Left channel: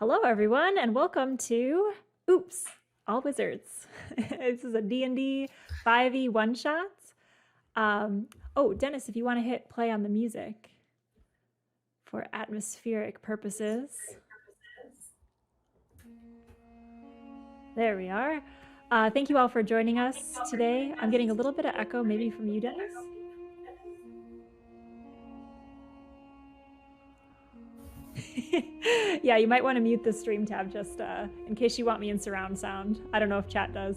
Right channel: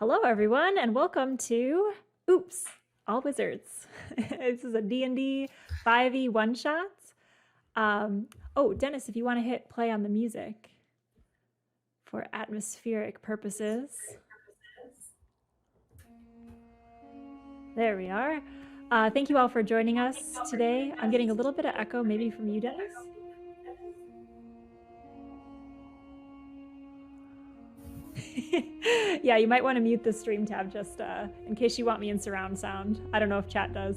Hello, everyone, and welcome to Oops, All Wizards. This is a D&D 5e one-shot. Oh, Dennis, if you want to hit play on the music for atmospheric purposes. There we are. Thank you all for joining us today. I'm getting a little bit of echo, maybe from you, Dennis. Yeah, you might want to mute the stream tab just in case you want me in surround sound. I don't know if chat does.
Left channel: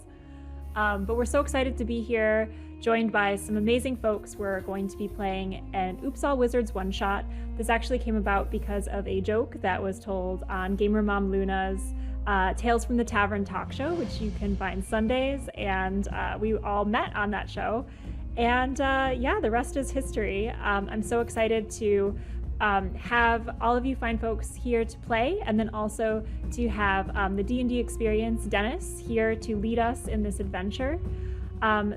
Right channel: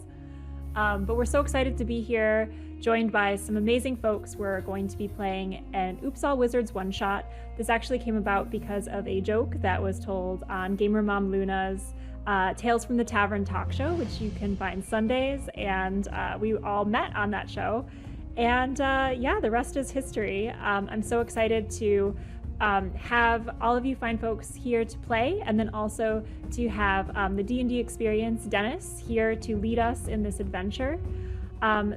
But we're so excited to be here, joined by some amazing folks. We're going to be playing an Oops All Wizards one-shot. This actually came about because of a joke that was told on Gamer Mom Luna's Tales from the Tavern talk show, which you can find Sundays, and we all met on that show. And yeah, the rest is history. I'm so excited to have all of you fine folks here to play, and then also to have the D&D Experience, Dennis, here to lead us in this adventure.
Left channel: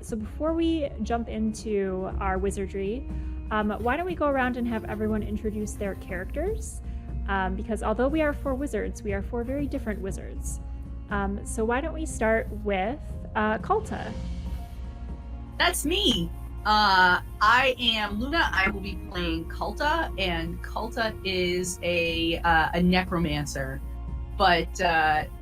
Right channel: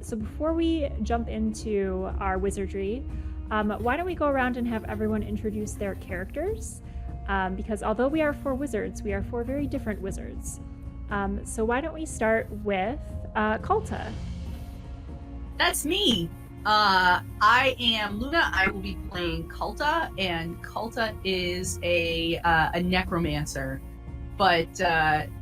So before we jump into our wizardry, why don't we go around and have everyone introduce their characters? Because although we are four wizards, we are four very different wizards. So why don't we start with Kalta? That's me. I am Luna. I will be playing Kalta, and Kalta is a necromancer, but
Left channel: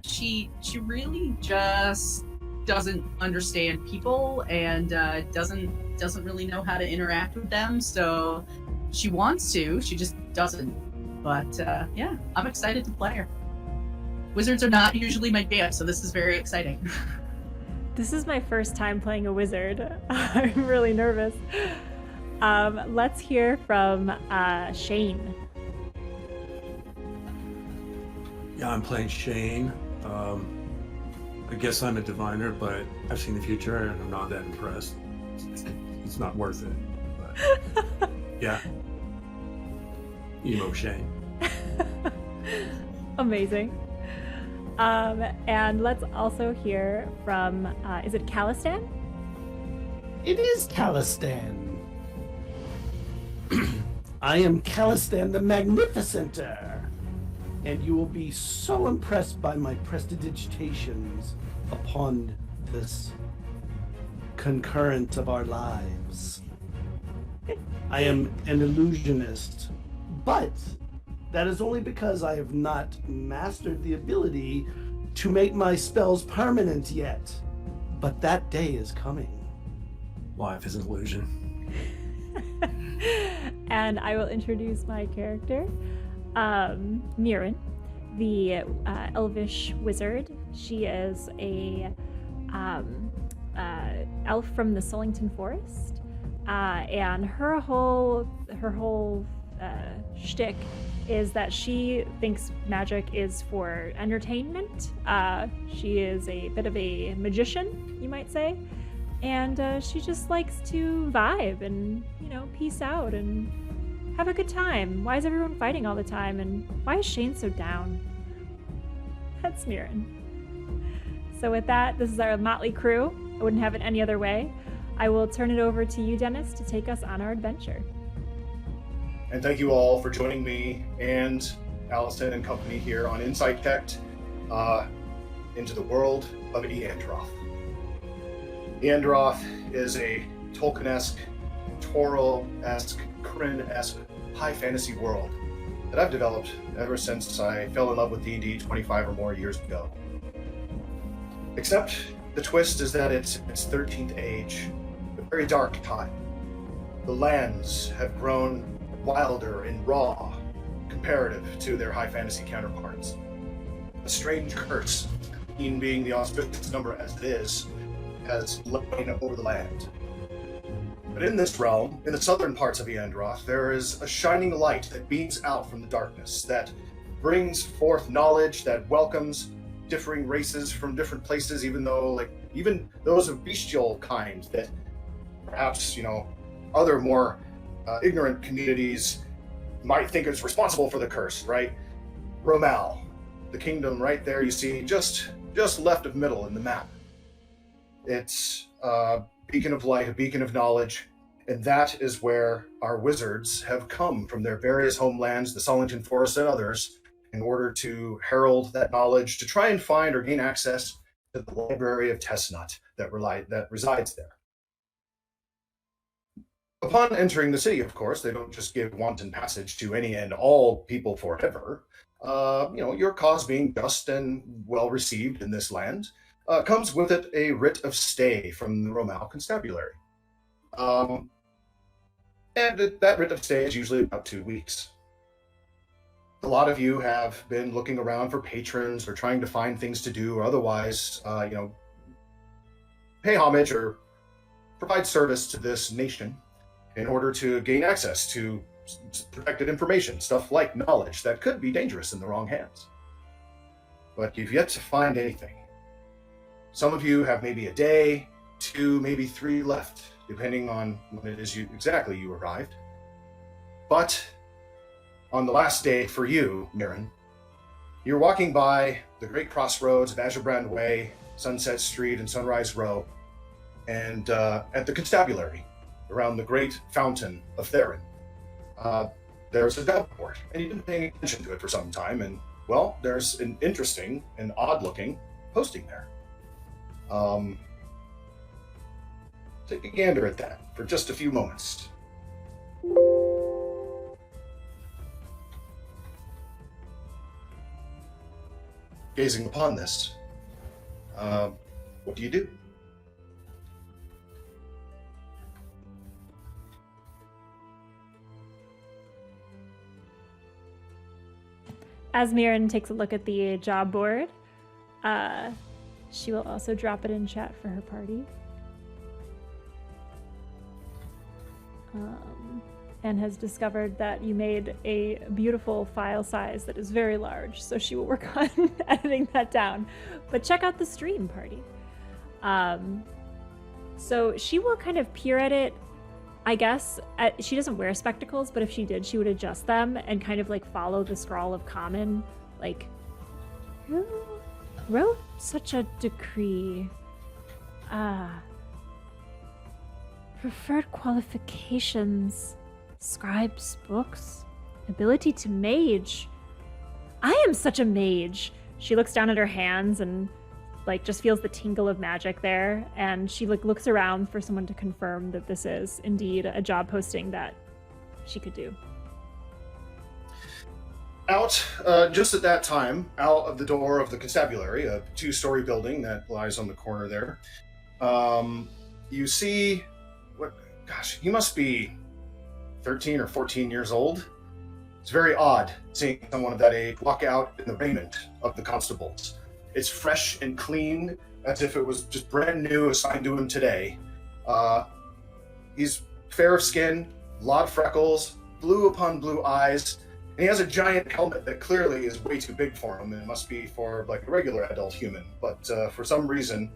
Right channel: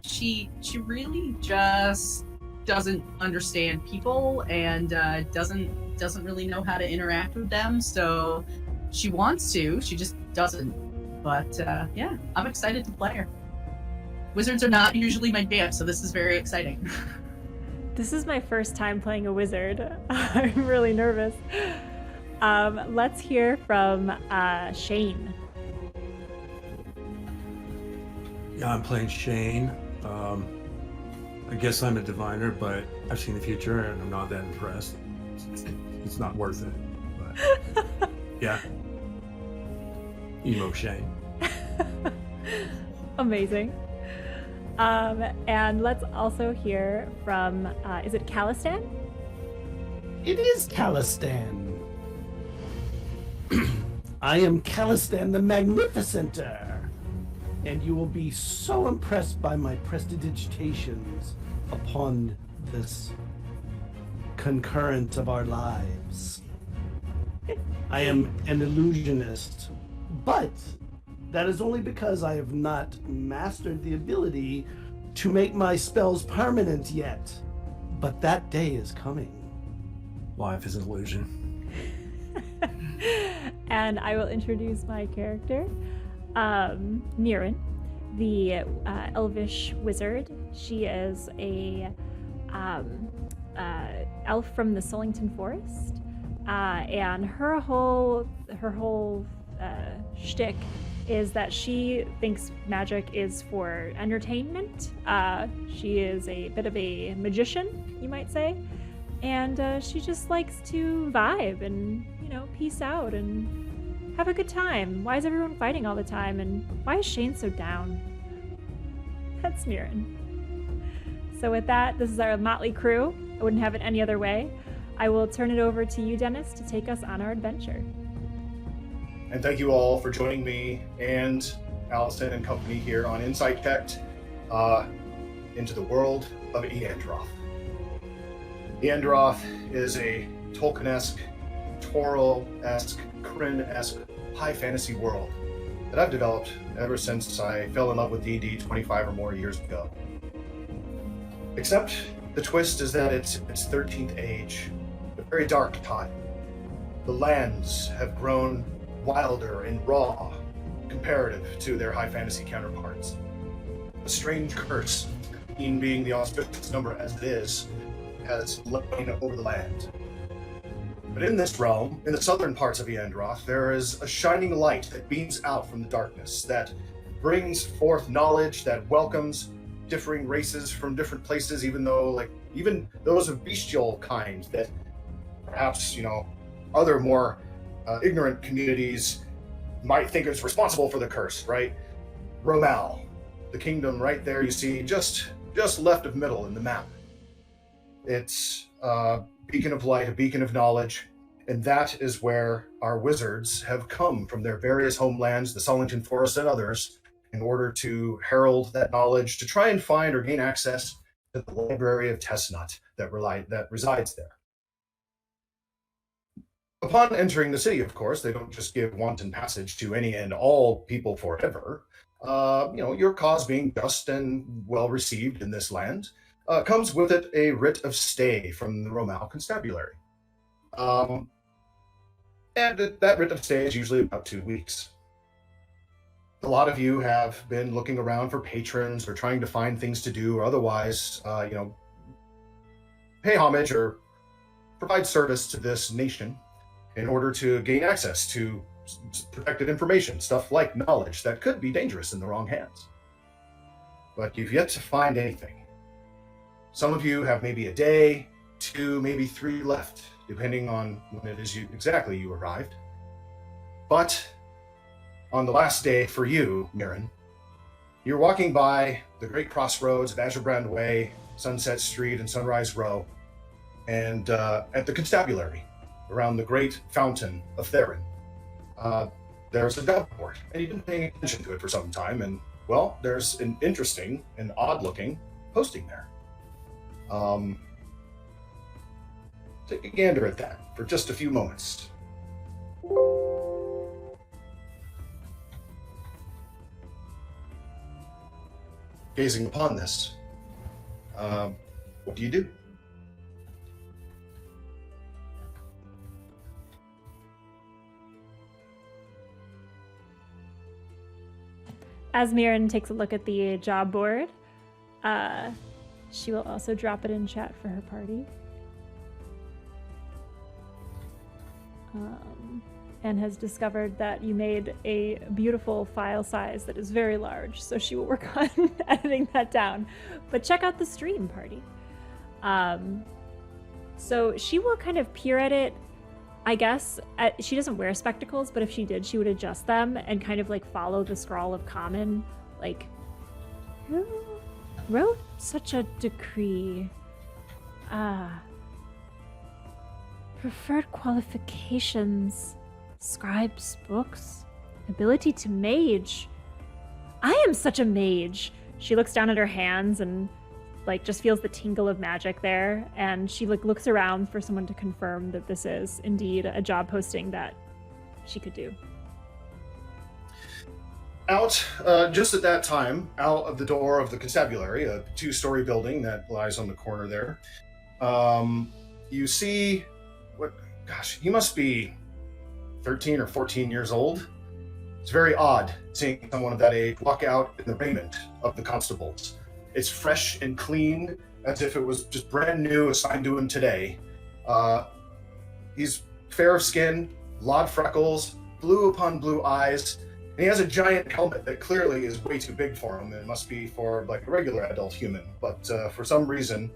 she really just doesn't understand people and doesn't really know how to interact with them. So she wants to, she just doesn't. But yeah, I'm excited to play her. Wizards are not usually my jam, so this is very exciting. This is my first time playing a wizard. I'm really nervous. Let's hear from Shane. Yeah, I'm playing Shane. I guess I'm a diviner, but I've seen the future and I'm not that impressed. It's not worth it. But yeah. Emo Shane. Amazing. And let's also hear from, is it Calistan? It is Calistan. I am Calistan the Magnificenter, and you will be so impressed by my prestidigitations upon this concurrence of our lives. I am an illusionist, but that is only because I have not mastered the ability to make my spells permanent yet. But that day is coming. Life is an illusion. And I will introduce my character, Mirren, the elvish wizard. She is a elf from the Sullington Forest, and her whole shtick is that she thinks magic is for entertainment. She is a bit of a magician, you might say, and she just likes to vibe and, you know, peace out and have a good time. Why is everyone fighting all the time, and why is Shane so down? That's Mirren. So with that, this is our motley crew. I wouldn't have it any other way. I will turn it over to you, Dennis, to take us on our adventure. And thank you all for joining me and Allison and company here on Insight Tech into the world of Eandroth. Eandroth is a Tolkien-esque, Toro-esque, Kryn-esque high fantasy world that I've developed ever since I fell in love with D&D 25 or more years ago. Except the twist is that it's 13th age, a very dark time. The lands have grown wilder and raw comparative to their high fantasy counterparts. A strange curse, 13 being the auspicious number as it is, has lain over the land. But in this realm, in the southern parts of Eandroth, there is a shining light that beams out from the darkness, that brings forth knowledge, that welcomes differing races from different places, even those of bestial kind that perhaps, other more ignorant communities might think is responsible for the curse, right? Romal, the kingdom right there you see, just left of middle in the map. It's a beacon of light, a beacon of knowledge, and that is where our wizards have come from their various homelands, the Sullington Forest and others, in order to herald that knowledge, to try and find or gain access to the library of Tessnut that resides there. Upon entering the city, of course, they don't just give wanton passage to any and all people forever. Your cause being just and well received in this land comes with it a writ of stay from the Romal Constabulary. And that writ of stay is usually about 2 weeks. A lot of you have been looking around for patrons or trying to find things to do or otherwise, pay homage or provide service to this nation in order to gain access to protected information, stuff like knowledge that could be dangerous in the wrong hands. But you've yet to find anything. Some of you have maybe a day, 2, maybe 3 left, depending on when it is exactly you arrived. But on the last day for you, Mirren, you're walking by the great crossroads of Azurbrand Way, Sunset Street, and Sunrise Row, and at the constabulary, around the great fountain of Theron, there's a job board, and you've been paying attention to it for some time, and, well, there's an interesting and odd-looking posting there. Take a gander at that for just a few moments. Gazing upon this, what do you do? As Mirren takes a look at the job board, she will also drop it in chat for her party. And has discovered that you made a beautiful file size that is very large, so she will work on editing that down. But check out the stream party. So she will kind of peer at it, I guess. She doesn't wear spectacles, but if she did, she would adjust them and kind of like follow the scrawl of common, like, who wrote such a decree? Preferred qualifications, scribes, books, ability to mage. I am such a mage. She looks down at her hands and like just feels the tingle of magic there, and she like looks around for someone to confirm that this is indeed a job posting that she could do. Out, just at that time, out of the door of the constabulary, a 2-story building that lies on the corner there, you see he must be 13 or 14 years old. It's very odd seeing someone of that age walk out in the raiment of the constables. It's fresh and clean, as if it was just brand new, assigned to him today. He's fair of skin, a lot of freckles, blue upon blue eyes, and he has a giant helmet that clearly is way too big for him, and it must be for like a regular adult human. But for some reason,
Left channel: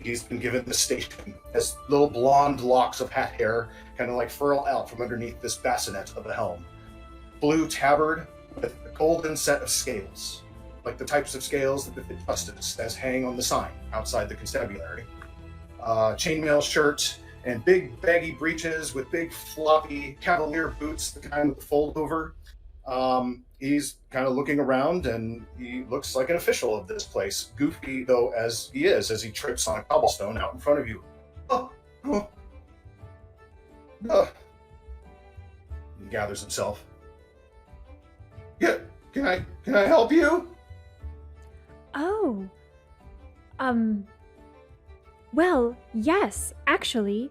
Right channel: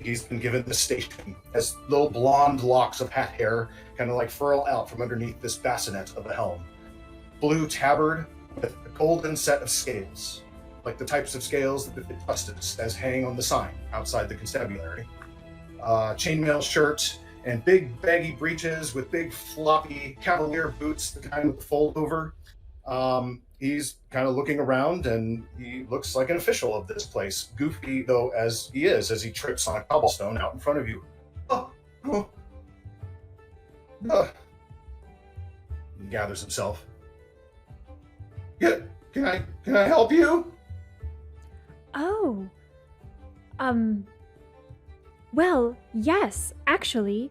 he's been given this station. Has little blonde locks of hat hair kind of like furl out from underneath this bassinet of a helm. Blue tabard with a golden set of scales, like the types of scales that befit justice, as hang on the sign outside the constabulary. Chainmail shirt and big baggy breeches with big floppy cavalier boots, the kind with the fold over. He's kind of looking around, and he looks like an official of this place, goofy though as he is, as he trips on a cobblestone out in front of you. He gathers himself. Yeah, can I help you? Oh, well, yes, actually.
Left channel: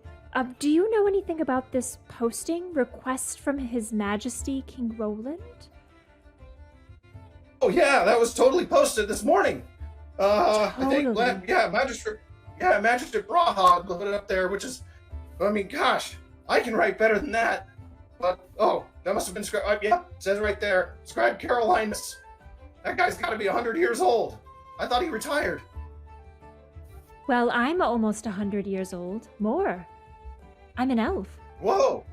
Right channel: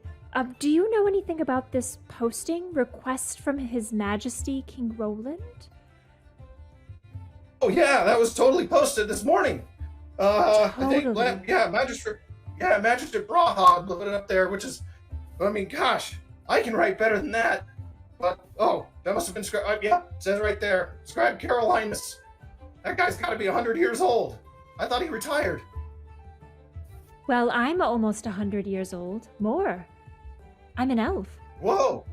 Do you know anything about this posting request from His Majesty King Roland? Oh yeah, that was totally posted this morning. Totally. I think, Magistrate Braha put it up there, which is, I mean, gosh, I can write better than that. But, that must have been Scribe. Yeah, it says right there, Scribe Carolinus. That guy's got to be 100 years old. I thought he retired. Well, I'm almost 100 years old. More. I'm an elf. Whoa.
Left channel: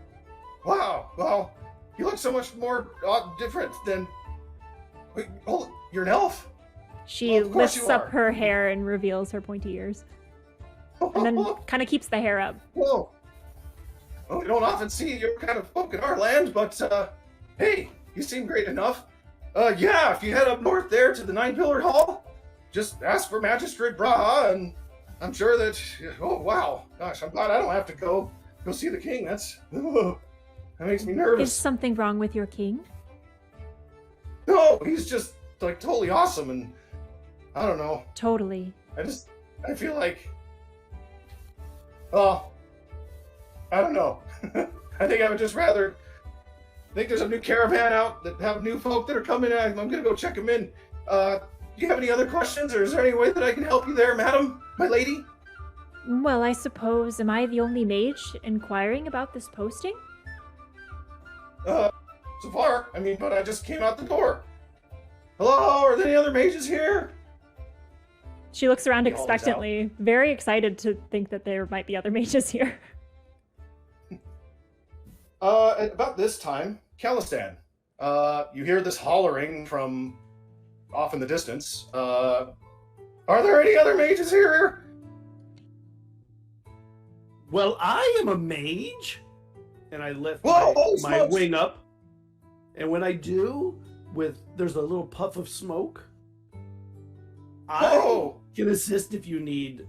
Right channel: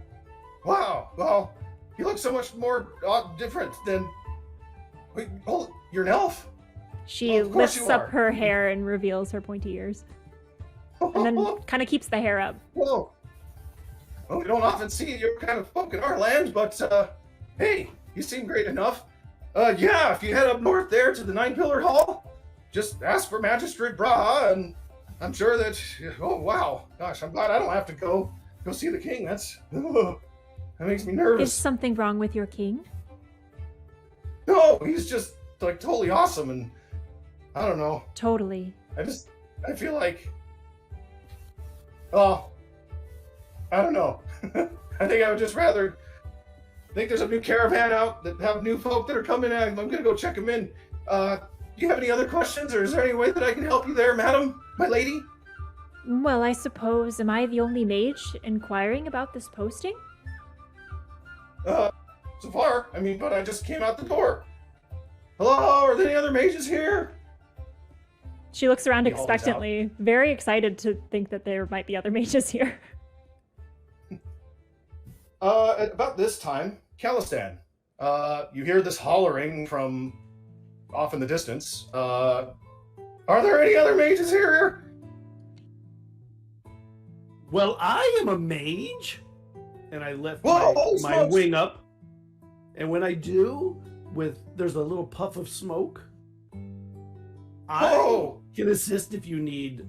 Wow. Well, you look so much more different than... Wait, hold, you're an elf? She Well, of course lifts you up are. her hair and reveals her pointy ears. And then kind of keeps the hair up. Whoa. Well, we don't often see your kind of folk in our land, but, hey, you seem great enough. Yeah, if you head up north there to the Nine Pillar Hall, just ask for Magistrate Braha, and I'm sure that. Oh wow, gosh, I'm glad I don't have to go see the king. That makes me nervous. Is something wrong with your king? No, he's just like totally awesome, and I don't know. Totally. I feel like. Oh, I don't know. I think I would just rather. I think there's a new caravan out that have new folk that are coming in. I'm gonna go check them in. Do you have any other questions, or is there any way that I can help you there, madam, my lady? Well, I suppose, am I the only mage inquiring about this posting? So far, I mean, but I just came out the door. Hello, are there any other mages here? She looks around He holds expectantly, very excited to think that there might be other mages here. At about this time, Calistan, you hear this hollering from off in the distance. Are there any other mages here? Well, I am a mage, and I lift Whoa, my smokes! wing up, and when I do, there's a little puff of smoke. I Whoa! can assist if you need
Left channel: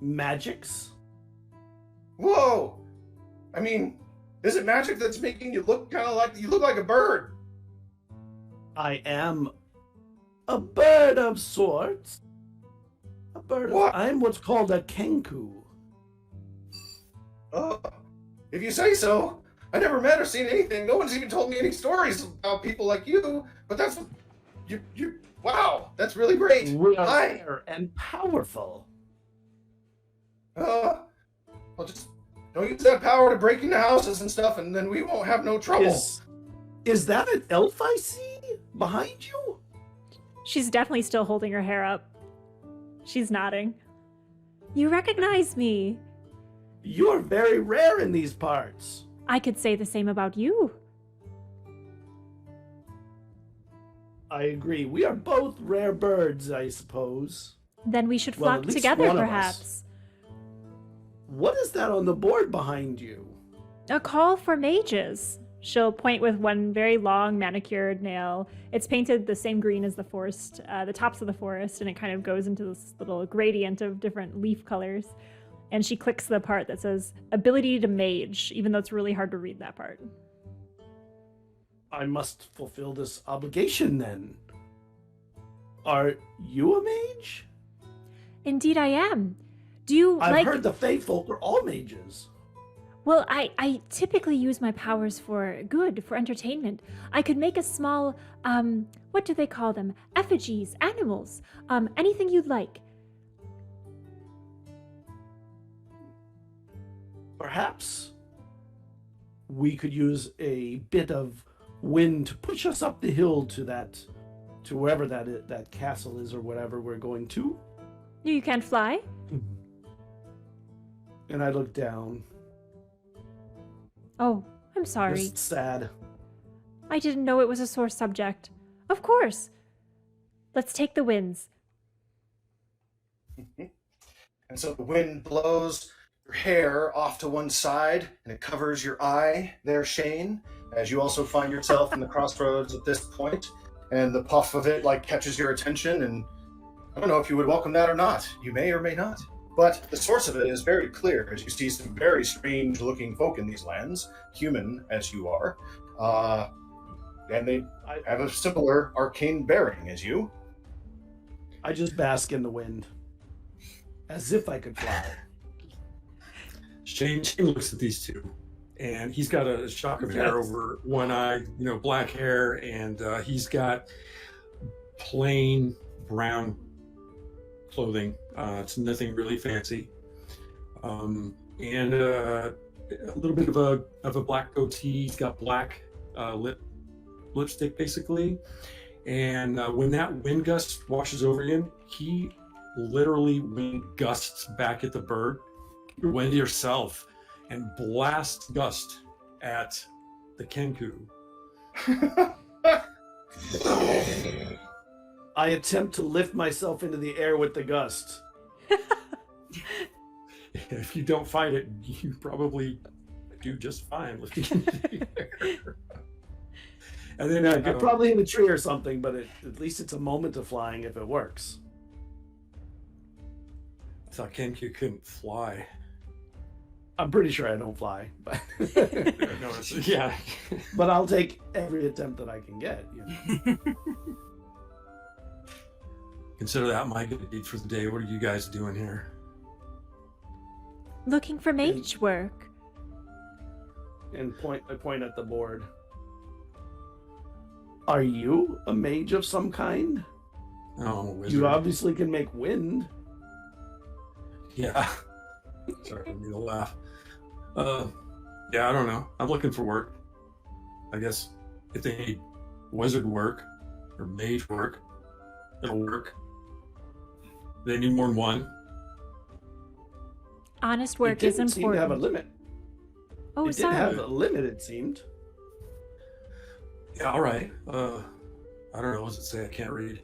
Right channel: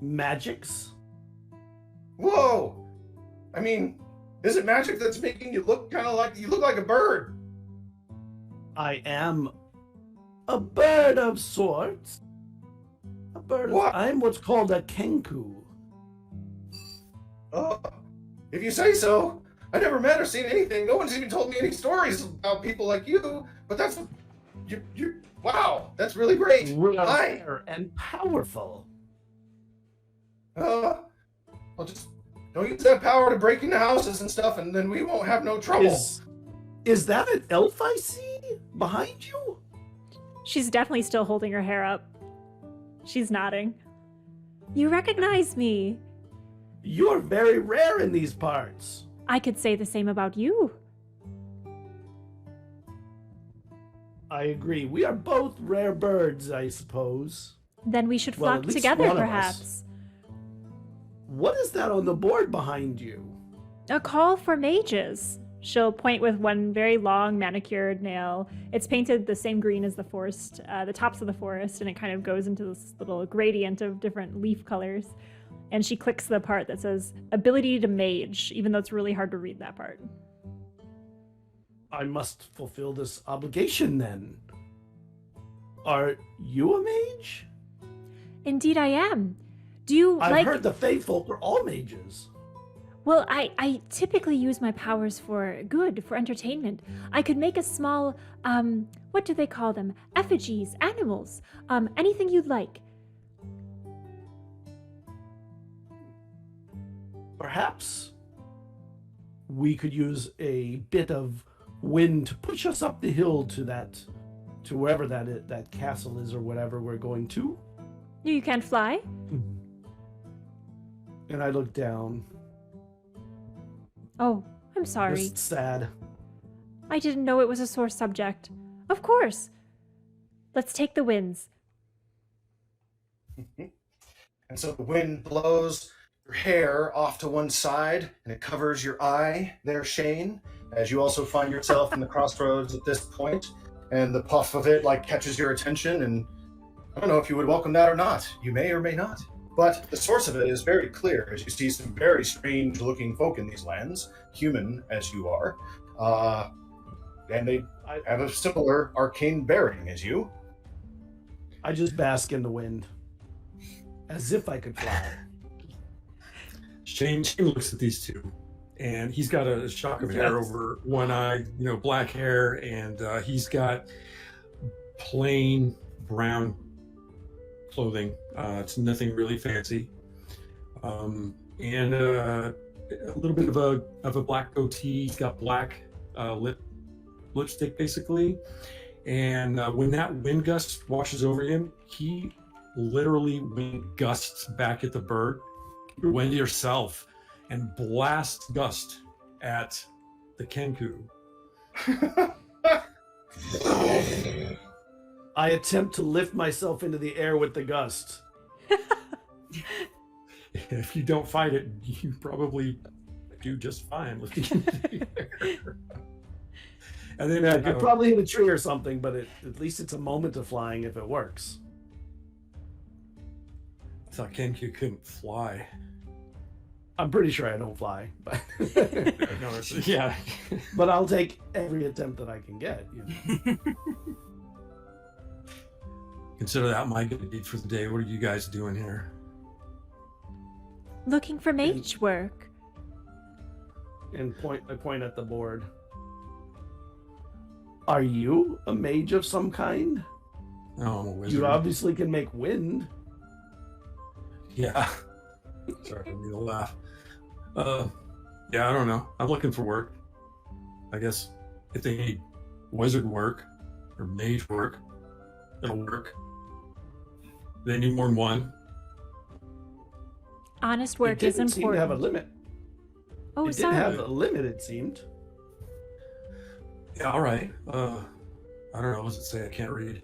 magics. Whoa! I mean, is it magic that's making you look kind of like you look like a bird? I am a bird of sorts. A bird of... What? I'm what's called a kenku. If you say so. I never met or seen anything. No one's even told me any stories about people like you. But that's what you. Wow, that's really great. We are Hi. rare and powerful. I'll just don't use that power to break into houses and stuff, and then we won't have no trouble. Is that an elf I see behind you? She's definitely still holding her hair up. She's nodding. You recognize me. You're very rare in these parts. I could say the same about you. I agree. We are both rare birds, I suppose. Then we should Well, flock at least together, one of us. perhaps. What is that on the board behind you? A call for mages. She'll point with one very long manicured nail. It's painted the same green as the forest, the tops of the forest, and it kind of goes into this little gradient of different leaf colors. And she clicks the part that says ability to mage, even though it's really hard to read that part. I must fulfill this obligation then. Are you a mage? Indeed I am. Do you I've heard the Fae folk are all mages. Well, I typically use my powers for good, for entertainment. I could make a small, what do they call them? Effigies, animals, anything you'd like. Perhaps we could use a bit of wind to push us up the hill to wherever that castle is or whatever we're going to. You can't fly? And I look down. Oh, I'm sorry. Just sad. I didn't know it was a sore subject. Of course. Let's take the winds. And so the wind blows your hair off to one side, and it covers your eye there, Shane, as you also find yourself in the crossroads at this point, and the puff of it catches your attention, and I don't know if you would welcome that or not. You may or may not. But the source of it is very clear, as you see some very strange-looking folk in these lands, human as you are, and they have a similar arcane bearing as you. I just bask in the wind, as if I could fly. Shane looks at these two, and he's got a shock of hair over one eye, black hair, and he's got plain brown clothing. It's nothing really fancy, and a little bit of a black goatee. He's got black lipstick, basically. And when that wind gust washes over him, he literally wind gusts back at the bird. Wind yourself and blast gust at the Kenku. I attempt to lift myself into the air with the gust. If you don't fight it, you probably do just fine lifting in the air. And then Yeah, you'd probably hit a tree or something, but at least it's a moment of flying if it works. I thought Kenku couldn't fly. I'm pretty sure I don't fly, but No, yeah. but I'll take every attempt that I can get. You know? Consider that my good deed for the day. What are you guys doing here? Looking for mage work. And I point at the board. Are you a mage of some kind? Oh, I'm a wizard. You obviously can make wind. Yeah. Sorry, I need to laugh. Yeah, I don't know. I'm looking for work. I guess if they need wizard work or mage work, it'll work. They need more than one. Honest work It is didn't seem to important. have a limit. Oh, It sorry. didn't have a limit, it seemed. Yeah, all right. I don't know. What does it say? I can't read.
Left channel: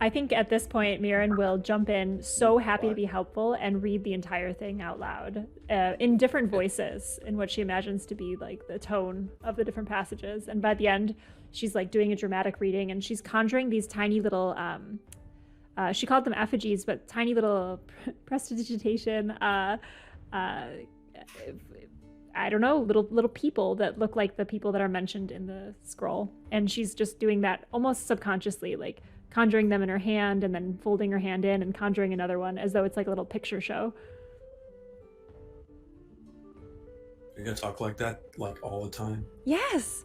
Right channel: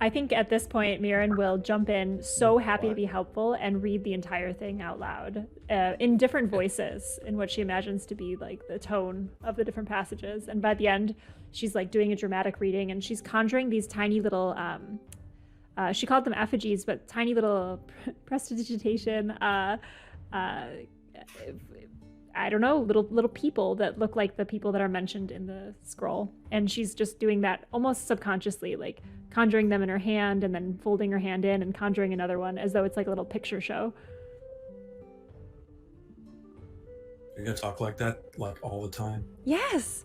I think at this point, Mirren will jump in, so happy to be helpful, and read the entire thing out loud in different voices, in what she imagines to be like the tone of the different passages. And by the end, she's like doing a dramatic reading, and she's conjuring these tiny little, she called them effigies, but tiny little prestidigitation, I don't know, little people that look like the people that are mentioned in the scroll. And she's just doing that almost subconsciously, like conjuring them in her hand and then folding her hand in and conjuring another one as though it's like a little picture show. You're gonna talk like that like all the time, Yes.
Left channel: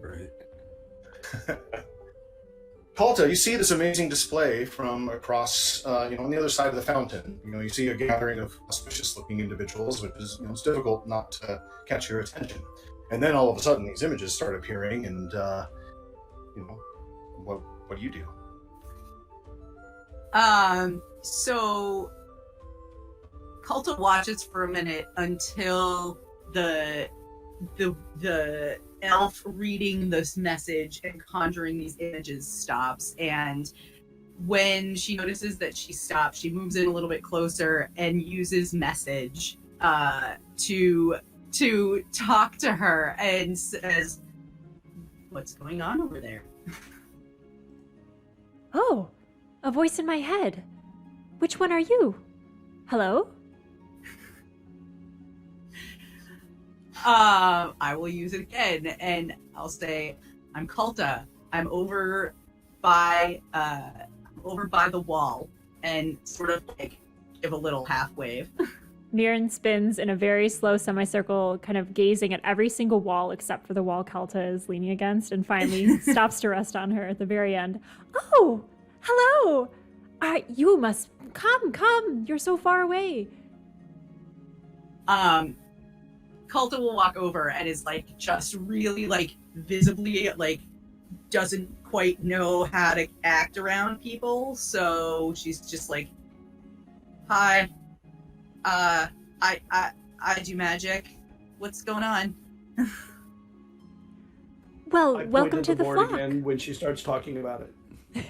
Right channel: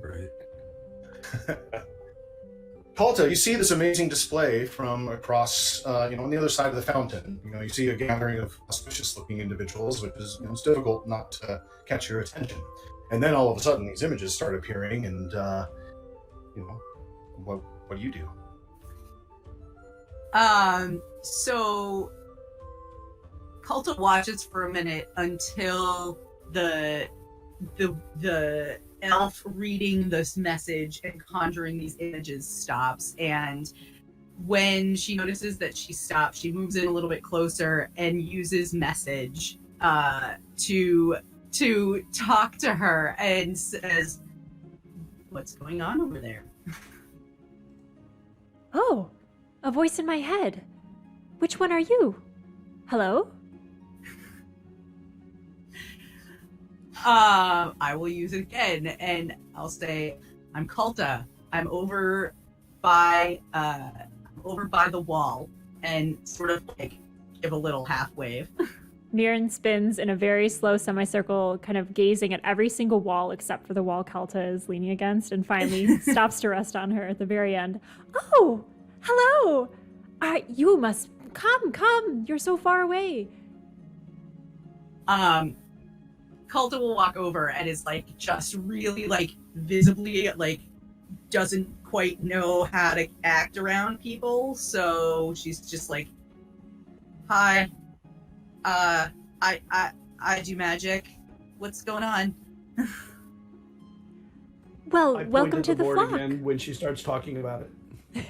right? Palta, you see this amazing display from across, on the other side of the fountain. You see a gathering of auspicious-looking individuals, which is, it's difficult not to catch your attention. And then all of a sudden, these images start appearing, and what do you do? So Culta watches for a minute until the elf reading this message and conjuring these images stops, and when she notices that she stopped, she moves in a little bit closer and uses message to talk to her and says, "What's going on over there?" Oh, a voice in my head. Which one are you? Hello? I will use it again, and I'll say, "I'm Culta. I'm over by the wall," and sort of like give a little half wave. Mirren spins in a very slow semicircle, kind of gazing at every single wall except for the wall Kelta is leaning against, and finally stops to rest on her at the very end. Oh, hello! You must come! You're so far away. Culta will walk over and is like just really like visibly like doesn't quite know how to act around people, so she's just like, "Hi, I do magic. What's going on?" Well, I point welcome at to the board flock. again when she starts talking about it.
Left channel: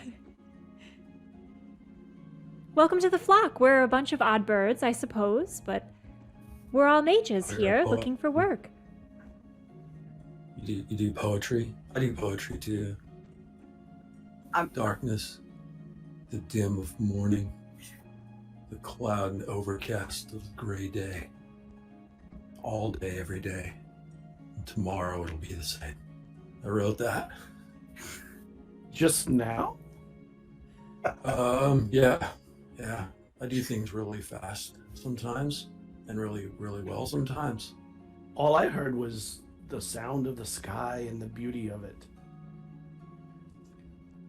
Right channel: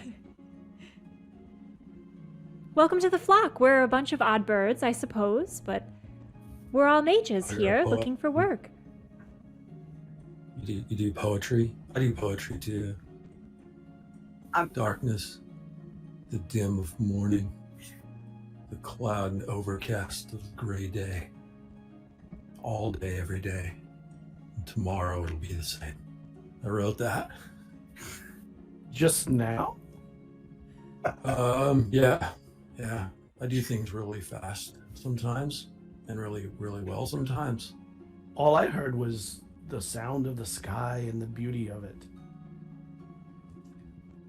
Welcome to the flock. We're a bunch of odd birds, I suppose, but we're all mages You're a here poet. looking for work. You do poetry. I do poetry too. Darkness, the dim of morning, the cloud and overcast of gray day. All day, every day. And tomorrow it'll be the same. I wrote that. Just now? Yeah. I do things really fast sometimes, and really, really well sometimes. All I heard was the sound of the sky and the beauty of it.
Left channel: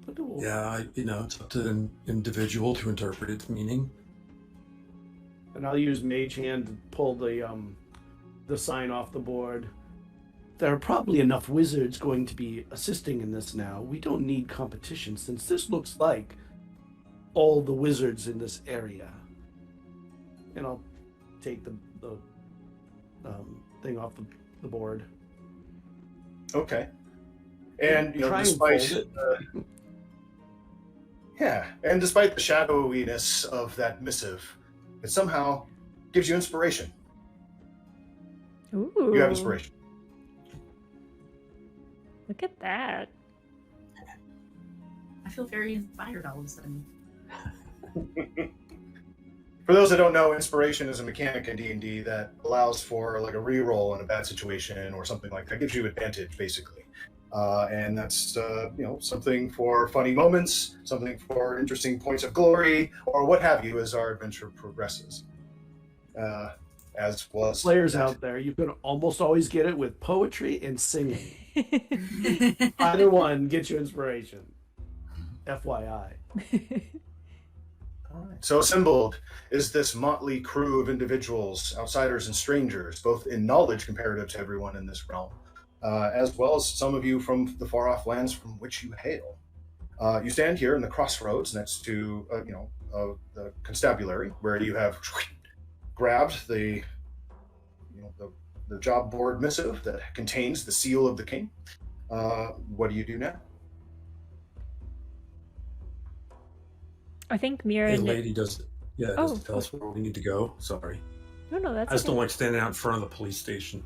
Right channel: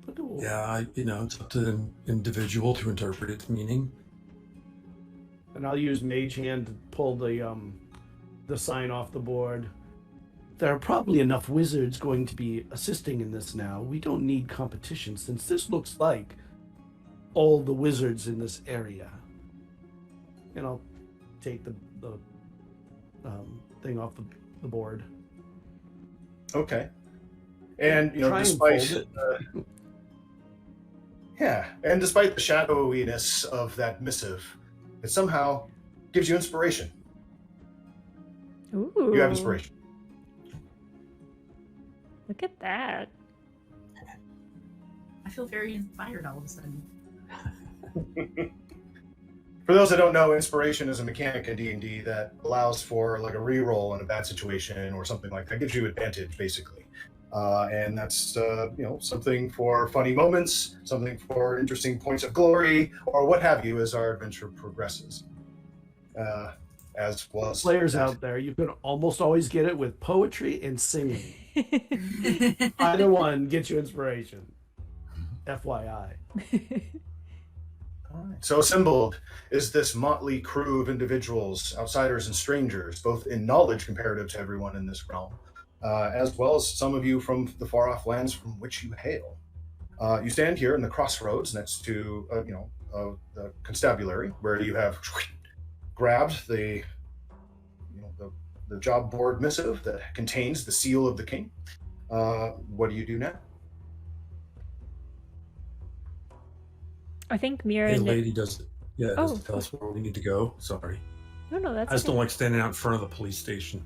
But Yeah, it's up to the individual to interpret its meaning. And I'll use Mage Hand to pull the sign off the board. There are probably enough wizards going to be assisting in this now. We don't need competition, since this looks like all the wizards in this area. And I'll take the thing off the board. Okay. And Try and despite fold it. and despite the shadowiness of that missive, it somehow gives you inspiration. Ooh. You have inspiration. Look at that. I feel very inspired all of a sudden. For those that don't know, inspiration is a mechanic in D&D that allows for like a reroll in a bad situation or something like that. Gives you advantage, basically. And that's something for funny moments, something for interesting points of glory, or what have you as our adventure progresses. As was Players out there, you can almost always get it with poetry and singing. Either one gets you inspiration. FYI. So assembled is this motley crew of individuals, outsiders and strangers, both in knowledge comparative to everyone in this realm, as well as some of you from the far-off lands from which you hail. You stand here in the crossroads next to, the constabulary, where you have grabbed the job board missive that contains the seal of the king. What do you do now? I think The Mirren. lady does tell us where we need to go. Sorry. No, that's I just okay. don't like standing out in front of the police station.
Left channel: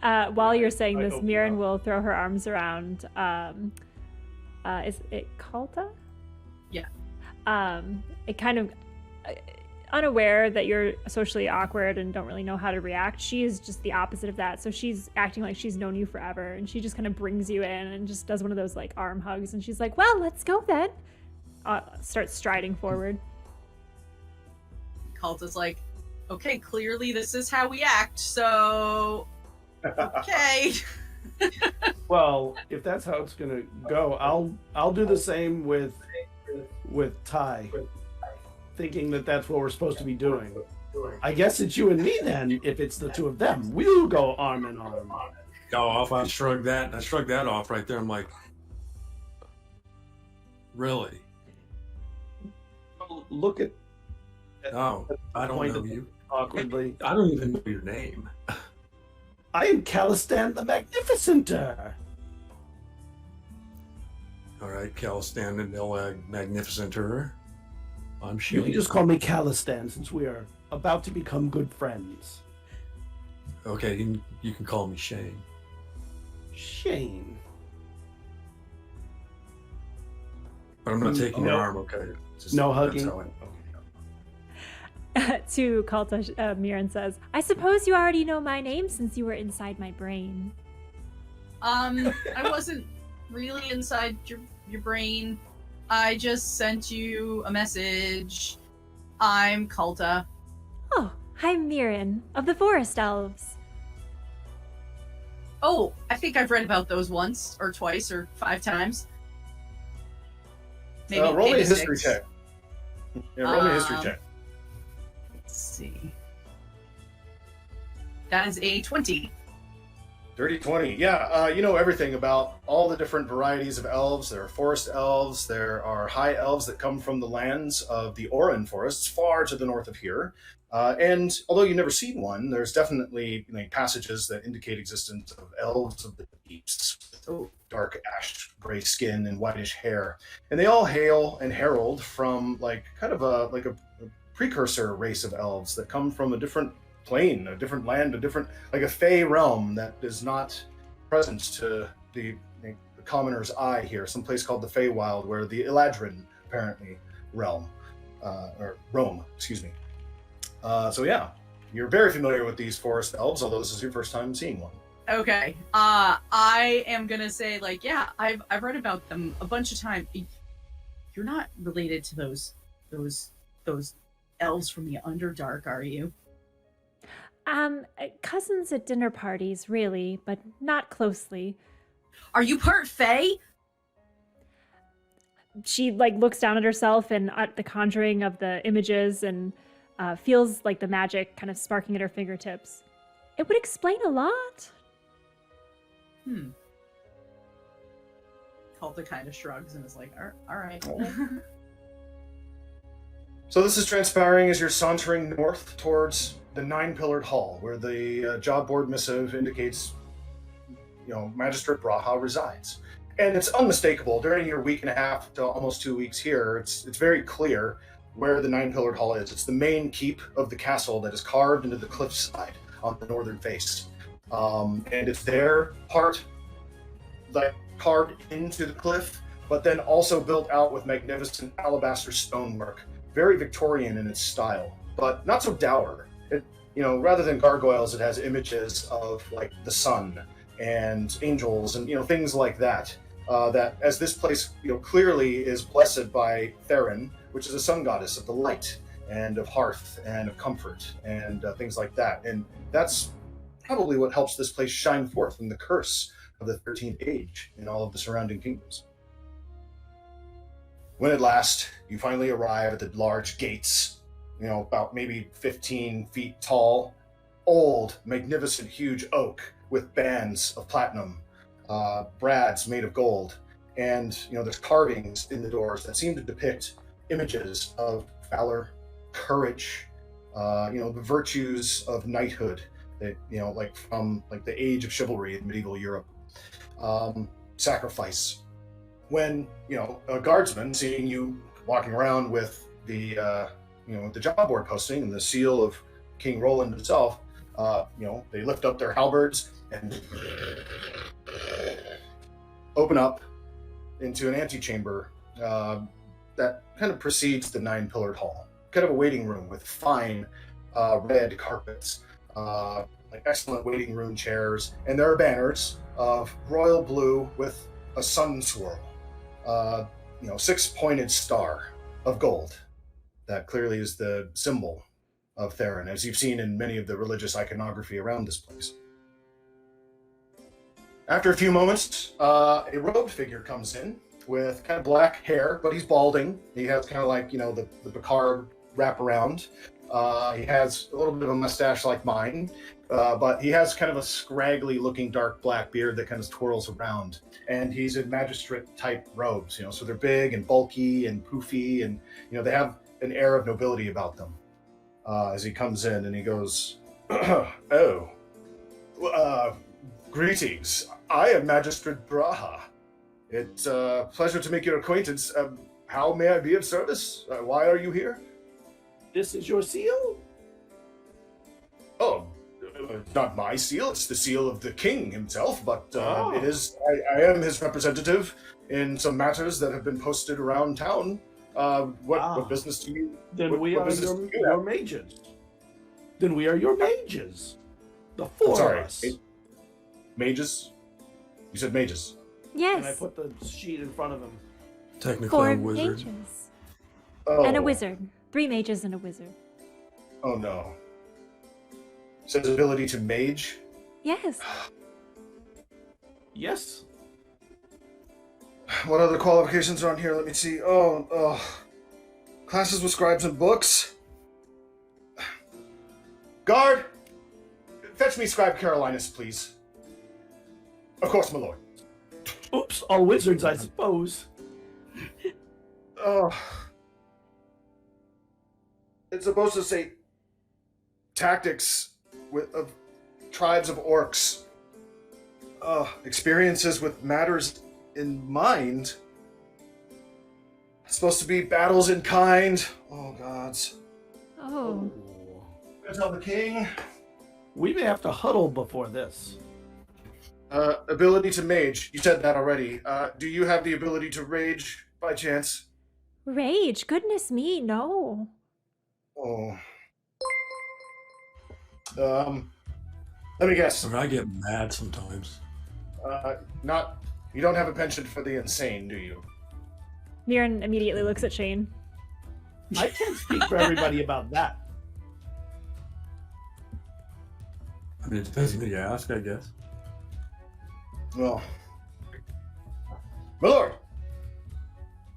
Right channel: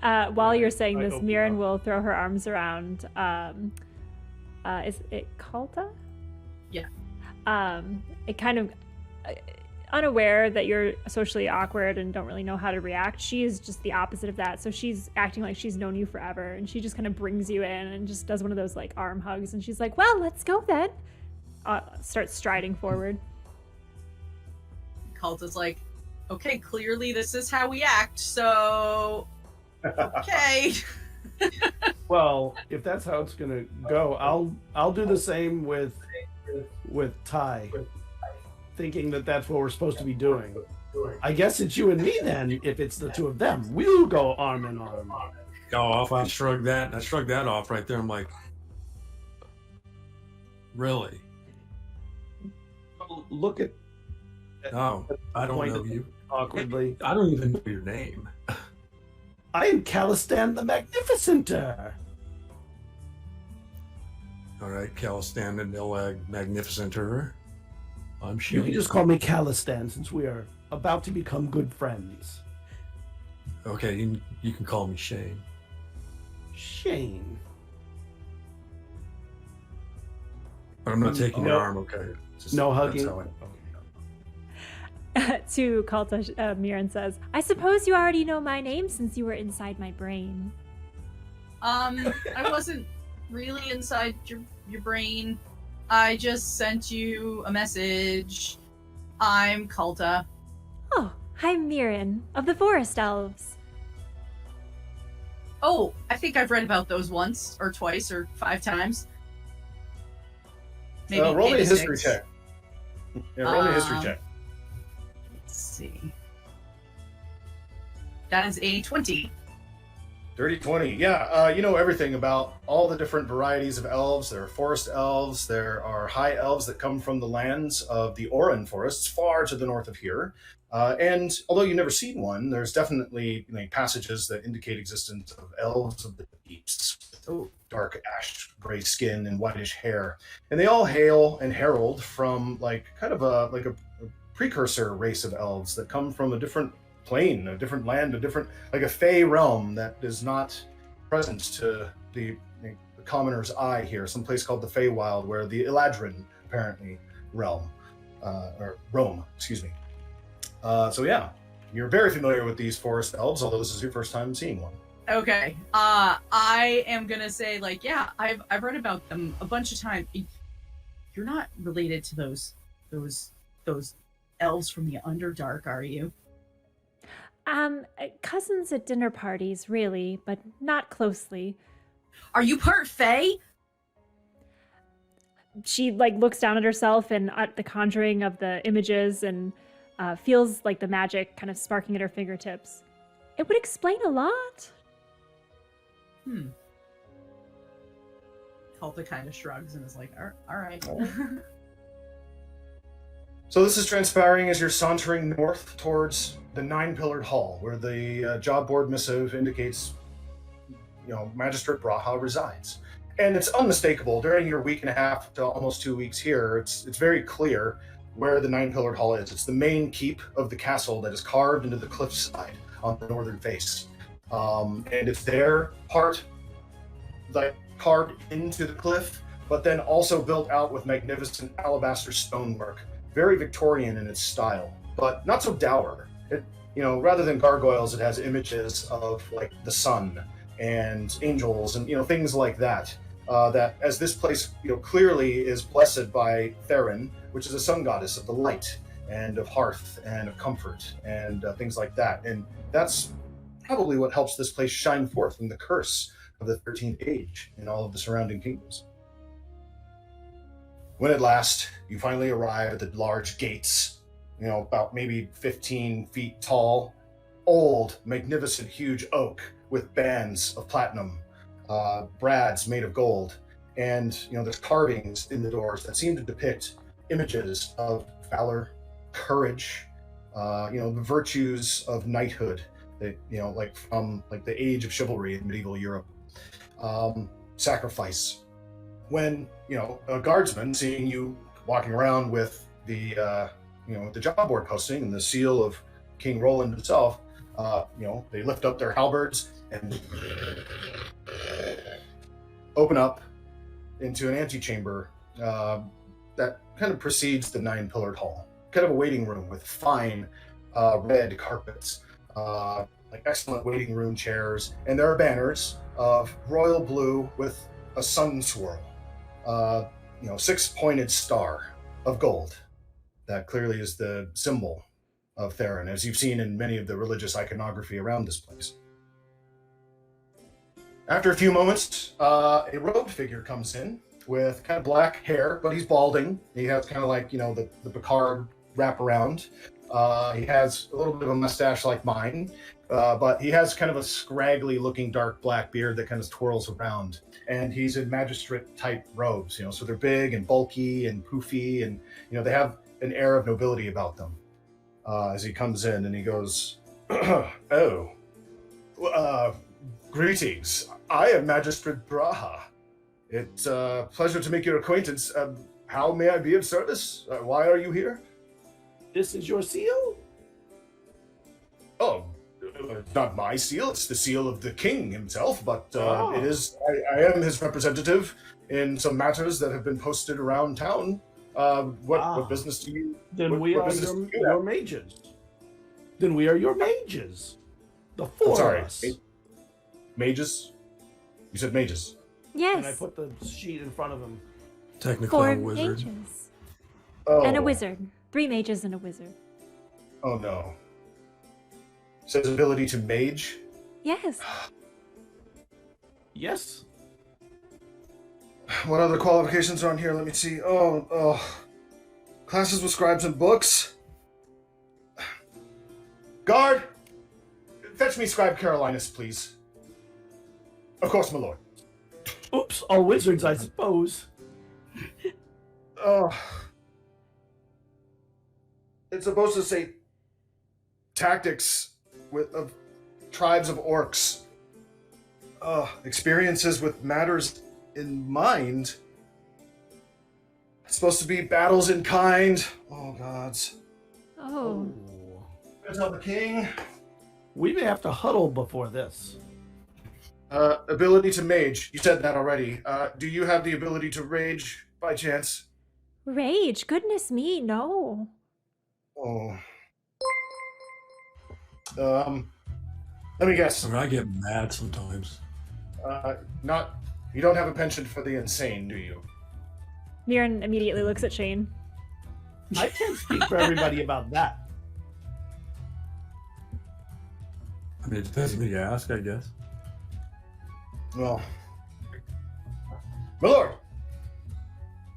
While you're saying I this, hope Mirren not. will throw her arms around. Is it Kalta? Yeah. It kind of unaware that you're socially awkward and don't really know how to react. She is just the opposite of that. So she's acting like she's known you forever, and she just kind of brings you in and just does one of those like arm hugs, and she's like, "Well, let's go then." Starts striding forward. Kalta's like, okay, clearly this is how we act, so okay. Well, if that's how it's gonna go, I'll do the same with Ty, thinking that that's what we're supposed to be doing. I guess it's you and me then. If it's the two of them, we'll go arm in arm. I shrugged that off right there. I'm like, really? Look at No, I don't know you. awkwardly. I don't even know your name. I am Calistan the Magnificenter. All right, Calistan and Ilag Magnificenter. I'm You Shane. can just call me Calistan since we are about to become good friends. Okay, you can call me Shane. Shane. But I'm not taking your No. arm, okay? Just- No that's hugging. how I- To Kalta, Mirren says, "I suppose you already know my name since you were inside my brain." I wasn't really inside your brain. I just sent you a message. I'm Kalta. Oh, I'm Mirren of the Forest Elves. Oh, I think I've read about those once, or twice, or 5 times. Roll me a maybe history 6. check. Yeah, roll me a history check. Let's see. That is a 20. Dirty 20. Yeah, you know everything about all the different varieties of elves. There are forest elves. There are high elves that come from the lands of the Oran forests, far to the north of here. And although you've never seen one, there's definitely passages that indicate existence of elves of the deeps. Dark ash gray skin and whitish hair. And they all hail and herald from like kind of a precursor race of elves that come from a different plane, a different land, a fey realm that is not present to the commoner's eye here. Some place called the Feywild, where the Eladrin apparently roam. Excuse me. So yeah, you're very familiar with these forest elves, although this is your first time seeing one. Okay. I am gonna say, I've read about them a bunch of times. You're not related to those elves from the Underdark, are you? Cousins at dinner parties, really, but not closely. Are you part Fey? She looks down at herself and at the conjuring of the images and feels like the magic kind of sparking at her fingertips. It would explain a lot. Kalta kind of shrugs and is like, all right. So this is transpiring as you're sauntering north towards the nine-pillared hall, where the job board missive indicates, Magistrate Braha resides. And it's unmistakable. During your week and a half to almost 2 weeks here, it's very clear where the nine-pillared hall is. It's the main keep of the castle that is carved into the cliffside on the northern face. And it's there, part like carved into the cliff, but then also built out with magnificent alabaster stonework. Very Victorian in its style, but not so dour. It, rather than gargoyles, it has images of like the sun and angels and things like that. That as this place clearly is blessed by Theron, which is a sun goddess of the light and of hearth and of comfort and things like that. And that's probably what helps this place shine forth from the curse of the 13th age in all of the surrounding kingdoms. When at last you finally arrive at the large gates, about maybe 15 feet tall, old, magnificent, huge oak with bands of platinum, brads made of gold, and there's carvings in the doors that seem to depict images of valor, courage, the virtues of knighthood, that like from like the age of chivalry in medieval Europe, sacrifice. When a guardsman seeing you walking around with the the job board posting and the seal of King Roland himself, they lift up their halberds and open up into an antechamber that kind of precedes the 9-pillared hall. Kind of a waiting room with fine red carpets, like excellent waiting room chairs, and there are banners of royal blue with a sun swirl, 6-pointed star of gold. That clearly is the symbol of Theron, as you've seen in many of the religious iconography around this place. After a few moments, a robed figure comes in with kind of black hair, but he's balding. He has kind of like, the Picard wraparound. He has a little bit of a mustache like mine, but he has kind of a scraggly looking dark black beard that kind of twirls around. And he's in magistrate type robes, so they're big and bulky and poofy, and, they have an air of nobility about them. As he comes in and he goes, greetings. I am Magistrate Braha. It's a pleasure to make your acquaintance. How may I be of service? Why are you here? This is your seal? Oh, it's not my seal. It's the seal of the king himself, but it is. I am his representative in some matters that have been posted around town. What business do you... Then we are your mages. Then we are your mages. The four of us. Mages? You said mages. Yes. And I put the sheet in front of him. Technically, 4 I'm a wizard. mages. Oh. And a wizard. 3 mages and a wizard. Oh no. Says ability to mage? Yes. Yes. What other qualifications are on here? Let me see. Oh. Classes with scribes and books. Guard! Fetch me Scribe Carolinus, please. Of course, my lord. Oops, all wizards, I suppose. Oh. It's supposed to say tactics of tribes of orcs. Experiences with matters in mind. It's supposed to be battles in kind. Oh, gods. Oh. Go tell the king. We may have to huddle before this. Ability to mage. You said that already. Do you have the ability to rage by chance? Rage. Goodness me, no. Oh. Let me guess. I mean, I get mad sometimes. You don't have a penchant for the insane, do you? Mirren immediately looks at Shane. I can't speak for everybody about that. I mean, it depends on who you ask, I guess. Well, my lord,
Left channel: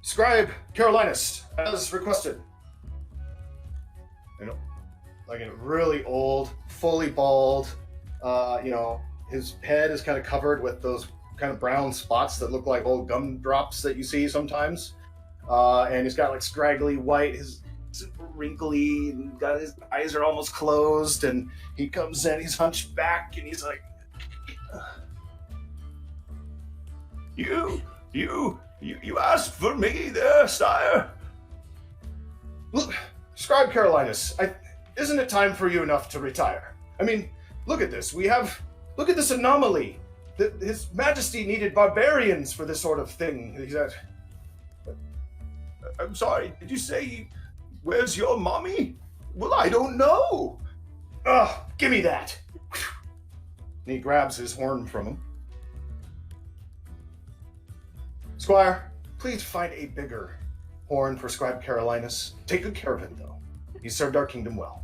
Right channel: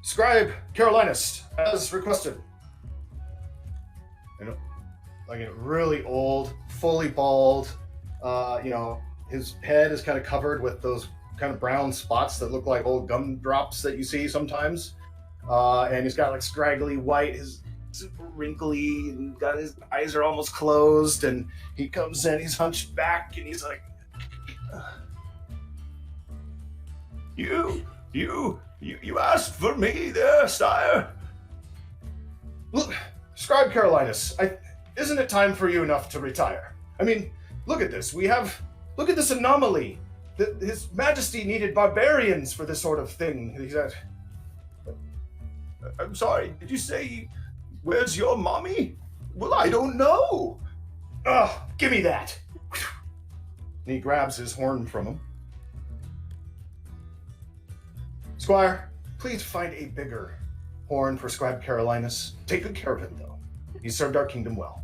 Scribe Carolinus, as requested. Like a really old, fully bald. His head is kind of covered with those kind of brown spots that look like old gumdrops that you see sometimes. And he's got like scraggly white, his super wrinkly, and got his eyes are almost closed. And he comes in, he's hunched back, and he's like, You asked for me there, sire? Look, Scribe Carolinus, isn't it time for you enough to retire? I mean, look at this. Look at this anomaly. His Majesty needed barbarians for this sort of thing. He said, I'm sorry, did you say, where's your mommy? Well, I don't know. Ugh, give me that. And he grabs his horn from him. Squire, please find a bigger horn for Scribe Carolinus. Take good care of it, though. He served our kingdom well.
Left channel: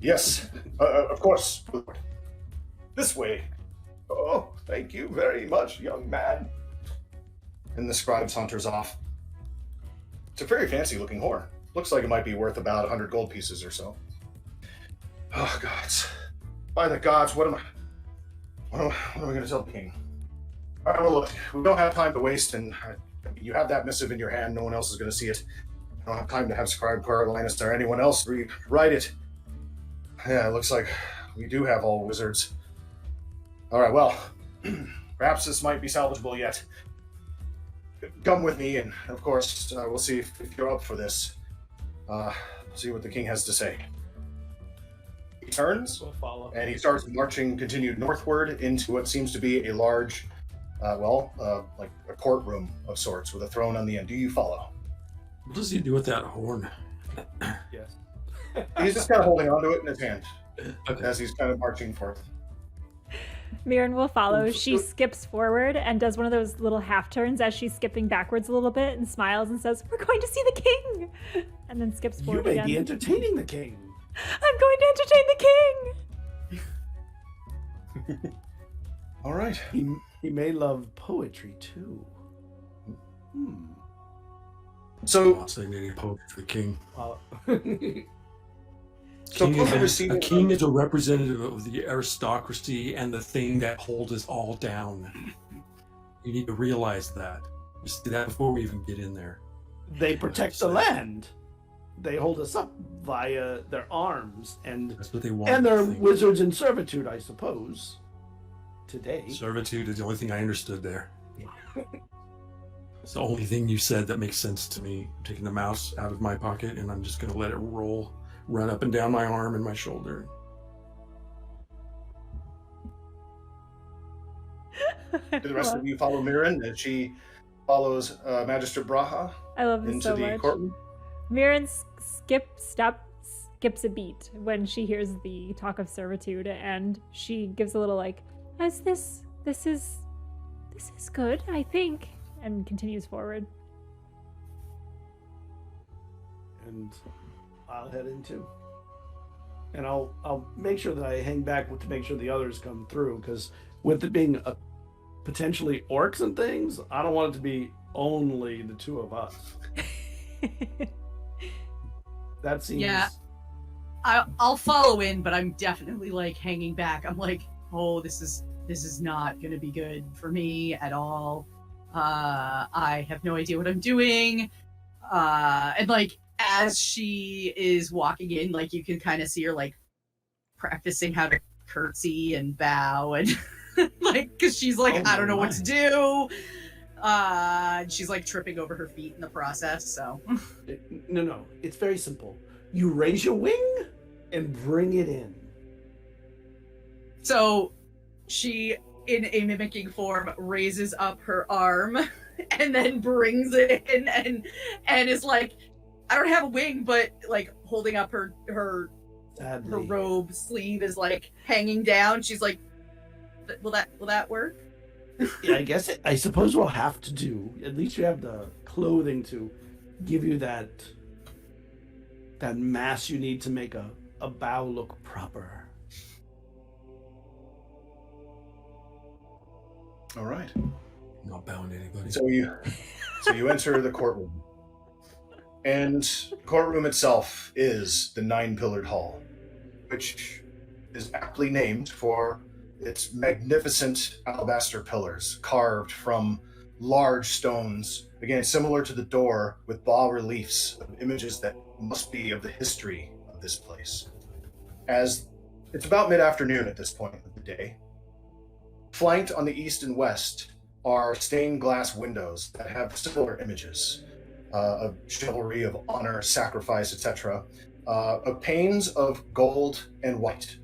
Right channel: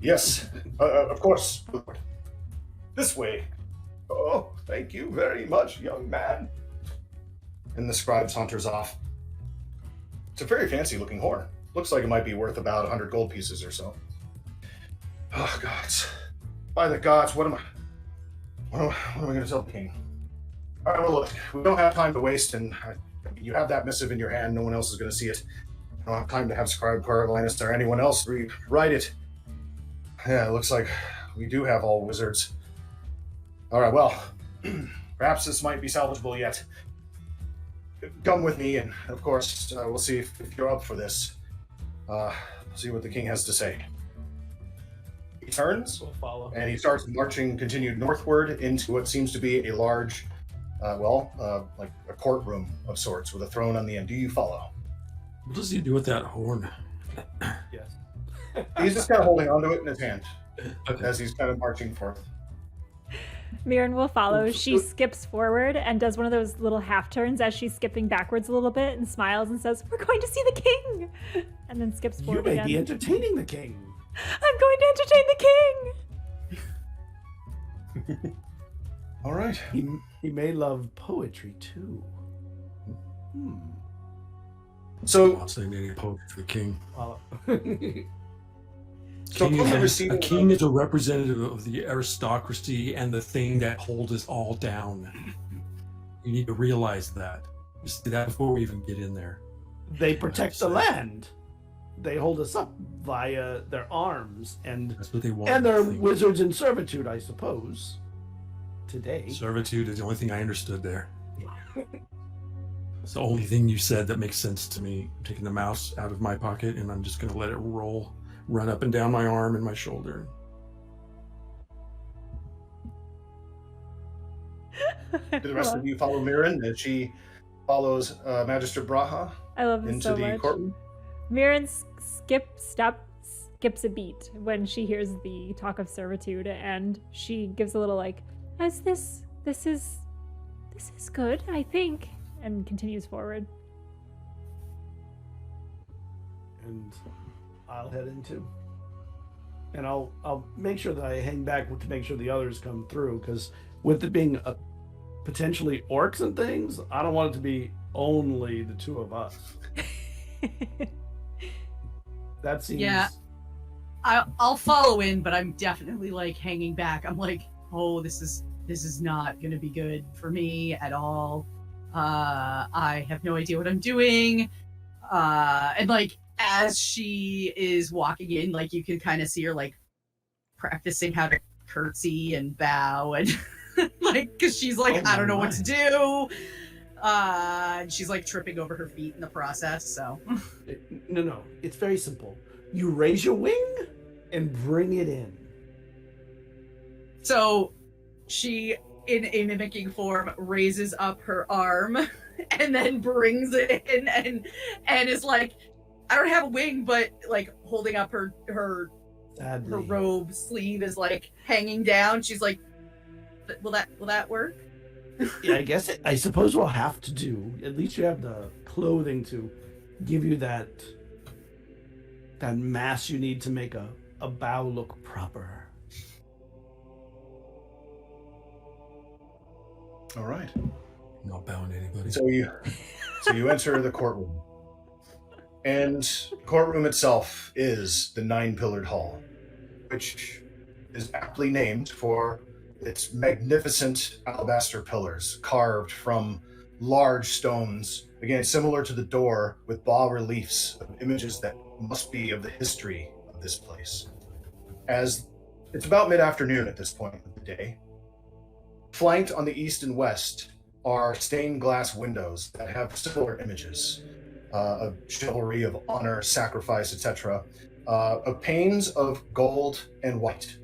Yes, of course, Lord. This way. Oh, thank you very much, young man. And the scribe saunters off. It's a very fancy-looking horn. Looks like it might be worth about 100 gold pieces or so. Oh, gods. By the gods, what am I going to tell the king? All right, well, look, we don't have time to waste, and you have that missive in your hand. No one else is going to see it. I don't have time to have Scribe Carolinus or anyone else rewrite it. Yeah, it looks like we do have all wizards. All right, well, perhaps this might be salvageable yet. Come with me, and of course, we'll see if you're up for this. See what the king has to say. He turns, We'll follow. and he starts marching, continued northward into what seems to be a large, like a courtroom of sorts with a throne on the end. Do you follow? What does he do with that horn? Yes. He's just kind of holding onto it in his hand Okay. as he's kind of marching forth. Mirren will follow. She skips forward and does one of those little half turns as she's skipping backwards a little bit and smiles and says, "We're going to see the king!" And then skips You forward may again. be entertaining the king. I'm going to entertain the king! All right. He may love poetry too. So, I'll say any poke for the king. Well, So King upon is receiving a king is a representative of the aristocracy and the thing that holds us all down. You need to realize that. Just do that before we even get in there. they protect the land. They hold us up via their arms and That's what they want. they're I think. wizards in servitude, I suppose. Today. Servitude is the only thing I understood there. It's the only thing you said that makes sense to me. I'm taking the mouse out of my pocket and I'm just going to let it run up and down my arm and my shoulder. do the rest of you follow Mirren, and she follows Magistrate Braha I love this into so the much. courtroom. Mirren skips a beat when she hears the talk of servitude, and she gives a little like, this is good, I think," and continues forward. And I'll head in too. And I'll make sure that I hang back to make sure the others come through, because with it being potentially orcs and things, I don't want it to be only the two of us. That seems. Yeah. I'll follow in, but I'm definitely like hanging back. I'm like, oh, this is not gonna be good for me at all. I have no idea what I'm doing. And like as she is walking in, like you can kind of see her like practicing how to curtsy and bow and like because she's like, Oh I don't know my. what to do. And she's like tripping over her feet in the process. So No. It's very simple. You raise your wing and bring it in. So she, in a mimicking form, raises up her arm and then brings it in and is like, I don't have a wing, but like holding up her Sadly. robe sleeve is like hanging down. She's like, will that work? Yeah, I suppose we'll have to do. At least you have the clothing to give you that mass you need to make a bow look proper. All right. I'm not bowing to anybody. So you enter the courtroom, and the courtroom itself is the 9-pillared hall, which is aptly named for its magnificent alabaster pillars carved from large stones, again similar to the door, with bas-reliefs of images that must be of the history of this place. As it's about mid-afternoon at this point of the day, flanked on the east and west are stained glass windows that have similar images of chivalry, of honor, sacrifice, etc., of panes of gold and white.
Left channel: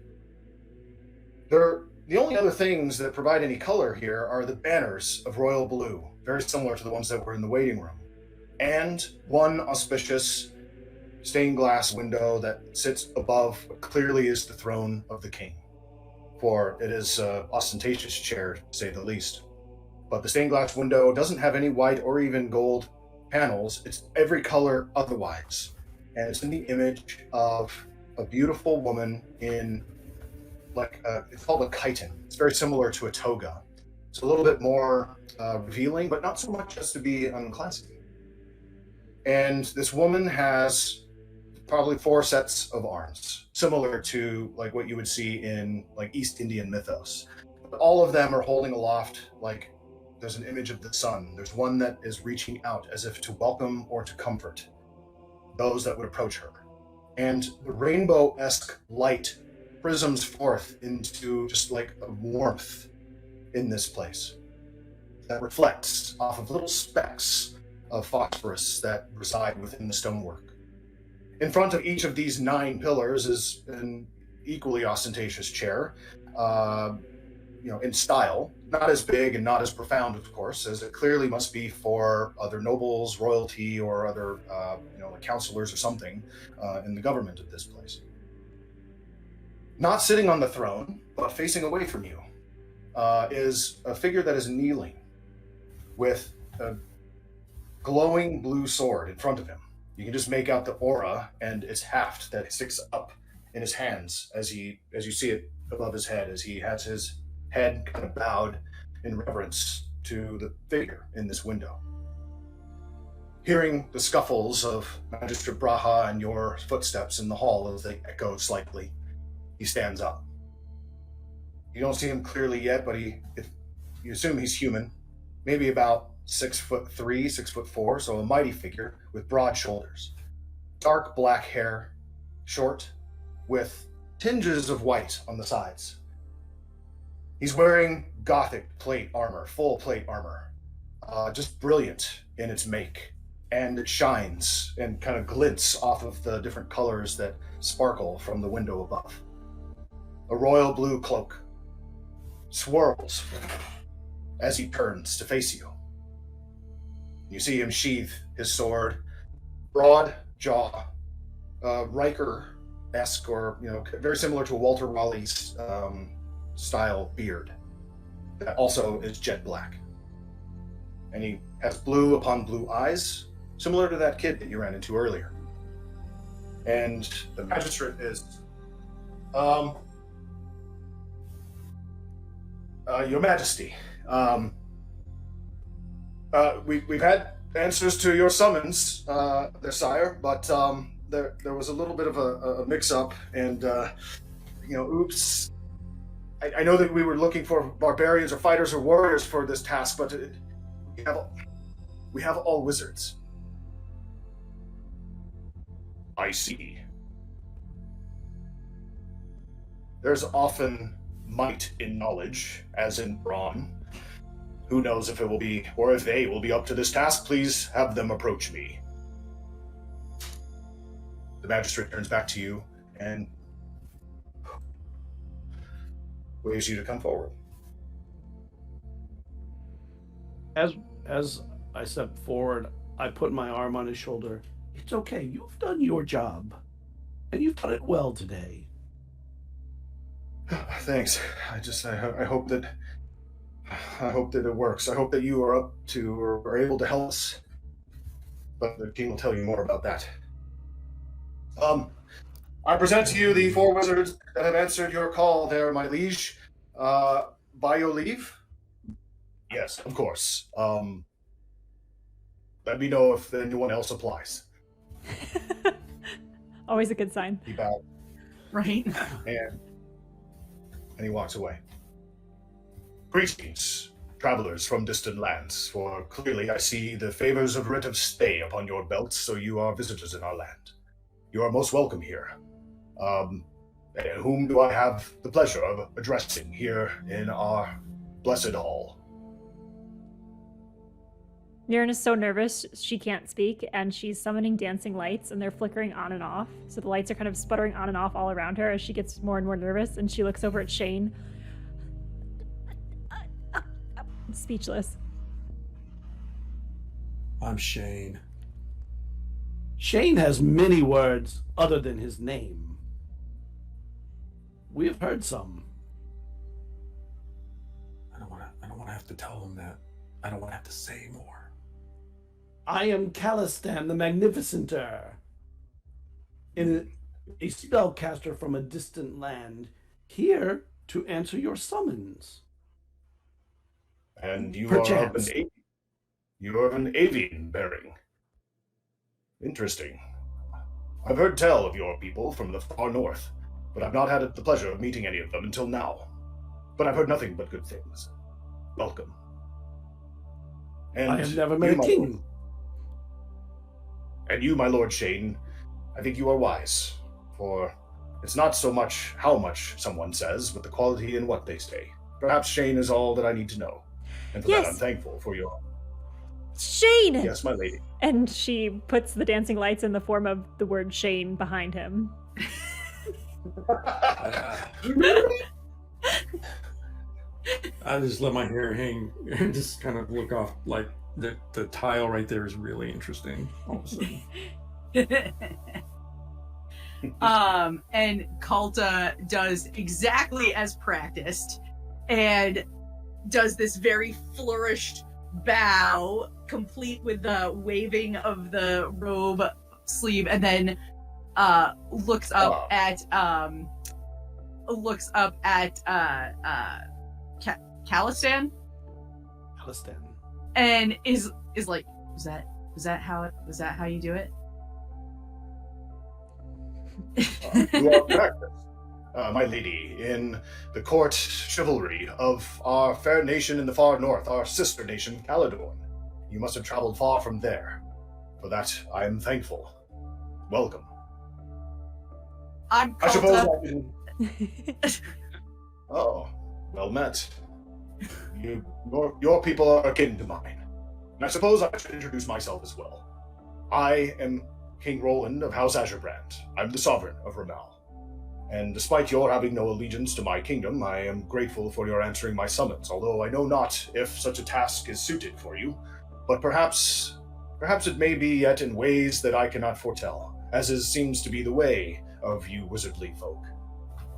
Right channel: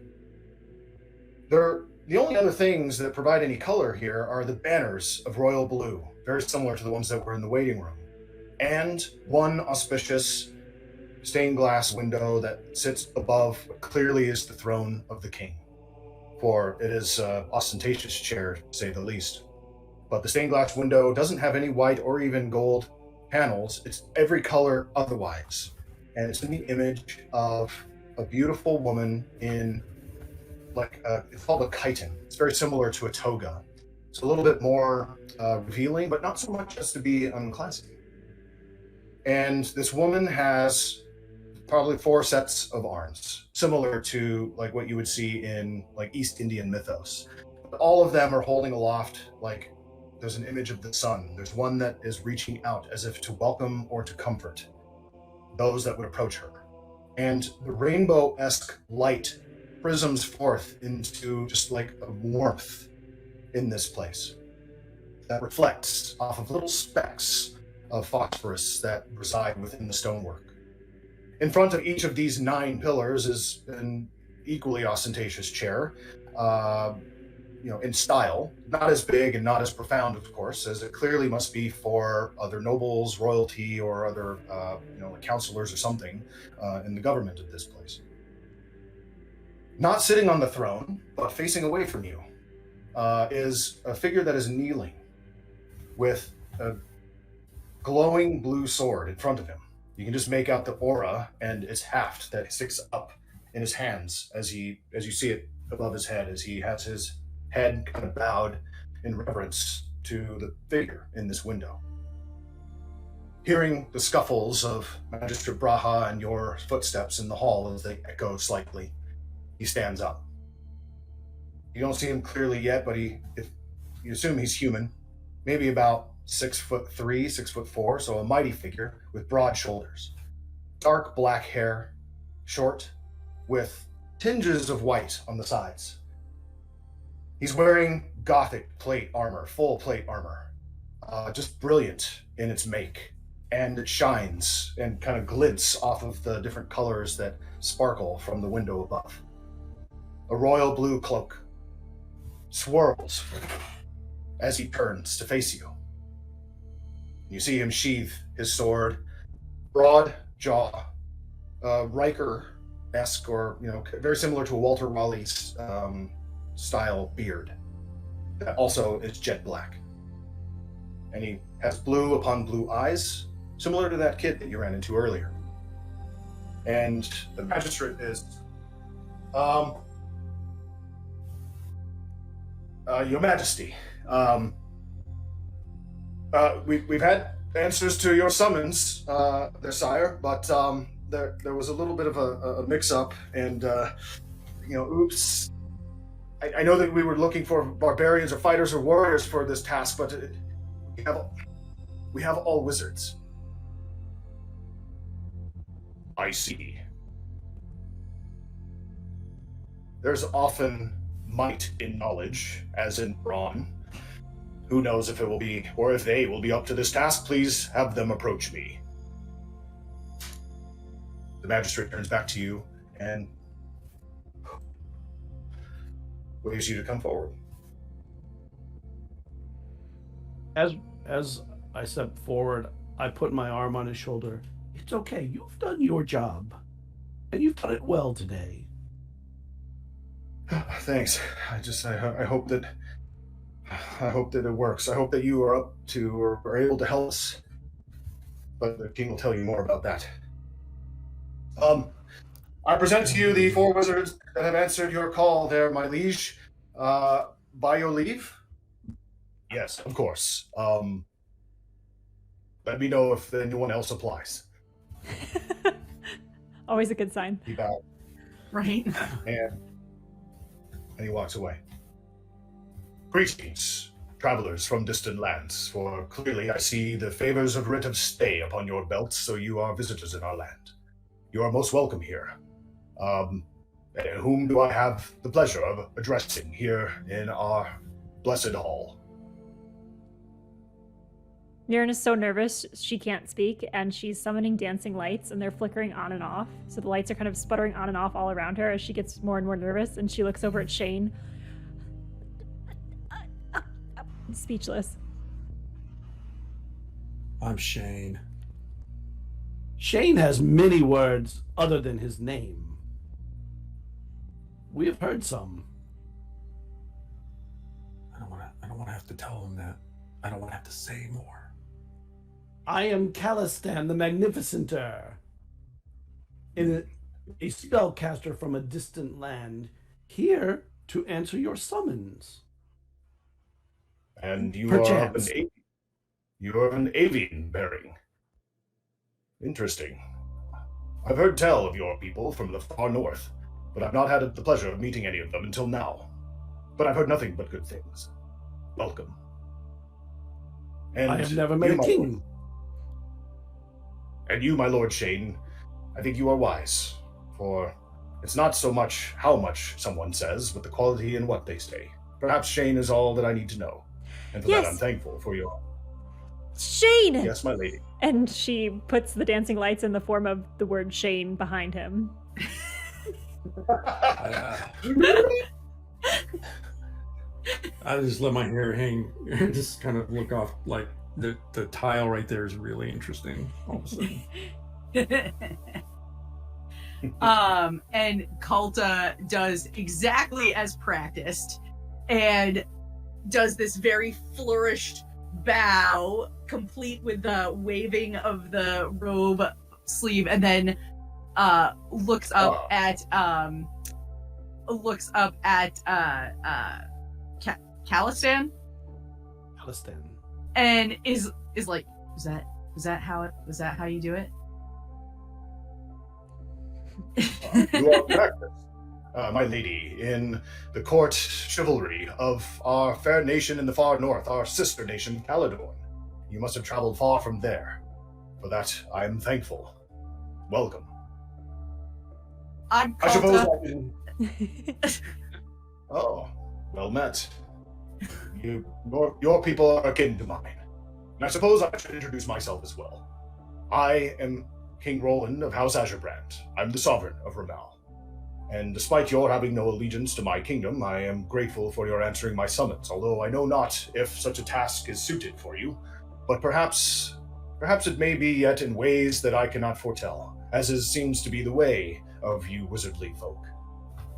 There The only other things that provide any color here are the banners of royal blue, very similar to the ones that were in the waiting room, and one auspicious stained glass window that sits above what clearly is the throne of the king, for it is an ostentatious chair, to say the least. But the stained glass window doesn't have any white or even gold panels. It's every color otherwise. And it's in the image of a beautiful woman in, it's called a chiton. It's very similar to a toga. It's a little bit more revealing, but not so much as to be unclassy. And this woman has probably 4 sets of arms, similar to like what you would see in like East Indian mythos. But all of them are holding aloft, like there's an image of the sun. There's one that is reaching out as if to welcome or to comfort those that would approach her. And the rainbow-esque light prisms forth into just like a warmth in this place that reflects off of little specks of phosphorus that reside within the stonework. In front of each of these 9 pillars is an equally ostentatious chair, in style, not as big and not as profound, of course, as it clearly must be for other nobles, royalty, or other, like counselors or something in the government of this place. Not sitting on the throne, but facing away from you, is a figure that is kneeling with a glowing blue sword in front of him. You can just make out the aura and its haft that sticks up in his hands as you see it above his head, as he has his head kind of bowed in reverence to the figure in this window. Hearing the scuffles of Magistrate Braha and your footsteps in the hall as they echo slightly, he stands up. You don't see him clearly yet, but if you assume he's human, maybe about 6'3", 6'4", so a mighty figure with broad shoulders. Dark black hair, short, with tinges of white on the sides. He's wearing Gothic plate armor, full plate armor, just brilliant in its make, and it shines and kind of glints off of the different colors that sparkle from the window above. A royal blue cloak swirls as he turns to face you. You see him sheathe his sword, broad jaw, Riker-esque, or very similar to Walter Raleigh's style beard that also is jet black. And he has blue upon blue eyes, similar to that kid that you ran into earlier. And the magistrate is, Your Majesty, we've had answers to your summons, there, sire, but there was a little bit of a mix-up, and oops. I know that we were looking for barbarians or fighters or warriors for this task, but we have all wizards. I see. There's often might in knowledge, as in brawn. Who knows if it will be, or if they will be up to this task? Please have them approach me. The magistrate turns back to you and waves you to come forward. As I step forward, I put my arm on his shoulder. It's okay. You've done your job, and you've done it well today. Thanks. I hope that it works. I hope that you are up to or are able to help us. But the king will tell you more about that. I present to you the 4 wizards that have answered your call there, my liege. By your leave? Yes, of course. Let me know if anyone else applies. Always a good sign. He bowed. Right. And he walks away. Greetings, travelers from distant lands, for clearly I see the favors of writ of stay upon your belt, so you are visitors in our land. You are most welcome here. Whom do I have the pleasure of addressing here in our blessed hall? Niren is so nervous she can't speak, and she's summoning dancing lights, and they're flickering on and off. So the lights are kind of sputtering on and off all around her as she gets more and more nervous, and she looks over at Shane. speechless. I'm Shane. Shane has many words other than his name. We have heard some. I don't want to have to tell him that. I don't want to have to say more. I am Calistan the Magnificenter, a spellcaster from a distant land, here to answer your summons. And you Perchance. you are of an avian bearing. Interesting. I've heard tell of your people from the far north, but I've not had the pleasure of meeting any of them until now. But I've heard nothing but good things. Welcome. And I have never met a king. And you, my Lord Shane, I think you are wise, for it's not so much how much someone says, but the quality in what they say. Perhaps Shane is all that I need to know, and for that I'm thankful for your... Shane! Yes, my lady. And she puts the dancing lights in the form of the word Shane behind him. I just let my hair hang and just kind of look off. Like the tile right there is really interesting all of a sudden. And Kalta does exactly as practiced and does this very flourished bow, complete with the waving of the robe sleeve, and then looks up at Calistan, and is like, was that how you do it? You are correct, my lady, in the court chivalry of our fair nation in the far north, our sister nation, Caledon. You must have traveled far from there. For that, I am thankful. Welcome. I'm I suppose Kalta. I can... Oh, well met. Your people are akin to mine. And I suppose I should introduce myself as well. I am King Roland of House Azurbrand. I'm the sovereign of Ramal. And despite your having no allegiance to my kingdom, I am grateful for your answering my summons, although I know not if such a task is suited for you. But perhaps it may be yet in ways that I cannot foretell, as seems to be the way of you wizardly folk.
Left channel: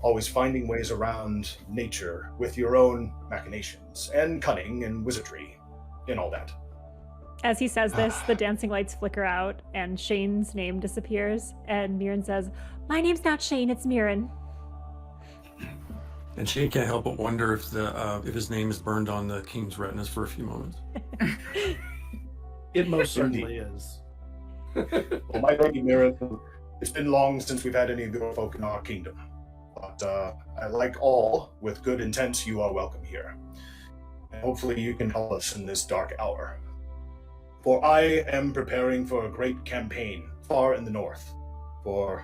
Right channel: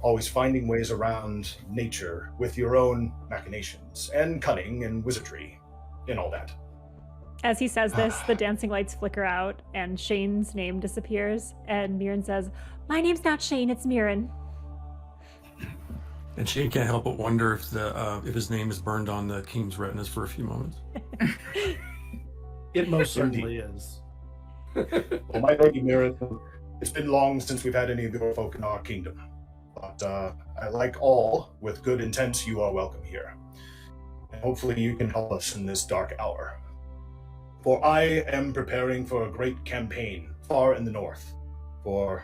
Always finding ways around nature with your own machinations, and cunning and wizardry, and all that. As he says this, the dancing lights flicker out, and Shane's name disappears, and Mirren says, "My name's not Shane, it's Mirren." And Shane can't help but wonder if his name is burned on the king's retinas for a few moments. It most certainly is. Well, my lady Mirren, it's been long since we've had any of your folk in our kingdom. But like all with good intent, you are welcome here. And hopefully you can help us in this dark hour. For I am preparing for a great campaign far in the north. For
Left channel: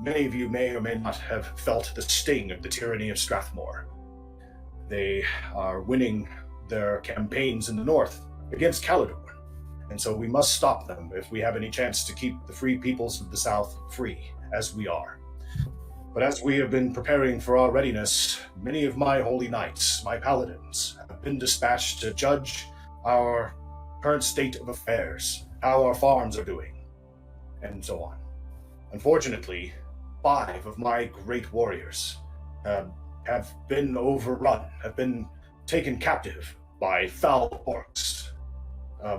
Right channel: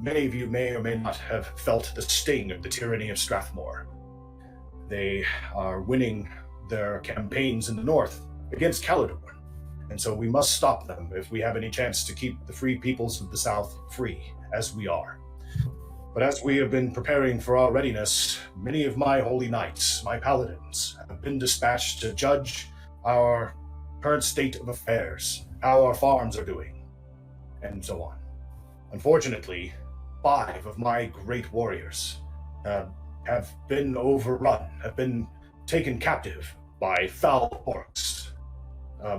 many of you may or may not have felt the sting of the tyranny of Strathmore. They are winning their campaigns in the north against Caledon. And so we must stop them if we have any chance to keep the free peoples of the south free, as we are. But as we have been preparing for our readiness, many of my holy knights, my paladins, have been dispatched to judge our current state of affairs, how our farms are doing, and so on. Unfortunately, 5 of my great warriors have been overrun, have been taken captive by foul orcs.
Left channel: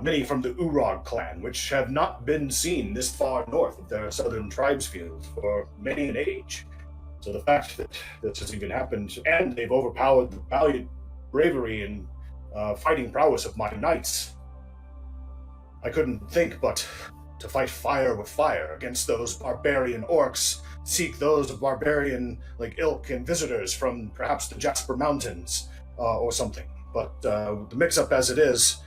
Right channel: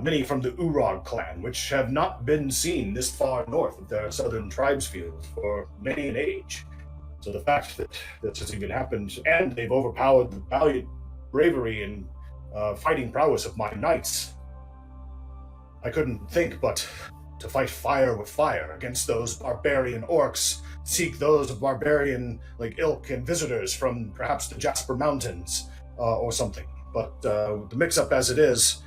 Many from the Urog clan, which have not been seen this far north of their southern tribes field for many an age. So the fact that this has even happened, and they've overpowered the valiant bravery and fighting prowess of my knights, I couldn't think but to fight fire with fire against those barbarian orcs, seek those of barbarian ilk and visitors from perhaps the Jasper Mountains or something. But the mix-up as it is,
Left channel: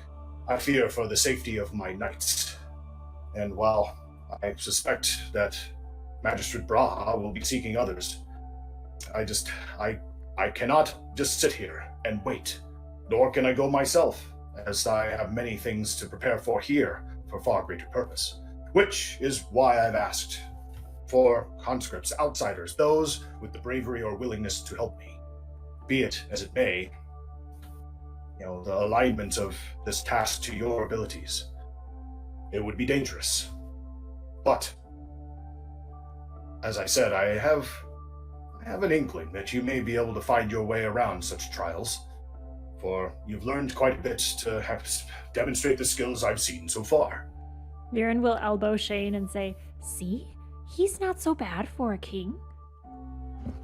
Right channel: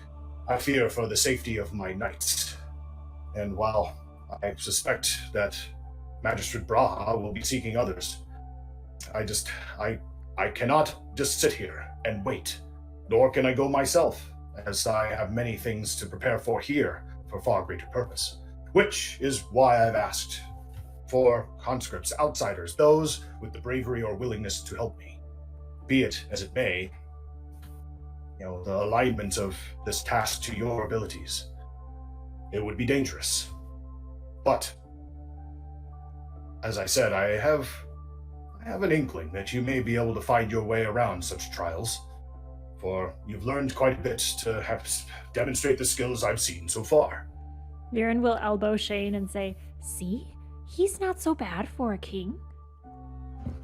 I fear for the safety of my knights. And while I suspect that Magistrate Braha will be seeking others, I cannot just sit here and wait, nor can I go myself, as I have many things to prepare for here for far greater purpose. Which is why I've asked for conscripts, outsiders, those with the bravery or willingness to help me. Be it as it may, the alignment of this task to your abilities. It would be dangerous. But, as I said, I have an inkling that you may be able to find your way around such trials, for you've learned quite a bit to demonstrate the skills I've seen so far. Viren will elbow Shane and say, "See? He's not so bad for a king."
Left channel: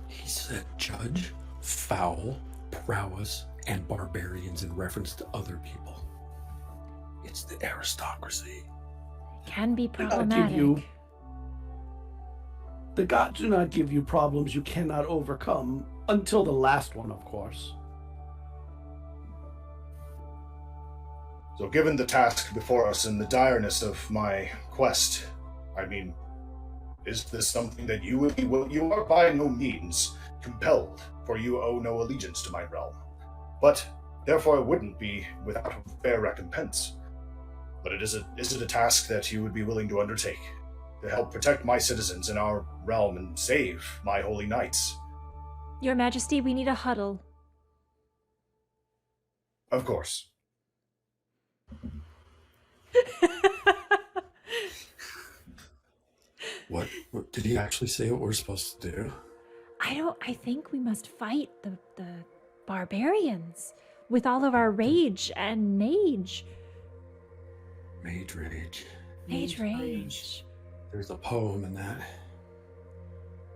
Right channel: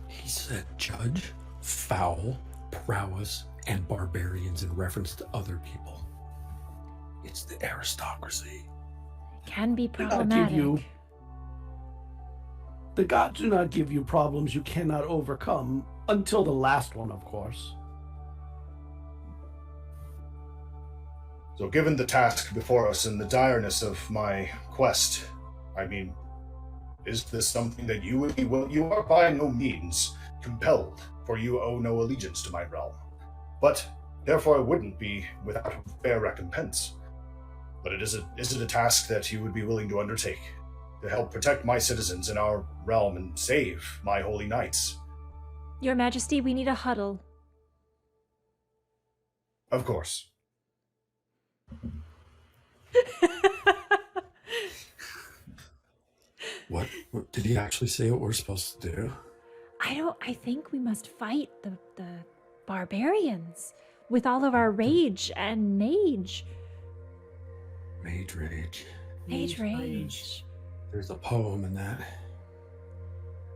He said judge, foul, prowess, and barbarians in reference to other people. It's the aristocracy. Can be They not give problematic. you- The gods do not give you problems you cannot overcome, until the last one, of course. So given the task before us and the direness of my quest, I mean, is this something that you would be you are by no means compelled, for you owe no allegiance to my realm. But therefore it wouldn't be without fair recompense. But is it a task that you would be willing to undertake to help protect my citizens in our realm and save my holy knights? Your Majesty, we need a huddle. Of course. What did he actually say what we're supposed to do? I think we must fight the barbarians with all of our rage and mage. Mage rage. Mage rage. There's a poem in that.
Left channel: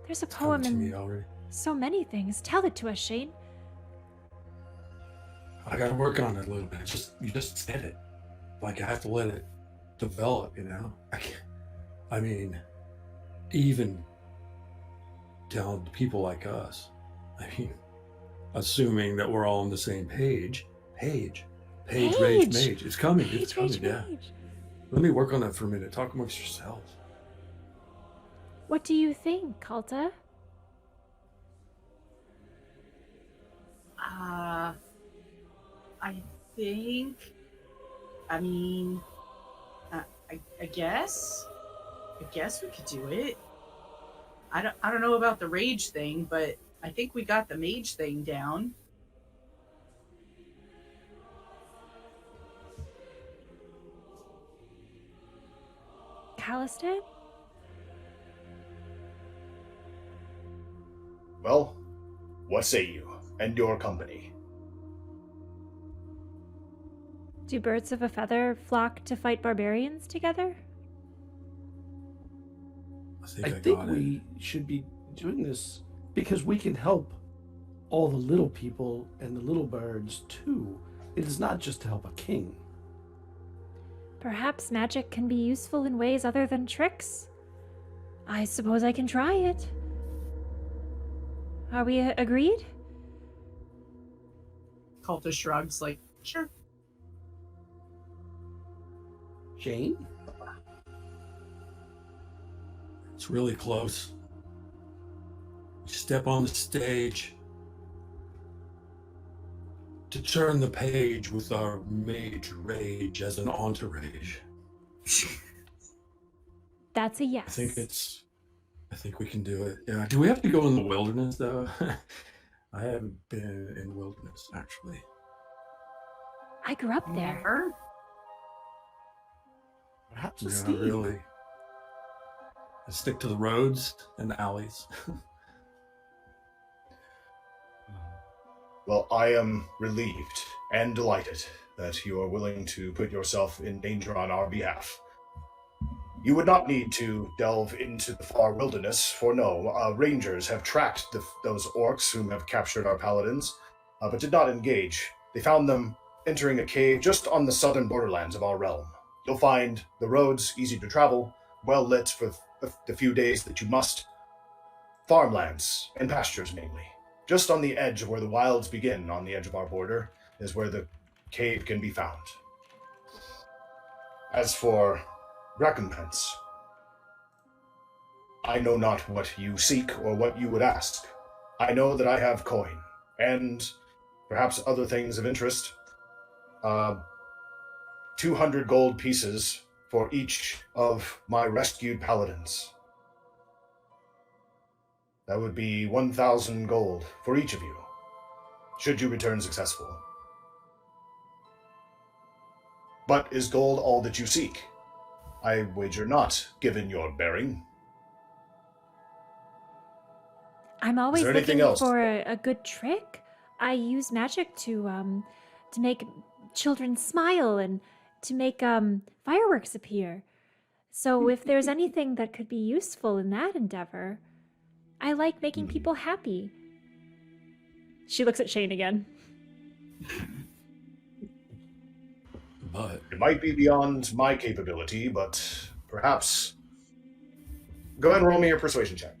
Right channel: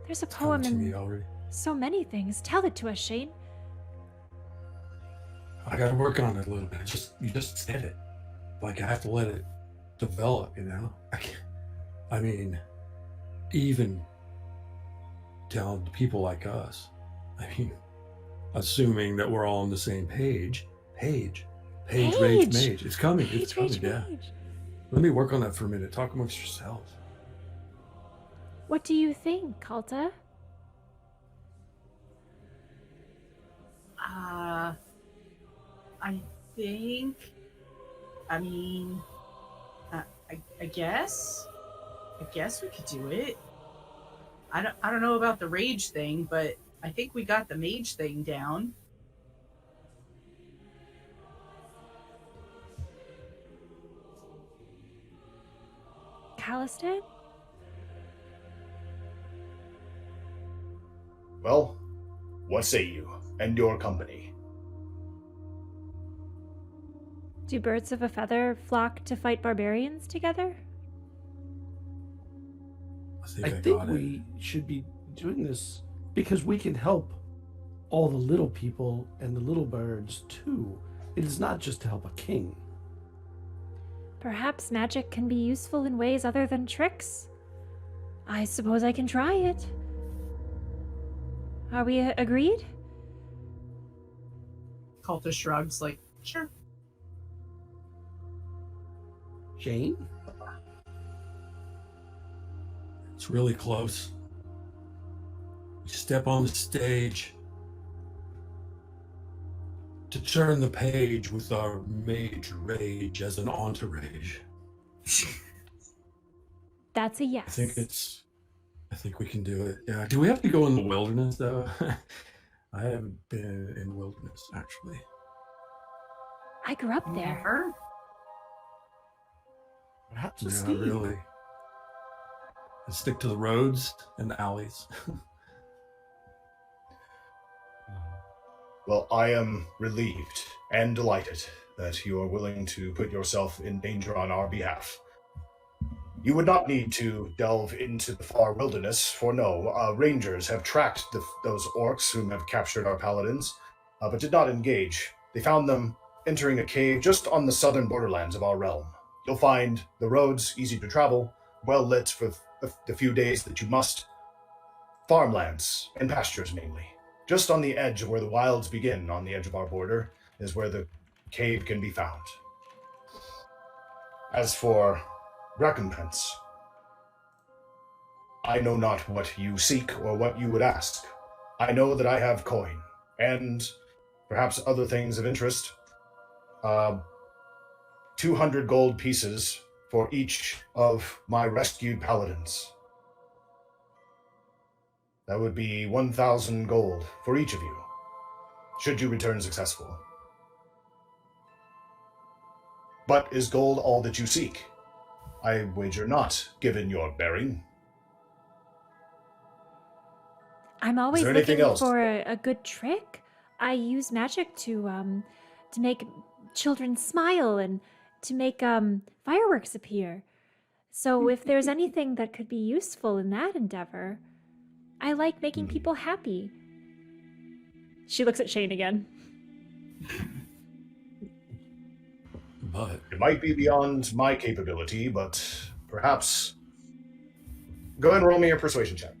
There's a It's coming poem to me in already. so many things. Tell it to us, Shane. I gotta work on it a little bit. You just said it. Like I have to let it develop, you know? I mean, even down to people like us. I mean, assuming that we're all on the same page. Page, rage, mage. It's coming. It's coming, Rage, yeah. rage. Let me work on that for a minute. Talk amongst yourselves. What do you think, Kalta? I think. I mean, I guess. I guess we could do it. I don't know about the rage thing, but I think we got the mage thing down. Calistan? Well, what say you and your company? Do birds of a feather flock to fight barbarians together? I got think it. we should be doing this because we can help all the little people and the little birds too. It is not just to help a king. Perhaps magic can be useful in ways other than tricks. I suppose I can try it. Are we agreed? Cultist shrugs, like, sure. Jane? It's really close. We step on the stage to turn the page with our mage rage as an entourage. That's a yes. I think we can do it. Yeah. Do we have to go in the wilderness though? I haven't been in wilderness actually. I grew up there. Never. Perhaps a Yeah, Steve. really. I stick to the roads and the alleys. Well, I am relieved and delighted that you are willing to put yourself in danger on our behalf. You would not need to delve into the far wilderness, for no, rangers have tracked those orcs whom have captured our paladins, but did not engage. They found them entering a cave just on the southern borderlands of our realm. You'll find the roads easy to travel, well lit for the few days that you must. Farmlands and pastures mainly. Just on the edge of where the wilds begin, on the edge of our border, is where the cave can be found. As for recompense, I know not what you seek or what you would ask. I know that I have coin, and perhaps other things of interest. 200 gold pieces for each of my rescued paladins. That would be 1,000 gold for each of you, should you return successful. But is gold all that you seek? I wager not, given your bearing. I'm always there anything looking else? for a good trick. I use magic to make children smile and to make fireworks appear. So if there's anything that could be useful in that endeavor, I like making people happy. She looks at Shane again. But It might be beyond my capability, but perhaps... Go ahead and roll me your persuasion check.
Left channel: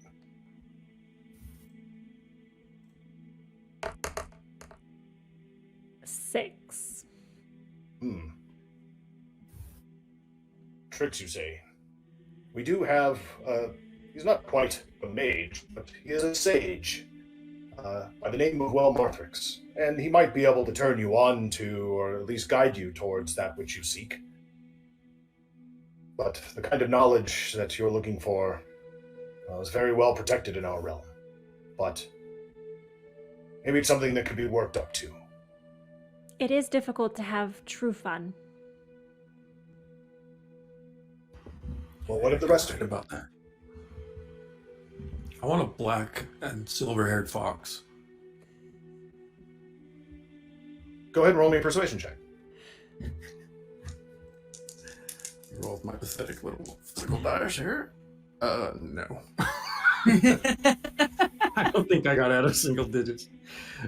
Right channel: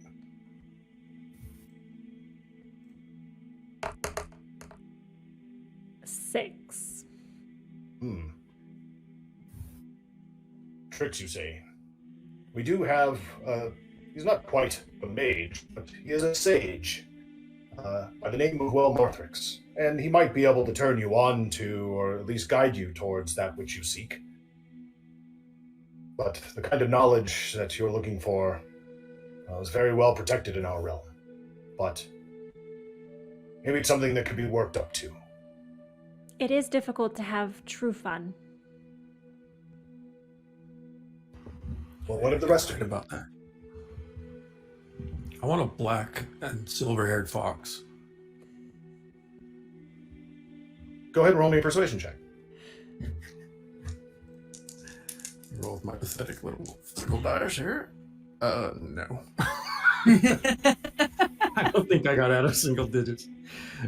Six. Tricks, you say? We do have, he's not quite a mage, but he is a sage, by the name of Marthrix, and he might be able to turn you on to, or at least guide you towards that which you seek. But the kind of knowledge that you're looking for is very well protected in our realm. But maybe it's something that could be worked up to. It is difficult to have true fun. Well, what of the rest of Talking it? about that. I want a black and silver-haired fox. Go ahead and roll me a persuasion check. Roll with my pathetic little physical dice here. No. I don't think I got out of single digits.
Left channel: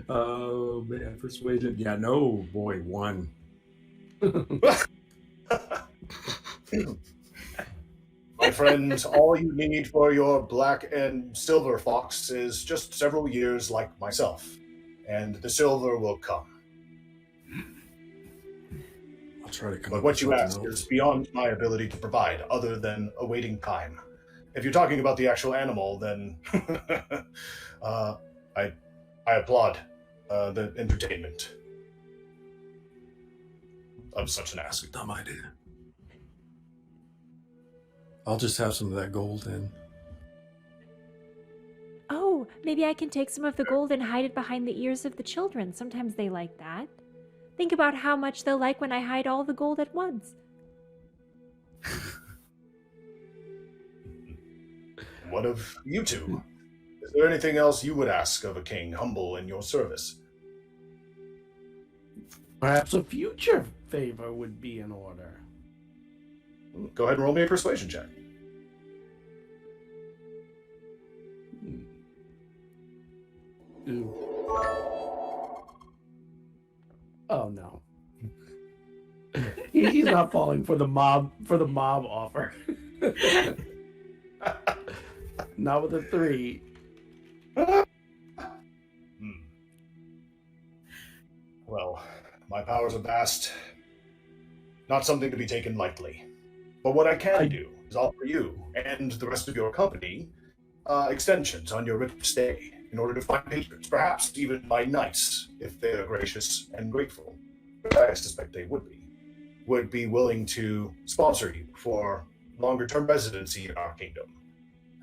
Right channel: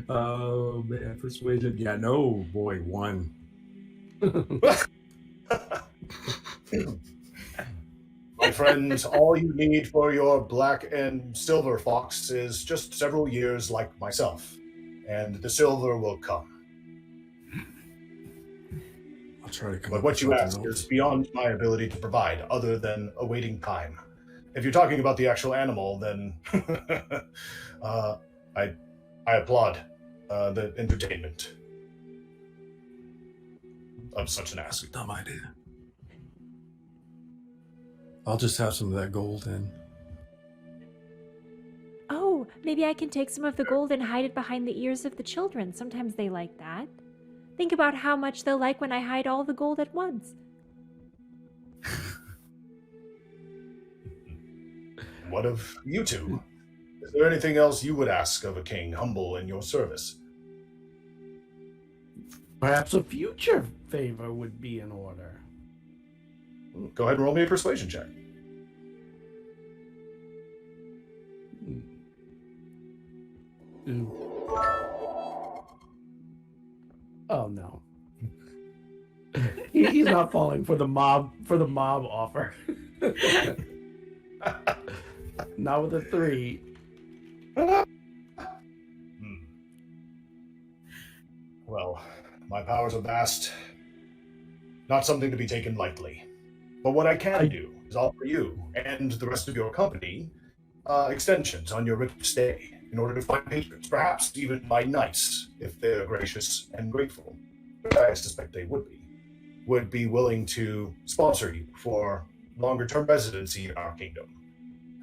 Oh man, persuasion. Yeah, no, boy, 1. My friends, all you need for your black and silver fox is just several years like myself, and the silver will come. I'll try to come But up what with you something ask else. is beyond my ability to provide, other than awaiting time. If you're talking about the actual animal, then I applaud the entertainment of such an That's ask. a dumb idea. I'll just have some of that gold in. Oh, maybe I can take some of the gold and hide it behind the ears of the children. Sometimes they like that. Think about how much they'll like when I hide all the gold at once. What of you two? Is there anything else you would ask of a king humble in your service? Perhaps a future favor would be in order. Go ahead and roll me a persuasion check. Ooh. Oh no. He's not falling for the mob offer. Not with a 3. Well, my powers are vast. Not something to be taken lightly. But what I can do is offer you and the rest of your company extensions on your rich stay in order to find patrons, perhaps even by knights, if they're gracious and grateful. I suspect they would be willing to sponsor you for longer-term residency in our kingdom,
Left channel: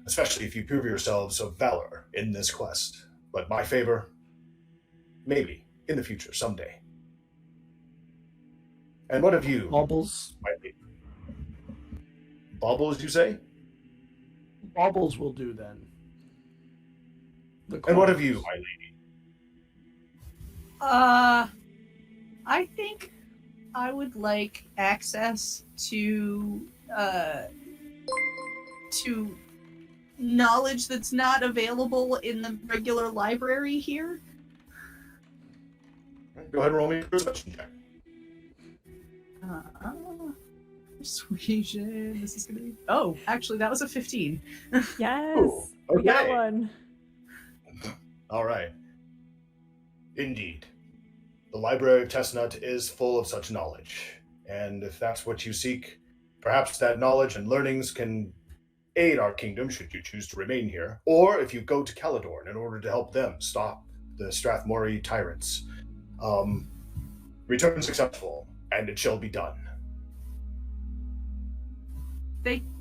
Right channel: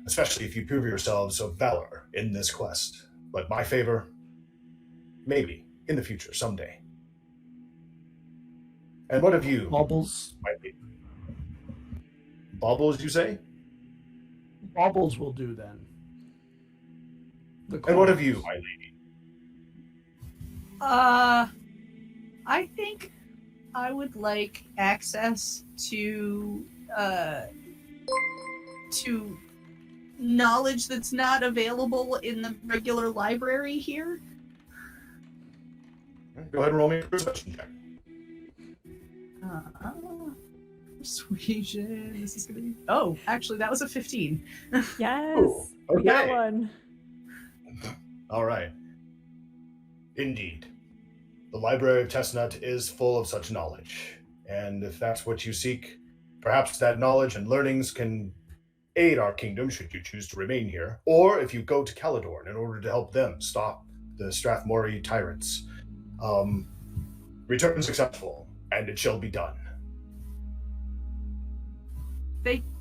especially if you prove yourselves of valor in this quest. But my favor, maybe, in the future, someday. And what of you, Baubles. my lady? Baubles, you say? Baubles will do then. And what of you, my lady? I think I would like access to knowledge that's not available in the regular library here. Go ahead and roll me a perception check. Persuasion. This is gonna be. Oh, actually, that was a 15. Yes, Ooh, we got okay. one. All right. Indeed. The Library of Testnut is full of such knowledge, and if that's what you seek, perhaps that knowledge and learnings can aid our kingdom should you choose to remain here, or if you go to Caledorn in order to help them stop the Strathmore tyrants. Return successful, and it shall be done.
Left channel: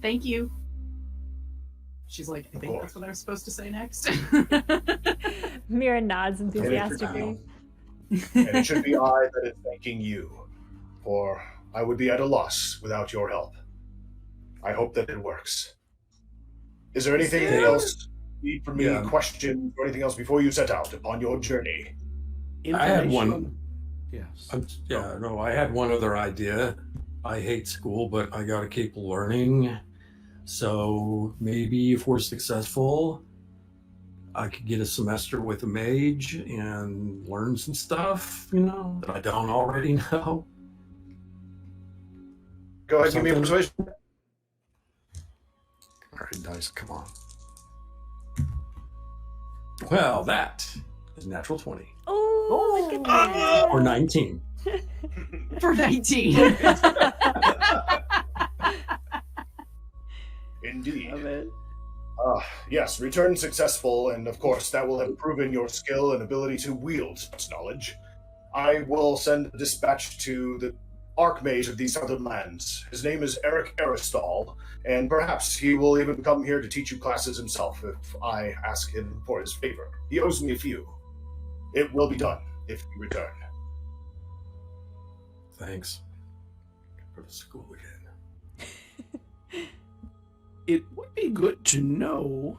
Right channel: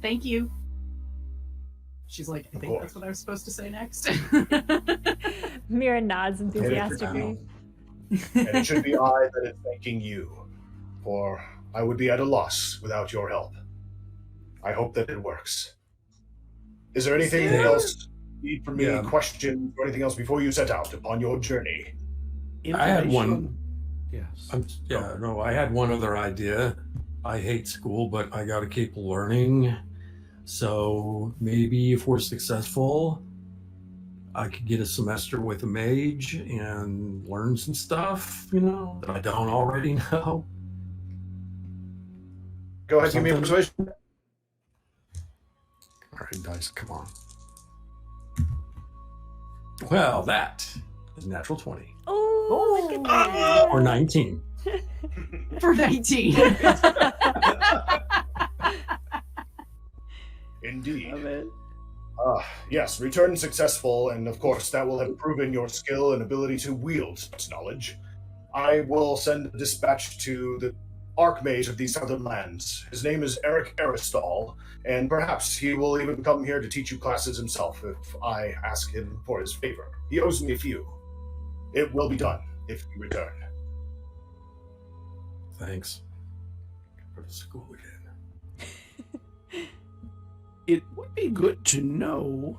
Thank you. She's like, I think course. that's what I was supposed to say next. Mira nods enthusiastically. And it should be I that is thanking you for I would be at a loss without your help. I hope that it works. Is there anything Yeah. else you need from me, Yeah. questions, or anything else before you set out upon your journey? I had one. Information- Yes. I had one other idea. I hate school, but I got to keep learning. So maybe if we're successful, I could get a semester with a mage and learn some stuff, that I don't already know. Go ahead, give me a Something- persuasion. All right, dice, come on. Well, that is natural 20 Oh, look at that. or 19. For 19. Indeed. Love it. Yes, return successful, and of course that will have proven your skill and ability to wield such knowledge. I will send a dispatch to the Archmage of these southern lands. His name is Eric Aristal, and perhaps he will even come here to teach you classes himself if I ask him for his favor. He owes me a few. It will be done if you return. Thanks. Go to school again. It would be good to know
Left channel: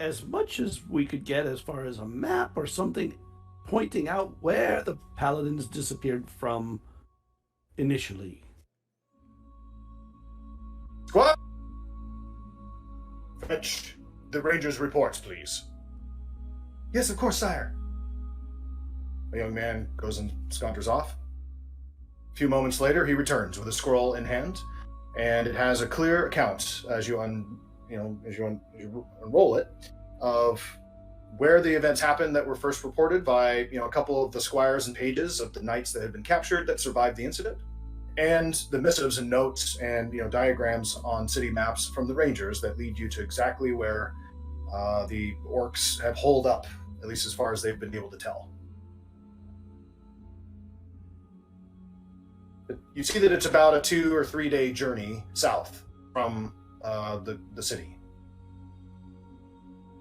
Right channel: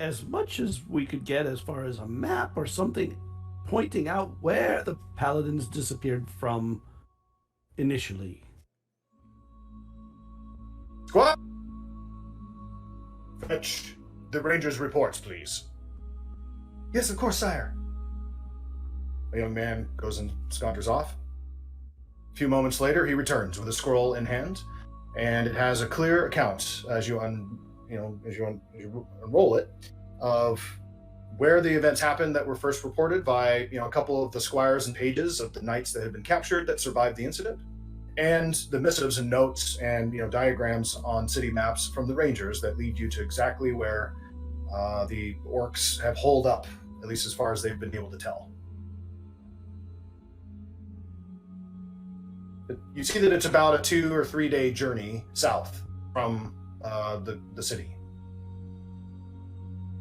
as much as we could get as far as a map or something pointing out where the paladins disappeared from initially. Squad! Fetch the Ranger's reports, please. Yes, of course, sire. A young man goes and saunters off. A few moments later, he returns with a scroll in hand, and it has a clear account as you unroll it of where the events happened that were first reported by a couple of the squires and pages of the knights that had been captured that survived the incident, and the missives and notes and diagrams on city maps from the rangers that lead you to exactly where the orcs have holed up, at least as far as they've been able to tell. You see that it's about a 2 or 3 day journey south from the city.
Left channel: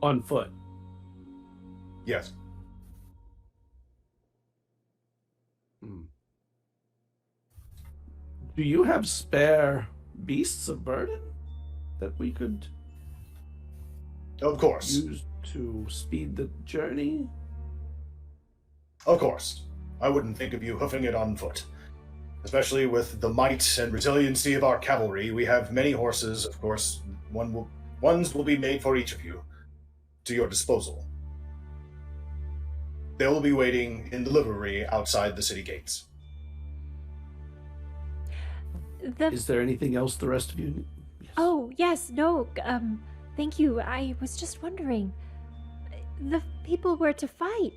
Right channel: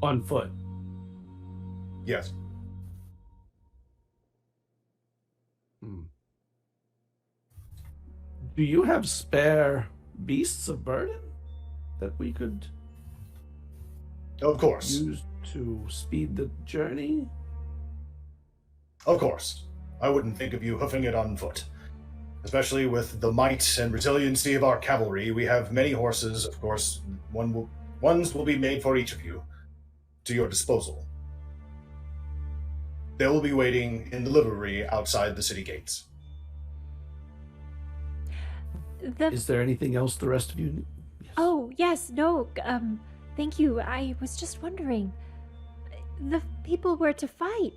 On foot. Yes. Do you have spare beasts of burden that we could Of course. use to speed the journey? Of course. I wouldn't think of you hoofing it on foot. Especially with the might and resiliency of our cavalry, we have many horses, of course. Ones will be made for each of you, to your disposal. They will be waiting in the livery outside the city gates. Is there anything else the rest of you need? Yes. Oh, yes, no, thank you. I was just wondering, the people we're to fight,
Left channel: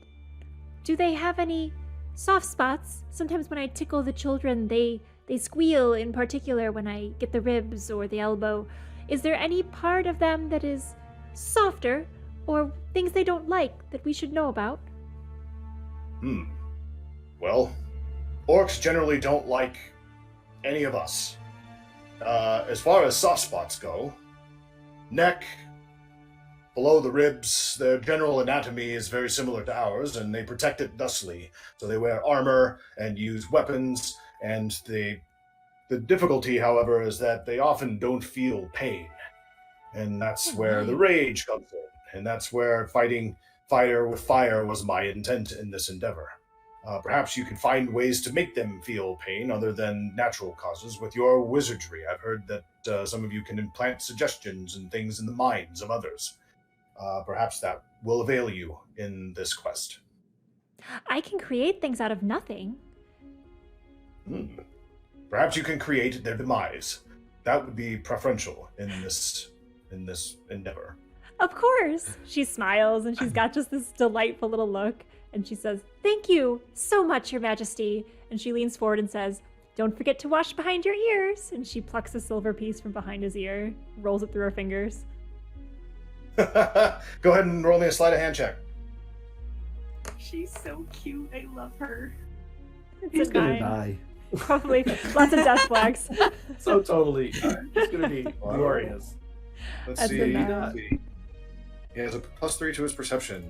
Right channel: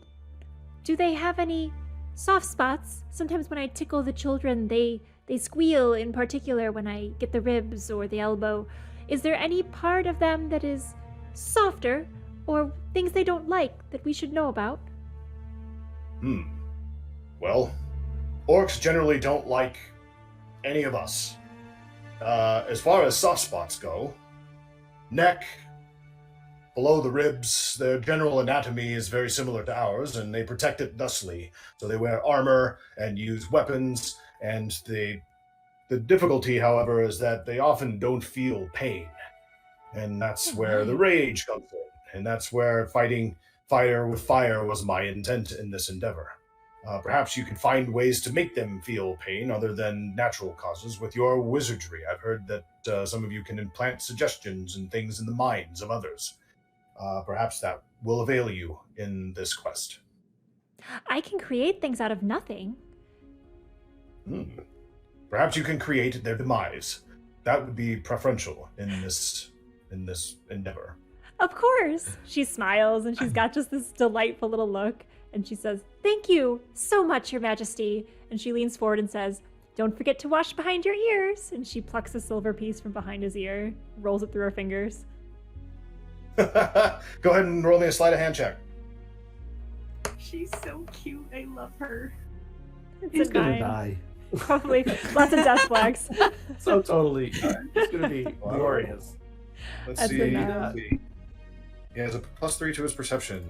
do they have any soft spots? Sometimes when I tickle the children, they squeal, in particular when I get the ribs or the elbow. Is there any part of them that is softer, or things they don't like that we should know about? Well, orcs generally don't like any of us. As far as soft spots go, neck, below the ribs, their general anatomy is very similar to ours, and they protect it thusly. So they wear armor and use weapons, and the difficulty, however, is that they often don't feel pain. And that's where the rage comes in, and that's where fighting fire with fire was my intent in this endeavor. Perhaps you can find ways to make them feel pain other than natural causes with your wizardry. I've heard that some of you can implant suggestions and things in the minds of others. Perhaps that will avail you in this quest. I can create things out of nothing. Perhaps you can create their demise. That would be preferential in this endeavor. Of course. She smiles and she's got just this delightful little look. And she says, "Thank you so much, Your Majesty." And she leans forward and says, "Don't forget to wash behind your ears." And she plucks a silver piece from behind his ear, rolls it through her fingers. Go ahead and roll me a sleight of hand check. She's so cute. I love her. It's He's a gonna 9. die. Probably lots of death flags. So totally. It's gonna be glorious. Let's That's see. a 9. He has a +3 to his perception.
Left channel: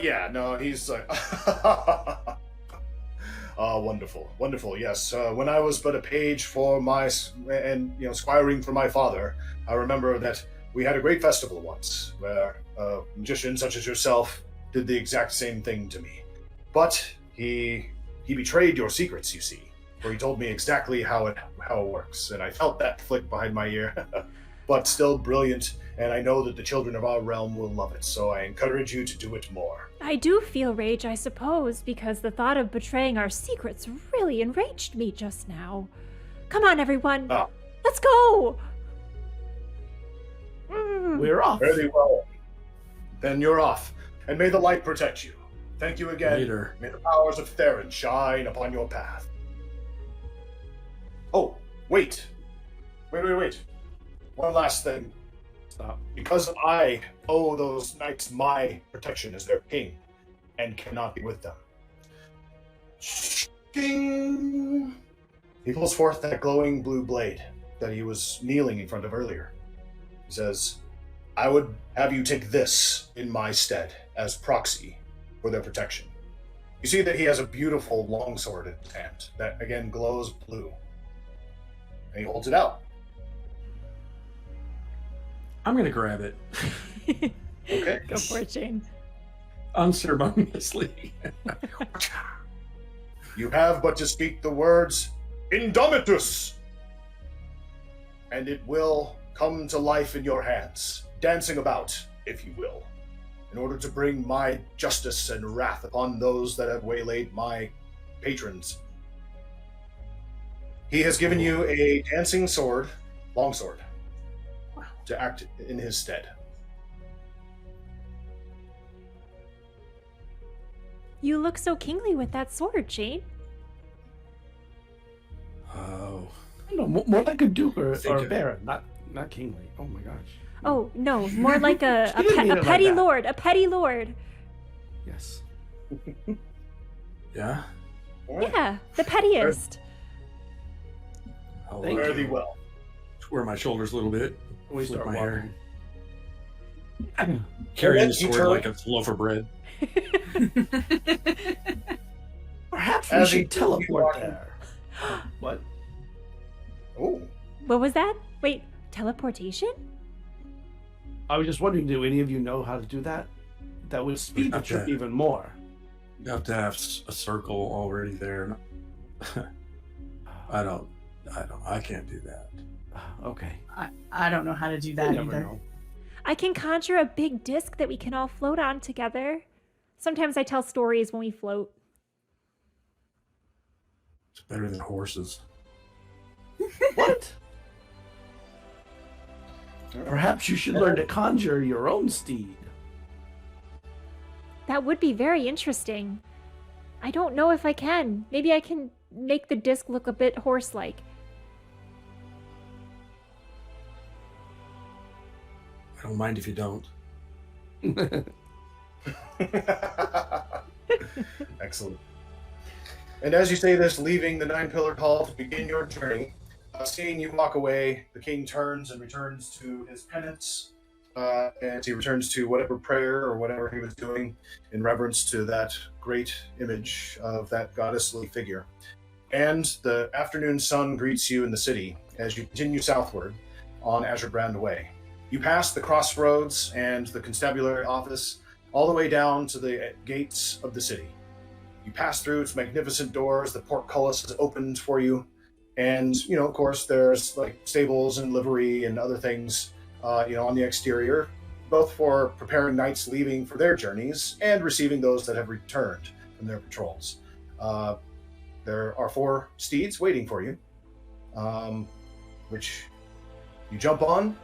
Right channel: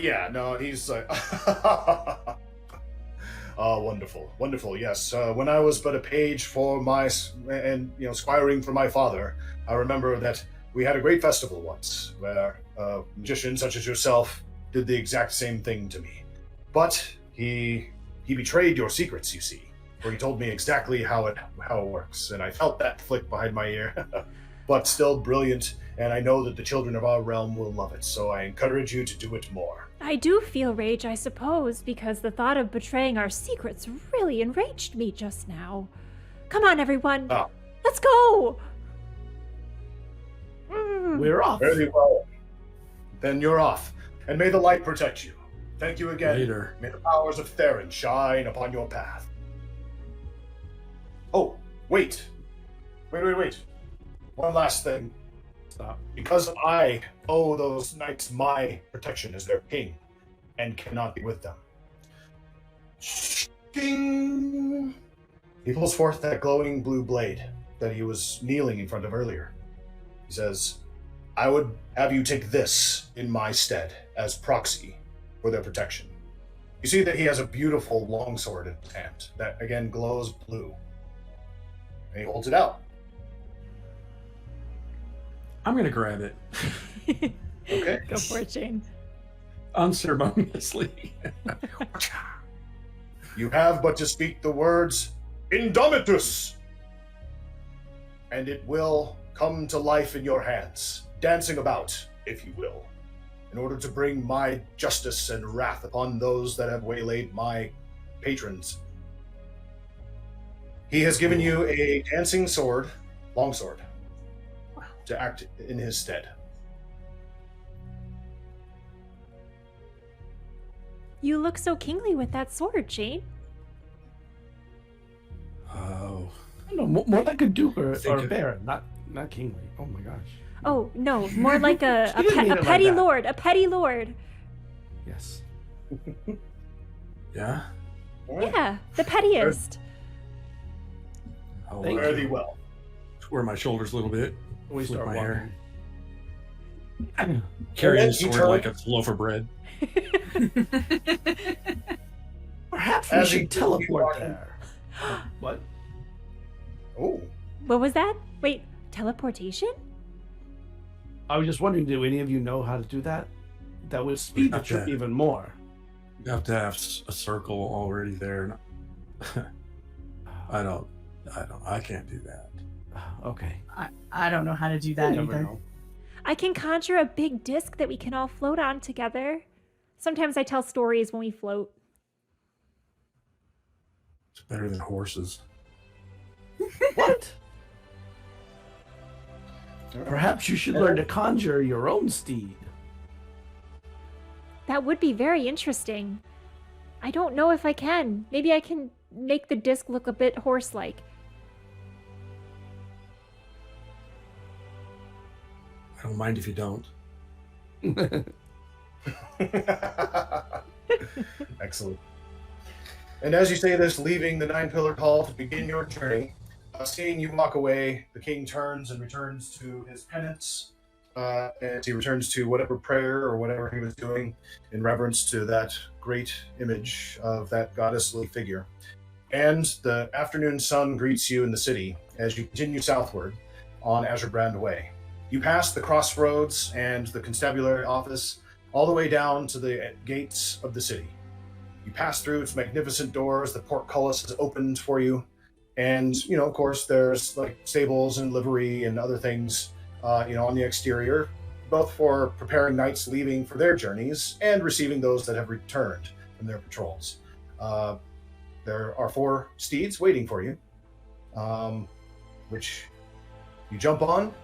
Yeah, no, he's like, Ah, wonderful, wonderful. Yes, when I was but a page for squiring for my father, I remember that we had a great festival once where a magician such as yourself did the exact same thing to me. But he betrayed your secrets, you see, where he told me exactly how it works, and I felt that flick behind my ear. But still brilliant, and I know that the children of our realm will love it, so I encourage you to do it more. I do feel rage, I suppose, because the thought of betraying our secrets really enraged me just now. Come on, everyone. Ah. Let's go! We're off. Very well. Then you're off, and may the light protect you. Thank you again. Later. May the powers of Theron shine upon your path. Oh, wait. Wait. One last thing. Stop. Because I owe those knights my protection as their king, and cannot be with them. Ding! He pulls forth that glowing blue blade that he was kneeling in front of earlier. He says, I would have you take this in my stead as proxy for their protection. You see that he has a beautiful longsword in his hand that again glows blue. And he holds it out. I'm gonna grab it Okay. Go for it, Shane. unceremoniously. You have but to speak the words, Indomitus! And it will come to life in your hands, dancing about, if you will, in order to bring my justice and wrath upon those that have waylaid my patrons. He has given you a dancing sword, longsword, to act in his stead. You look so kingly with that sword, Shane. Oh, I don't know, more like a duke or Think a it- baron, not kingly. Oh my gosh. Oh, no, more like a She didn't mean it like petty that. lord, a petty lord. Yes. yeah. Yeah, the pettiest. I'll Thank Fare uh, thee well. square my shoulders a little bit. We Flip start my walking. hair. Carrying the then you sword turn- like a loaf of bread. Perhaps we As he should keeps teleport walking. there. What? Oh, What was that? Wait, teleportation? I was just wondering, do any of you know how to do that? That would speed the Not trip yet. even more. You have to have a circle already there. I can't do that. Okay. I don't know how to do You that never either. know. I can conjure a big disc that we can all float on together. Sometimes I tell stories when we float. It's better than horses. What? Perhaps you should learn to conjure your own steed. That would be very interesting. I don't know if I can. Maybe I can make the disc look a bit horse-like. I don't mind if you don't. Excellent. And as you say this, leaving the Nine-Pillared Hall to begin your journey, seeing you walk away, the king turns and returns to his penance, and he returns to whatever prayer or whatever he was doing in reverence to that great image of that goddessly figure. And the afternoon sun greets you in the city as you continue southward on Azurbrand Way. You pass the crossroads and the constabulary office all the way down to the gates of the city. You pass through its magnificent doors, the portcullis is opened for you, and, of course, there's like stables and livery and other things, on the exterior, both for preparing knights leaving for their journeys and receiving those that have returned from their patrols. There are 4 steeds waiting for you, which you jump on,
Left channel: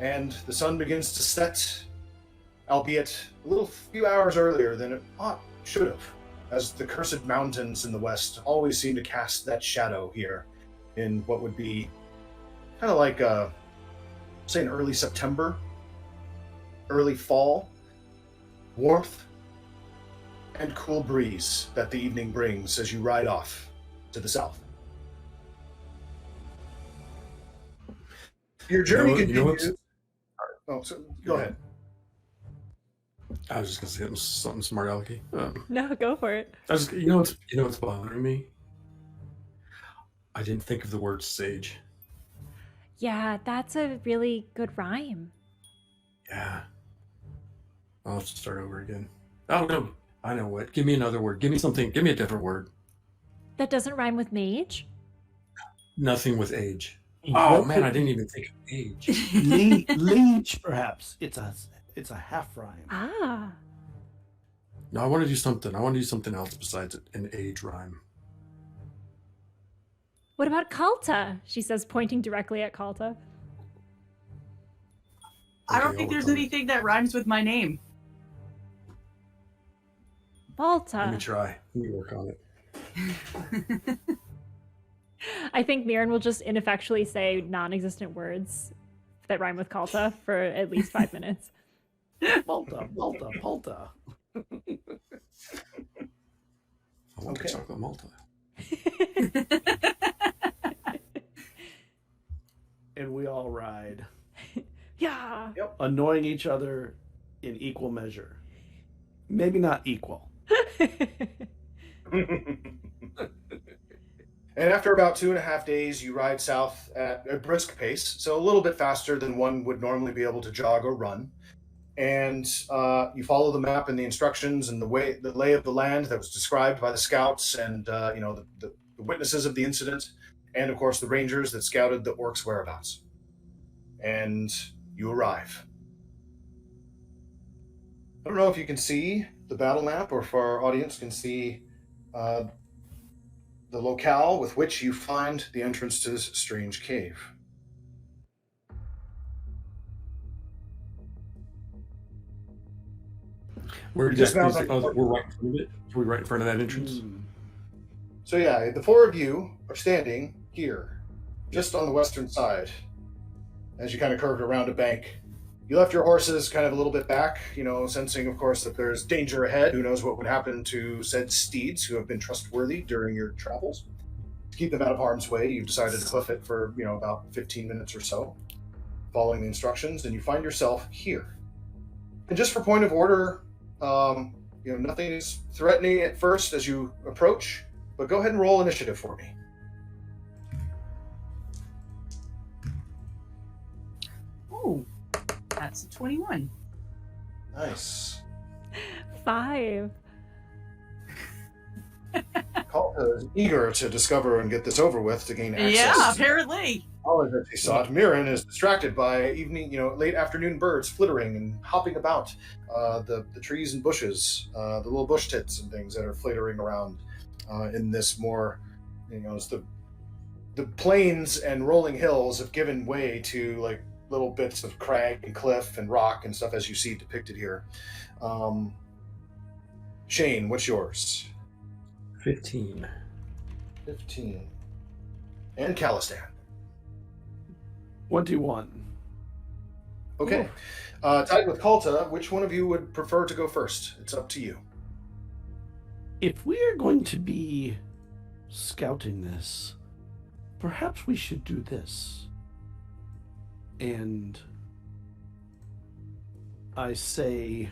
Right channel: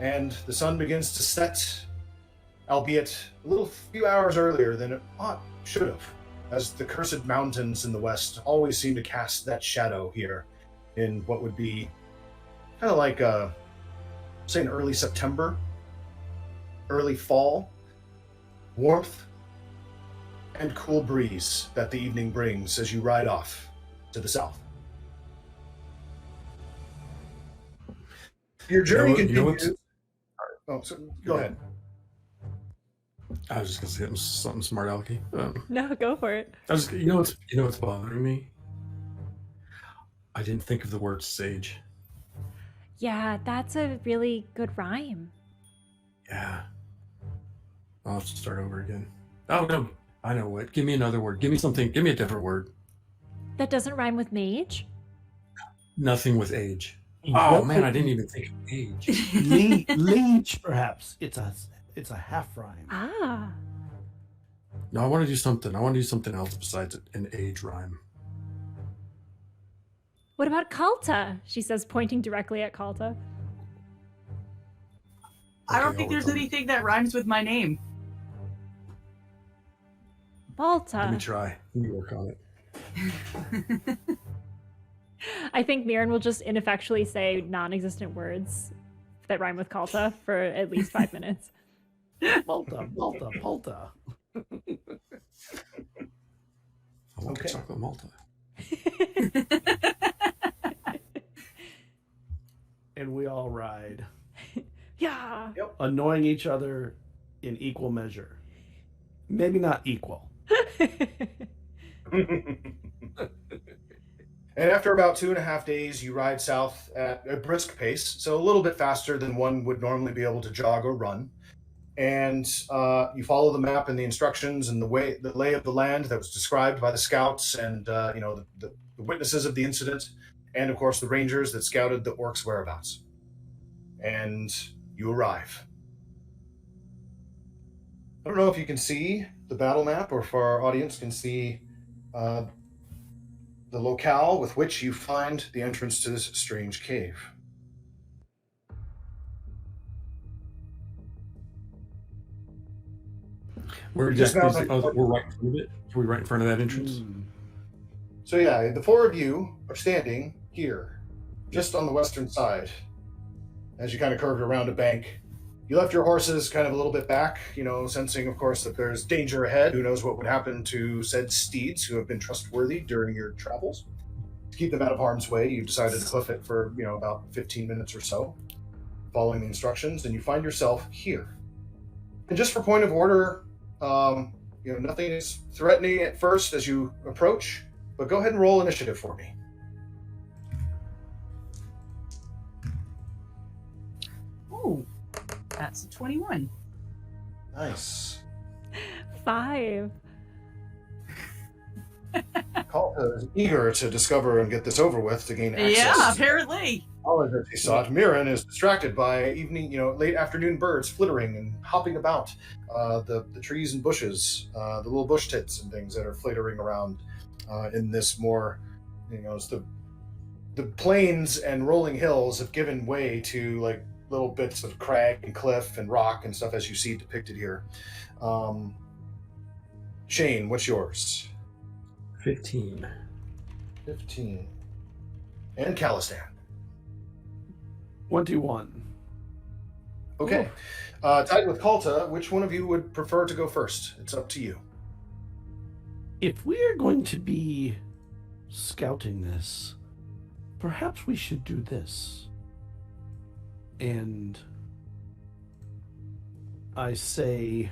and the sun begins to set, albeit a few hours earlier than it should have, as the cursed mountains in the west always seem to cast that shadow here in what would be kind of like, say, an early September, early fall, warmth and cool breeze that the evening brings as you ride off to the south. Your journey You know what's- continues. Oh, so go ahead. I was just gonna say something smart alecky. No, go for it. What's bothering me? I didn't think of the word sage. Yeah, that's a really good rhyme. Yeah. I'll have to start over again. Oh no, I know what. Give me another word. Give me something. Give me a different word. That doesn't rhyme with mage? Nothing with age. Oh What man, could- I didn't even think of age. Leech, perhaps. It's a half rhyme. Ah. No, I want to do something. I want to do something else besides an age rhyme. What about Kalta? She says, pointing directly at Kalta. I don't Okay, think I'll there's work on it. anything that rhymes with my name. Let me Balta. try. Let me work on it. I think Mirren will just ineffectually say non-existent words that rhyme with Kalta for at least 5 minutes. Balta. I want Okay. chocolate Malta. And we all ride, Yeah. annoying each other in equal measure. Maybe not equal. And after about 2.5 days, you ride south at a brisk pace, so a little bit faster than one would normally be able to jog or run. And you follow the map and the instructions and the lay of the land that was described by the scouts and the witnesses of the incident, and of course the rangers that scouted the orcs' whereabouts. And you arrive. I don't know if you can see the battle map, or if our audience can see the locale with which you find the entrance to this strange cave. We're Just we're now, right in front of it. Are we right in front of that entrance? Hmm. So yeah, the four of you are standing here, just on the western side, as you kind of curved around a bank. You left your horses kind of a little bit back, sensing, of course, that there's danger ahead. Who knows what would happen to said steeds who have been trustworthy during your travels. To keep them out of harm's way, you've decided to hoof it for, about 15 minutes or so, following the instructions, and you find yourself here. And just for point of order, nothing is threatening at first as you approach, but go ahead and roll initiative for me. Ooh, that's a 21. Nice. 5. Kalta is eager to discover and get this over with to gain access Yeah, to the apparently. knowledge that she sought. Mirren is distracted by late afternoon birds flittering and hopping about the trees and bushes, the little bush tits and things that are flittering around in this more, as the plains and rolling hills have given way to like little bits of crag and cliff and rock and stuff as you see depicted here. Shane, what's yours? 15. 15. And Calistan. 21. Okay. Tied with Kalta, which one of you would prefer to go first? It's up to you. If we are going to be scouting this, perhaps we should do this. And I say,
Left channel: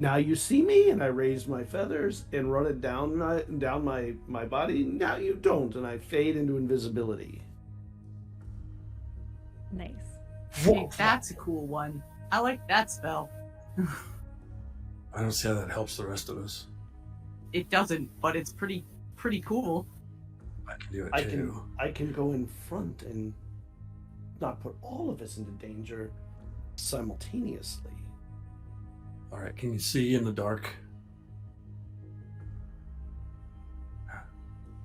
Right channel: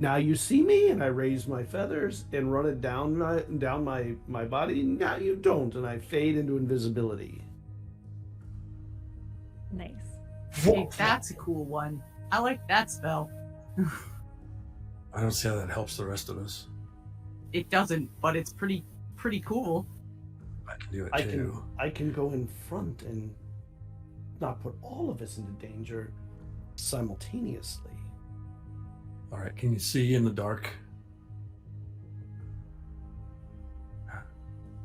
now you see me, and I raise my feathers and run it down my body. Now you don't, and I fade into invisibility. Nice. Hey, that's a cool one. I like that spell. I don't see how that helps the rest of us. It doesn't, but it's pretty cool. I can do it too. I can go in front and not put all of us into danger simultaneously. All right, can you see in the dark?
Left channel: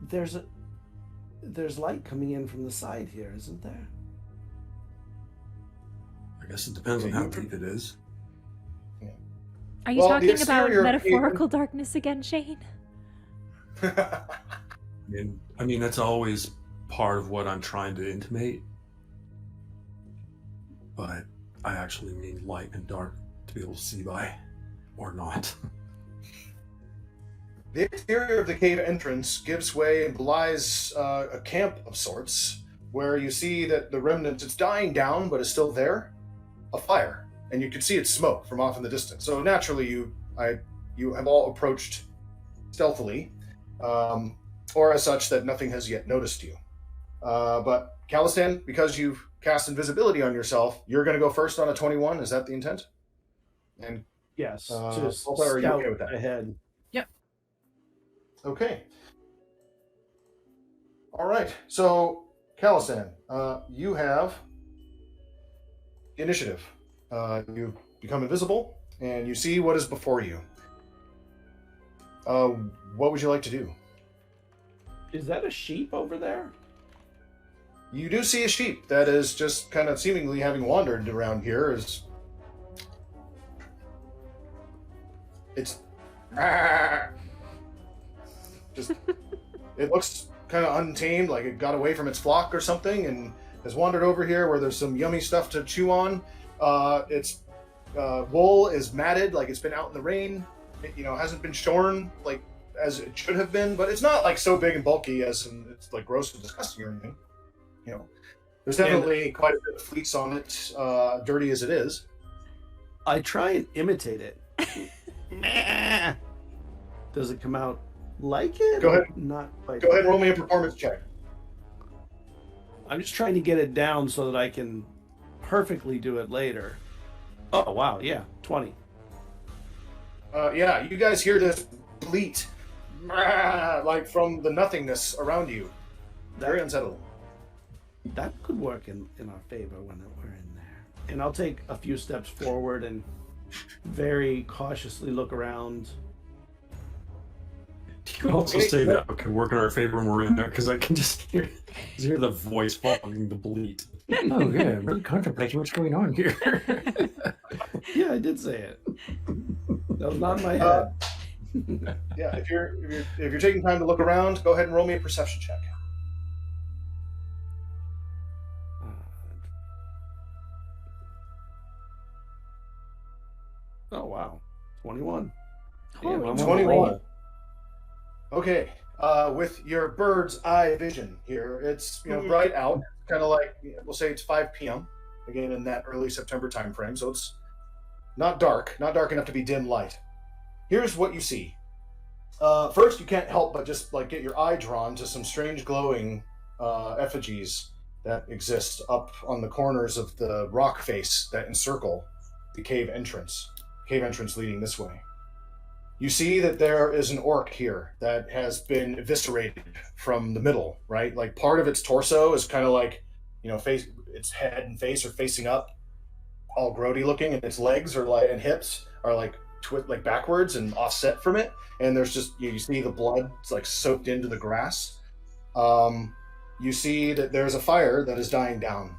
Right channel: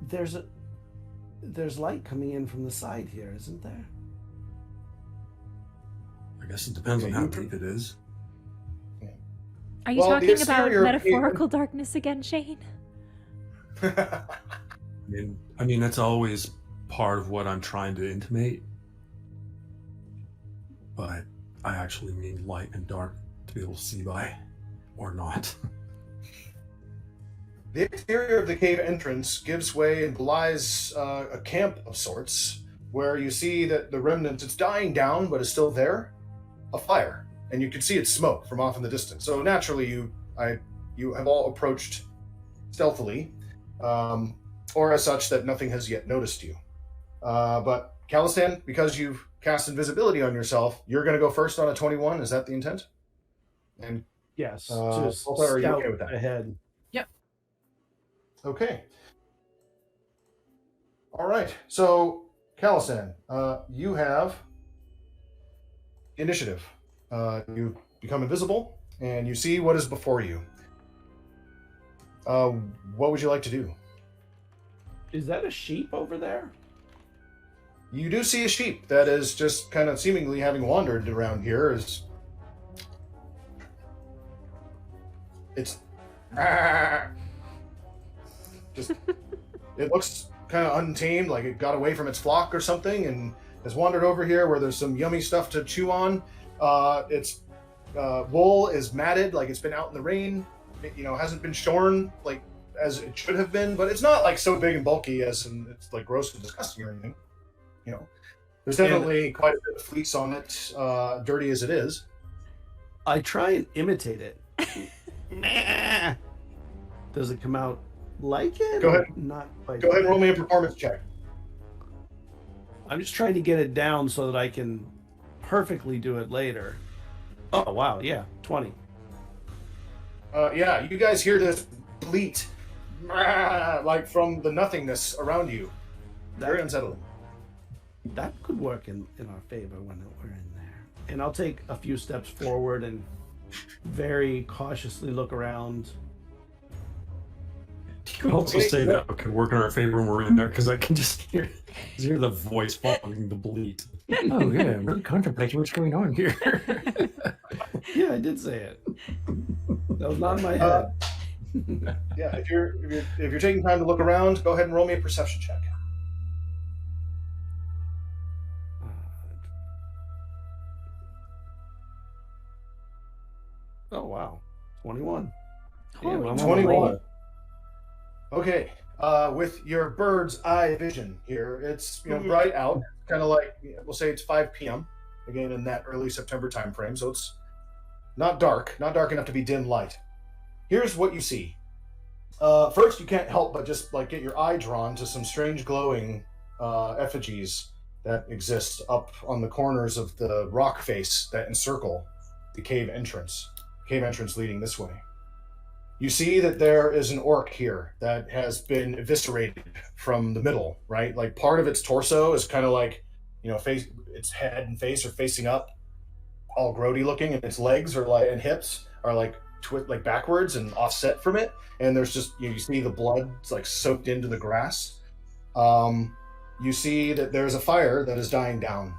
There's light coming in from the side here, isn't there? I guess it depends on how deep it is. Are you Well, the talking about exterior- metaphorical darkness again, Shane? I mean that's always part of what I'm trying to intimate. But I actually mean light and dark to be able to see by, or not. The exterior of the cave entrance gives way and belies a camp of sorts, where you see that the remnants, it's dying down, but is still there, a fire. and you can see it's smoke from off in the distance. So naturally, you have all approached stealthily, or as such that nothing has yet noticed you. But Calistan, because you've cast invisibility on yourself, you're going to go first on a 21. Is that the intent? And Yes. Just Ulta, are you scout okay with that? ahead. Okay. All right. So, Calistan, you have initiative. You become invisible, and you see what is before you. What would you like to do? Is that a sheep over there? You do see a sheep that is just kind of seemingly having wandered around here. It's just, it looks kind of untamed, like it got away from its flock or something, and has wandered over here where there's some yummy stuff to chew on. Its wool is matted, like it's been out in the rain. It, hasn't been shorn like as it should have been, but it's not like so big and bulky as in it's like gross and disgusting or anything. There's definitely quite a bit of fleece on it, dirty as it is. I try and imitate it. Does it come out like it? Go ahead. Not like Go ahead and roll me a performance check. I'm just trying to get it down so that I can perfectly do it later. Oh wow, yeah, 20. Yeah, you guys hear this bleat, like from the nothingness around you. Very unsettling. That could work in our favor when we're in there. And I'll take a few steps forward and very cautiously look around. You can also say that could work in our favor when we're in there, because I can just hear the voice following the bleat. Oh yeah, I'm really contemplating what's going on here. Yeah, I did say it. That was not in my head. Yeah, if you're taking time to look around, go ahead and roll me a perception check. Oh wow, 21. Holy I'm 21. moly. Okay, with your bird's eye vision here, it's bright out, kind of like we'll say it's 5 p.m. again in that early September time frame, so it's not dark enough to be dim light. Here's what you see. First, you can't help but just like get your eye drawn to some strange glowing effigies that exist up on the corners of the rock face that encircle the cave entrance leading this way. You see that there is an orc here that has been eviscerated from the middle, right? Like part of its torso is kind of like, its head and face are facing up, all grody looking, and its legs are like, and hips are like like backwards and offset from it. And there's just, you see the blood like soaked into the grass. You see that there's a fire that is dying down.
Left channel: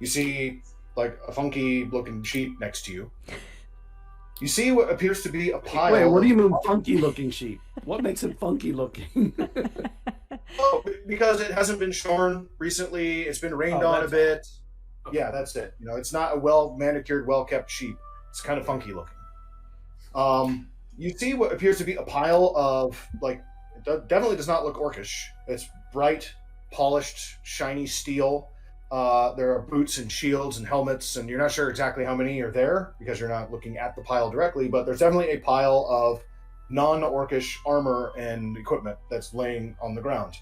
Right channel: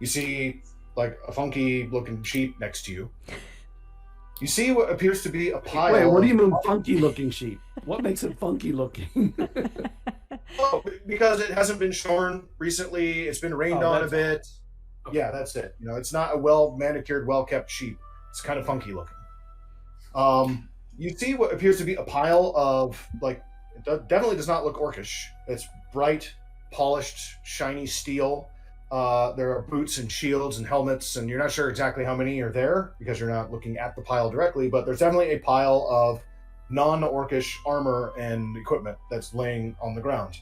You see like a funky looking sheep next to you. You see what appears to be a pile. Wait, what do you mean funky looking sheep? What makes it funky looking? Oh, because it hasn't been shorn recently. It's been rained on a bit. Okay. Yeah, that's it. It's not a well manicured, well kept sheep. It's kind of funky looking. You see what appears to be a pile of like. It definitely does not look orcish. It's bright, polished, shiny steel. There are boots and shields and helmets, and you're not sure exactly how many are there because you're not looking at the pile directly, but there's definitely a pile of non-orcish armor and equipment that's laying on the ground.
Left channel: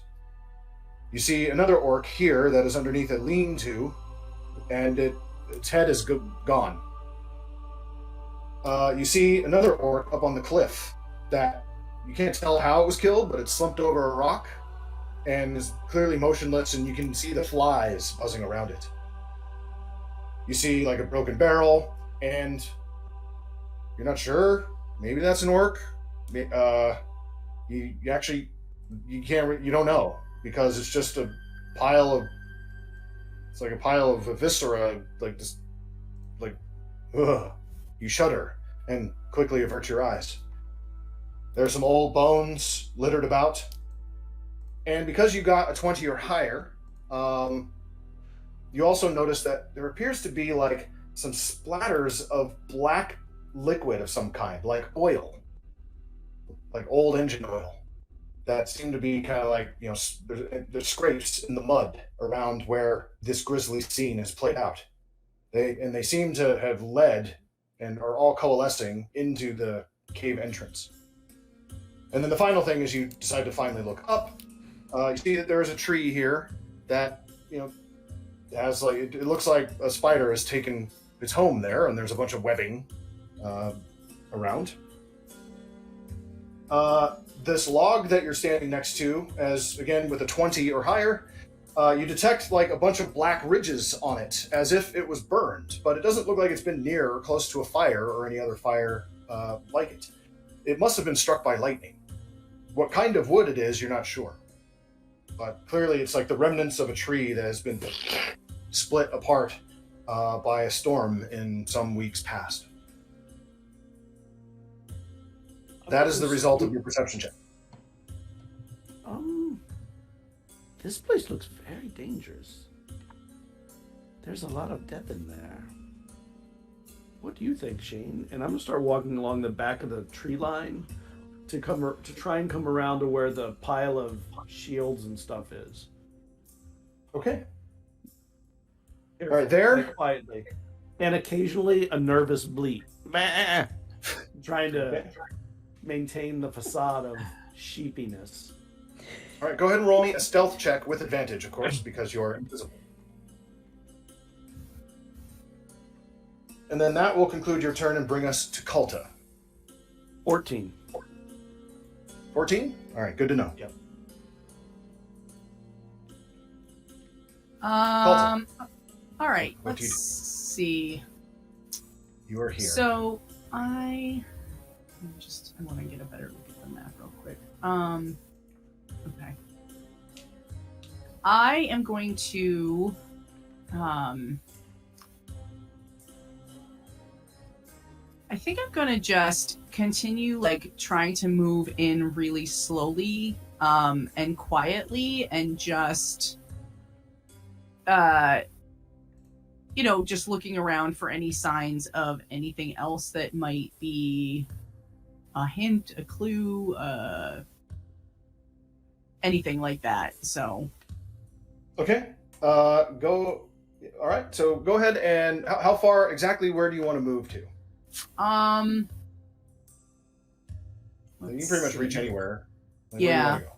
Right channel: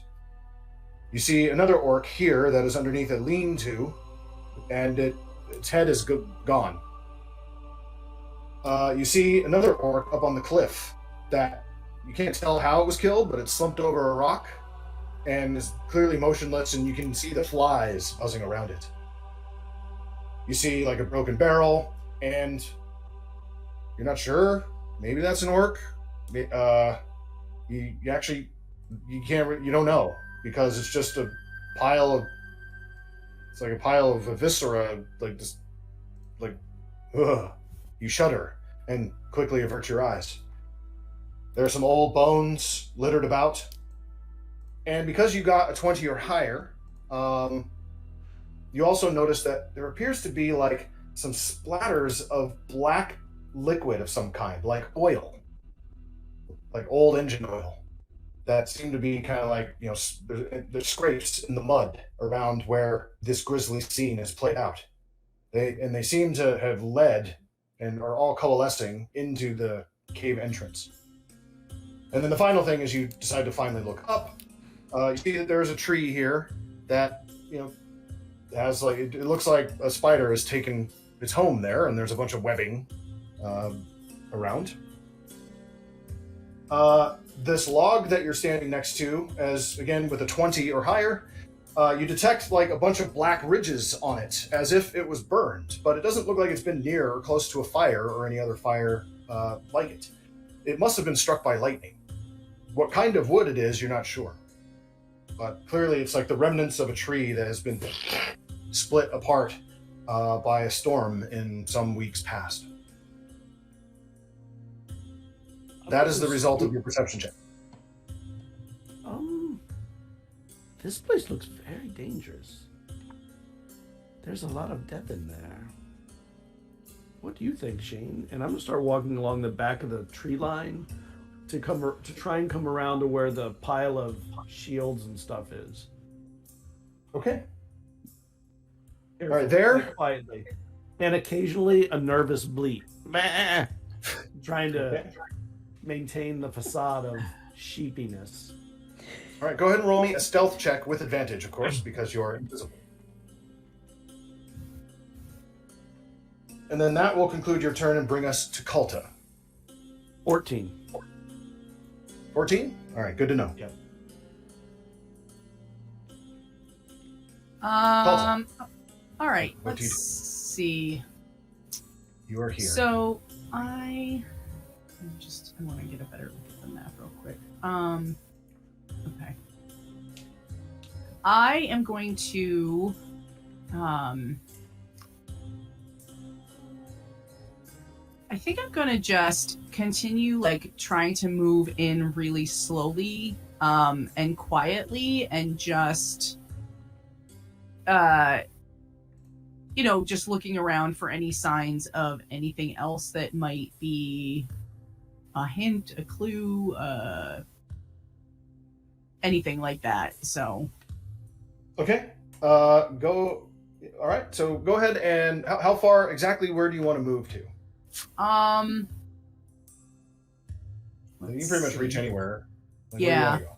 You see another orc here that is underneath a lean-to, and its head is gone. You see another orc up on the cliff that you can't tell how it was killed, but it's slumped over a rock and is clearly motionless, and you can see the flies buzzing around it. You see like a broken barrel, and you're not sure. Maybe that's an orc. You don't know because it's just a pile of. It's like a pile of viscera, like just like, ugh. You shudder and quickly avert your eyes. There are some old bones littered about. And because you got a 20 or higher, you also notice that there appears to be like some splatters of black liquid of some kind, like oil, like old engine oil, that seem to be kind of like, there's scrapes in the mud around where this grisly scene is played out. They seem to have led and are all coalescing into the cave entrance. And then the final thing is you decide to finally look up. You see that there is a tree here that, has like, it looks like a spider has taken its home there, and there's a bunch of webbing around. This log that you're standing next to, as again with a 20 or higher, you detect like a bunch of black ridges on it, as if it was burned, but it doesn't look like it's been near or close to a fire or any other fire like it. It must have been struck by lightning. What kind of wood it is, you're not sure. But clearly it's like the remnants of a tree that has been split apart by a storm in some weeks past. That is the result of your perception check. This place looks very dangerous. There's a lot of death in there. What do you think, Shane? And I'm gonna start walking along the back of the tree line to try and come around to where the pile of shields and stuff is. Okay. All right, there. Quietly. And occasionally a nervous bleat. Trying to maintain the facade of sheepiness. All right, go ahead and roll me a stealth check with advantage, of course, because you're invisible. And then that will conclude your turn and bring us to Kulta. 14. 14? All right, good to know. Yep. All right, What do you let's see. You are here. So I want to get a better look at the map real quick. Okay. I am going to I think I'm gonna just continue like trying to move in really slowly and quietly and just just looking around for any signs of anything else that might be a hint, a clue, anything like that. So Okay. All right. So go ahead and how far exactly? Where do you want to move to? You can pretty much reach anywhere. Like, Yeah. where do you want to go?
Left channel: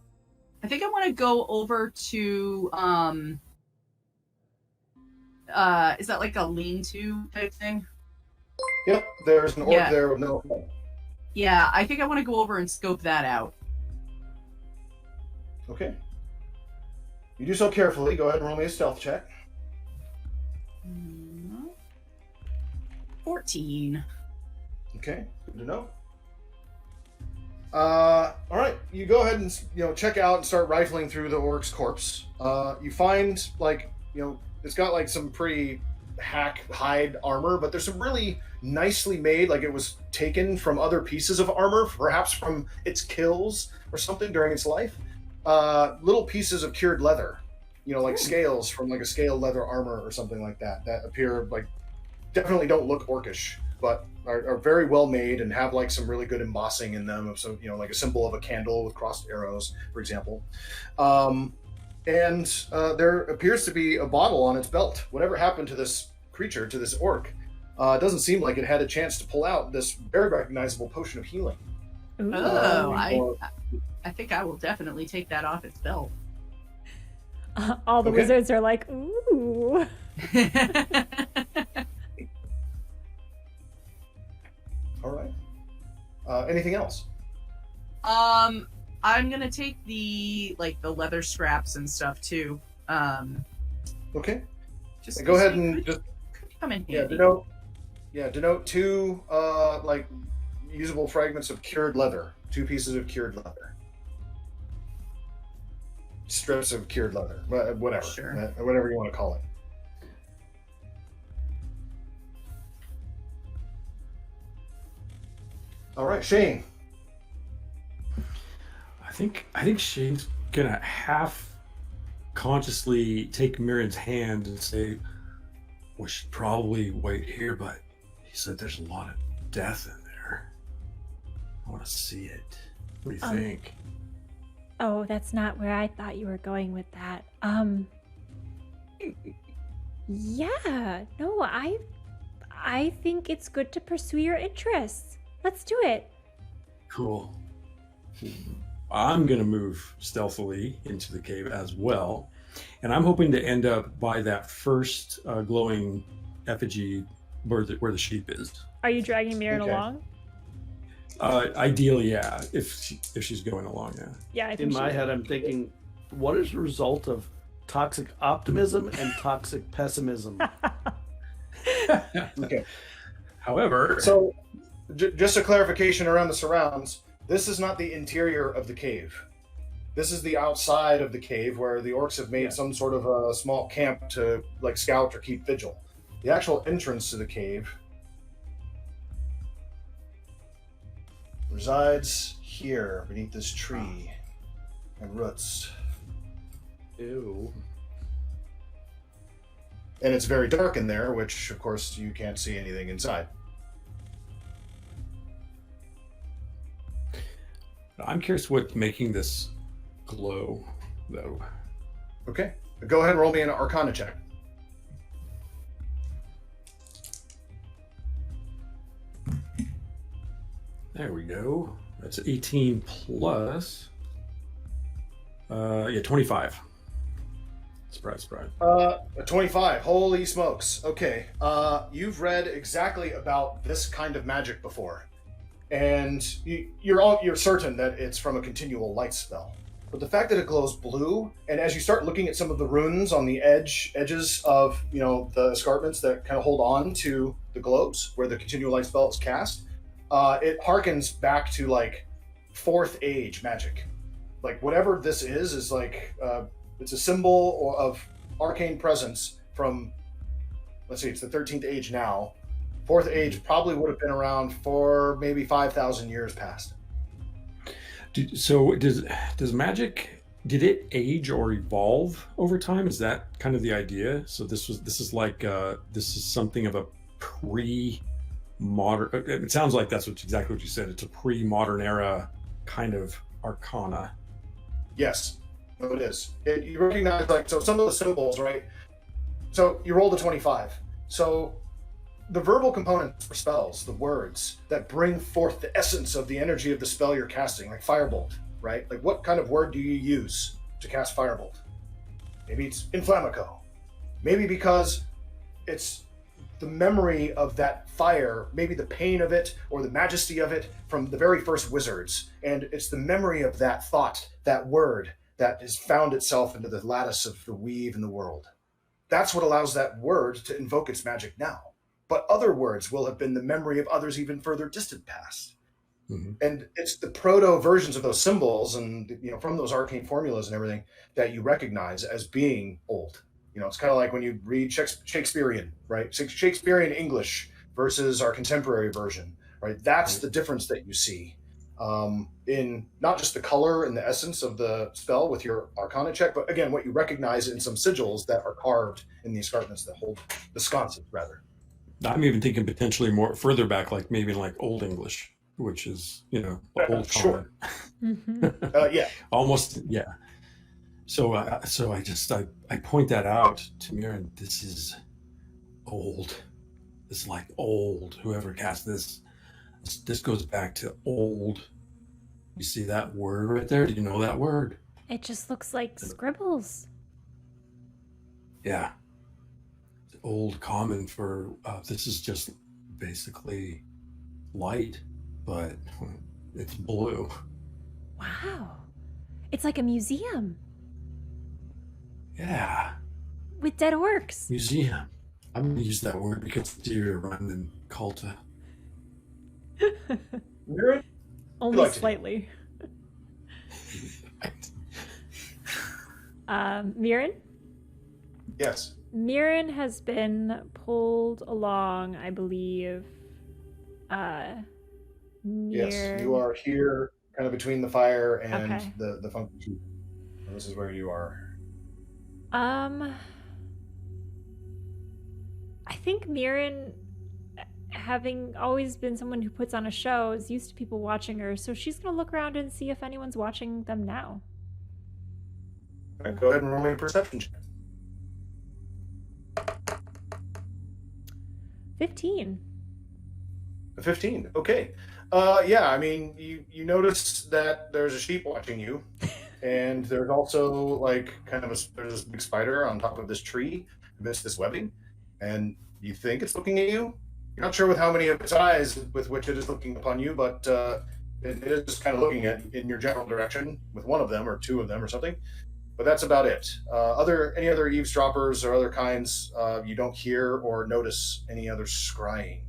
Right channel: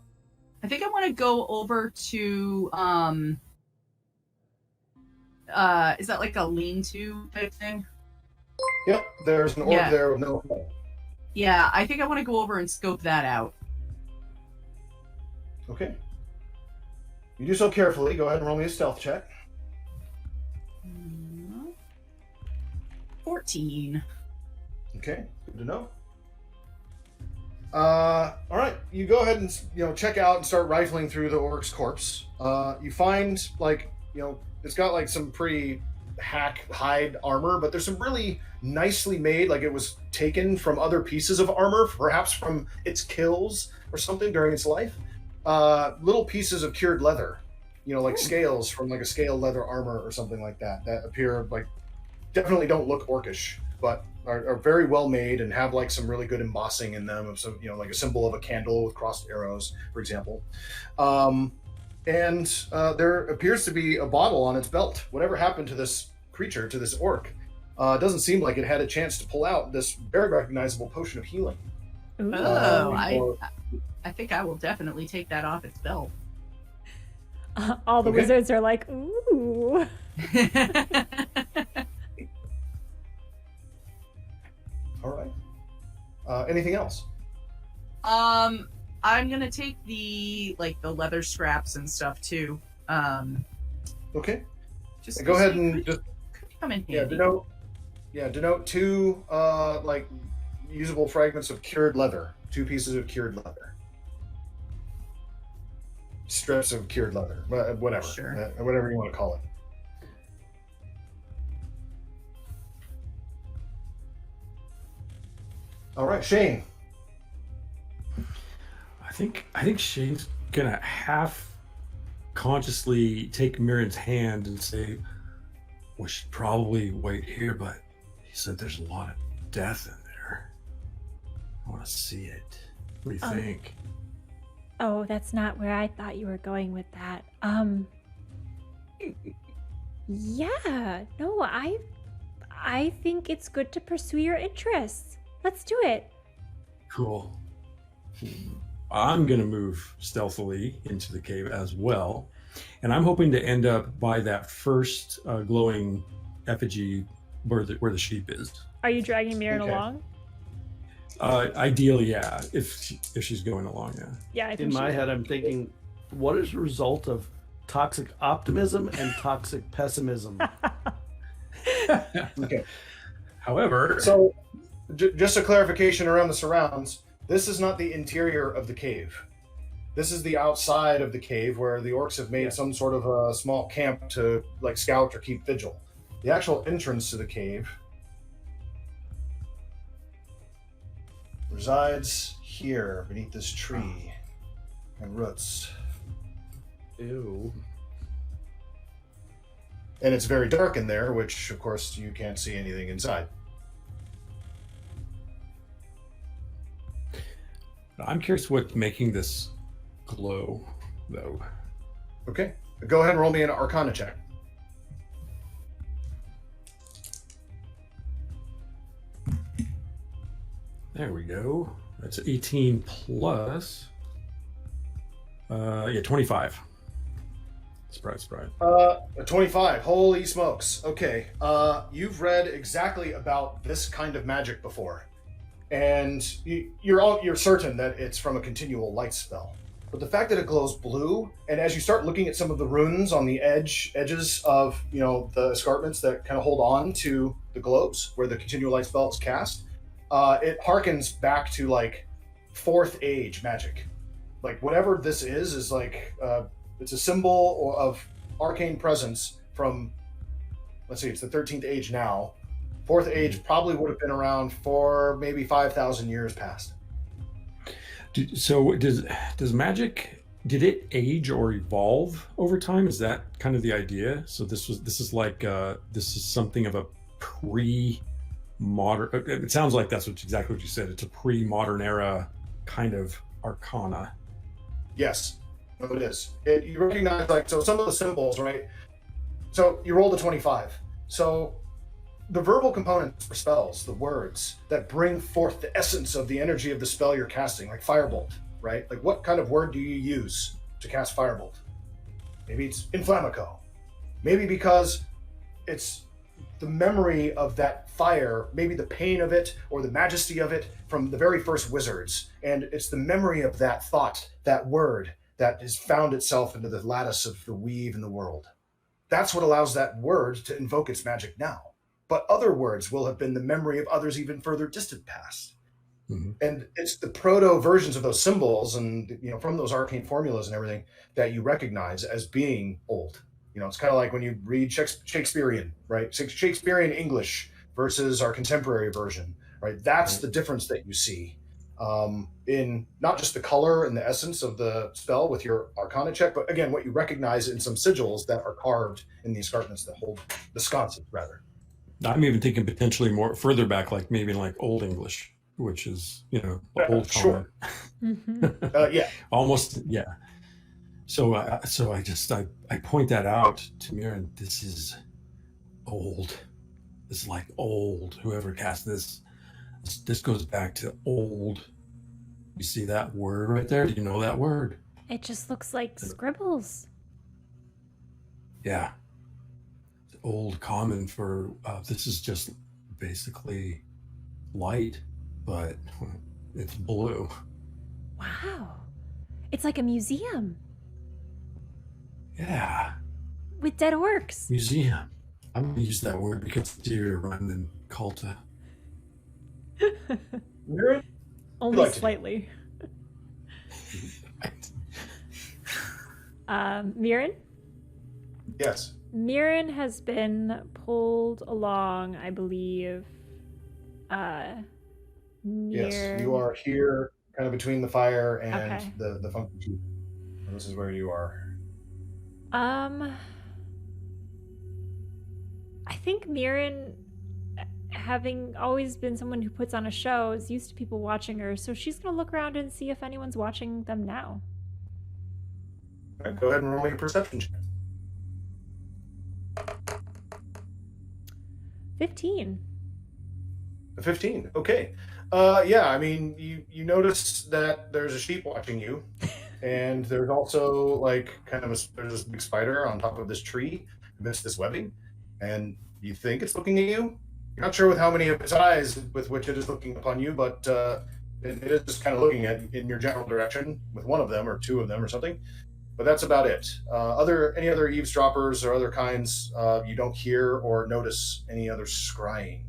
I think I want to go over to is that like a lean-to type thing? Yep. There's an orb Yeah. there with no. Yeah, I think I want to go over and scope that out. Okay. You do so carefully. Go ahead and roll me a stealth check. 14. Okay, good to know. All right, you go ahead and check out and start rifling through the orc's corpse. You find it's got like some pretty hack hide armor, but there's some really nicely made, like it was taken from other pieces of armor, perhaps from its kills or something during its life. Little pieces of cured leather, like scales from like a scaled leather armor or something like that appear like definitely don't look orcish, but are very well made and have like some really good embossing in them of some like a symbol of a candle with crossed arrows, for example. And there appears to be a bottle on its belt. Whatever happened to this creature, to this orc, it doesn't seem like it had a chance to pull out this very recognizable potion of healing. Ooh. Oh, I think I will definitely take that off its belt. All the Okay. wizards are like, ooh. All right. Anything else? I'm gonna take the leather scraps and stuff too. Okay. Just Go ahead could and just come in yeah handy. denote two usable fragments of cured leather. 2 pieces of cured leather. Strips of cured leather. Whatever. Sure. Whatever you want to call it. All right, Shane. I think Shane's gonna half consciously take Miriam's hand and say, "We should probably wait here," but he said there's a lot of death in there. I want to see it. What do you think? Oh, that's not where I thought you were going with that. Yeah, no, I think it's good to pursue your interests. Let's do it. Cool. I'm going to move stealthily into the cave as well. And I'm hoping to end up by that first glowing effigy where the sheep is. Are you dragging Mirren Okay. along? Ideally, yeah. If she's going along, yeah. Yeah, I think In my head, I'm thinking, what is the result of toxic optimism and toxic pessimism? Okay. However, So, just a clarification around the surrounds. This is not the interior of the cave. This is the outside of the cave where the orcs have made some sort of a small camp to like scout or keep vigil. The actual entrance to the cave resides here beneath this tree and roots. Ew. And it's very dark in there, which of course you can't see anything inside. I'm curious what's making this glow, though. Okay. Go ahead and roll me an Arcana check. There we go. That's 18 plus. 25. Surprise, surprise. 25. Holy smokes. Okay. You've read exactly about this kind of magic before. And you're certain that it's from a continual light spell. But the fact that it glows blue, and as you start looking at some of the runes on the edges of the escarpments that kind of hold on to the globes where the continual light spell is cast, it harkens back to like 4th age magic. Like whatever this is like it's a symbol of arcane presence from, let's see, it's the 13th age now. 4th age probably would have been around for maybe 5,000 years past. So does magic, did it age or evolve over time? Is that kind of the idea? So this is something of a pre-modern, it sounds like that's exactly what you said. It's a pre-modern era kind of arcana. Yes, no, it is. You recognize so some of the symbols, right? So you rolled a 25. So the verbal components for spells, the words that bring forth the essence of the energy of the spell you're casting, like Firebolt, right? Like what kind of word do you use to cast Firebolt? Maybe it's Inflammico. Maybe because it's the memory of that fire, maybe the pain of it or the majesty of it from the very first wizards. And it's the memory of that thought, that word that has found itself into the lattice of the weave in the world. That's what allows that word to invoke its magic now. But other words will have been the memory of others even further distant past. Mm-hmm. And it's the proto versions of those symbols and from those arcane formulas and everything that you recognize as being old. It's kind of like when you read Shakespearean, right? Shakespearean English versus our contemporary version, right? That's the difference that you see in not just the color and the essence of the spell with your Arcana check, but again, what you recognize in some sigils that are carved in the escarpments that hold the sconces, rather. I'm even thinking potentially more further back, like maybe like Old English, which is, old common. Sure. Yeah. Almost, yeah. So I point that out to Mirren. This is old. It's like old. Whoever cast this goes back to old. You see that word right there? Do you know that word? It just looks like scribbles. Yeah. Old common for this is just basically light, but it's blue. Wow. It's like a museum. Yeah. With dead orcs. Museum. I'm gonna use that word because it's easier to run than Culta. Only Like slightly. Mirren? Yes. Mirren has been pulled along, I believe, near... Yes, you are here, kind of between the fire and Okay. the funky tree. And this is where you are. I think Mirren, having always been someone who puts on a show, is used to people watching her, so she's gonna look around and see if anyone's watching them now. All right, go ahead and roll me a perception check. 15. A 15. Okay. Yeah, I mean, you notice that there's a sheep watching you, and there's also like kind of there's this big spider on top of this tree amidst this webbing, and you think it's looking at you. You're not sure with how many of its eyes with which it is looking upon you, but it is just kind of looking at in your general direction with one of them or two of them or something. But that's about it. Any other eavesdroppers or other kinds, you don't hear or notice any other scrying.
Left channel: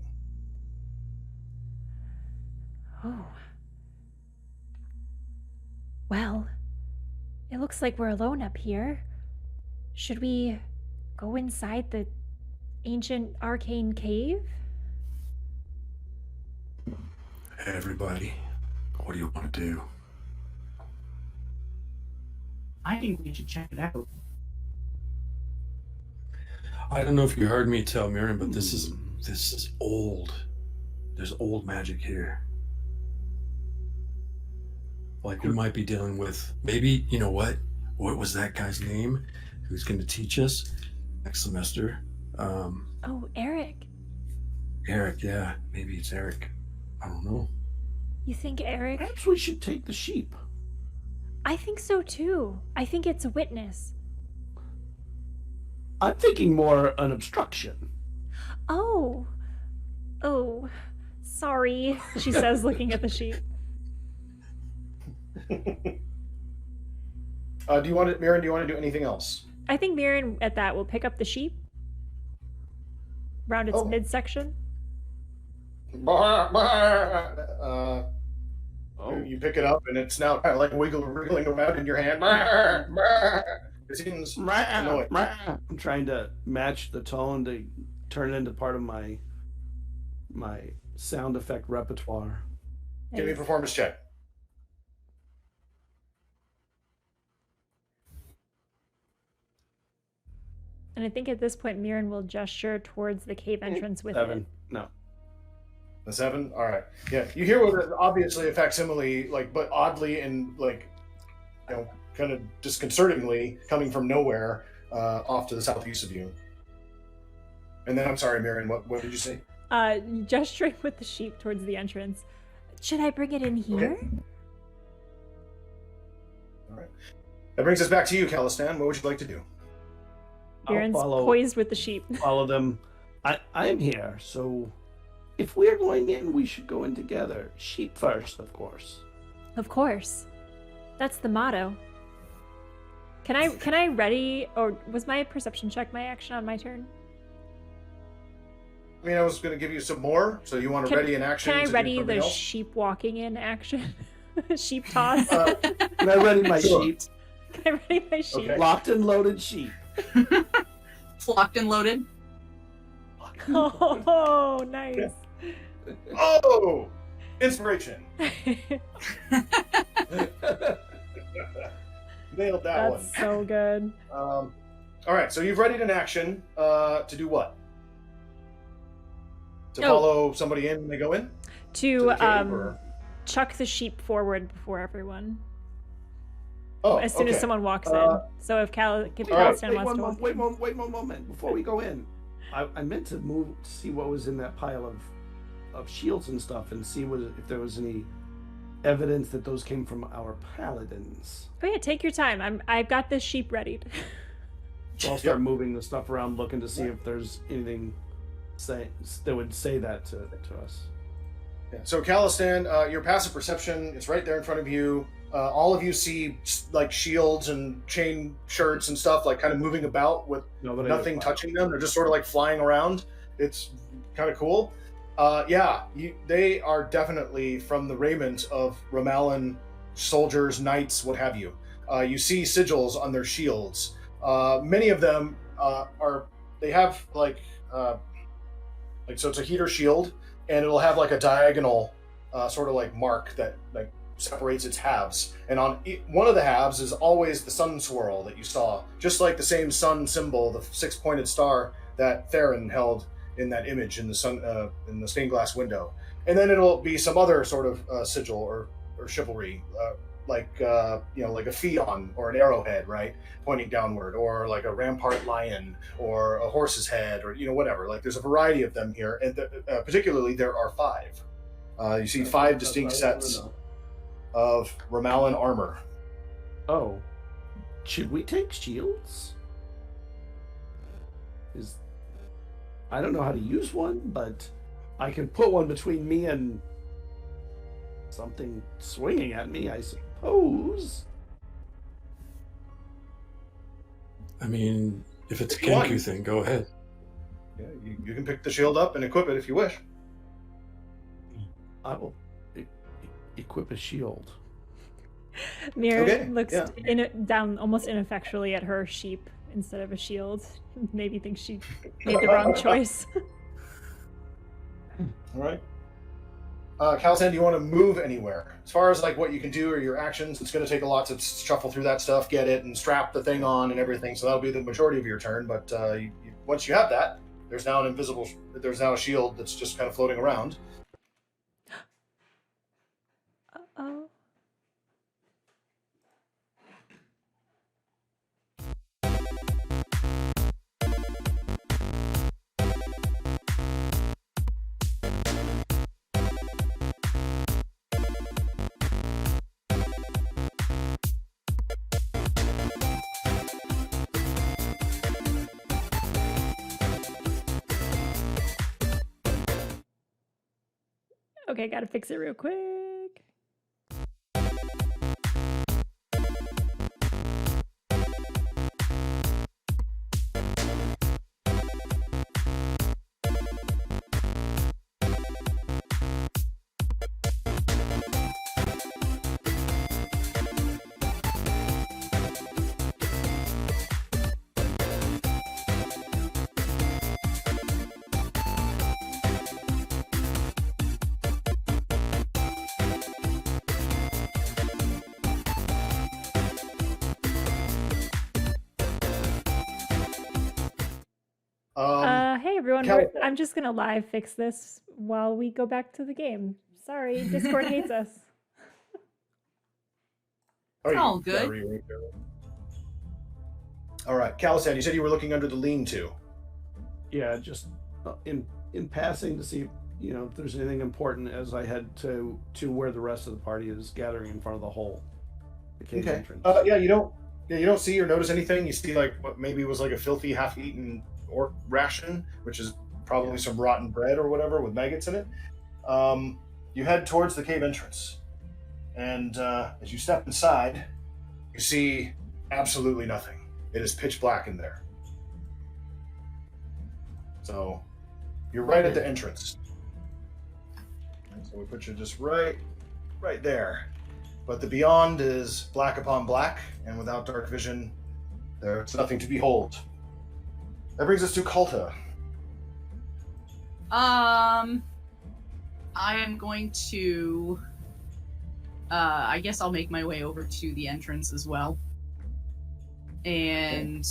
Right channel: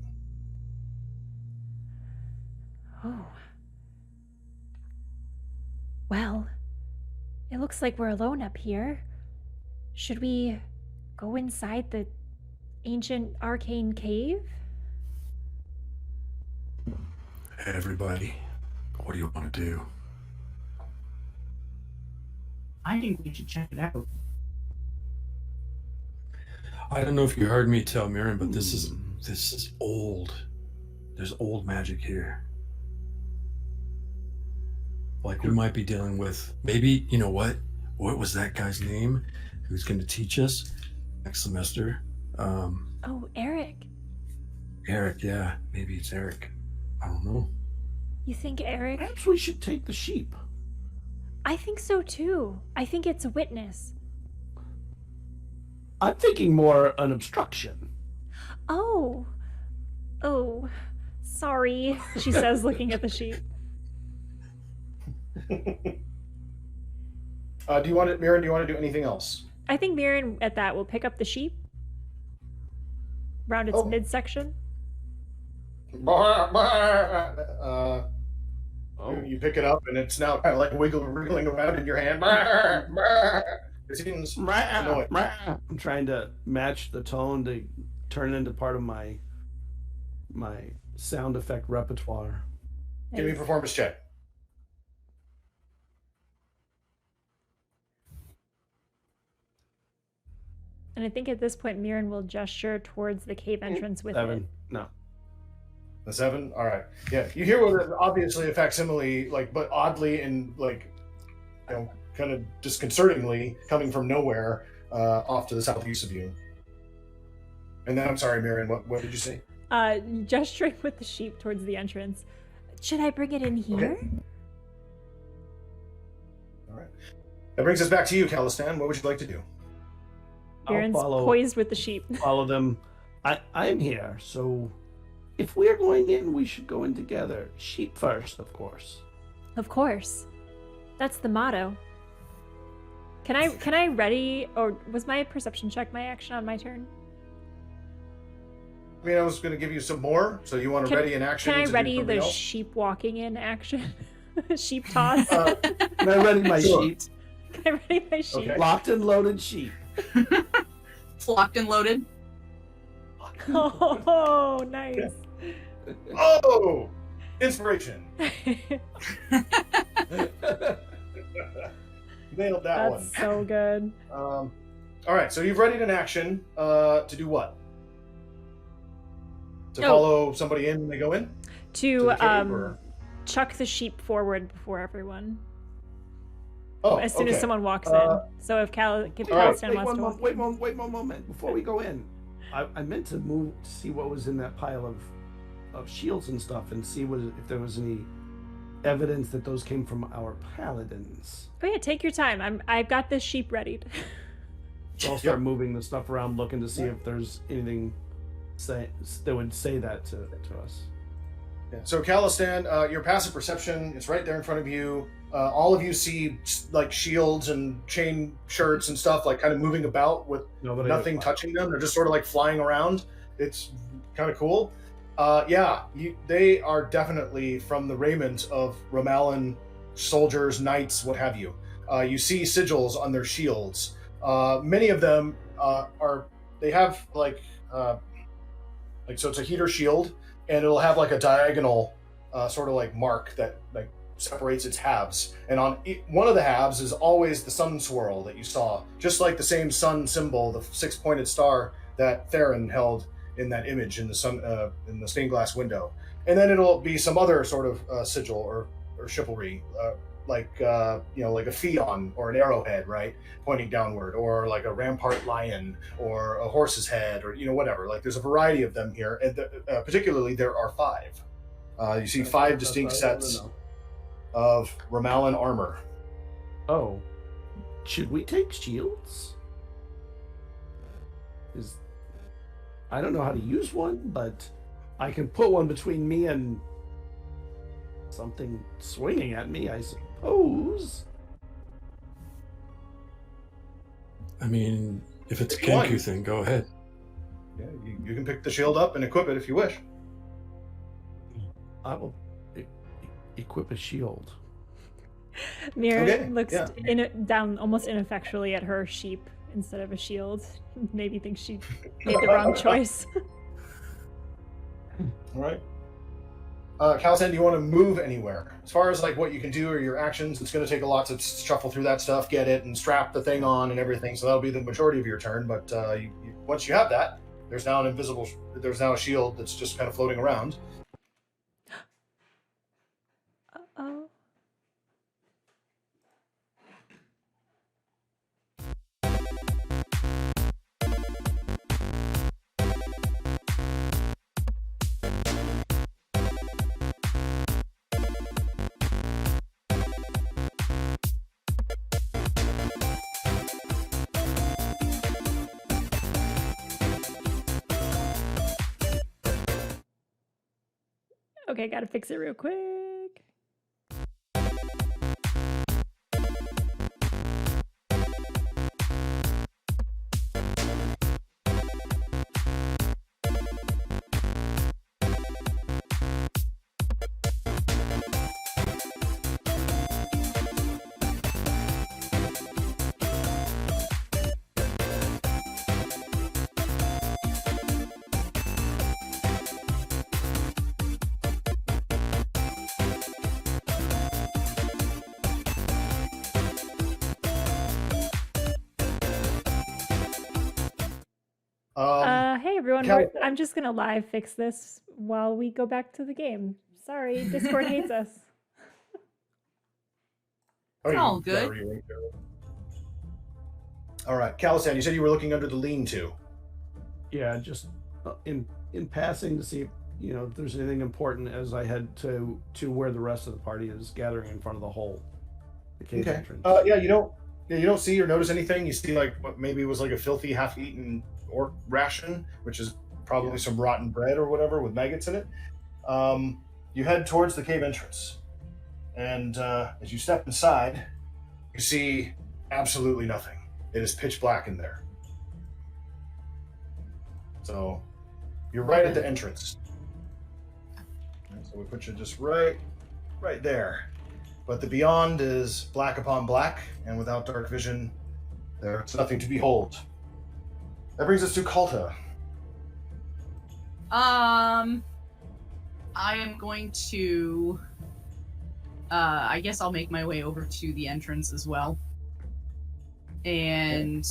Oh. Well, it looks like we're alone up here. Should we go inside the ancient arcane cave? Hey, everybody, what do you want to do? I think we should check it out. I don't know if you heard me tell Miriam, but this is old. There's old magic here. Like we might be dealing with maybe, you know what? What was that guy's name? Who's going to teach us next semester? Oh, Eric. Eric, yeah, maybe it's Eric. I don't know. You think Eric? Perhaps we should take the sheep. I think so too. I think it's a witness. I'm thinking more an obstruction. Oh. Oh. Sorry, she says, looking at the sheep. Do you want it, Mira? Do you want to do anything else? I think Mirren at that will pick up the sheep around its Oh. midsection. You pick it up, and it's now kind of like wriggling around in your hand. It seems annoying. I'm trying to match the tone to turn it into part of my sound effect repertoire. Give me a Nice. performance check. And I think at this point, Mirren will gesture towards the cave entrance with 7. it. No. A 7. All right. Yeah, you hear what is obviously a facsimile, like, but oddly and like, kind of disconcertingly coming from nowhere, off to the southeast of you. And then I'm sorry, Miriam. What did you say? Gesturing with the sheep towards the entrance. Should I bring it in here? Okay. All right. That brings us back to you, Calistan. What would you like to do? Mirren's follow- poised with the sheep. Follow them. I am here, so if we're going in, we should go in together. Sheep first, of course. Of course. That's the motto. Can I ready, or was my perception check my action on my turn? I mean, I was going to give you some more, so you want to ready an action? Can I to do ready something the else? sheep walking in action? Sheep toss. Can I ready my Sure. sheep? Can I ready my sheep? Okay. Locked and loaded sheep. Locked and loaded. Oh, nice. Oh! Inspiration. Nailed that That's so good. one. All right, so you've readied an action to do what? To Oh. follow somebody in when they go in? To the cave, or- chuck the sheep forward before everyone. Oh, As soon as okay. someone walks in. So if Calistan wants to walk in. Wait one moment. Before we go in, I meant to move to see what was in that pile of shields and stuff, and see if there was any evidence that those came from our paladins. Oh yeah, take your time. I've got this sheep readied. So I'll start moving the stuff around, looking to see if there's anything that would say that to us. Yeah. So, Calistan, your passive perception is right there in front of you. All of you see like shields and chain shirts and stuff like kind of moving about with nothing touching them. They're just sort of like flying around. It's kind of cool. They are definitely from the raiment of Ramalan soldiers, knights, what have you. You see sigils on their shields. Many of them they have so it's a heater shield, and it'll have like a diagonal sort of like mark that like separates its halves. And on one of the halves is always the sun swirl that you saw, just like the same sun symbol, the six-pointed star that Theron held in that image in the sun in the stained glass window. And then it'll be some other sort of sigil or chivalry, like like a pheon or an arrowhead, right, pointing downward, or like a rampart lion or a horse's head, or whatever. Like there's a variety of them here, and particularly there are 5. You see 5 distinct sets of Ramalan armor. Oh, should we take shields? I don't know how to use one, but I can put one between me and something swinging at me, I suppose. I mean, if it's a Kenku thing, go ahead. Yeah, you can pick the shield up and equip it if you wish. I will equip a shield. Mir looks down almost ineffectually at her sheep instead of a shield. Maybe thinks she made the wrong choice. All right. Calisan, do you want to move anywhere? As far as like what you can do or your actions, it's going to take a lot to shuffle through that stuff, get it, and strap the thing on and everything. So that'll be the majority of your turn. But once you have that, there's now a shield that's just kind of floating around. Uh-oh. Okay, gotta fix it real quick. Hey everyone, I'm just gonna live fix this while we go back to the game. Sorry, Discord hates us. It's all good. All right, Calisan, you said you were looking under the lean-to. Yeah, just in passing to see if there's anything important as I head to where the rest of the party is gathering in front of the hole, the cave entrance. You don't see or notice anything. You see like what maybe was like a filthy half-eaten orc ration, which is probably some rotten bread or whatever with maggots in it. You head towards the cave entrance, and as you step inside, you see absolutely nothing. It is pitch black in there. So you're right at the entrance. So we put you just right there. But the beyond is black upon black, and without dark vision, there's nothing to behold. That brings us to Kalta. I am going to I guess I'll make my way over to the entrance as well. And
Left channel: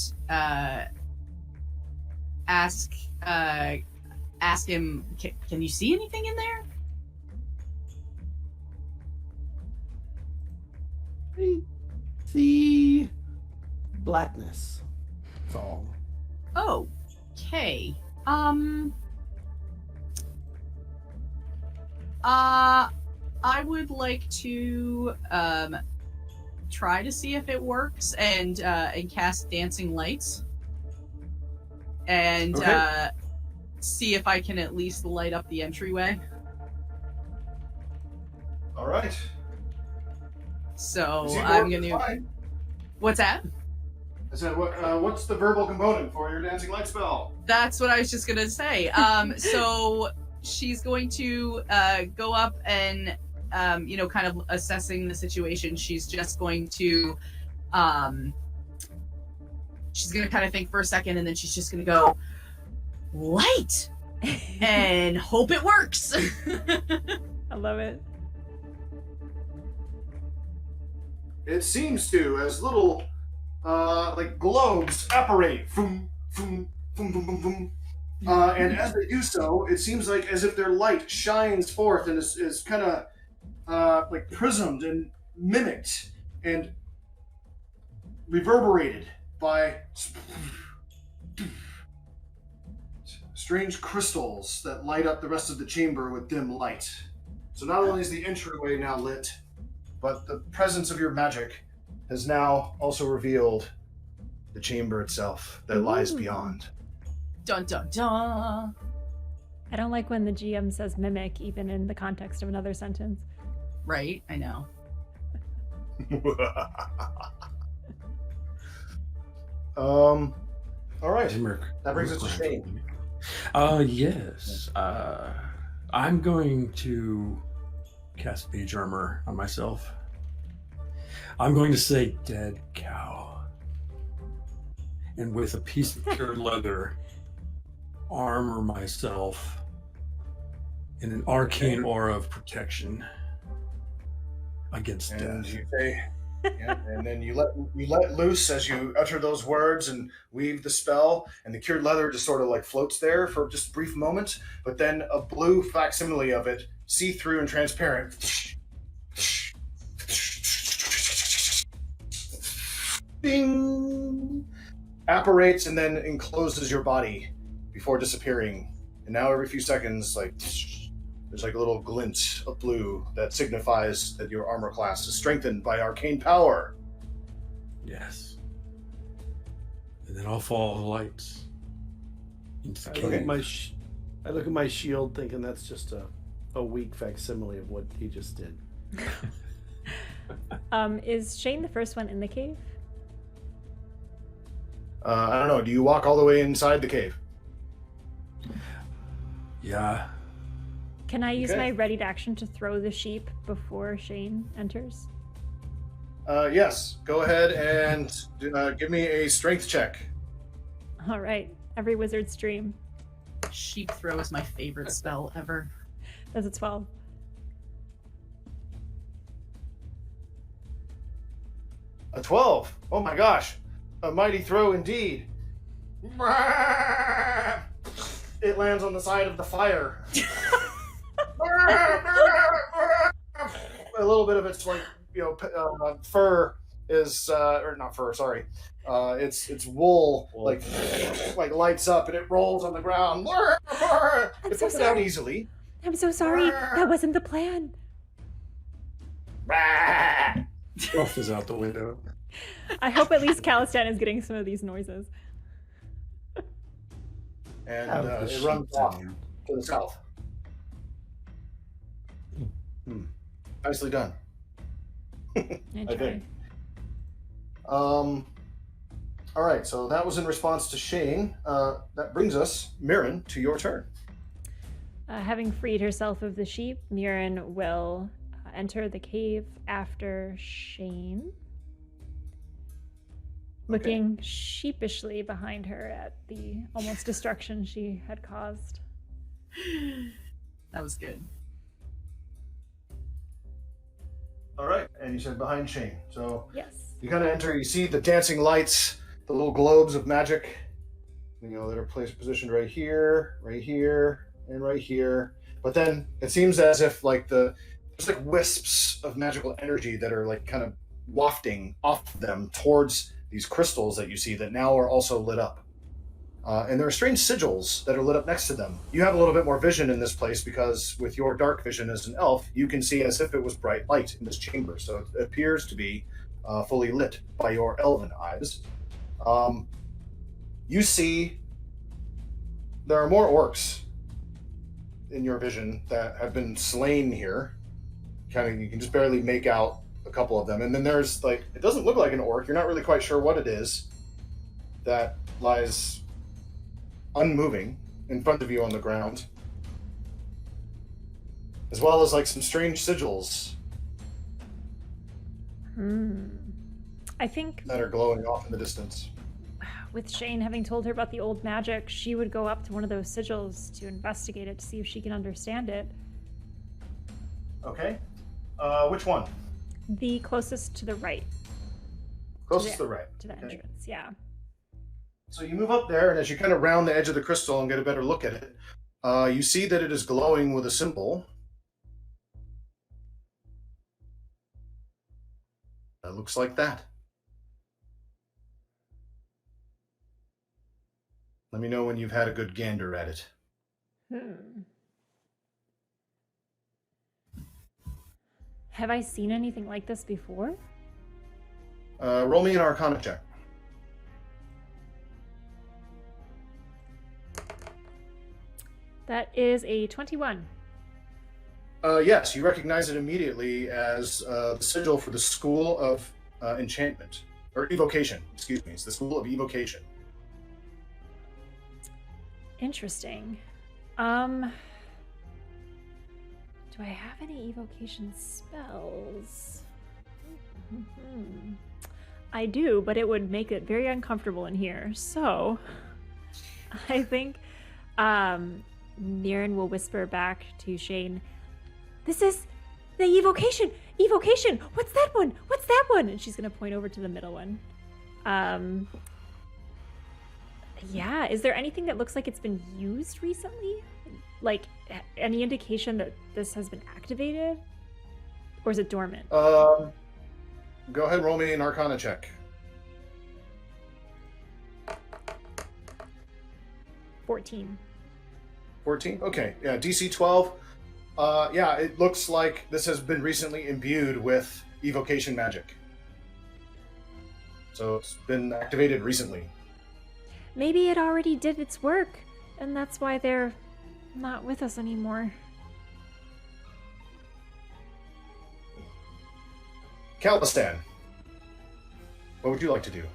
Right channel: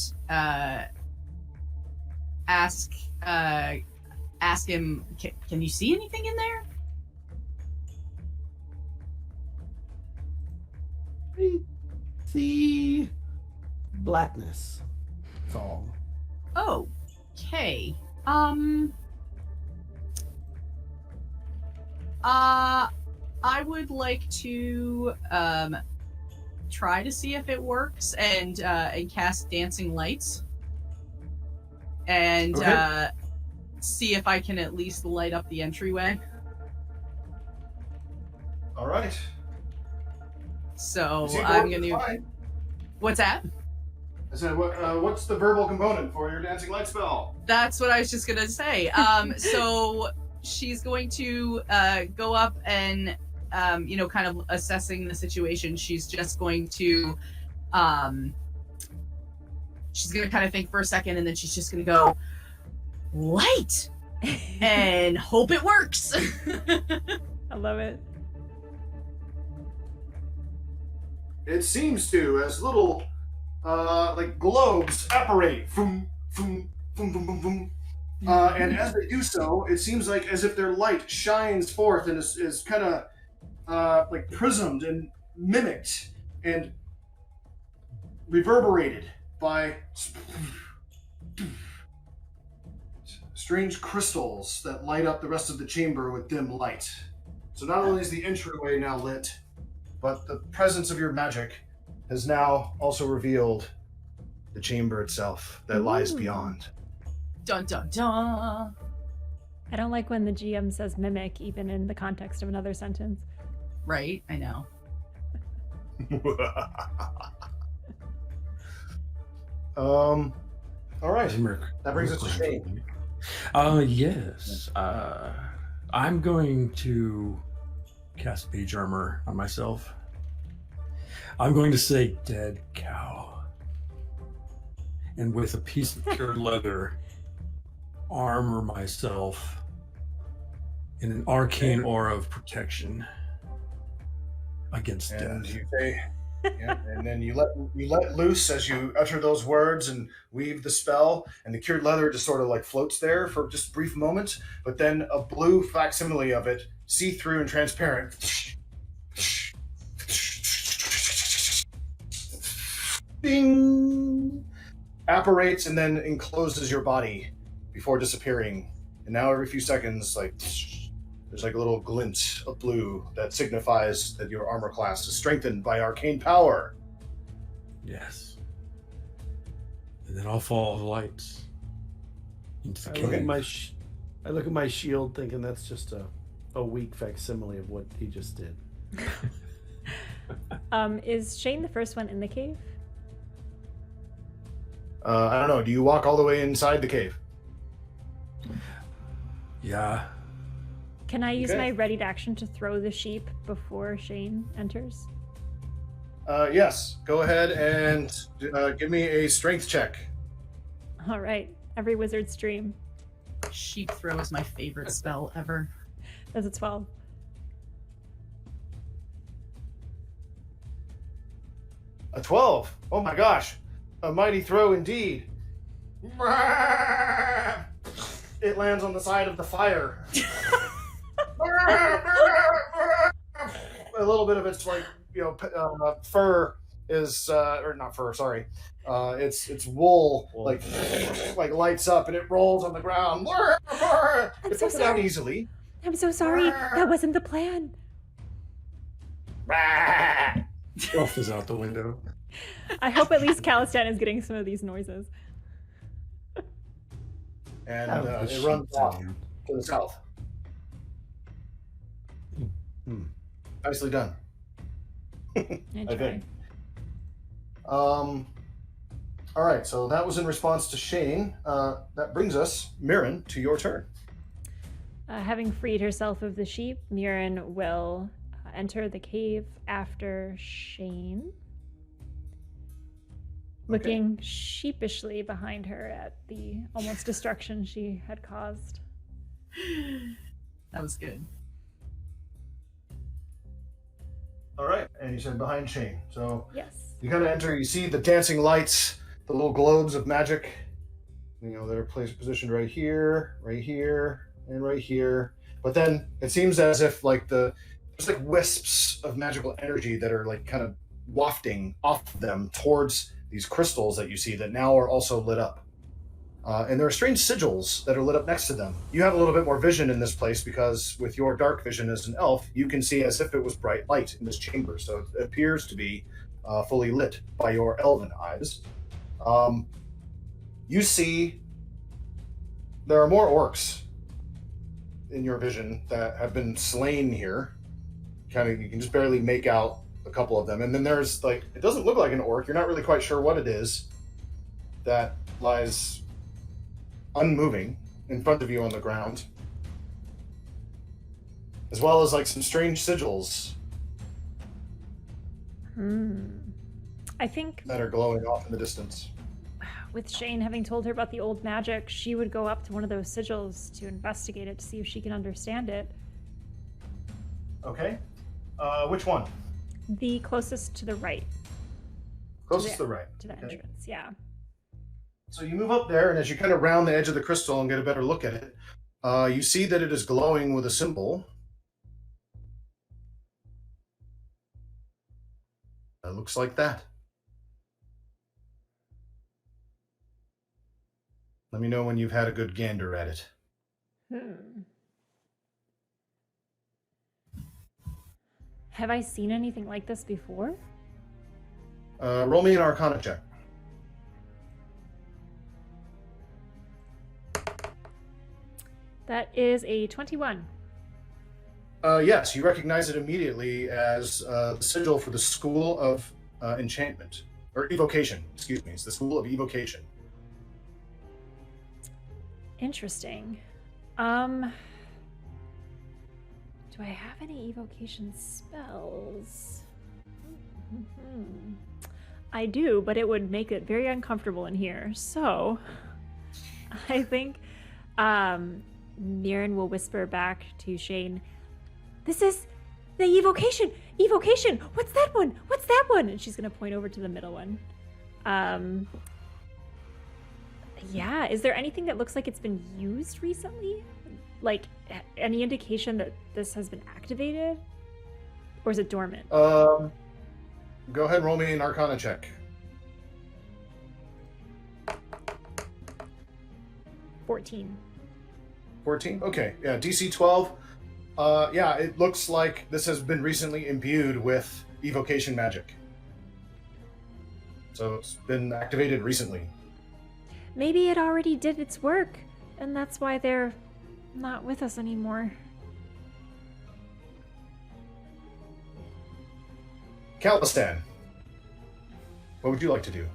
ask him, can you see anything in there? I see blackness. That's all. Okay. I would like to try to see if it works and cast dancing lights and see if I can at least light up the entryway. All right. So I'm gonna. Fine. What's that? I said, what's the verbal component for your dancing light spell? That's what I was just gonna say. So she's going to go up and, kind of assessing the situation. She's just going to, she's gonna kind of think for a second, and then she's just gonna go, light, and hope it works. I love it. It seems to, as little like globes apparate, boom, boom, boom, boom, boom, boom. And as they do so, it seems like as if their light shines forth and is kind of like prismed and mimicked and reverberated by strange crystals that light up the rest of the chamber with dim light. So not only is the entryway now lit, but the presence of your magic has now also revealed the chamber itself that lies beyond. Dun dun dun. I don't like when the GM says mimic, even in the context of another sentence. Right, I know. All right. That brings us to Shane. Yes. I'm going to cast Mage Armor on myself. I'm going to say dead cow. And with a piece of pure leather, armor myself in an arcane aura of protection against And death. you say, yeah, and then you let loose as you utter those words and weave the spell, and the cured leather just sort of like floats there for just a brief moment, but then a blue facsimile of it, see-through and transparent, ding, apparates and then encloses your body before disappearing. And now every few seconds, like there's like a little glint of blue that signifies that your armor class is strengthened by arcane power. Yes. And then I'll follow the lights into the I look at cave. I look at my shield thinking that's just a weak facsimile of what he just did. Is Shane the first one in the cave? I don't know. Do you walk all the way inside the cave? Yeah. Can I use Okay. my readied action to throw the sheep before Shane enters? Yes. Go ahead and give me a strength check. All right. Every wizard's dream. Sheep throw is my favorite spell ever. That's a 12. A 12. Oh my gosh. A mighty throw indeed. It lands on the side of the fire. A little bit of its like fur is or not fur, sorry. It's wool like lights up and it rolls on the ground. I'm It so picks it out sorry. easily. I'm so sorry. That wasn't the plan. Fluff is out the window. I hope at least Calistan is getting some of these noises. And Out of the it runs sheep's off hand. to the south. Nicely done. I try. think. All right, so that was in response to Shane. That brings us, Mirren, to your turn. Having freed herself of the sheep, Mirren will enter the cave after Shane, looking sheepishly behind her at the almost destruction she had caused. That was good. All right, and you said behind Shane. So Yes. you kind of enter, you see the dancing lights, the little globes of magic, that are positioned right here, and right here. But then it seems as if there's like wisps of magical energy that are like kind of wafting off them towards these crystals that you see that now are also lit up. And there are strange sigils that are lit up next to them. You have a little bit more vision in this place because with your dark vision as an elf, you can see as if it was bright light in this chamber. So it appears to be fully lit by your elven eyes. You see there are more orcs in your vision that have been slain here. You can just barely make out a couple of them. And then there's it doesn't look like an orc. You're not really quite sure what it is that lies unmoving in front of you on the ground, as well as some strange sigils I think that are glowing off in the distance. with Shane having told her about the old magic, she would go up to one of those sigils to investigate it to see if she can understand it. Okay, which one? The closest to the right, Closest to the right. to the Okay. entrance. Yeah. So you move up there, and as you kind of round the edge of the crystal and get a better look at it, you see that it is glowing with a symbol. That looks like that. Let me know when you've had a good gander at it. Have I seen anything like this before? Roll me an Arcana check. That is a 21. Yes, you recognize it immediately as the sigil for the School of Enchantment. Or Evocation, excuse me. It's the School of Evocation. Interesting. Do I have any evocation spells? I do, but it would make it very uncomfortable in here. So I think Mirren will whisper back to Shane, "This is the evocation! Evocation! What's that one? What's that one?" And she's going to point over to the middle one. Yeah, is there anything that looks like it's been used recently? Like, any indication that this has been activated? Or is it dormant? Go ahead and roll me an Arcana check. 14. 14? Okay, yeah, DC 12. Yeah, it looks like this has been recently imbued with evocation magic. So it's been activated recently. Maybe it already did its work, and that's why they're not with us anymore. Calistan, what would you like to do?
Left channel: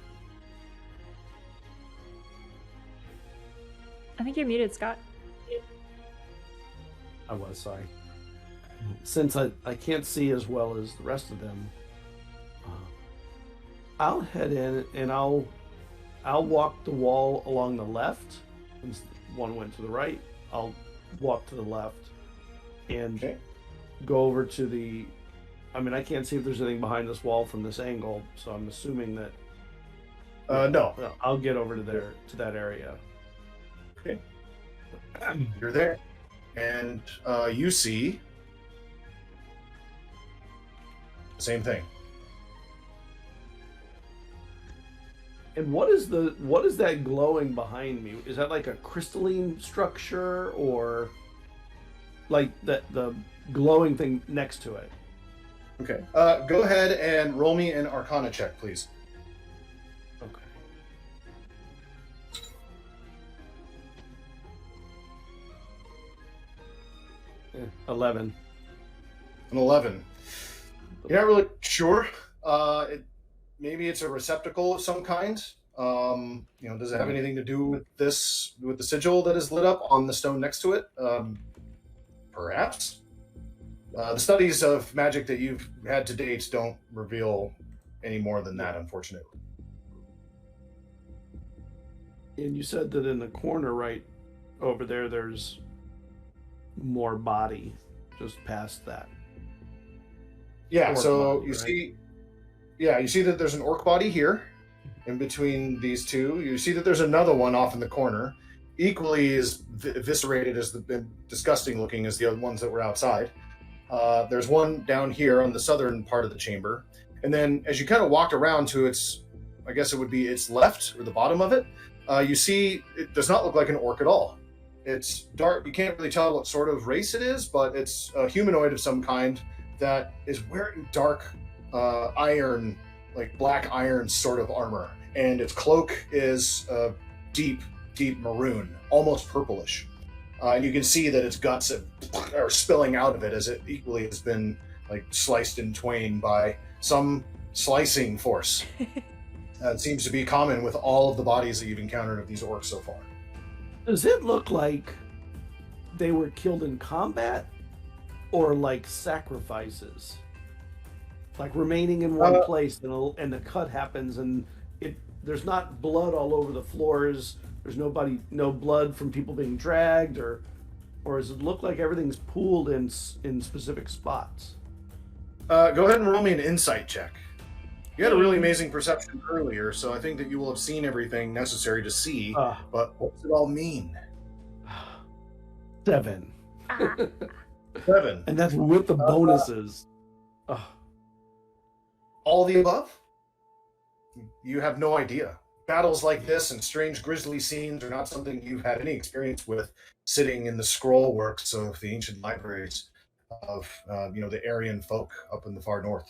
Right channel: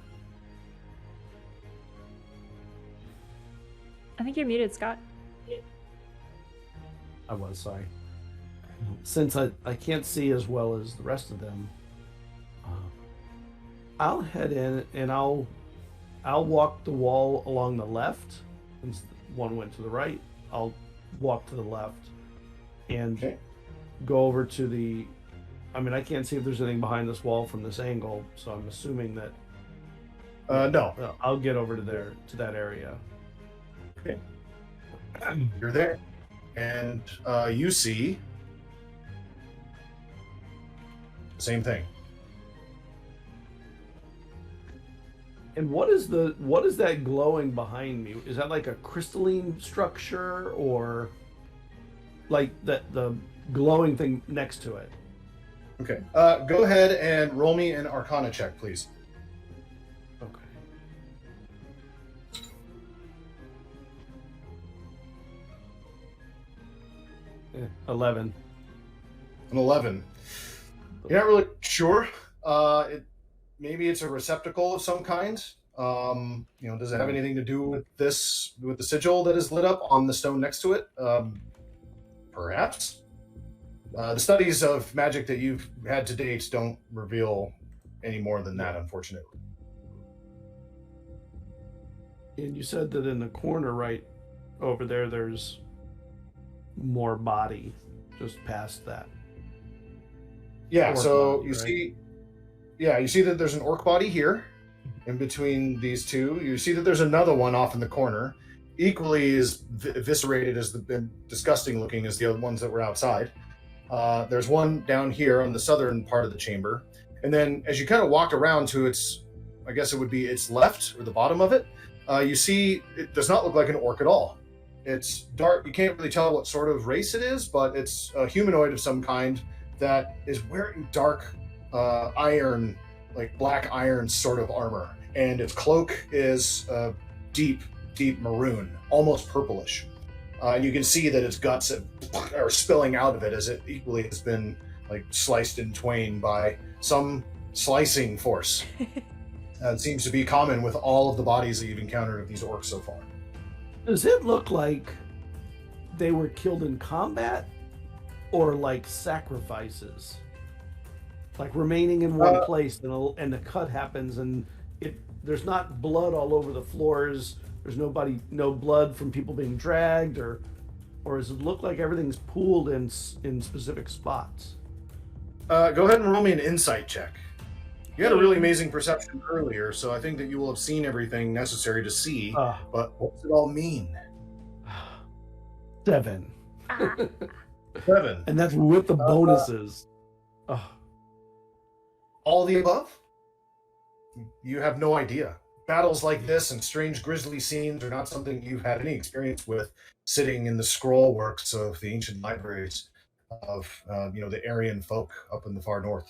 I think you're muted, Scott. I was, sorry. Since I can't see as well as the rest of them, I'll head in and I'll walk the wall along the left. Since one went to the right, I'll walk to the left and go over to the... I mean, I can't see if there's anything behind this wall from this angle, so I'm assuming that... No. I'll get over to there, to that area. Okay. You're there. And you see... the same thing. And what is that glowing behind me? Is that like a crystalline structure, or like the glowing thing next to it? Okay. Go ahead and roll me an Arcana check, please. Okay. 11. An 11. You're not really sure. Maybe it's a receptacle of some kind. Does it have anything to do with the sigil that is lit up on the stone next to it? Perhaps. The studies of magic that you've had to date don't reveal any more than that, unfortunately. And you said that in the corner right over there, there's more body just past that. Yeah, Orc so body, you right? you see that there's an orc body here in between these two. You see that there's another one off in the corner, equally as eviscerated as disgusting looking as the other ones that were outside. There's one down here on the southern part of the chamber. And then as you kind of walk around to its left or the bottom of it, you see it does not look like an orc at all. It's dark. You can't really tell what sort of race it is, but it's a humanoid of some kind that is wearing dark iron, like black iron sort of armor. And its cloak is deep maroon, almost purplish. And you can see that its guts are spilling out of it as it equally has been like sliced in twain by some slicing force. It seems to be common with all of the bodies that you've encountered of these orcs so far. Does it look like they were killed in combat, or like sacrifices? Like remaining in one place and the cut happens and there's not blood all over the floors. There's no blood from people being dragged, or does it look like everything's pooled in specific spots? Go ahead and roll me an insight check. You had a really amazing perception earlier, so I think that you will have seen everything necessary to see. But what does it all mean? 7. 7. And that's with the bonuses. All the above? You have no idea. Battles like this and strange grisly scenes are not something you've had any experience with sitting in the scroll works of the ancient libraries of, the Aryan folk up in the far north.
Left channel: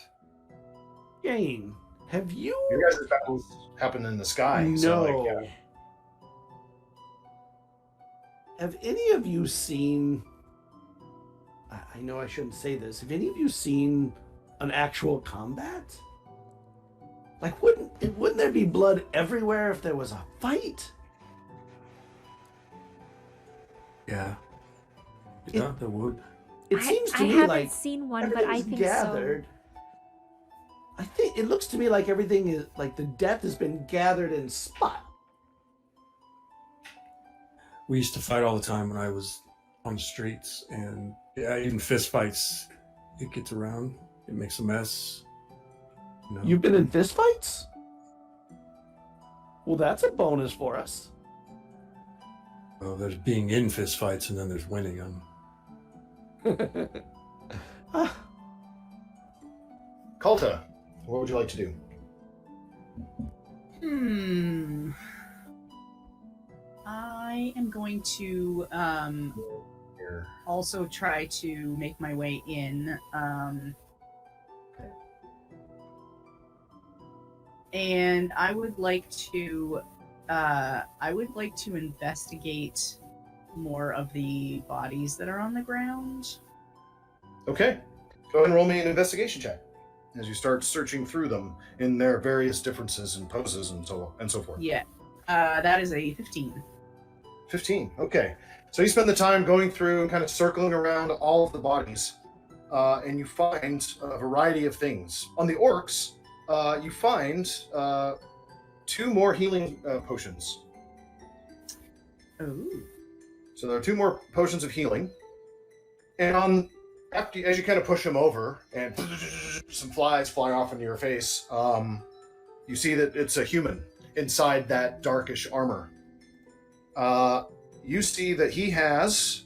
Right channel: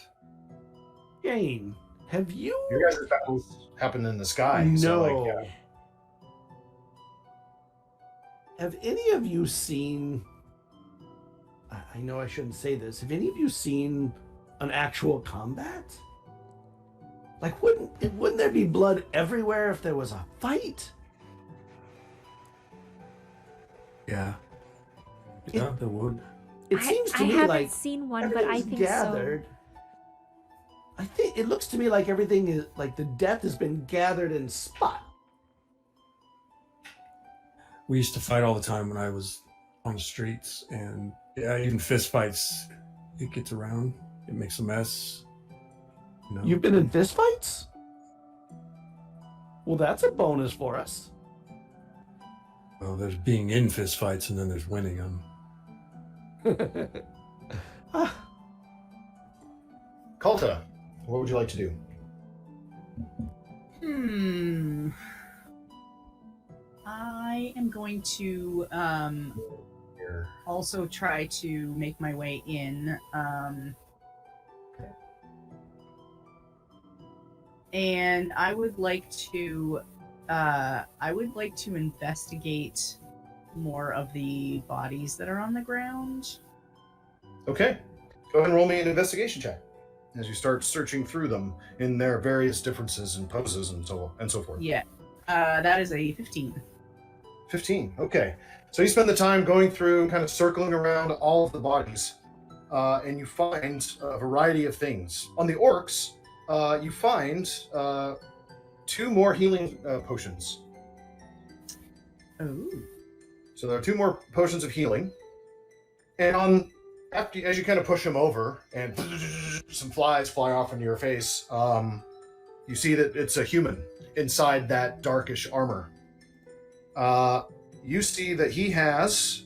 Jane, have you? Your guys' battles happen in the sky. No. So, Have any of you seen? I know I shouldn't say this. Have any of you seen an actual combat? Like, wouldn't there be blood everywhere if there was a fight? Yeah. Yeah, there would. It seems to I me haven't like seen one, but I everything's think gathered. I think it looks to me like everything is like the death has been gathered in spot. We used to fight all the time when I was on the streets, and yeah, even fist fights, it gets around, it makes a mess. You know? You've been in fistfights? Well, that's a bonus for us. Well, there's being in fist fights, and then there's winning them. Kalta, what would you like to do? I am going to also try to make my way in. And I would like to investigate more of the bodies that are on the ground. Okay. Go ahead and roll me an investigation check as you start searching through them in their various differences and poses and so forth. Yeah. That is a 15. 15. Okay. So you spend the time going through, kind of circling around all of the bodies, and you find a variety of things. On the orcs, you find 2 more healing potions. Oh. So there are 2 more potions of healing. And as you kind of push them over, and some flies fly off into your face, you see that it's a human inside that darkish armor. You see that he has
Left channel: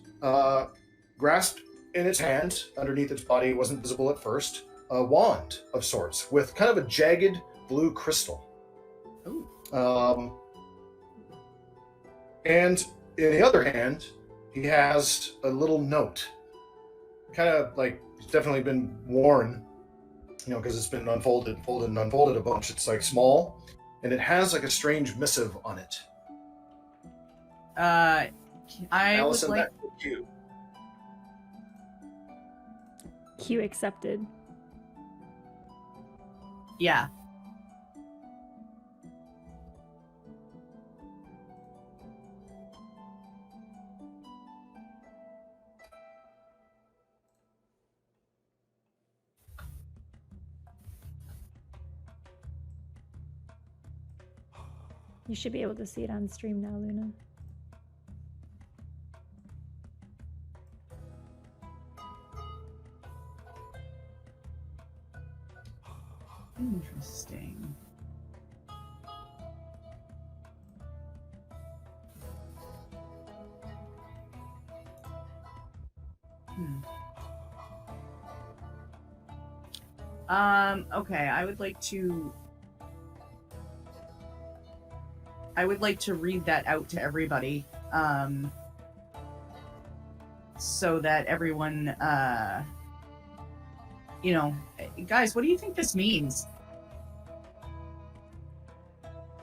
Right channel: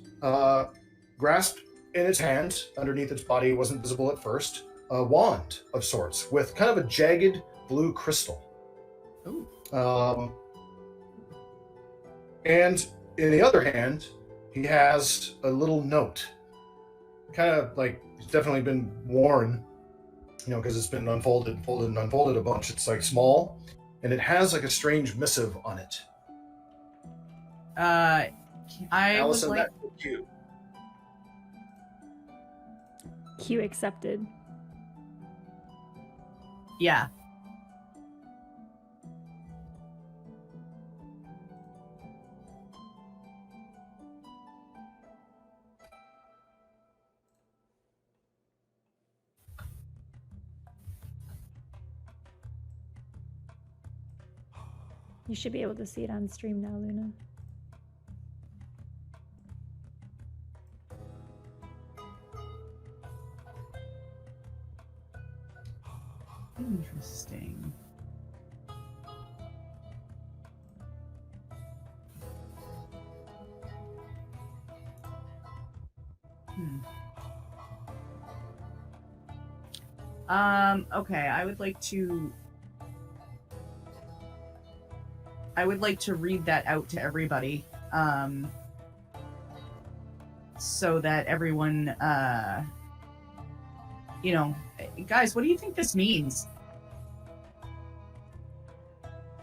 grasped in its hand, underneath its body, wasn't visible at first, a wand of sorts with kind of a jagged blue crystal. And in the other hand, he has a little note. Kind of like it's definitely been worn, because it's been unfolded a bunch. It's like small, and it has like a strange missive on it. Allison, would like. that's you. Q accepted. Yeah. You should be able to see it on stream now, Luna. Interesting. Okay, I would like to read that out to everybody, so that everyone, guys, what do you think this means?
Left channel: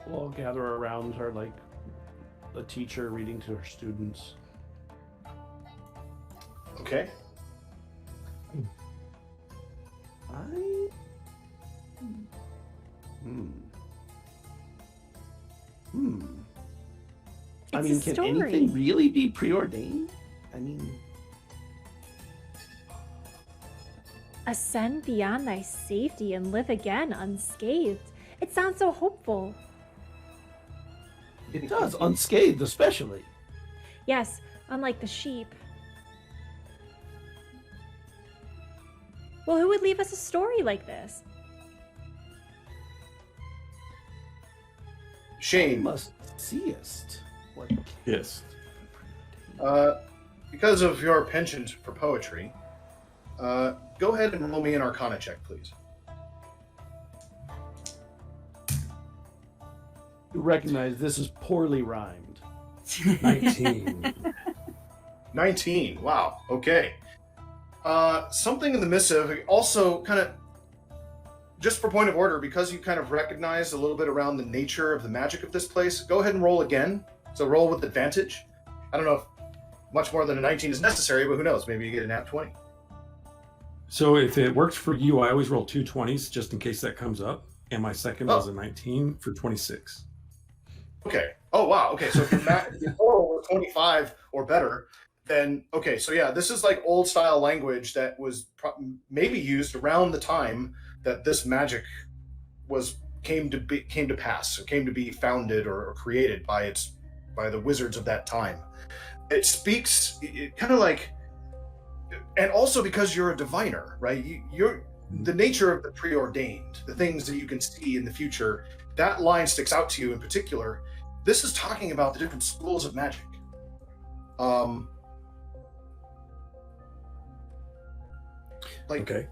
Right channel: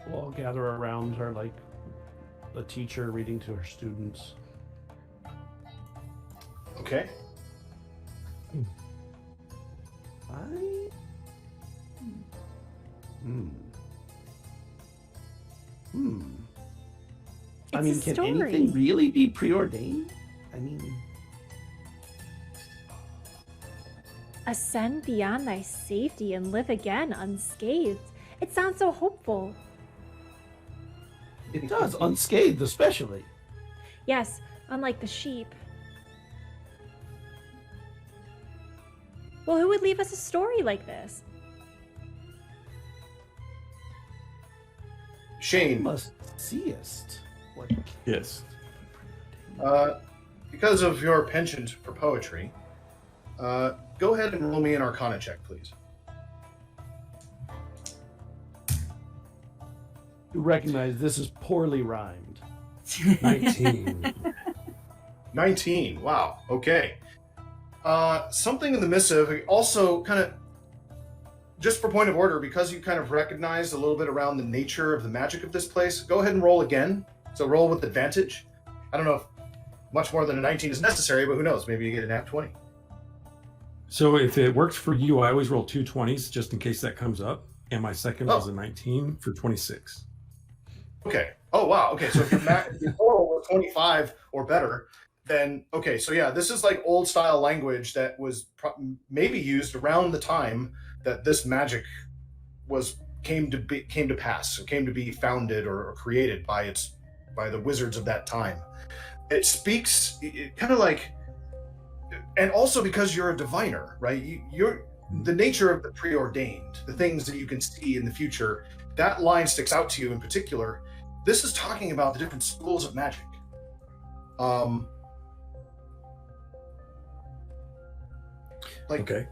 We'll all gather around her like a teacher reading to her students. Okay. It's I mean, a can story. anything really be preordained? I mean, Ascend beyond thy safety and live again unscathed. It sounds so hopeful. it does, unscathed especially. Yes, unlike the sheep. Well, who would leave us a story like this? Shane, Must seest what Yes. because of your penchant for poetry, go ahead and roll me an Arcana check, please. recognize this is poorly rhymed. 19. 19. Wow. Okay. Something in the missive also kind of, just for point of order, because you kind of recognized a little bit around the nature of the magic of this place, go ahead and roll again. So roll with advantage. I don't know if much more than a 19 is necessary, but who knows? Maybe you get a nat 20. So if it works for you, I always roll 2 20s just in case that comes up. And my second was a 19 for 26. Okay. Oh, wow. Okay. So if your total was 25 or better, then, okay. So yeah, this is like old style language that was maybe used around the time that this magic came to pass, or came to be founded or created by the wizards of that time. It speaks kind of like, and also because you're a diviner, right? You're the nature of the preordained, the things that you can see in the future. That line sticks out to you in particular. This is talking about the different schools of magic. Okay.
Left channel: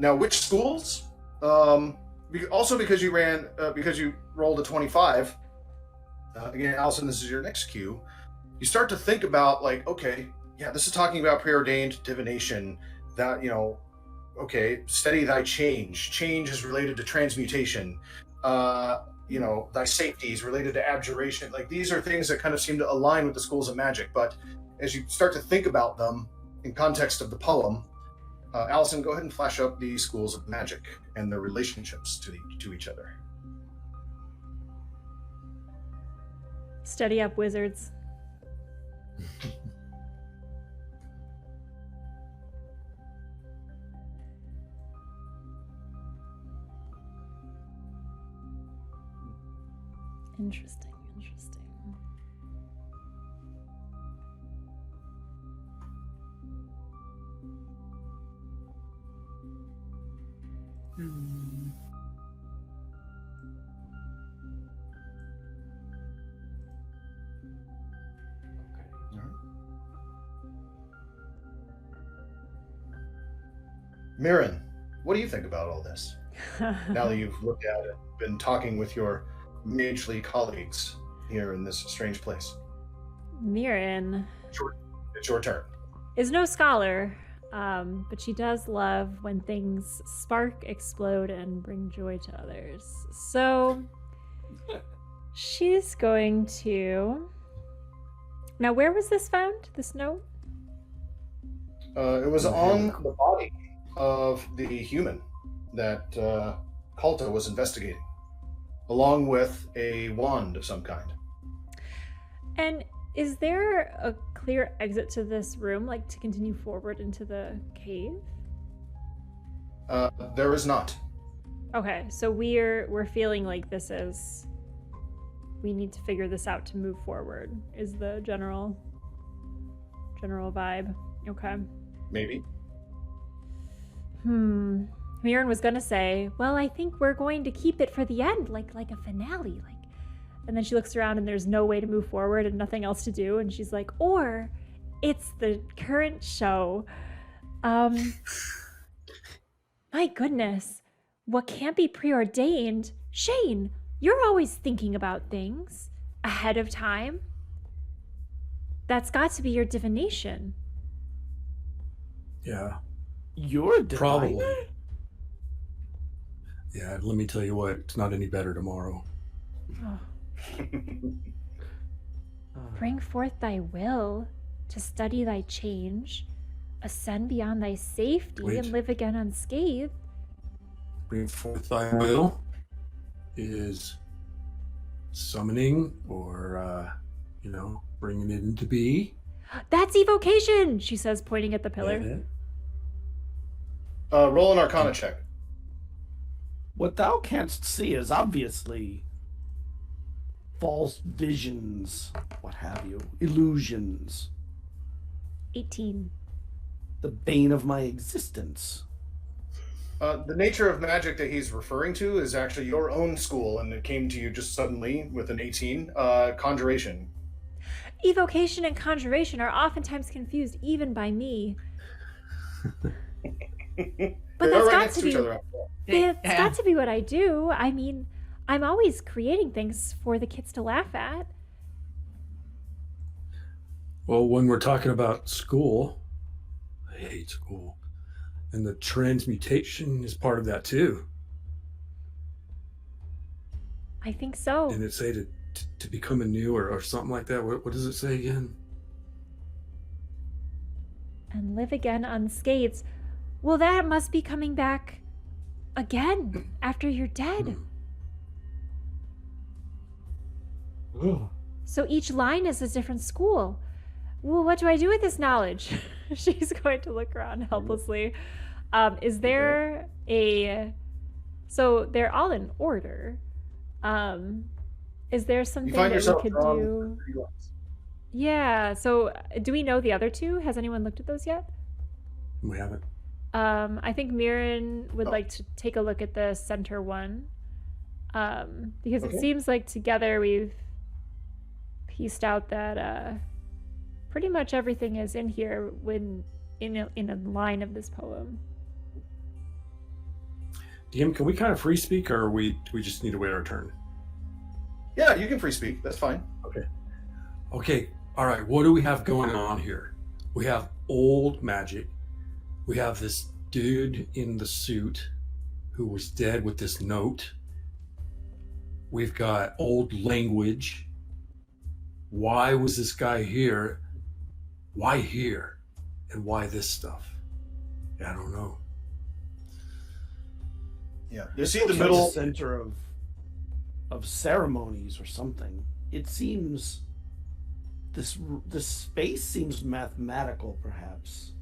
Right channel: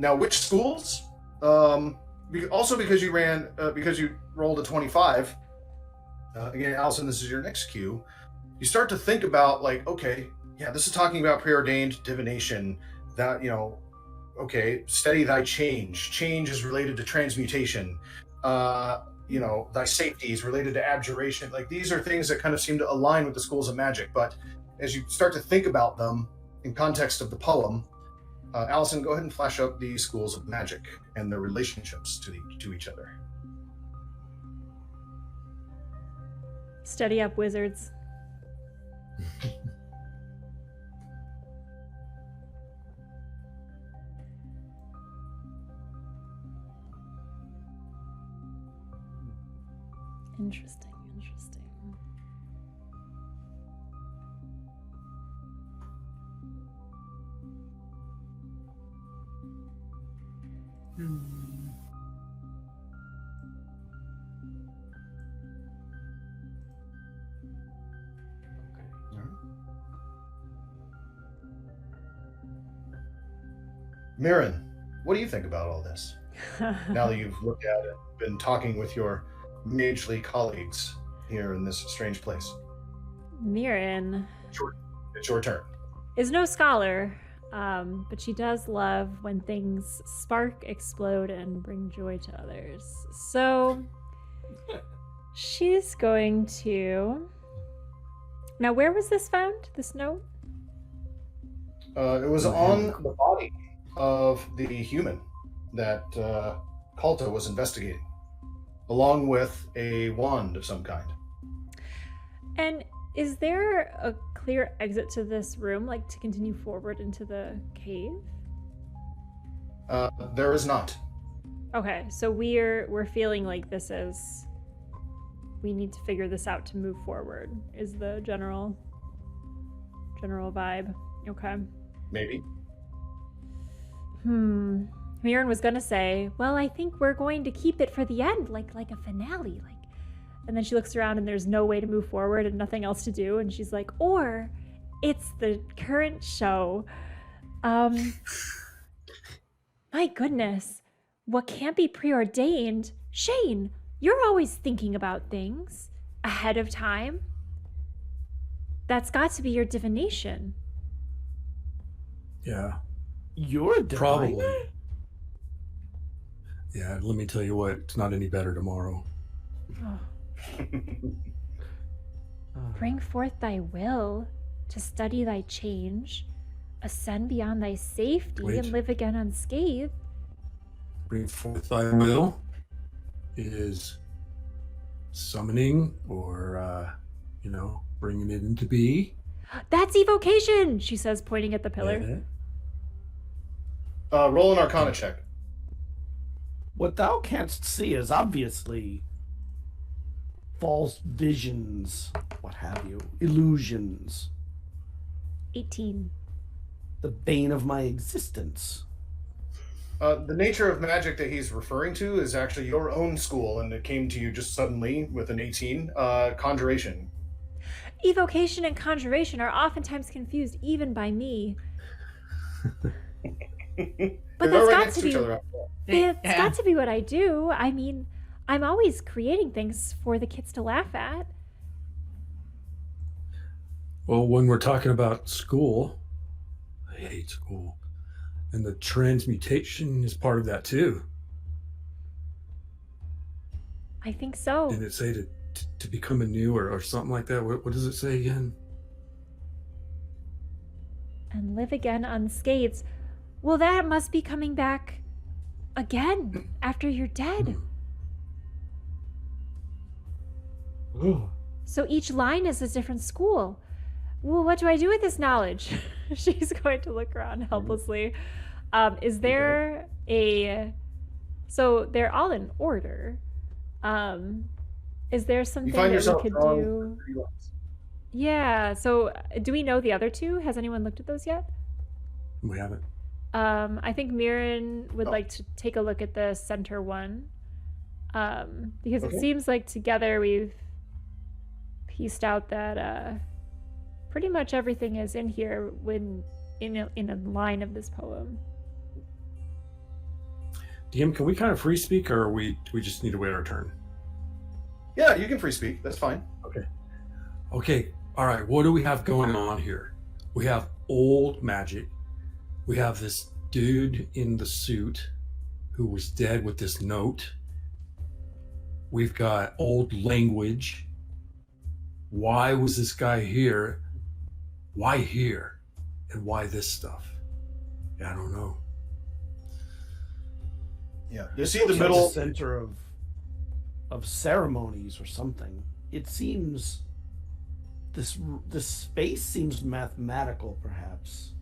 Now, which schools? Also because you rolled a 25. Again, Allison, this is your next cue. You start to think about, like, okay, yeah, this is talking about preordained divination. That, okay, steady thy change. Change is related to transmutation. Thy safety is related to abjuration. Like, these are things that kind of seem to align with the schools of magic. But as you start to think about them in context of the poem, Allison, go ahead and flash up the schools of magic and their relationships to each other. Steady up, wizards. Interesting. Mirren, what do you think about all this? Now that you've looked at it, been talking with your magely colleagues here in this strange place. Mirren It's your turn. is no scholar, but she does love when things spark, explode, and bring joy to others. So she's going to... Now, where was this found, this note? It was on the body of the human that Kalta was investigating, along with a wand of some kind. And is there a clear exit to this room, like to continue forward into the cave? There is not. Okay, so we're feeling like this is... We need to figure this out to move forward, is the general vibe. Okay. Maybe. Mirren was gonna say, well, I think we're going to keep it for the end, like a finale, and then she looks around and there's no way to move forward and nothing else to do, and she's like, or it's the current show. My goodness, what can't be preordained? Shane, you're always thinking about things ahead of time. That's got to be your divination. Yeah. You're diviner? Probably. Yeah, let me tell you what, it's not any better tomorrow. Oh. Bring forth thy will to study thy change, ascend beyond thy safety, and live again unscathed. Bring forth thy will is summoning or, bringing it into be. That's evocation, she says, pointing at the pillar. Yeah. Roll an Arcana check. What thou canst see is obviously false visions, what have you, illusions. 18. The bane of my existence. The nature of magic that he's referring to is actually your own school, and it came to you just suddenly with an 18. Conjuration. Evocation and conjuration are oftentimes confused even by me. But that's got to be... It's got to be what I do. I mean, I'm always creating things for the kids to laugh at. Well, when we're talking about school, I hate school. And the transmutation is part of that too. I think so. Didn't it say to become anew or something like that? What does it say again? And live again unscathed. Well, that must be coming back again after you're dead. So each line is a different school. Well, what do I do with this knowledge? She's going to look around helplessly. Is there a... So they're all in order. Is there something that we could do? Yeah, so do we know the other two? Has anyone looked at those yet? We haven't. I think Mirren would like to take a look at the center one. Because it seems like together we've pieced out that pretty much everything is in here when in a line of this poem. DM, can we kind of free speak, or do we just need to wait our turn? Yeah, you can free speak. That's fine. Okay. All right. What do we have going on here? We have old magic. We have this dude in the suit who was dead with this note. We've got old language. Why was this guy here? Why here? And why this stuff? I don't know. Yeah, you see the It's middle. the center of ceremonies or something. It seems this space seems mathematical, perhaps,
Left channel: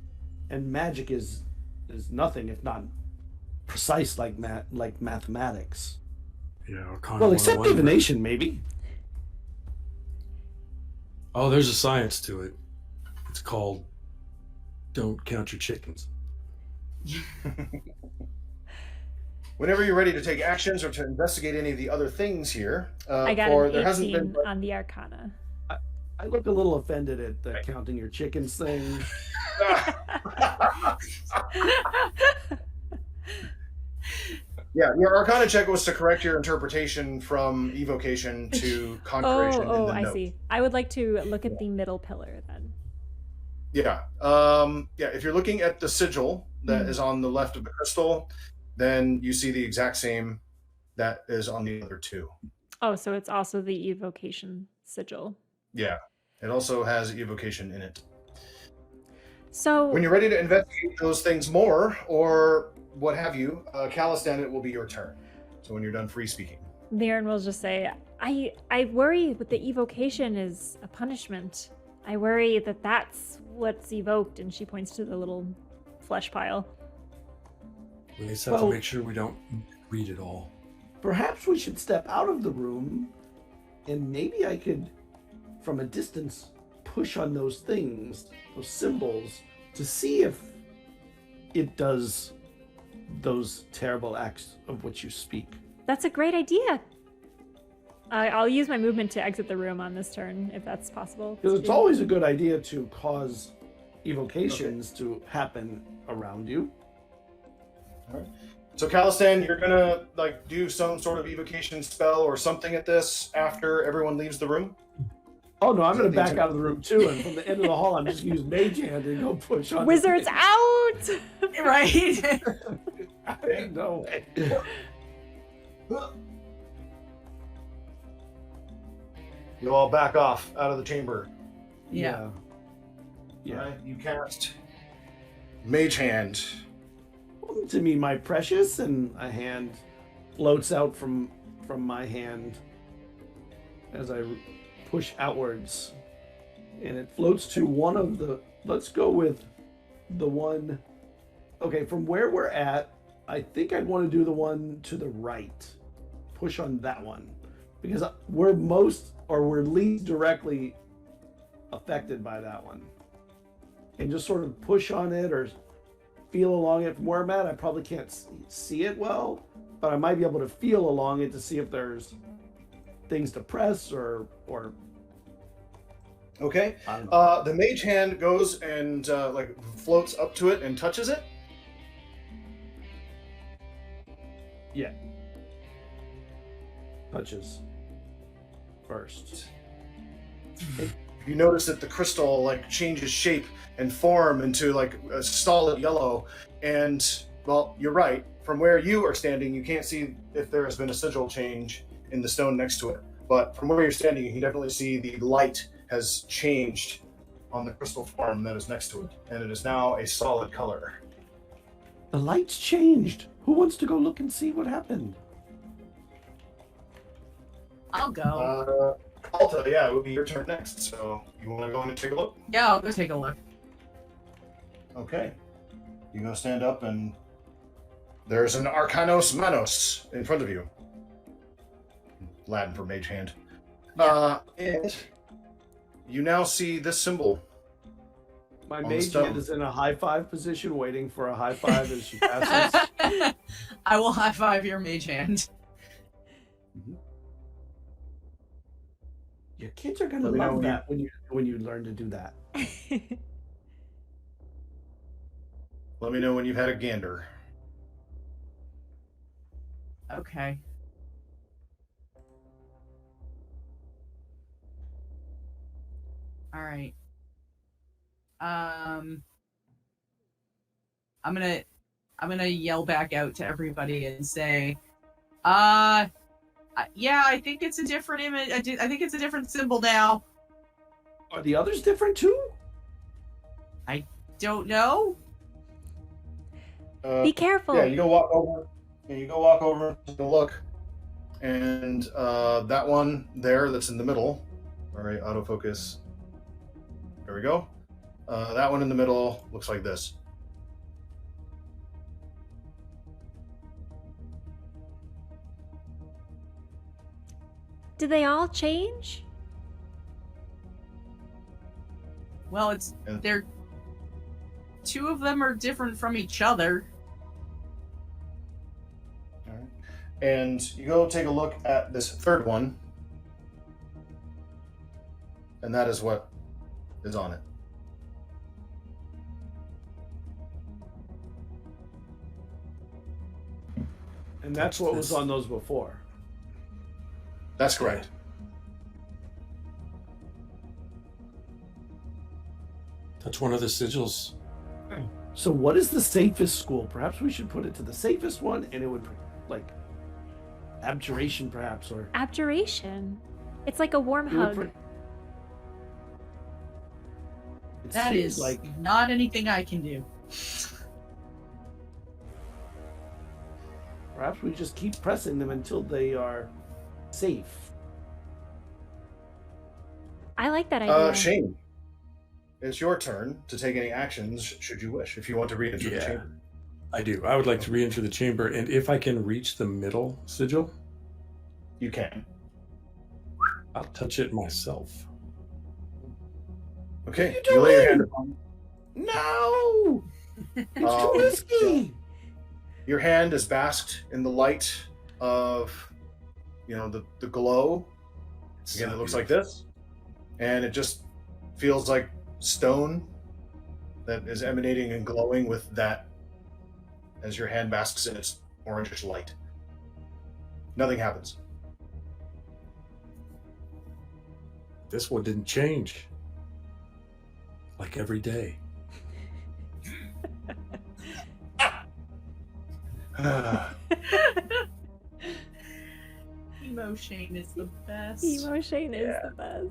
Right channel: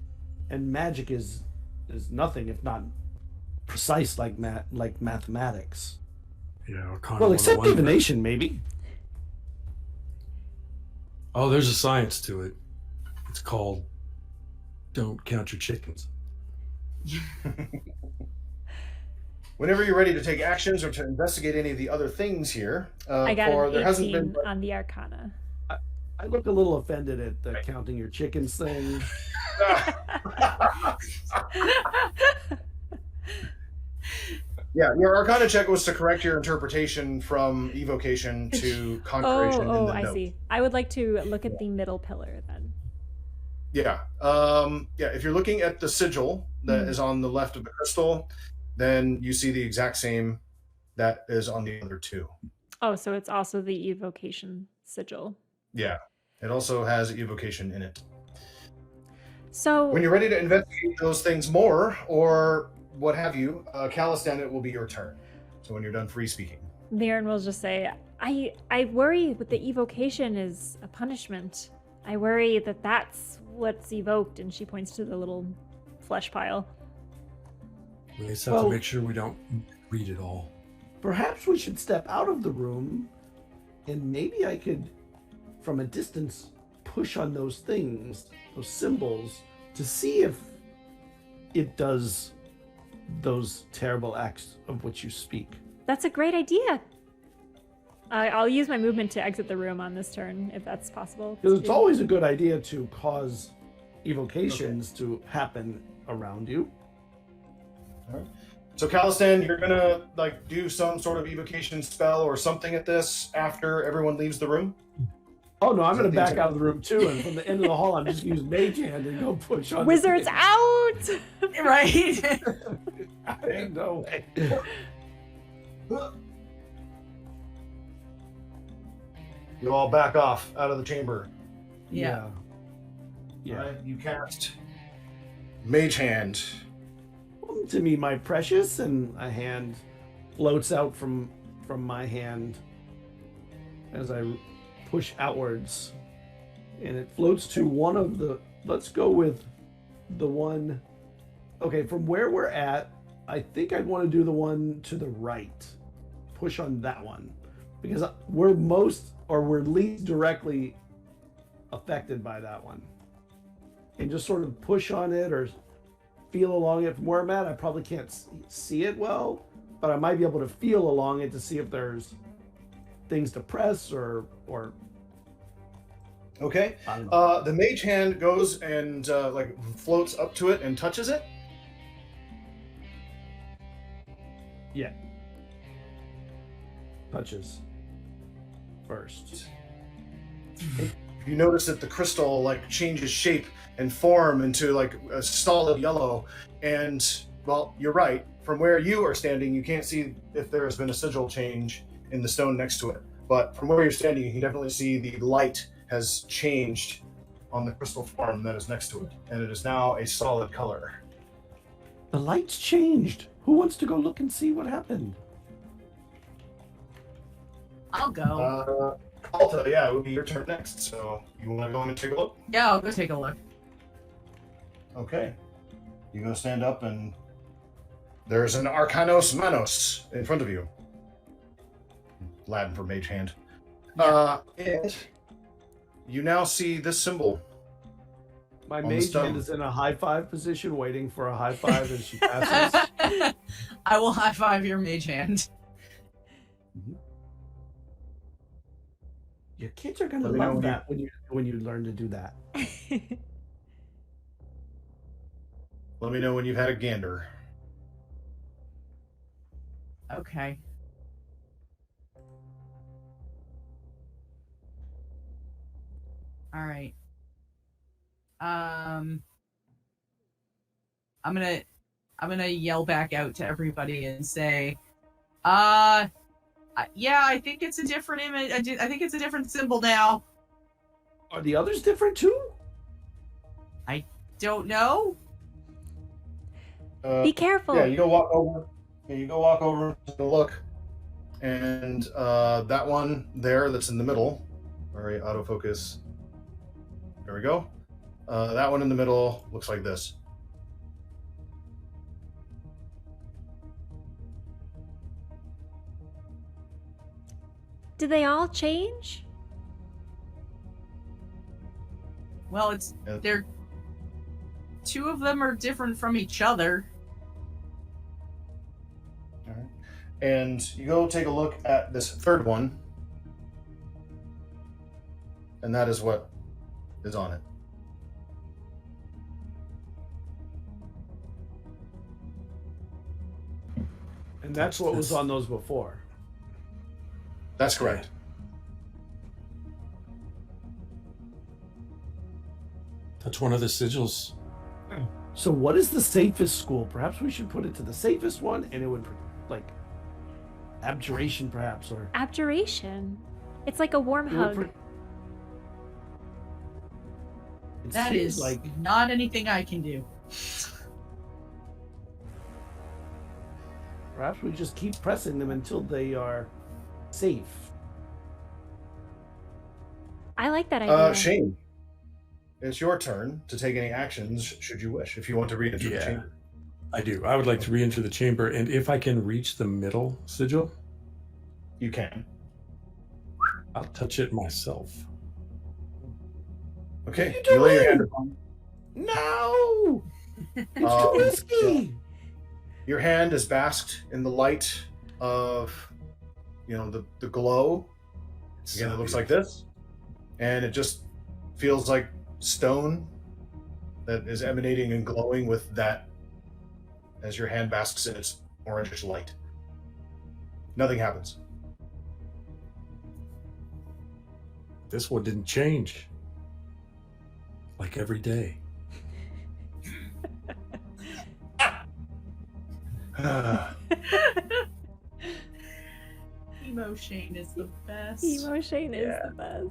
and magic is nothing if not precise like mathematics. Yeah. Arcana Well, except 101. divination, maybe. Oh, there's a science to it. It's called "Don't Count Your Chickens." Whenever you're ready to take actions or to investigate any of the other things here, I got there an hasn't 18 been. on the Arcana. I look a little offended at the counting your chickens thing. Yeah, your Arcana check was to correct your interpretation from evocation to conjuration. in Oh, the I note. see. I would like to look at the middle pillar then. Yeah. If you're looking at the sigil that is on the left of the crystal, then you see the exact same that is on the other two. Oh, so it's also the evocation sigil. Yeah. It also has evocation in it. So When you're ready to investigate those things more, or what have you, Calistan, it will be your turn. So when you're done free speaking. Mirren will just say, I worry that the evocation is a punishment. I worry that that's what's evoked. And she points to the little flesh pile. We just have Well- to make sure we don't read it all. Perhaps we should step out of the room, and maybe I could, from a distance, push on those things, those symbols, to see if it does those terrible acts of which you speak. That's a great idea. I'll use my movement to exit the room on this turn, if that's possible. Because it's always a good idea to cause evocations to happen around you. All right. So Calistan, you're gonna do some sort of evocation spell or something at this after everyone leaves the room? Oh no, I'm Is going that to the back out of the room too, and from the end of the hall, I'm just going to use Mage Hand and go push on. the Wizards thing. out! Right? Ain't no way. You all back off out of the chamber. Yeah. Yeah. All right, you cast Mage Hand. Come to me, my precious, and a hand floats out from my hand as I push outwards, and it floats to one of the. Let's go with the one. Okay, from where we're at, I think I want to do the one to the right. Push on that one because we're least directly affected by that one, and just sort of push on it or feel along it. From where I'm at, I probably can't see it well, but I might be able to feel along it to see if there's things to press or Okay. I don't know. The Mage Hand goes and floats up to it and touches it. Yeah. touches first. You notice that the crystal like changes shape and form into like a solid yellow, and well, you're right. From where you are standing, you can't see if there has been a sigil change in the stone next to it. But from where you're standing, you can definitely see the light has changed on the crystal form that is next to it, and it is now a solid color. The light's changed. Who wants to go look and see what happened? I'll go. Alta, yeah, it would be your turn next. So you want to go in and take a look? Yeah, I'll go take a look. Okay. You go stand up, and there's an Arcanos Manos in front of you. Latin for mage hand. And you now see this symbol. My On the mage stone. hand is in a high five position, waiting for a high five as she passes. I will high five your mage hand. Your kids are gonna Let me know love when that when you learn to do that. Let me know when you've had a gander. Okay. All right. I'm gonna yell back out to everybody and say, yeah, I think it's a different image. I think it's a different symbol now. Are the others different too? Don't know. Be careful. Yeah, you go walk over. Yeah, you go walk over, take a look, and that one there that's in the middle. All right, autofocus. There we go. That one in the middle looks like this. Did they all change? Well, it's Yeah. they're two of them are different from each other. All right. And you go take a look at this third one, and that is what is on it. And that's what was on those before. That's correct. That's one of the sigils. So what is the safest school? Perhaps we should put it to the safest one, and it would like abjuration, perhaps, or Abjuration. It's like a warm it would hug. put- It That seems is like not anything I can do. perhaps we just keep pressing them until they are safe. I like that idea. Shane, it's your turn to take any actions should you wish. If you want to read into the Yeah. chamber. I do. I would like to re-enter the chamber, and if I can reach the middle sigil, You can. I'll touch it myself. Okay. What are you lay your doing? hand upon. No, it's too Um, risky. Your hand is basked in the light of, the glow. Again, it looks like this, and it just feels like stone that is emanating and glowing with that as your hand basks in its orangish light. Nothing happens. This one didn't change. Like every day. Emo Shane is the best. Emo Shane is Yeah. the best.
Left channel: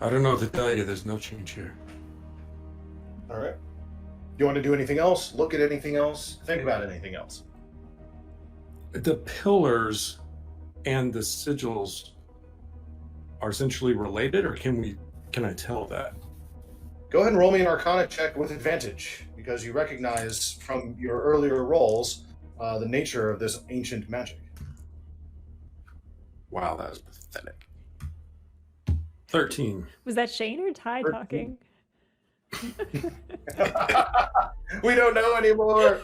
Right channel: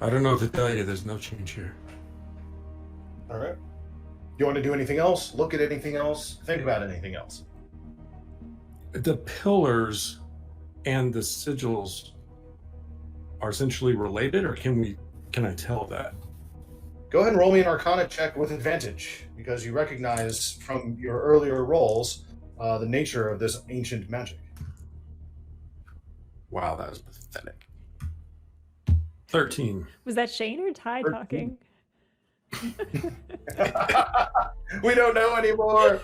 I don't know what to tell you. There's no change here. All right. You want to do anything else? Look at anything else? Think about anything else? The pillars and the sigils are essentially related, or can I tell that? Go ahead and roll me an Arcana check with advantage, because you recognize from your earlier rolls the nature of this ancient magic. Wow, that was pathetic. 13. Was that Shane or Ty 13. talking? We don't know anymore.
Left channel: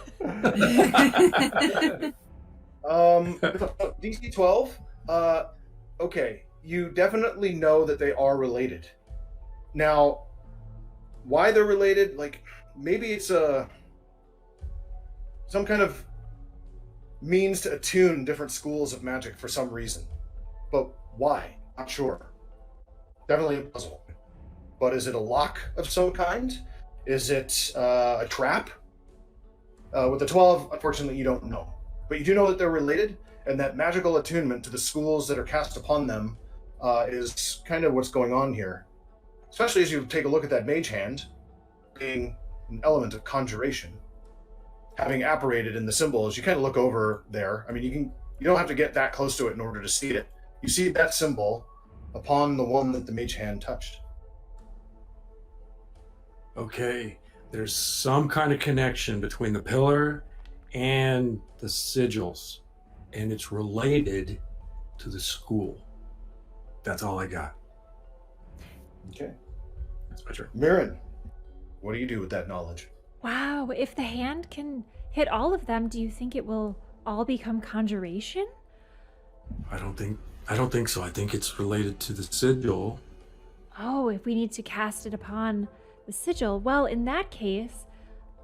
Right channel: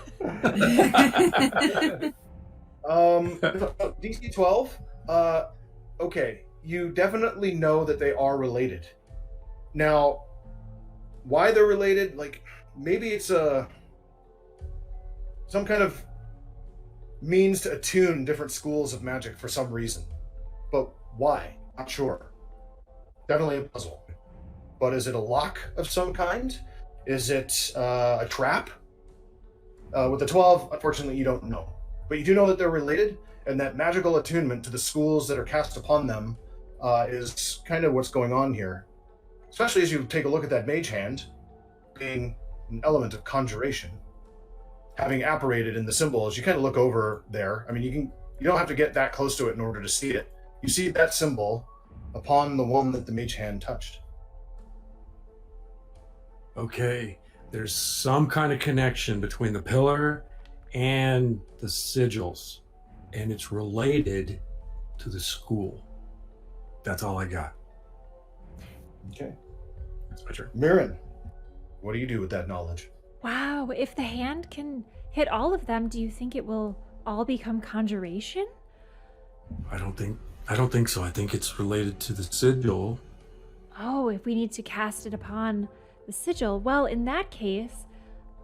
DC 12. Okay, you definitely know that they are related. Now, why they're related? Like maybe it's some kind of means to attune different schools of magic for some reason. But why? Not sure. Definitely a puzzle. But is it a lock of some kind? Is it a trap? With the 12, unfortunately, you don't know. But you do know that they're related, and that magical attunement to the schools that are cast upon them is kind of what's going on here. Especially as you take a look at that mage hand, being an element of conjuration. Having apparated in the symbol, as you kind of look over there, I mean, you don't have to get that close to it in order to see it. You see that symbol upon the one that the mage hand touched. Okay, there's some kind of connection between the pillar and the sigils, and it's related to the school. That's all I got. Okay. That's my turn. Mirren, what do you do with that knowledge? Wow, if the hand can hit all of them, do you think it will all become conjuration? I don't think so. I think it's related to the sigil. Oh, if we need to cast it upon the sigil, well, in that case,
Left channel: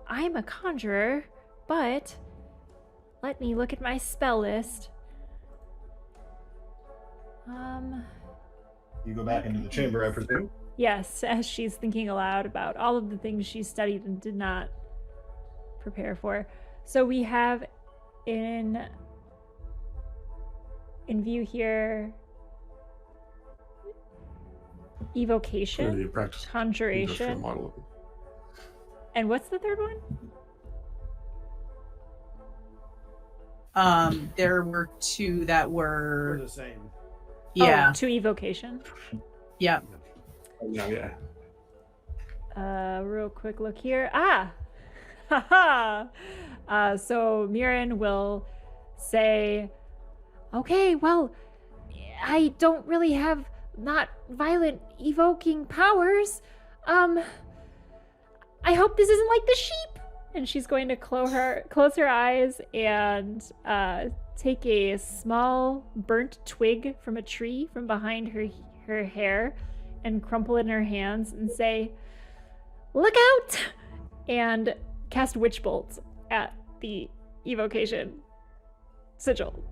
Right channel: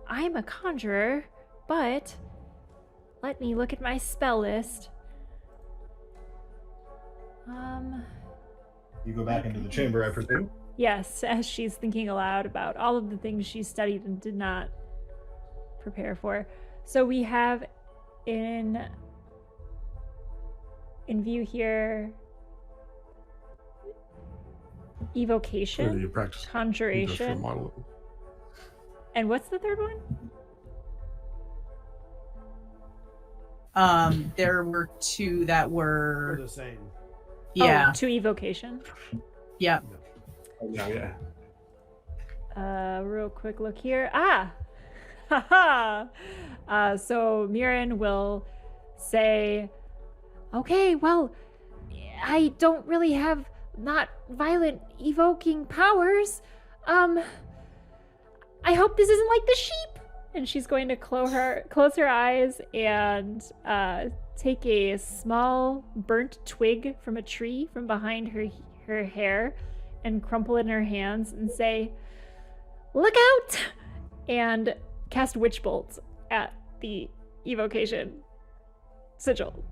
I'm a conjurer, but let me look at my spell list. You go back into the chamber, I presume? Yes, as she's thinking aloud about all of the things she studied and did not prepare for. So we have in view here evocation, You practice conjuration, model. and what's the third one? There were two that We're were, the same. yeah, Oh, to evocation. yeah. Yeah. Real quick look here. Ah! Haha! So Mirren will say, okay, well, I don't really have not violent evoking powers. I hope this isn't like the sheep. And she's going to close her eyes and take a small burnt twig from a tree from behind her hair and crumple it in her hands and say, "Look out!" and cast Witch Bolt at the evocation sigil.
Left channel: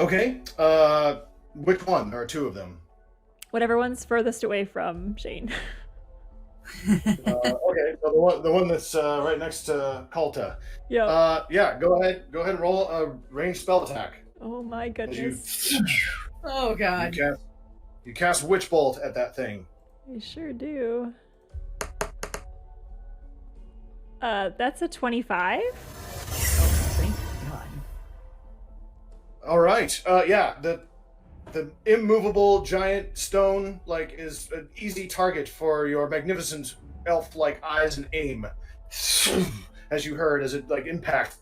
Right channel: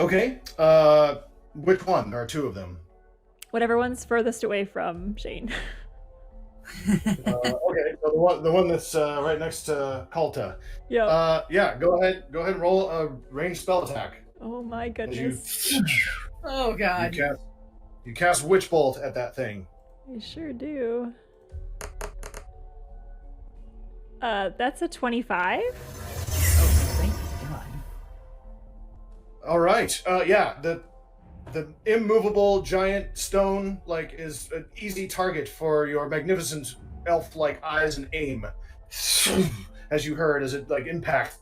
Okay. Which one? There are two of them. Whatever one's furthest away from Shane. Okay, so the one that's right next to Kalta. Yeah. Yeah, go ahead and roll a ranged spell attack. Oh my As goodness. Oh god. You cast Witch Bolt at that thing. I sure do. That's a 25. Oh, thank god. All right. Yeah, the immovable giant stone is an easy target for your magnificent elf-like eyes and aim. As you heard, as it impact,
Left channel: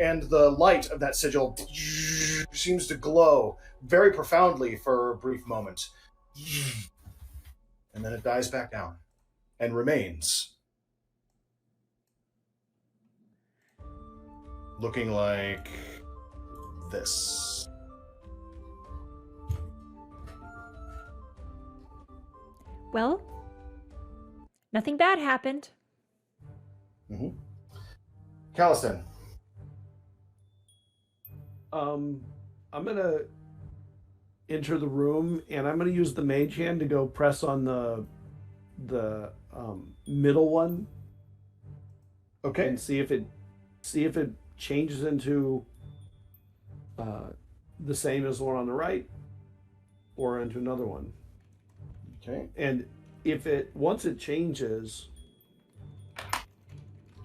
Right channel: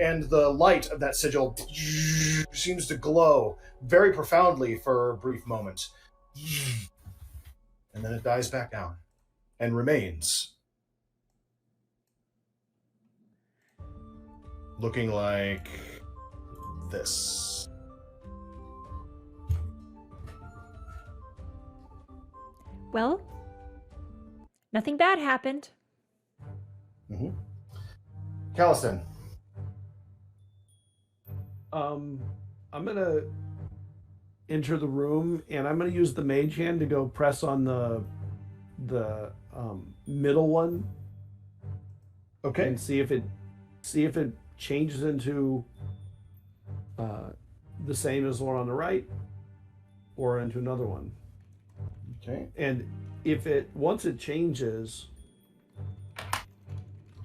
and the light of that sigil seems to glow very profoundly for a brief moment, and then it dies back down and remains looking like this. Well, nothing bad happened. Mm-hmm. Caliston. I'm gonna enter the room and I'm gonna use the mage hand to go press on the middle one. Okay. And see if it changes into the same as the one on the right or into another one. Okay. And once it changes,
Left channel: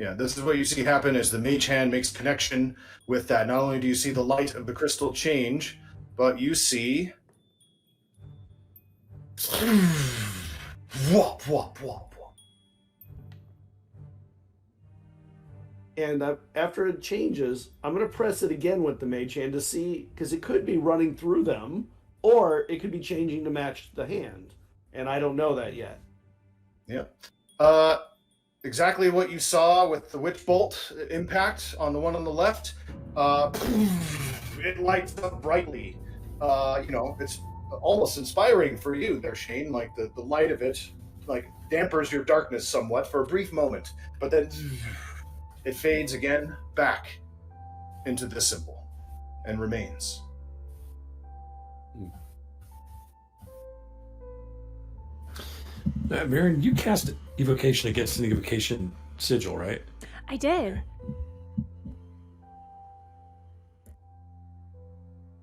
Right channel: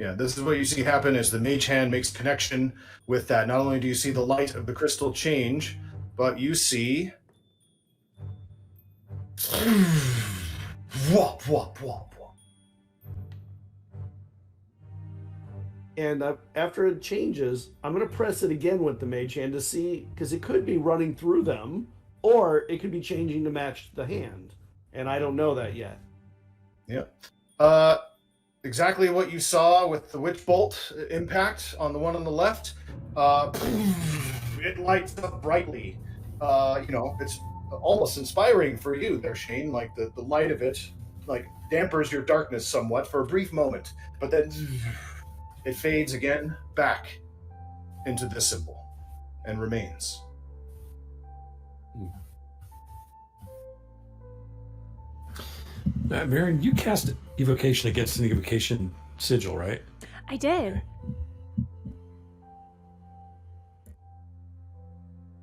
Yeah, this is what you see happen as the mage hand makes connection with that. Not only do you see the light of the crystal change, but you see whop, whop, whop, whop. and after it changes, I'm going to press it again with the mage hand to see, because it could be running through them, or it could be changing to match the hand, and I don't know that yet. Yeah. Exactly what you saw with the witch bolt impact on the one on the left. It lights up brightly. It's almost inspiring for you there, Shane. Like the light of it, dampers your darkness somewhat for a brief moment, but then it fades again back into this symbol and remains. Marion, you cast evocation against an evocation sigil, right? I did.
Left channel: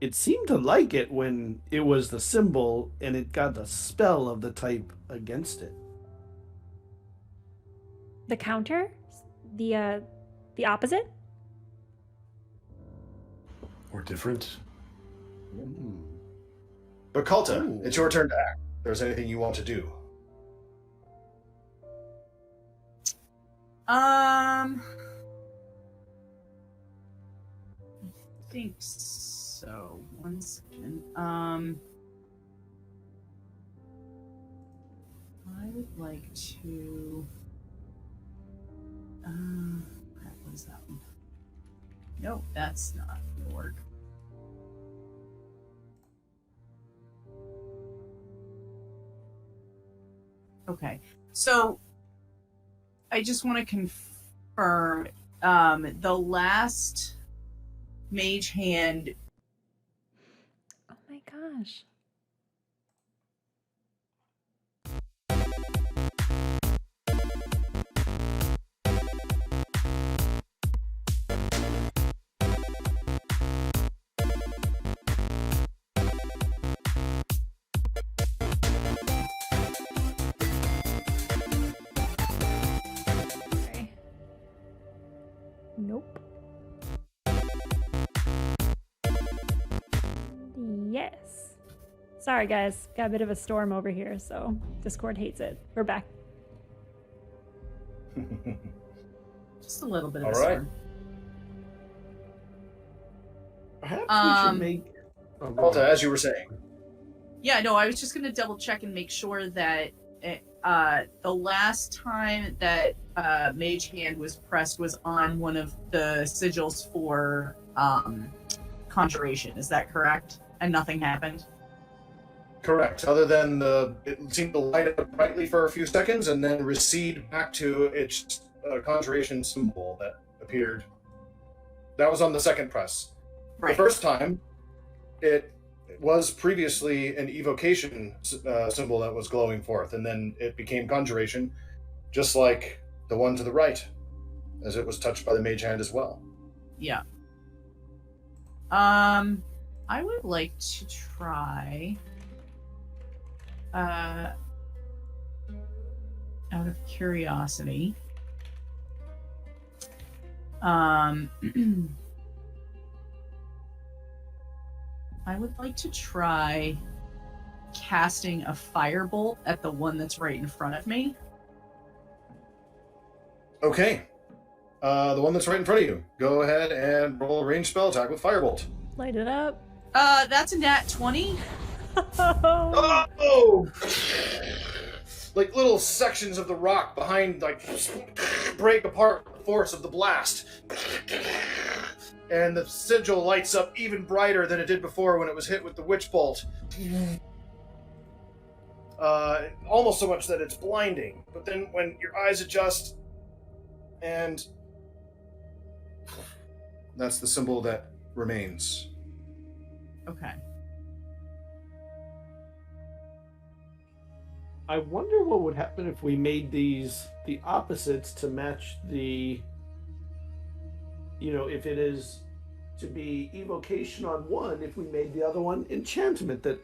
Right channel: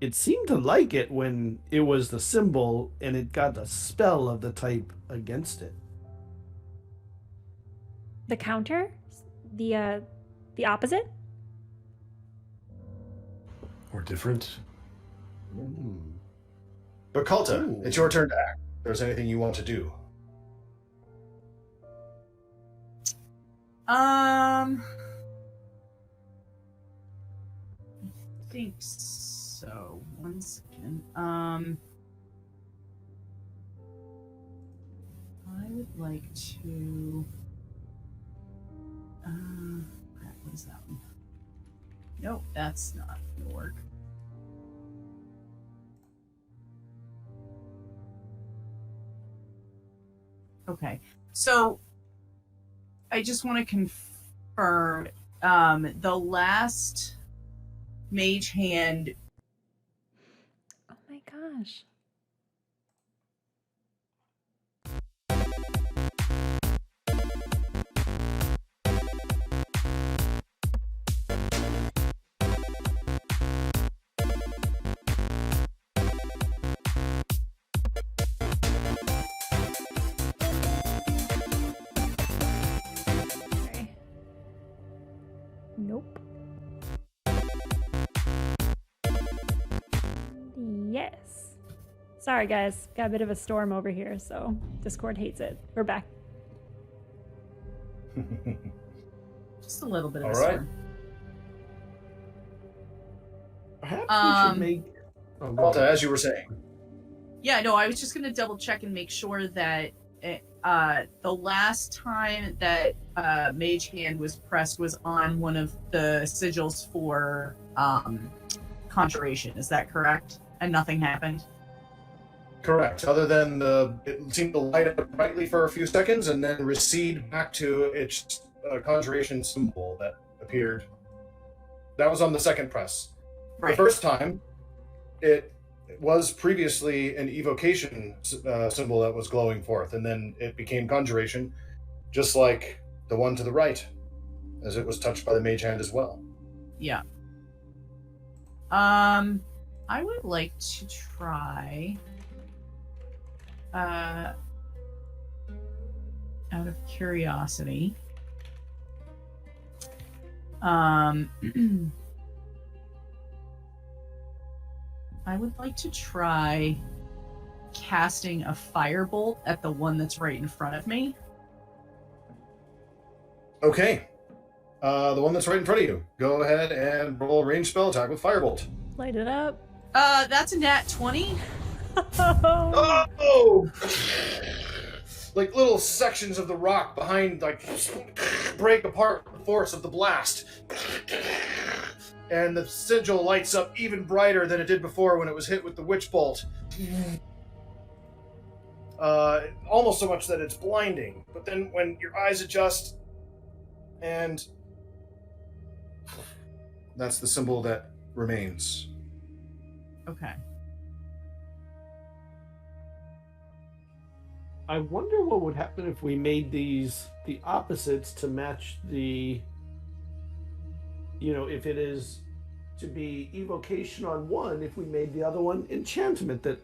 It seemed to like it when it was the symbol and it got a spell of the type against it. The counter? The opposite? Or different? But Kalta, Ooh. it's your turn to act. If there's anything you want to do. I think so. 1 second. I would like to. What is that one? Nope, that's not gonna work. Okay, so I just want to confirm the last mage hand. Oh my gosh. Okay. Nope. Yes. Sorry, guys. Got a bit of a storm over here, so Discord hates it. We're back. Just a little bit of All a right. storm. Perhaps we should make. Oh, go Kalta, on. as you were saying. Yeah, no, I was just gonna double check and make sure that the last time that Mage Hand was pressed was on one of the sigils for Conjuration. Is that correct? And nothing happened? Correct. Other than it seemed to light up brightly for a few seconds and then recede back to its conjuration symbol that appeared. That was on the second press. Right. The first time, it was previously an evocation symbol that was glowing forth, and then it became conjuration, just like the one to the right, as it was touched by the mage hand as well. Yeah. I would like to try out of curiosity. I would like to try casting a firebolt at the one that's right in front of me. Okay. The one that's right in front of you. Go ahead and roll a ranged spell attack with firebolt. Light it up. That's a nat 20. Oh. Oh! Like little sections of the rock behind, like, break apart with the force of the blast. And the sigil lights up even brighter than it did before when it was hit with the witch bolt. Almost so much that it's blinding. But then when your eyes adjust, and that's the symbol that remains. Okay. I wonder what would happen if we made these the opposites to match the. You know, if it is to be evocation on one, if we made the other one enchantment that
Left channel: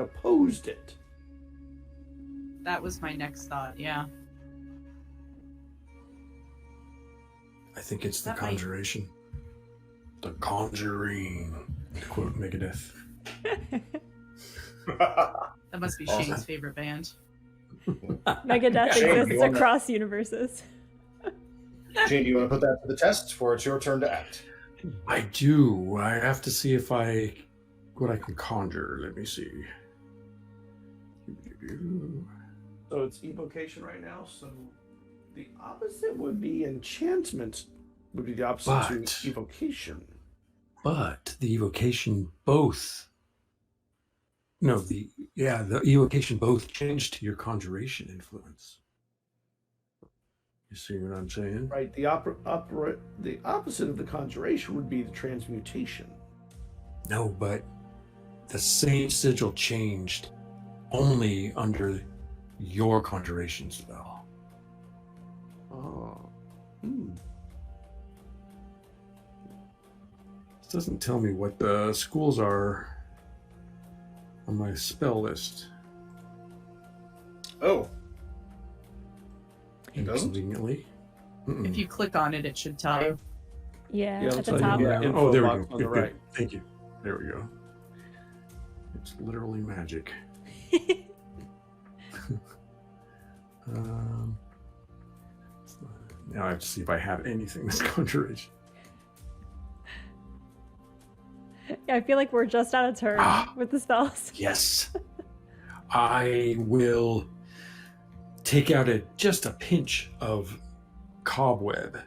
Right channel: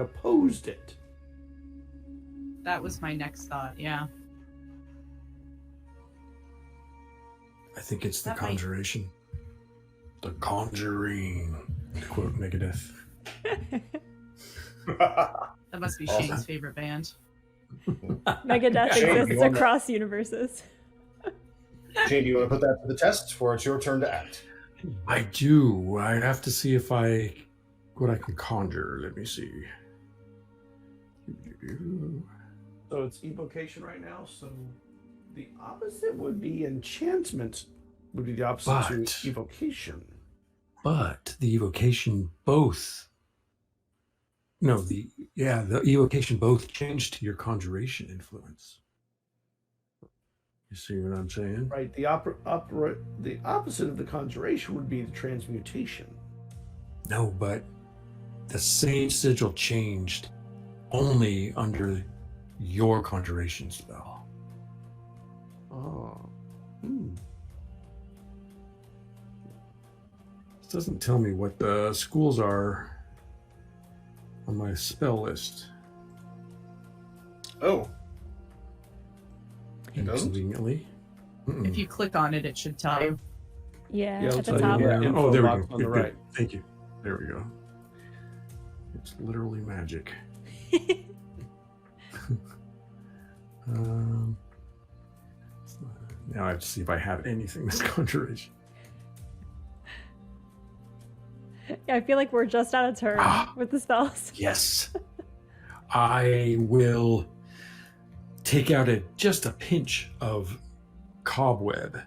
opposed it. That was my next thought, yeah. I think it's the That might- conjuration. The conjuring. Quote Megadeth. That must be Awesome. Shane's favorite band. Megadeth Shane, you exists want to- across universes. Jane, do you want to put that to the test, for it's your turn to act? I do. I have to see if what I can conjure. Let me see. So it's evocation right now. So the opposite would be enchantment. Would be the opposite But- to evocation. But the evocation both. No, the evocation both changed to your conjuration influence. You see what I'm saying? Right. The opposite of the conjuration would be the transmutation. No, but the same sigil changed only under your conjuration spell. Oh. Hmm. This doesn't tell me what the schools are on my spell list. Oh. It doesn't? Inconveniently. Mm-mm. If you click on it, it should tell you. Yeah, Yeah, at the so top. yeah. info Oh, there we box go. on the Good, good. right. Thank you. There we go. It's literally magic. um, now I have to see if I have anything that's conjuration. Yeah, I feel like we're just out of turn with the spells. Yes. I will take out just a pinch of cobweb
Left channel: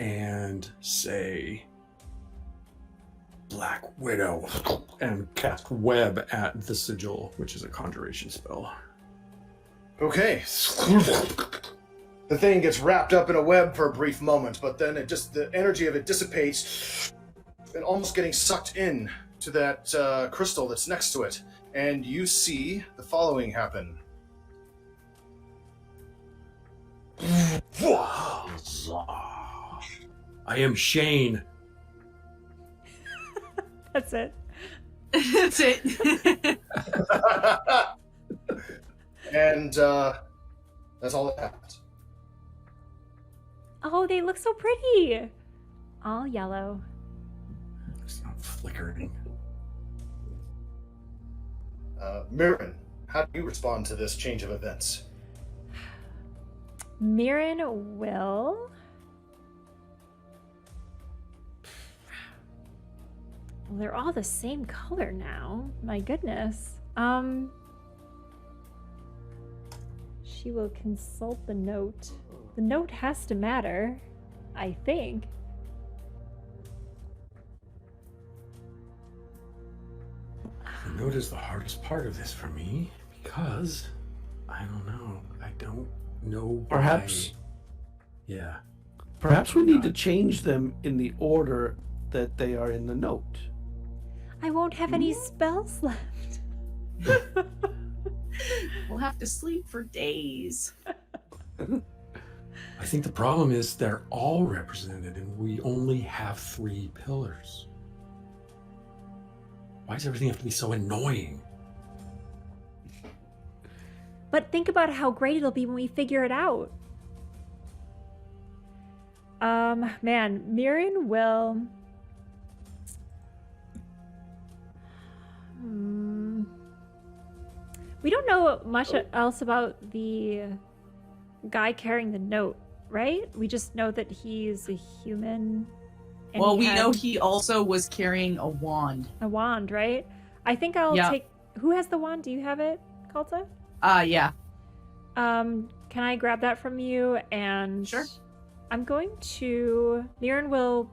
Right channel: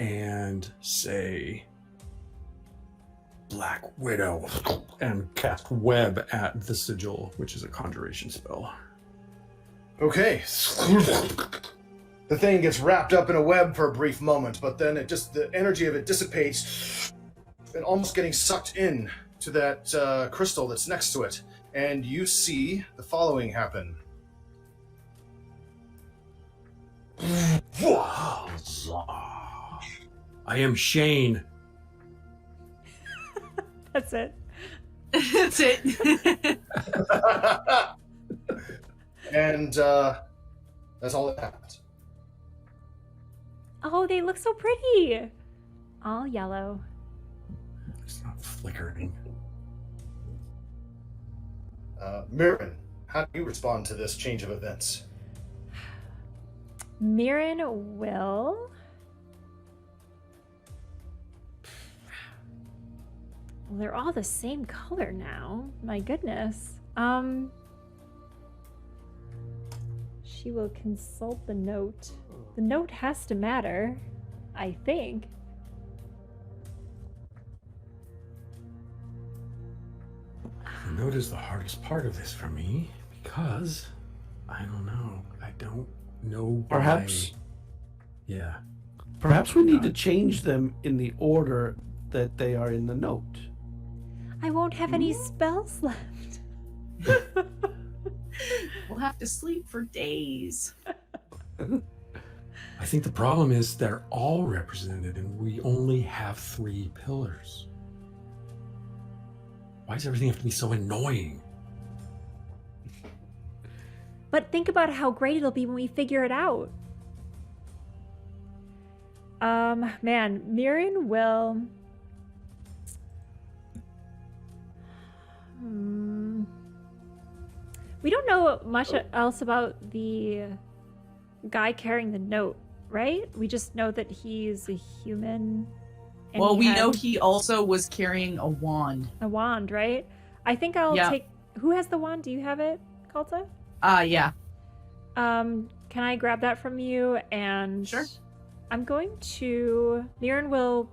and say Black Widow and cast web at the sigil, which is a conjuration spell. Okay. The thing gets wrapped up in a web for a brief moment, but then the energy of it dissipates and almost getting sucked in to that crystal that's next to it. And you see the following happen. I am Shane. That's it. That's it. And that's all that happens. Oh, they look so pretty. All yellow. It's not flickering. Mirren, how do you respond to this change of events? Mirren will. Well, they're all the same color now. My goodness. She will consult the note. The note has to matter, I think. The note is the hardest part of this for me because I don't know. I don't know why. Perhaps. Yeah. Perhaps we need to change them in the order that they are in the note. I won't have any spells left. We'll have to sleep for days. I think the problem is they're all represented and we only have 3 pillars. Why does everything have to be so annoying? But think about how great it'll be when we figure it out. Man, Mirren will... We don't know much else about the guy carrying the note, right? We just know that he's a human. And Well, he we had know he also was carrying a wand. a wand, right? I think I'll Yeah. take... Who has the wand? Do you have it, Kalta? Yeah. Can I grab that from you? And Sure. I'm going to... Mirren will...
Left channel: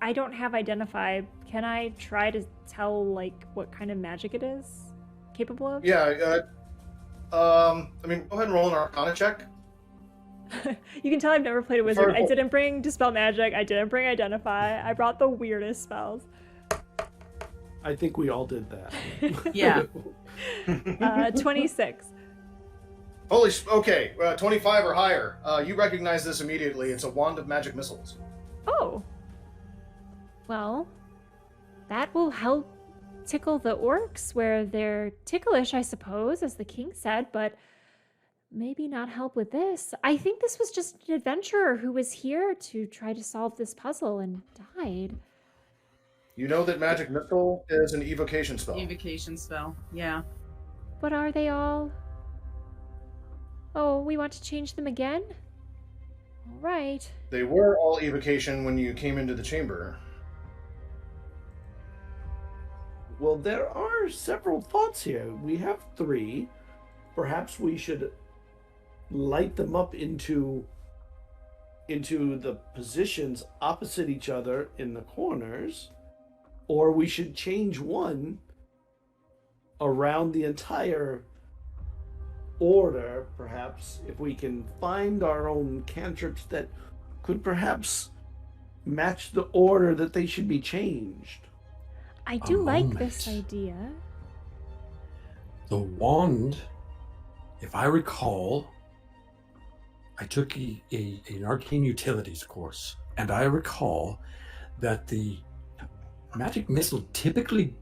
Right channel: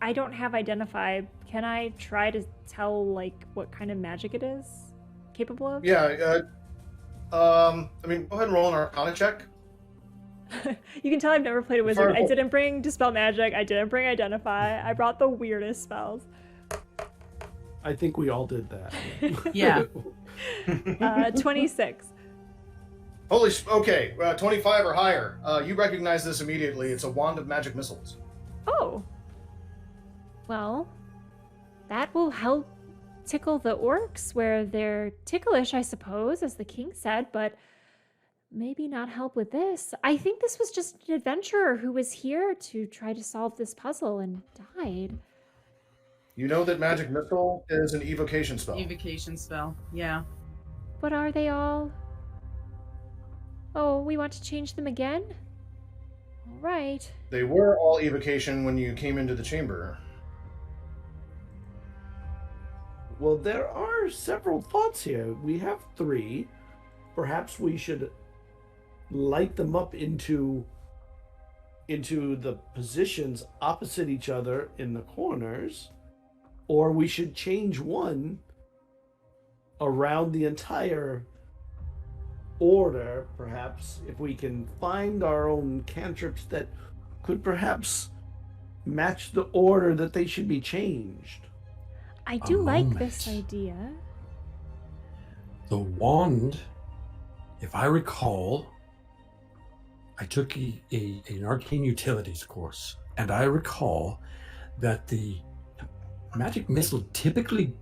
I don't have identify. Can I try to tell, like, what kind of magic it is capable of? Yeah, I mean, go ahead and roll an Arcana check. You can tell I've never played a wizard. I Verbal. didn't bring Dispel Magic. I didn't bring Identify. I brought the weirdest spells. I think we all did that. Yeah. 26. Okay, 25 or higher. You recognize this immediately. It's a wand of magic missiles. Oh. Well, that will help tickle the orcs where they're ticklish, I suppose, as the king said, but maybe not help with this. I think this was just an adventurer who was here to try to solve this puzzle and died. You know that magic missile is an evocation spell. Evocation spell. Yeah. But are they all... Oh, we want to change them again? All right. They were all evocation when you came into the chamber. Well, there are several thoughts here. We have 3. Perhaps we should light them up into the positions opposite each other in the corners, or we should change one around the entire order, perhaps, if we can find our own cantrips that could perhaps match the order that they should be changed. I do like moment. this idea. The wand, if I recall, I took an arcane utilities course, and I recall that the magic missile typically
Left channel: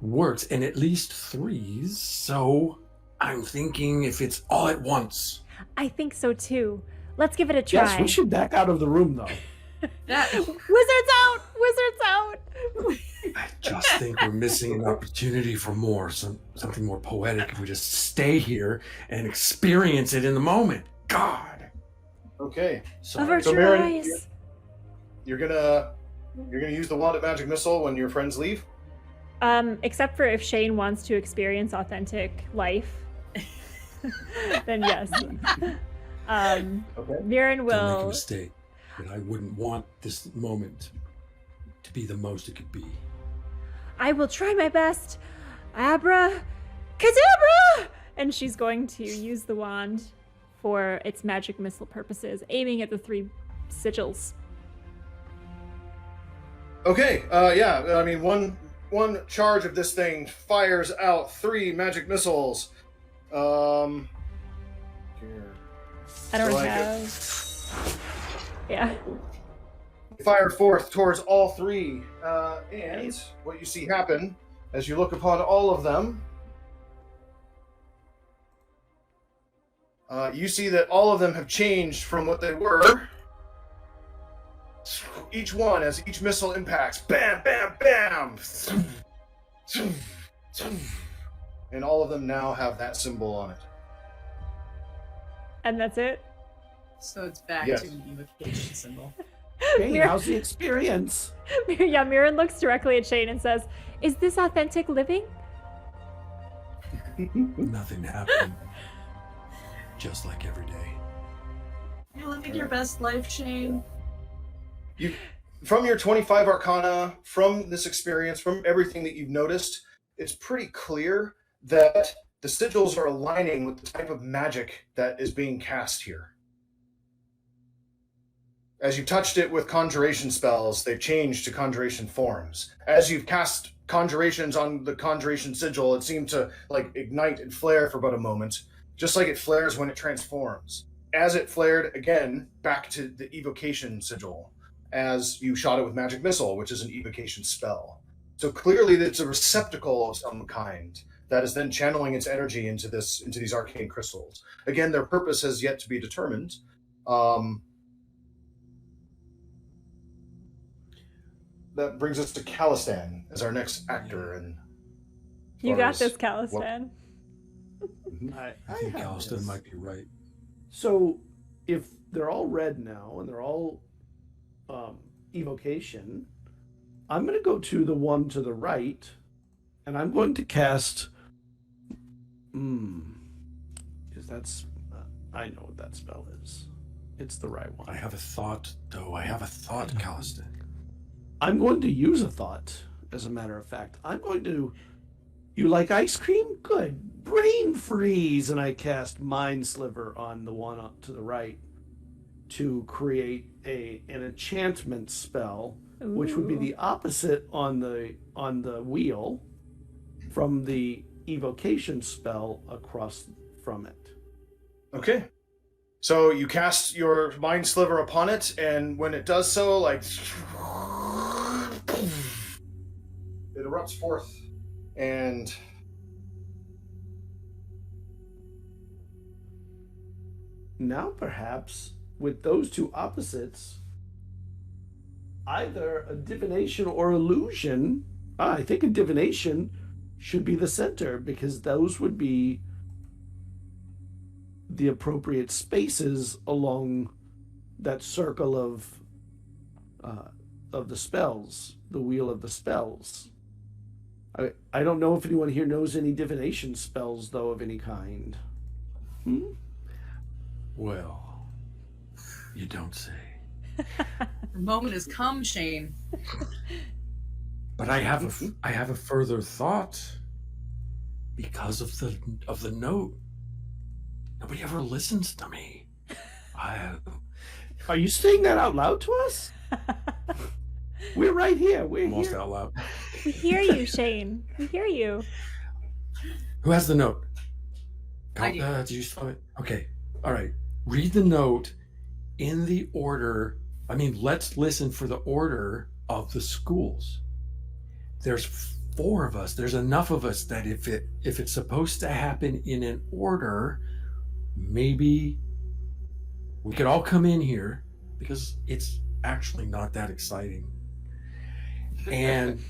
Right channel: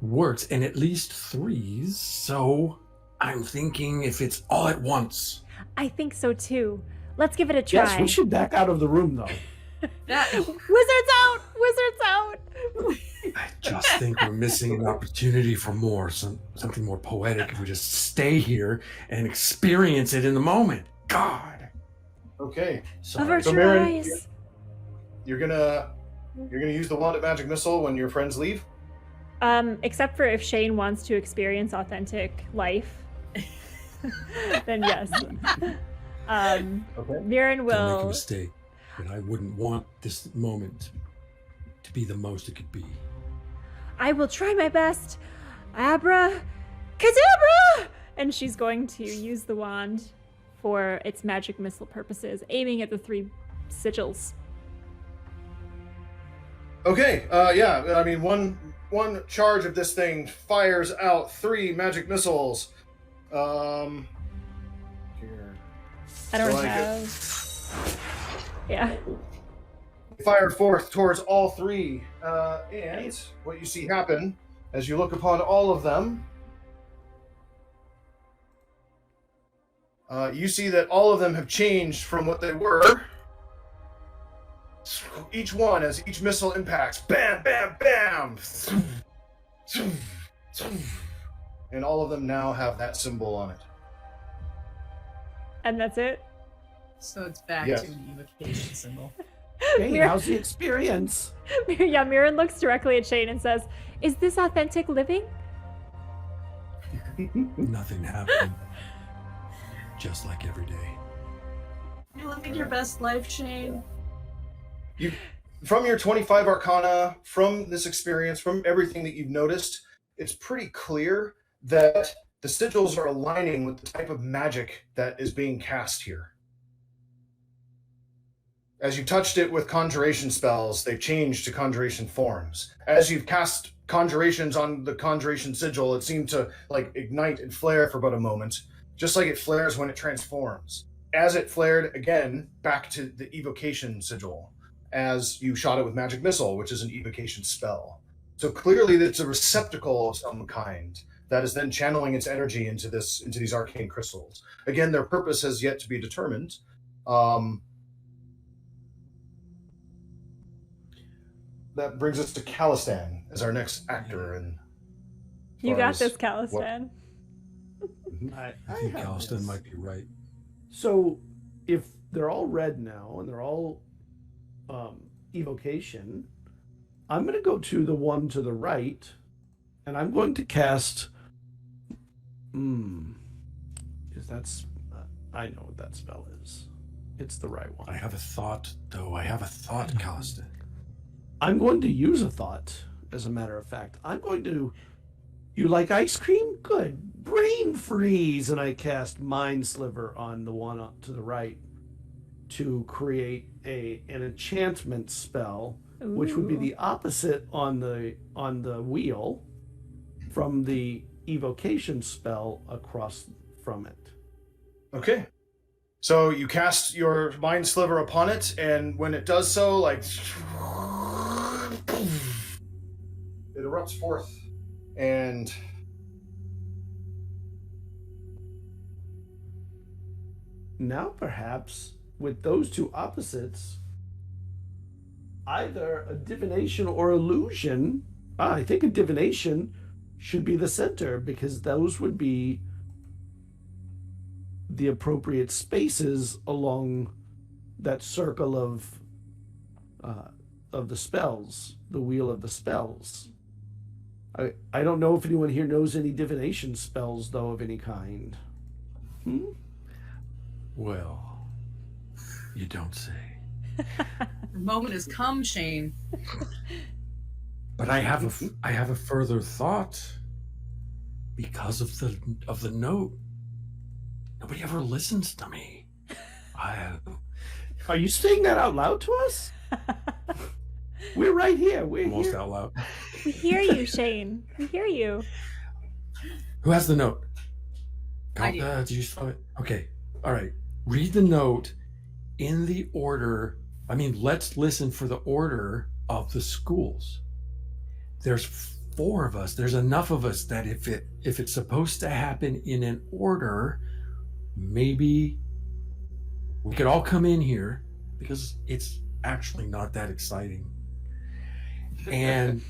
works in at least 3s, so I'm thinking if it's all at once. I think so too. Let's give it a try. Yes, we should back out of the room, though. Wizards out! Wizards out! I just think we're missing an opportunity for more, something more poetic if we just stay here and experience it in the moment. God. Okay. Avert So your Marin, eyes. You're gonna use the wand of magic missile when your friends leave. Except for if Shane wants to experience authentic life, then yes. Okay. Mirren Don't make a will. mistake, but I wouldn't want this moment to be the most it could be. I will try my best. Abra, Kadabra! And she's going to use the wand for its magic missile purposes, aiming at the 3 sigils. Okay. Yeah. I mean, one charge of this thing fires out 3 magic missiles. Here. I don't So I get- have. Yeah. Fire forth towards all 3, and what you see happen as you look upon all of them, you see that all of them have changed from what they were. Each one, as each missile impacts, bam, bam, bam, and all of them now have that symbol on it. And that's it. So it's back Yes. to an evocation symbol. Hey, Mir- how's the experience? Yeah, Mirren looks directly at Shane and says, "Is this authentic living?" Nothing happened. Just like every day. You're living your best life, Shane. From your 25 Arcana, from this experience, from everything that you've noticed, it's pretty clear that the sigils are aligning with the type of magic that is being cast here. As you touched it with conjuration spells, they've changed to conjuration forms. As you've cast conjurations on the conjuration sigil, it seemed to like ignite and flare for about a moment, just like it flares when it transforms. As it flared again, back to the evocation sigil, as you shot it with magic missile, which is an evocation spell. So clearly it's a receptacle of some kind that is then channeling its energy into these arcane crystals. Again, their purpose has yet to be determined. That brings us to Calistan as our next actor. And You got this, Calistan. I think have Alston this. might be right. So, if they're all red now and they're all evocation, I'm going to go to the one to the right, and I'm going to cast. Is that's? I know what that spell is. It's the right one. I have a thought, though. I have a thought, Calistan. I'm going to use a thought, as a matter of fact. I'm going to. You like ice cream? Good. Brain freeze! And I cast Mind Sliver on the one to the right to create an enchantment spell, which would be Ooh. the opposite on the wheel from the evocation spell across from it. Okay. So you cast your mind sliver upon it, and when it does so, like it erupts forth, and Now perhaps with those two opposites, either a divination or illusion. I think a divination should be the center, because those would be the appropriate spaces along that circle of the spells, the wheel of the spells. I don't know if anyone here knows any divination spells, though, of any kind. Well, you don't say. The moment has come, Shane. But I have a further thought because of the note. Nobody ever listens to me. Are you saying that out loud to us? We're right here. We're Almost here. out loud. We hear you, Shane. We hear you. Who has the note? I do. Did you spell it? Okay. All right. Read the note in the order. I mean, let's listen for the order of the schools. There's 4 of us. There's enough of us that if it's supposed to happen in an order, maybe we could all come in here because it's actually not that exciting. And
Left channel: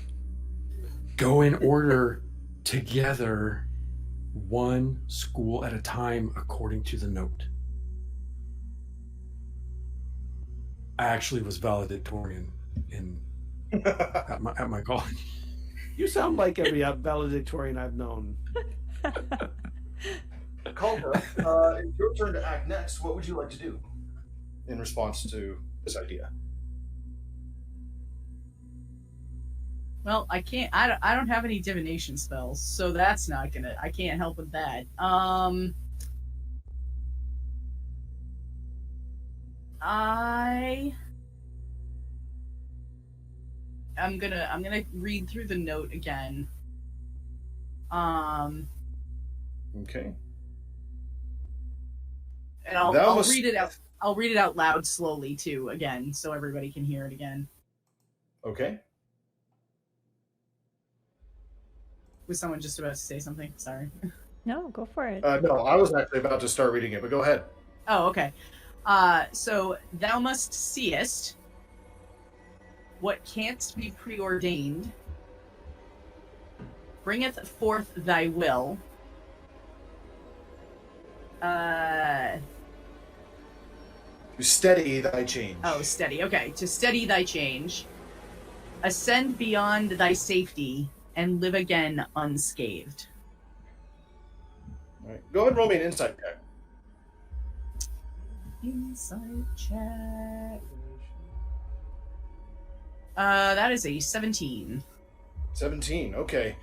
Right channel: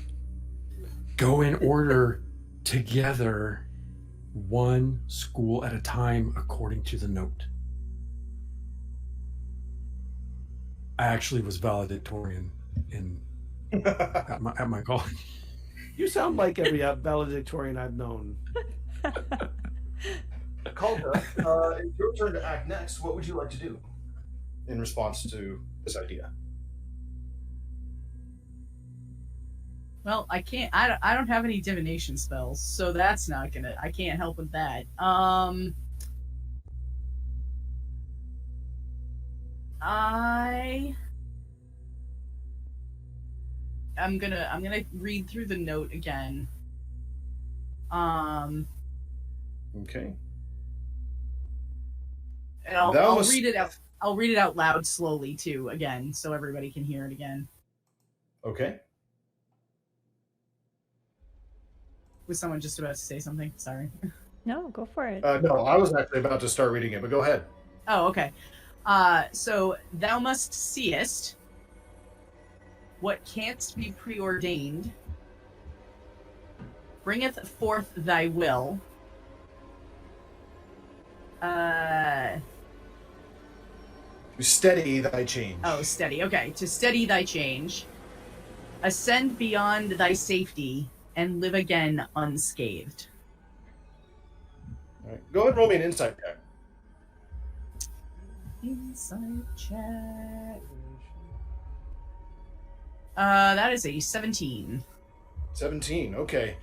go in order together, one school at a time according to the note. I actually was valedictorian at my college. You sound like every valedictorian I've known. Calder, it's your turn to act next. What would you like to do in response to this idea? Well, I can't. I don't have any divination spells, so that's not gonna. I can't help with that. I'm gonna read through the note again. Okay. And I'll read it out. I'll read it out loud slowly too again, so everybody can hear it again. Okay. Was someone just about to say something? Sorry. No, go for it. No, I was actually about to start reading it, but go ahead. Oh, okay. So thou must seest what canst be preordained, bringeth forth thy will. To steady thy change. Oh, steady. Okay, to steady thy change, ascend beyond thy safety, and live again unscathed. All right. Go ahead and roll me an insight check. Insight check. That is a 17. 17, okay.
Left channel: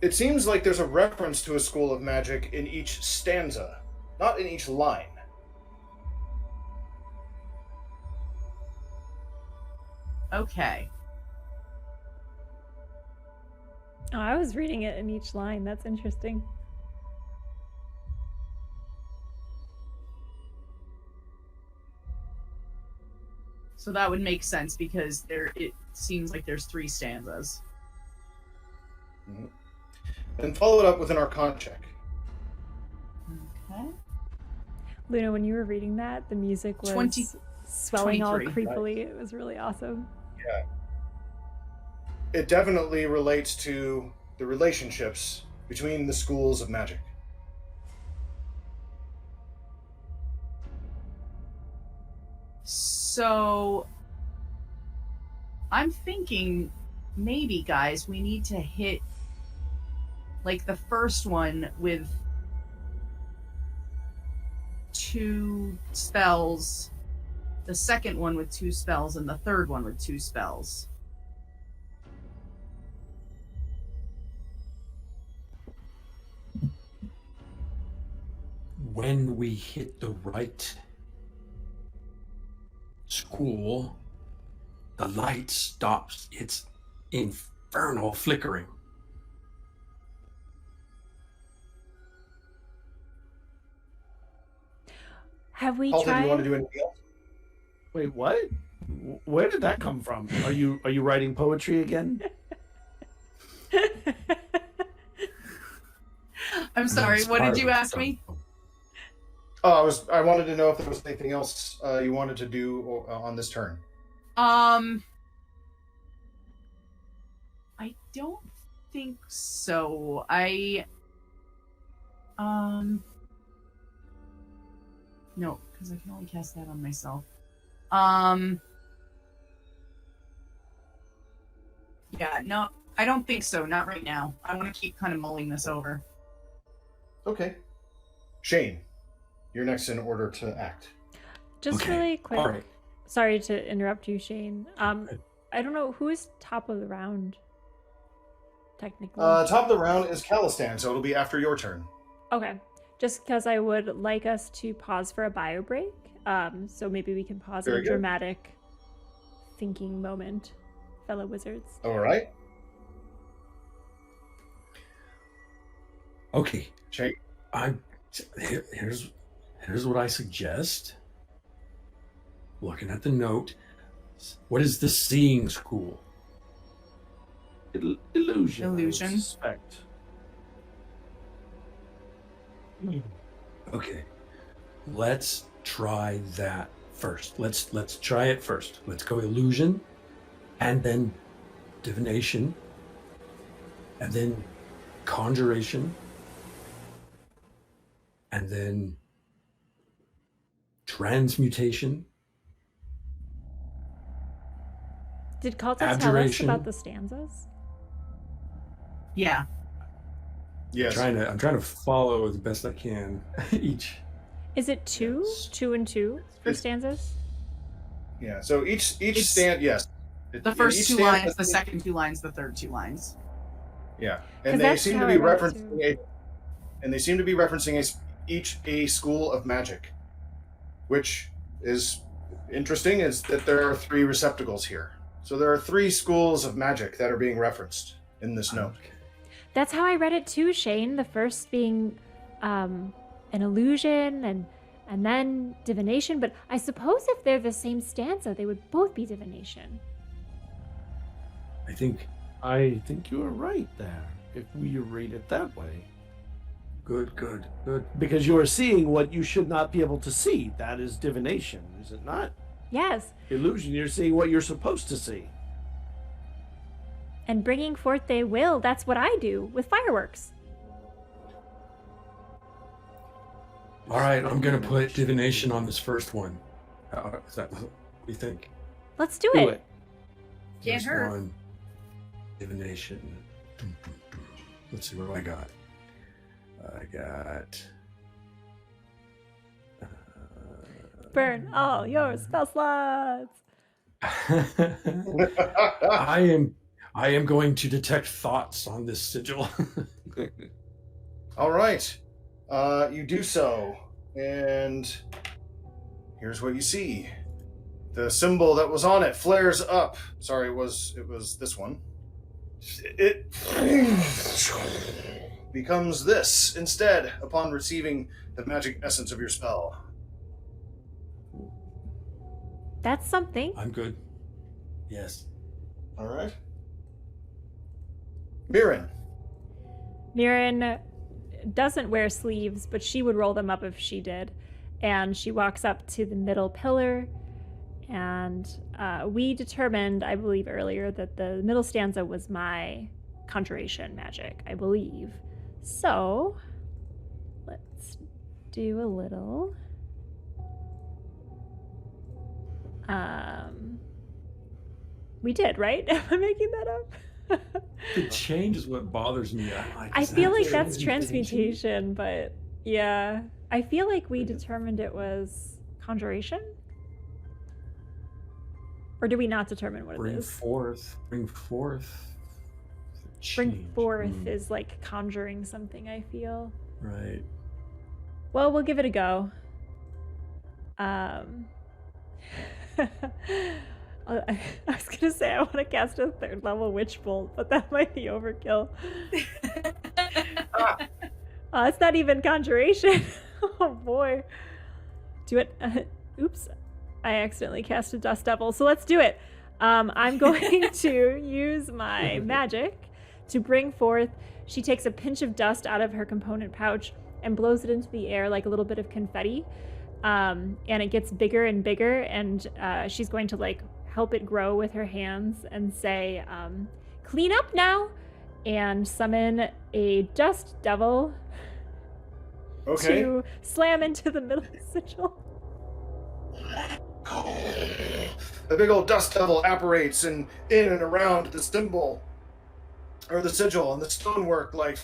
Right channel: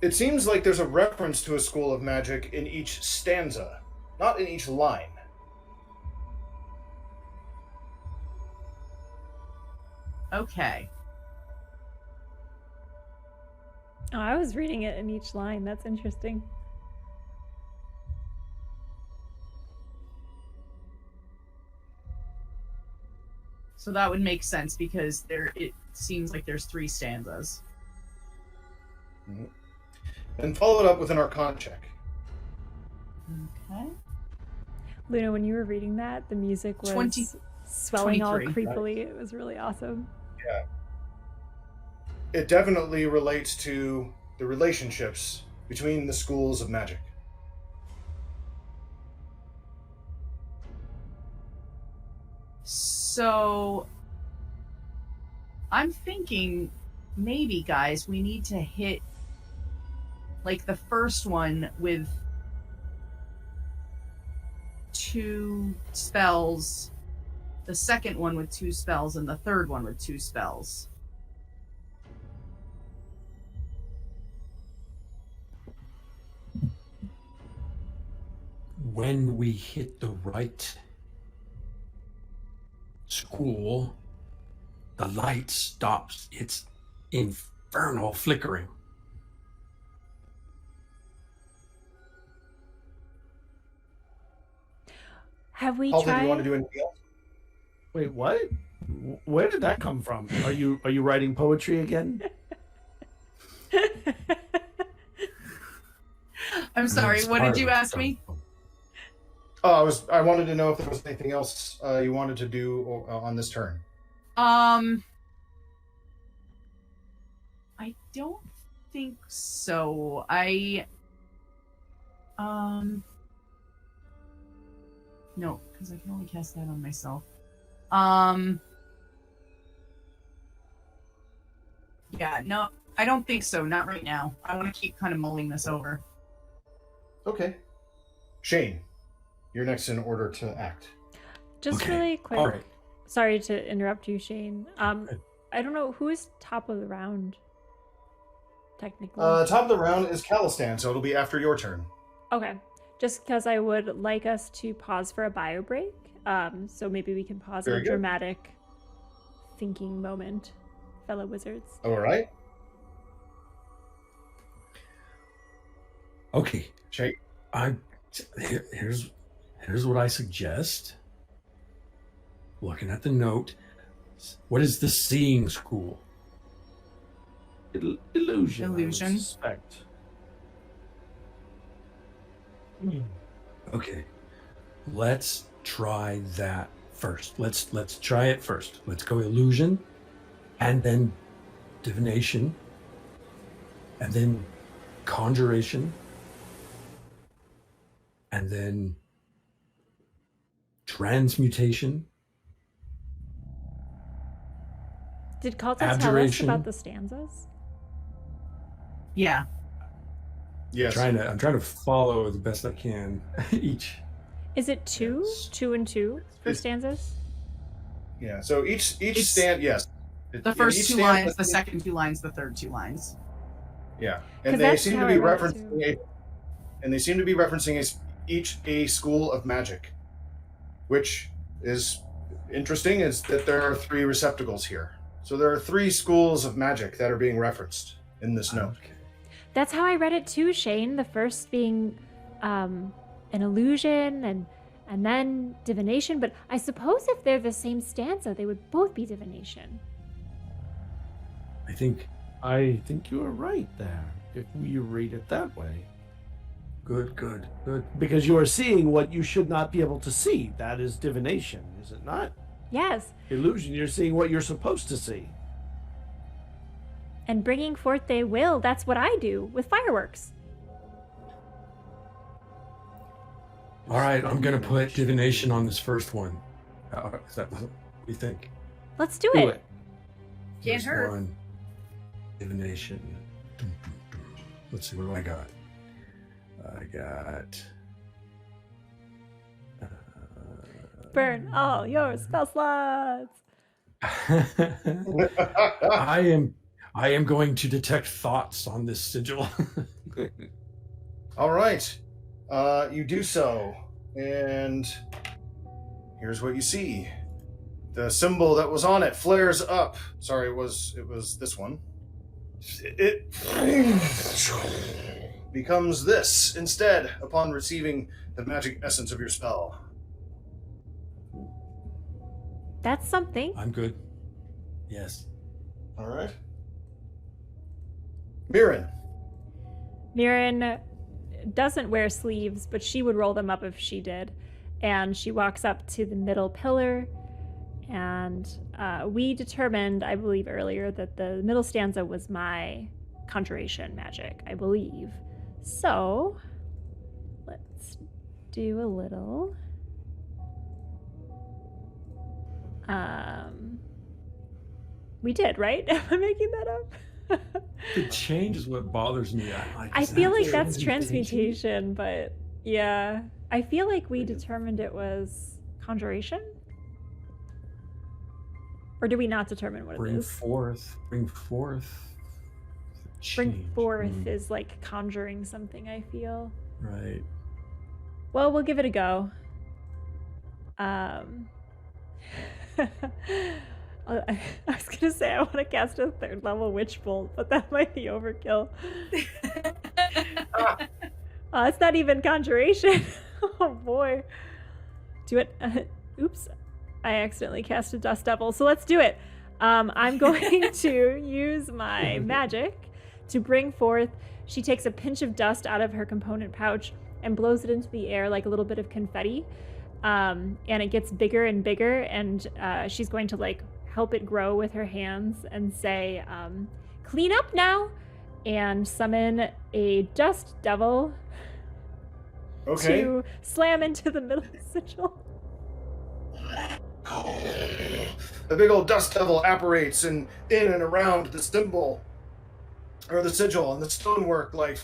It seems like there's a reference to a school of magic in each stanza, not in each line. Okay. Oh, I was reading it in each line. That's interesting. So that would make sense because it seems like there's 3 stanzas. Mm-hmm. And follow it up with an Arcana check. Okay. Luna, when you were reading that, the music was 20 swelling all 23. creepily. It was really awesome. Yeah. It definitely relates to the relationships between the schools of magic. So I'm thinking maybe, guys, we need to hit like the first one with 2 spells, the second one with 2 spells, and the third one with 2 spells. When we hit the right school, the light stops its infernal flickering. Have we Paul, do you want to tried? do anything else? Wait, what? Where did that come from? Are you writing poetry again? I'm sorry, what did you ask me? Oh, I wanted to know if there was anything else you wanted to do on this turn. I don't think so. No, because I can only cast that on myself. Yeah, no, I don't think so. Not right now. I want to keep kind of mulling this over. Okay. Shane, you're next in order to act. Just Okay, really quick. all right. Sorry to interrupt you, Shane. I don't know who is top of the round. Technically. Top of the round is Calistan, so it'll be after your turn. Okay. just because I would like us to pause for a bio break. So maybe we can pause at Very a good. dramatic thinking moment, fellow wizards. All right. Okay. Shake. Here's what I suggest. Looking at the note, what is the seeing school? Illusion. I would Illusion. suspect. Okay, let's try that first. Let's try it first. Let's go illusion, and then divination, and then conjuration, and then transmutation. Did Kalta tell us Abjuration. about the stanzas? Yeah. Yes. I'm trying to follow the best I can each. Is it two? 2 and 2 for It's- stanzas? Yeah. So each It's- stand, yes. The Each first 2 stand lines, has- the second 2 lines, the third 2 lines. Yeah, 'Cause and they that's seem to how be I read it, referencing too. each a school of magic, which is interesting. Is that there are 3 receptacles here, so there are 3 schools of magic that are being referenced in this note. Okay. That's how I read it too, Shane. The first being an illusion and then divination. But I suppose if they're the same stanza, they would both be divination. I think I think you are right there, if we read it that way. good. Because you are seeing what you should not be able to see. That is divination, is it not? Yes, Illusion, you're seeing what you're supposed to see. and bringing forth they will. That's what I do with fireworks. All right, I'm gonna put divination on this first one. Is that what you think? Let's do Do it. it. Can't First hurt. one, divination. Let's see what do I got. I got. Burn all your spell slots. I am going to detect thoughts on this sigil. All right, you do so, and here's what you see: the symbol that was on it flares up. Sorry, it was this one. It becomes this instead upon receiving the magic essence of your spell. That's something. I'm good. Yes. All right. Mirren. Mirren doesn't wear sleeves, but she would roll them up if she did. And she walks up to the middle pillar. And we determined, I believe earlier, that the middle stanza was my conjuration magic, I believe. So let's do a little. We did, right? Am I making that up? The change is what bothers me. I feel like that that's transmutation, but yeah. I feel like we determined it was conjuration? Or do we not determine what it Bring is? forth. Bring change. forth is like conjuring something, I feel. Right. Well, we'll give it a go. I was gonna say I want to cast a 3rd level witch bolt, but that might be overkill. It's not even conjuration. Oh boy. Do it. Oops. I accidentally cast a dust devil. So let's do it. I'm going to use my magic to bring forth. She takes a pinch of dust out of her component pouch and blows it into the air like a little bit of confetti. And it gets bigger and bigger. And she's going to like help it grow with her hands and say, clean up now, and summon a dust devil Okay. to slam into the middle sigil. The big old dust devil apparates in and around the symbol, or the sigil, and the stonework like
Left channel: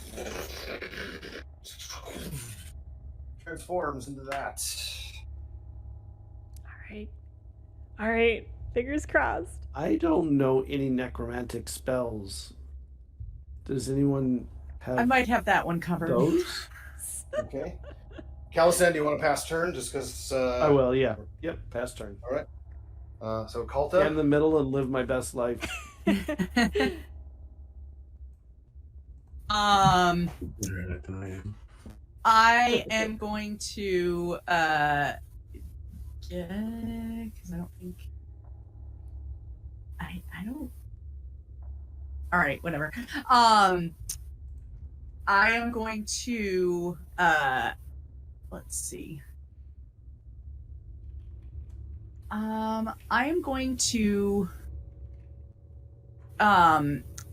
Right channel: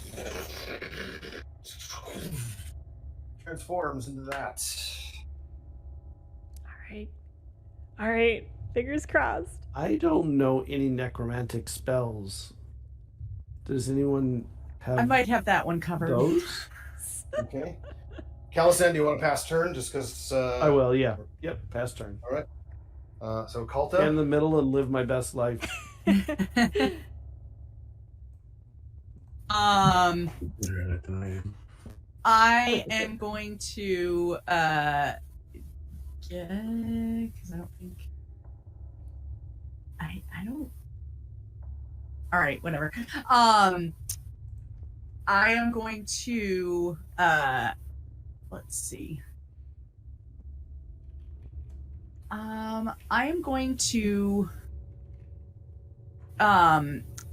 transforms into that. All right, fingers crossed. I don't know any necromantic spells. Does anyone have I might have that one covered. those? Okay. Calisan, do you want to pass turn just because? I will, yeah. Yep, pass turn. All right. So Kalta. In the middle and live my best life. I am going to because I don't think I don't. All right, whatever. I am going to let's see. I am going to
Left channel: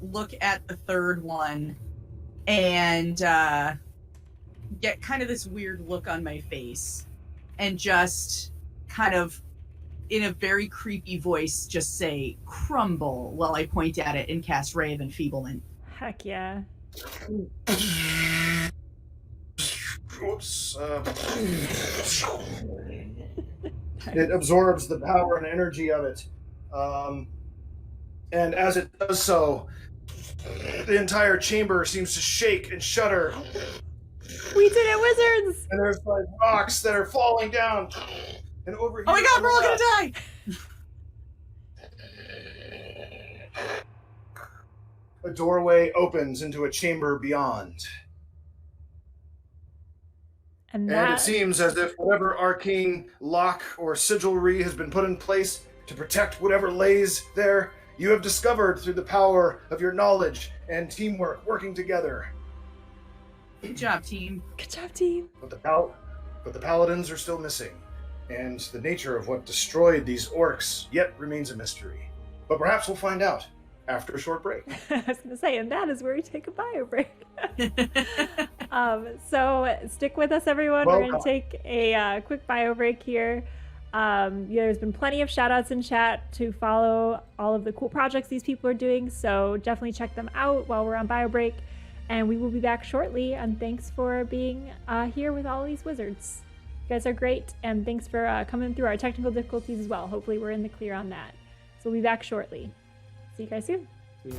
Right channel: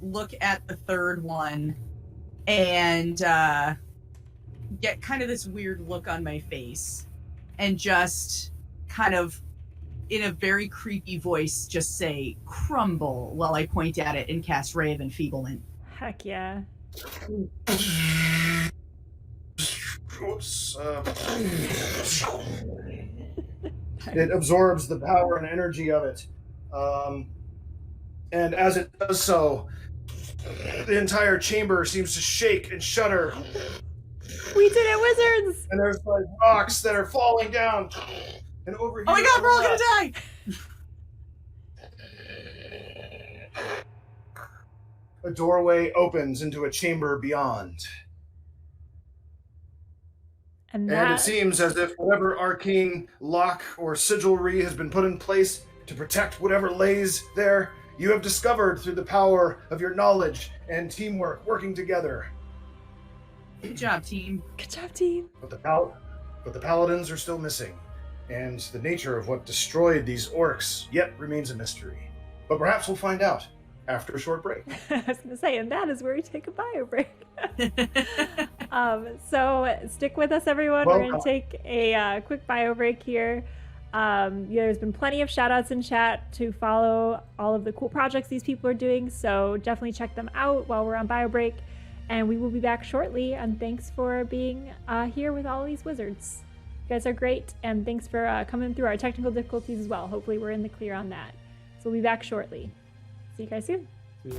look at the third one and get kind of this weird look on my face and just kind of in a very creepy voice just say crumble while I point at it and cast Ray of Enfeeblement. Heck yeah. Oops. It absorbs the power and energy of it. And as it does so, the entire chamber seems to shake and shudder. We did it, wizards! And there's like rocks that are falling down. And over here. Oh my god, we're all gonna die! A doorway opens into a chamber beyond. And And it seems as if whatever arcane lock or sigilry has been put in place to protect whatever lays there, you have discovered through the power of your knowledge and teamwork working together. Good job, team. Good job, team. But the paladins are still missing, and the nature of what destroyed these orcs yet remains a mystery. But perhaps we'll find out after a short break. I was going to say, and that is where we take a bio break. So stick with us, everyone. We're going to take a quick bio break here. There's been plenty of shout outs in chat to follow all of the cool projects these people are doing, so definitely check them out while we're on bio break. And we will be back shortly, and thanks for being here with all these wizards. You guys are great, and thanks for coming through our technical difficulties as well. Hopefully we're in the clear on that. So we'll be back shortly. See you guys soon. See ya.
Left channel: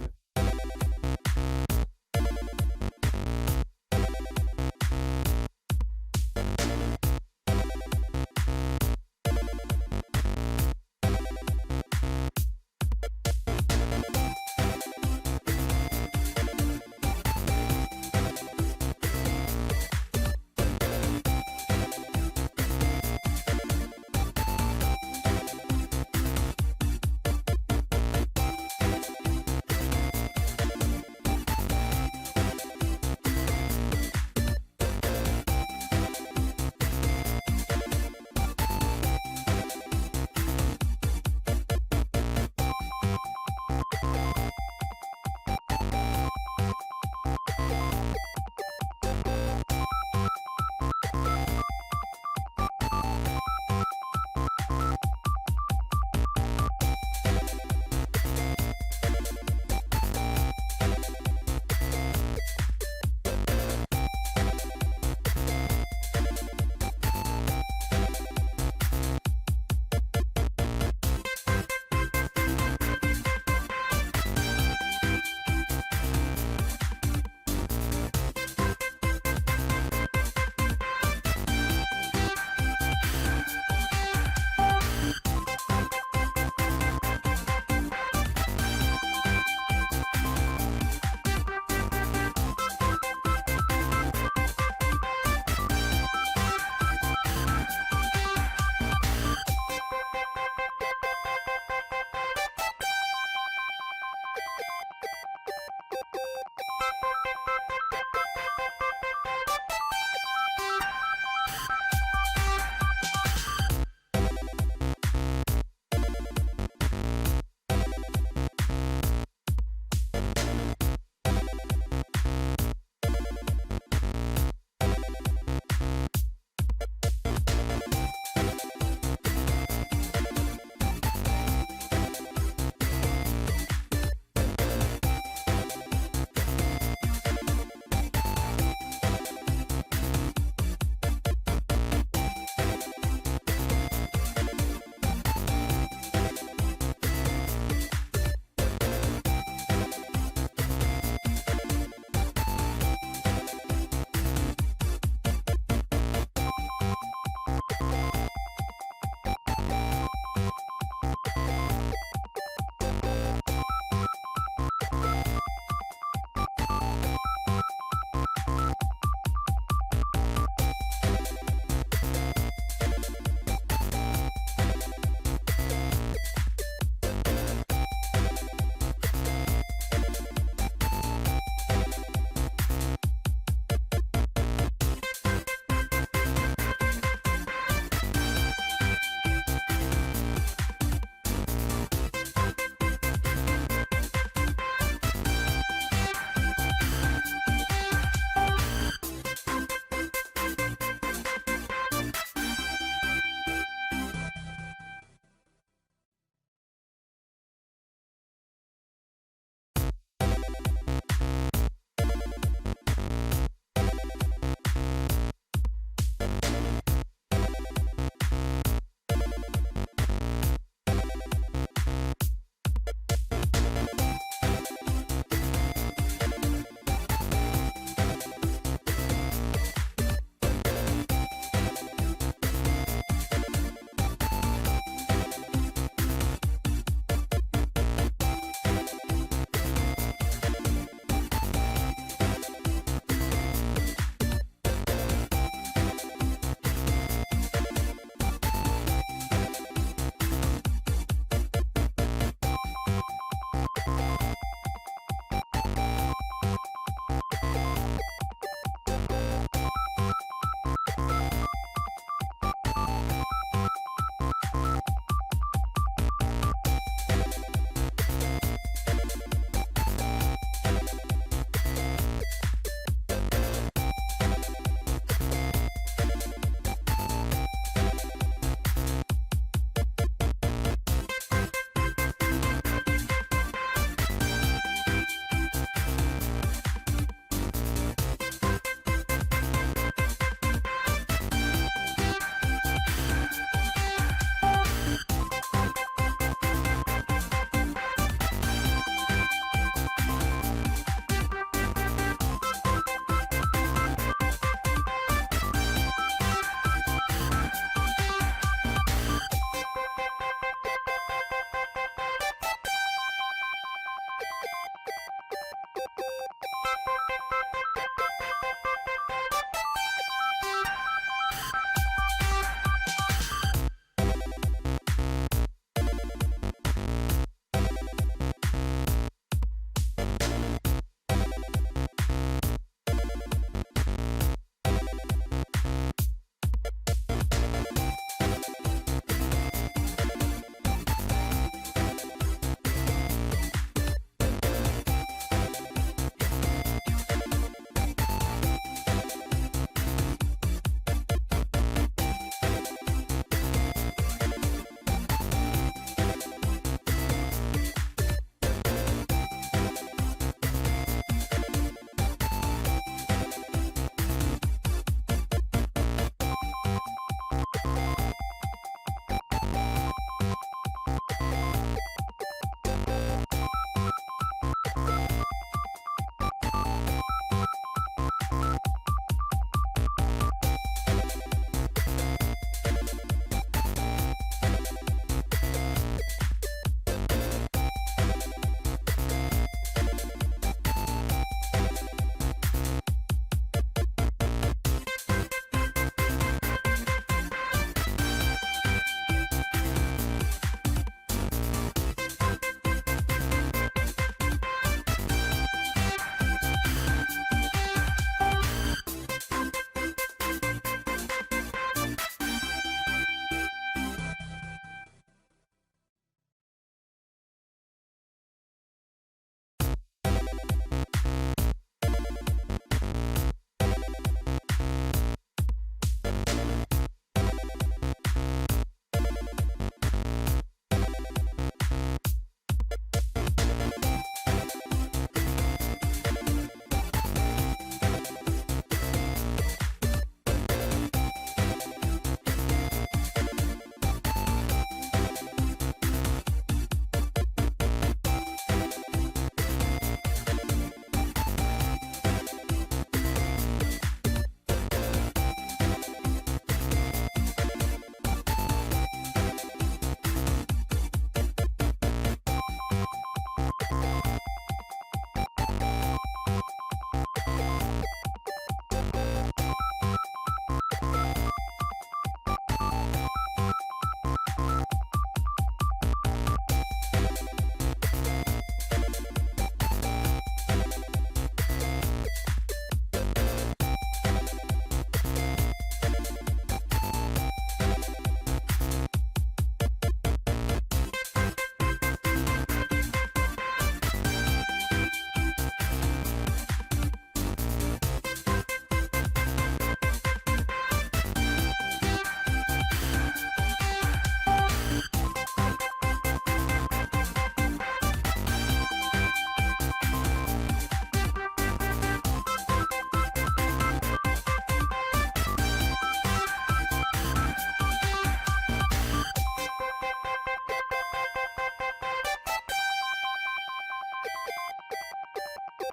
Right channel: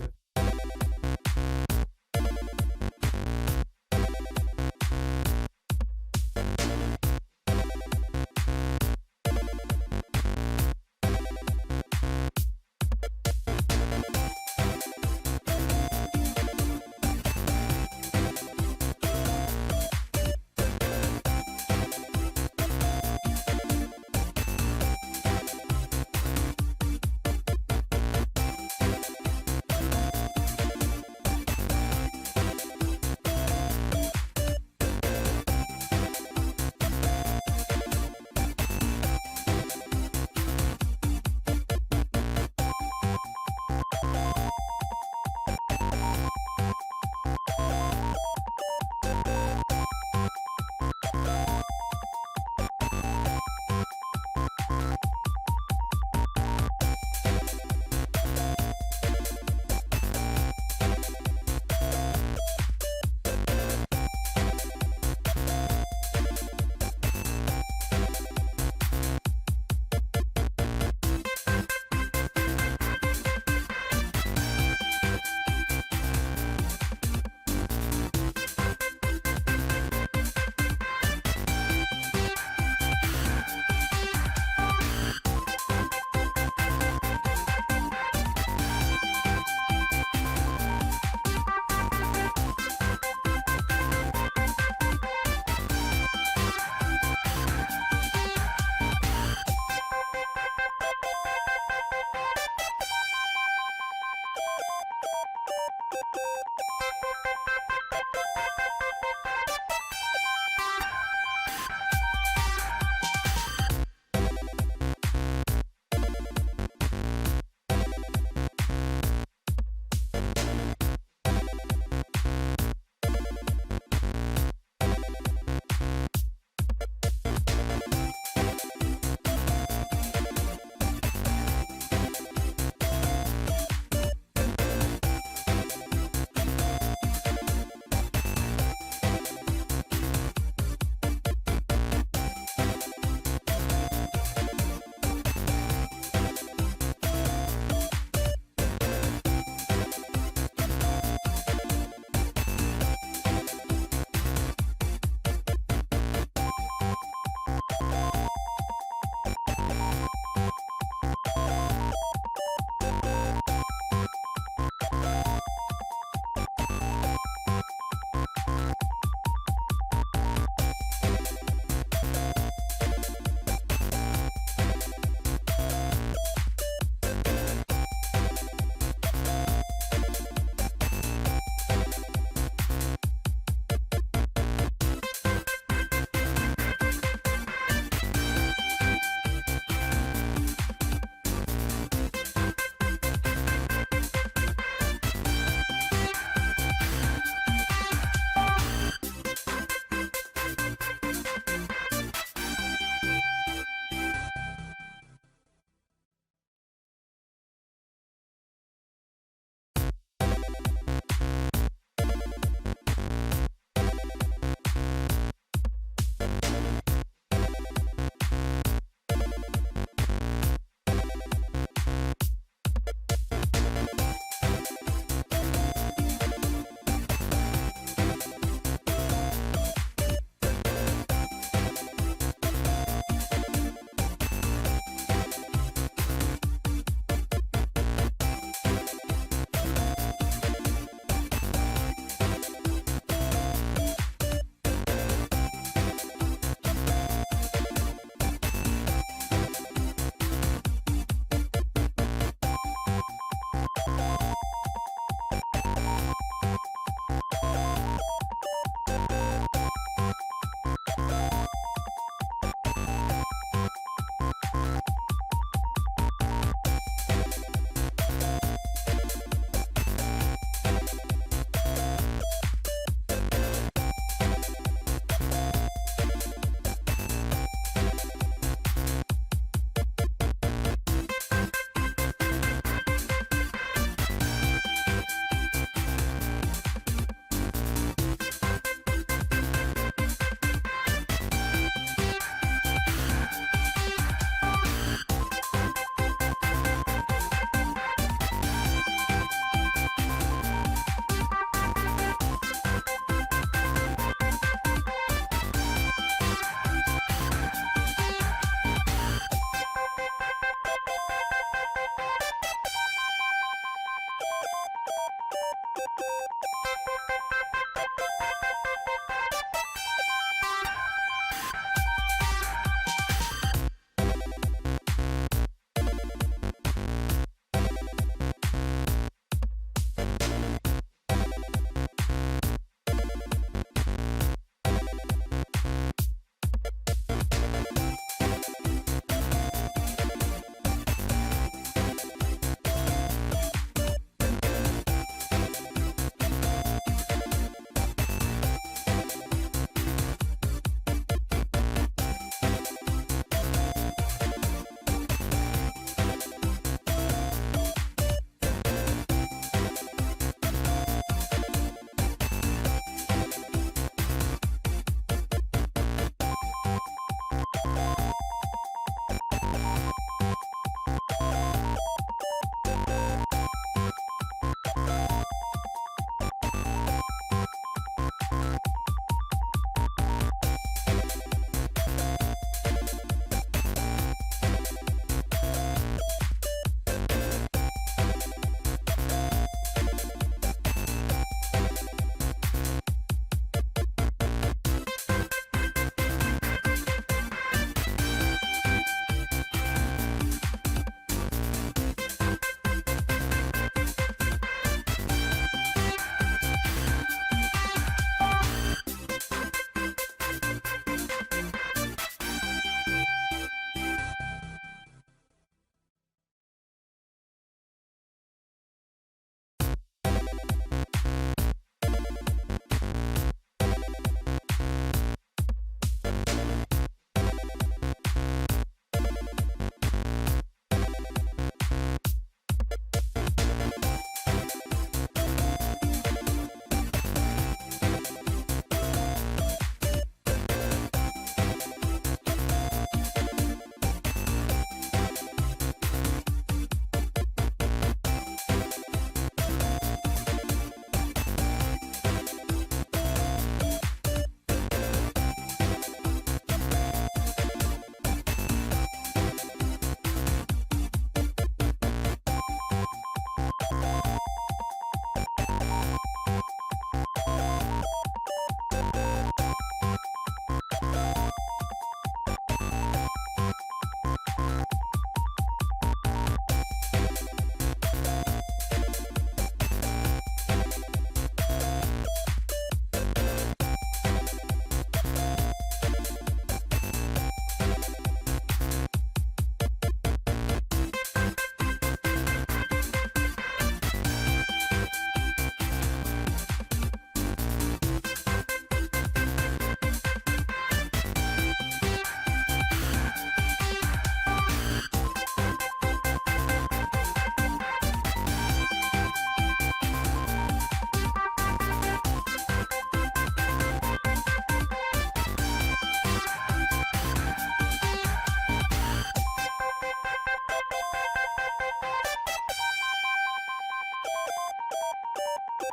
Hey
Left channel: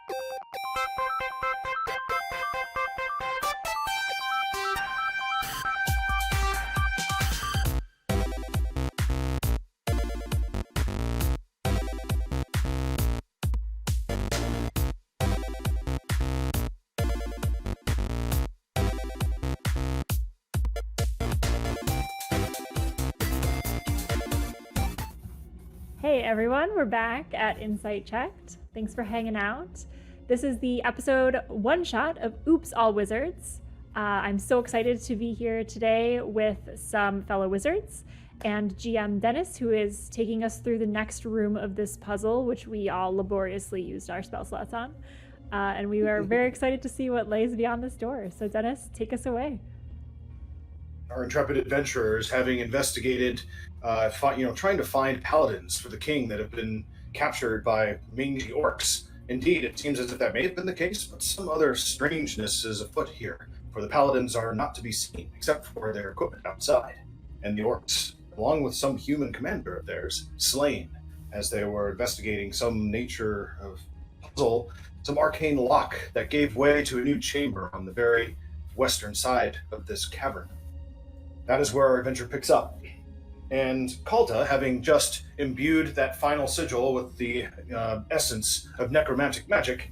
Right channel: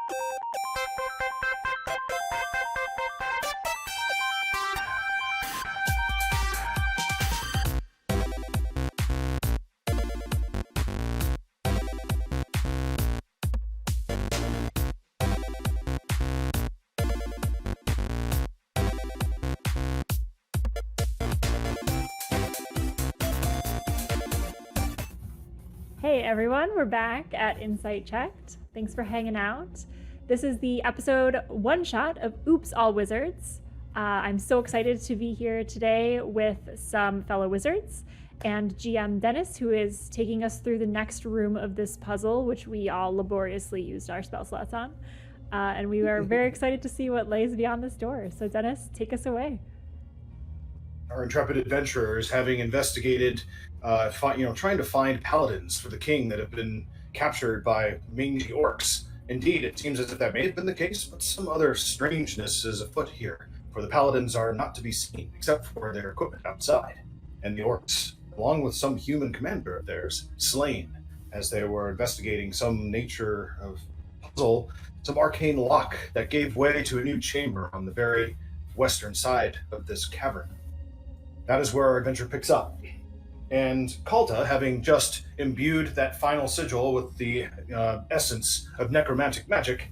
everyone, we're back at Insight Checked. Thanks for hanging out. This is the episode one shot of Oops All Wizards. I'm so excited to be here today with some fellow wizards and GM Dennis, who is taking us through the next room of this puzzle, which we all laboriously used our spell slots on. And we are very excited to see what lays beyond this door. So Dennis, take us away. Our intrepid adventurers, having investigated, trying to find paladins for the king that have been captured by mangy orcs. Indeed, it seems as if that may have been the case, but some other strangeness is afoot here, for the paladins are not to be seen, except for their equipment outside, and the orcs, along with some human commander of theirs, slain as they were investigating some nature of puzzle, some arcane lock that gave way to a new chamber on the very western side of this cavern. That is where our adventure picks up. And Kalta, having just imbued that final sigil with the essence of necromantic magic,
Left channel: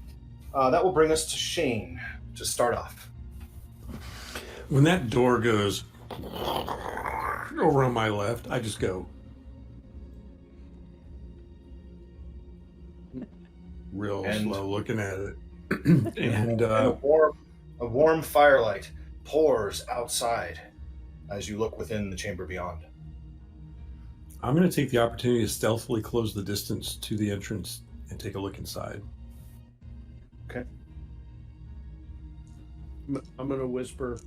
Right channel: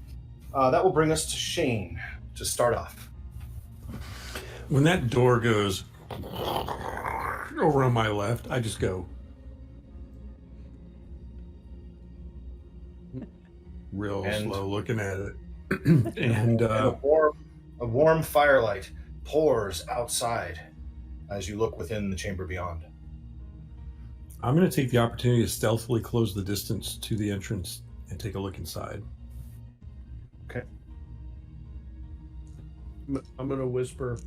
that will bring us to Shane to start off. When that door goes over on my left, I just go real slow looking at it. and a warm firelight pours outside as you look within the chamber beyond. I'm going to take the opportunity to stealthily close the distance to the entrance and take a look inside. Okay. I'm going to whisper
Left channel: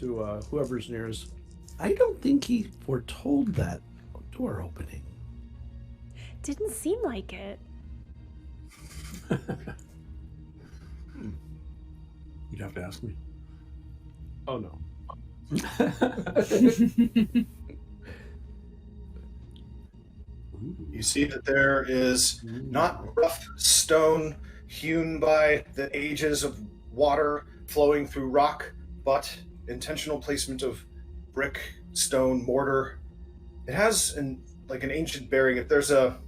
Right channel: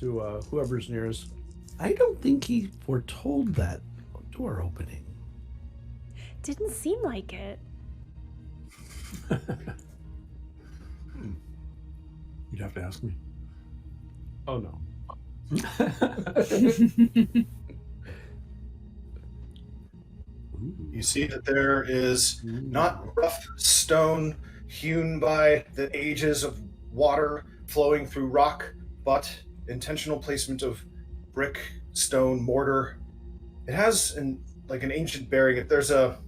to whoever's nearest. I don't think he foretold that door opening. Didn't seem like it. You'd have to ask me. Oh, no. You see that there is not rough stone hewn by the ages of water flowing through rock, but intentional placement of brick, stone, mortar. It has an ancient bearing. There's a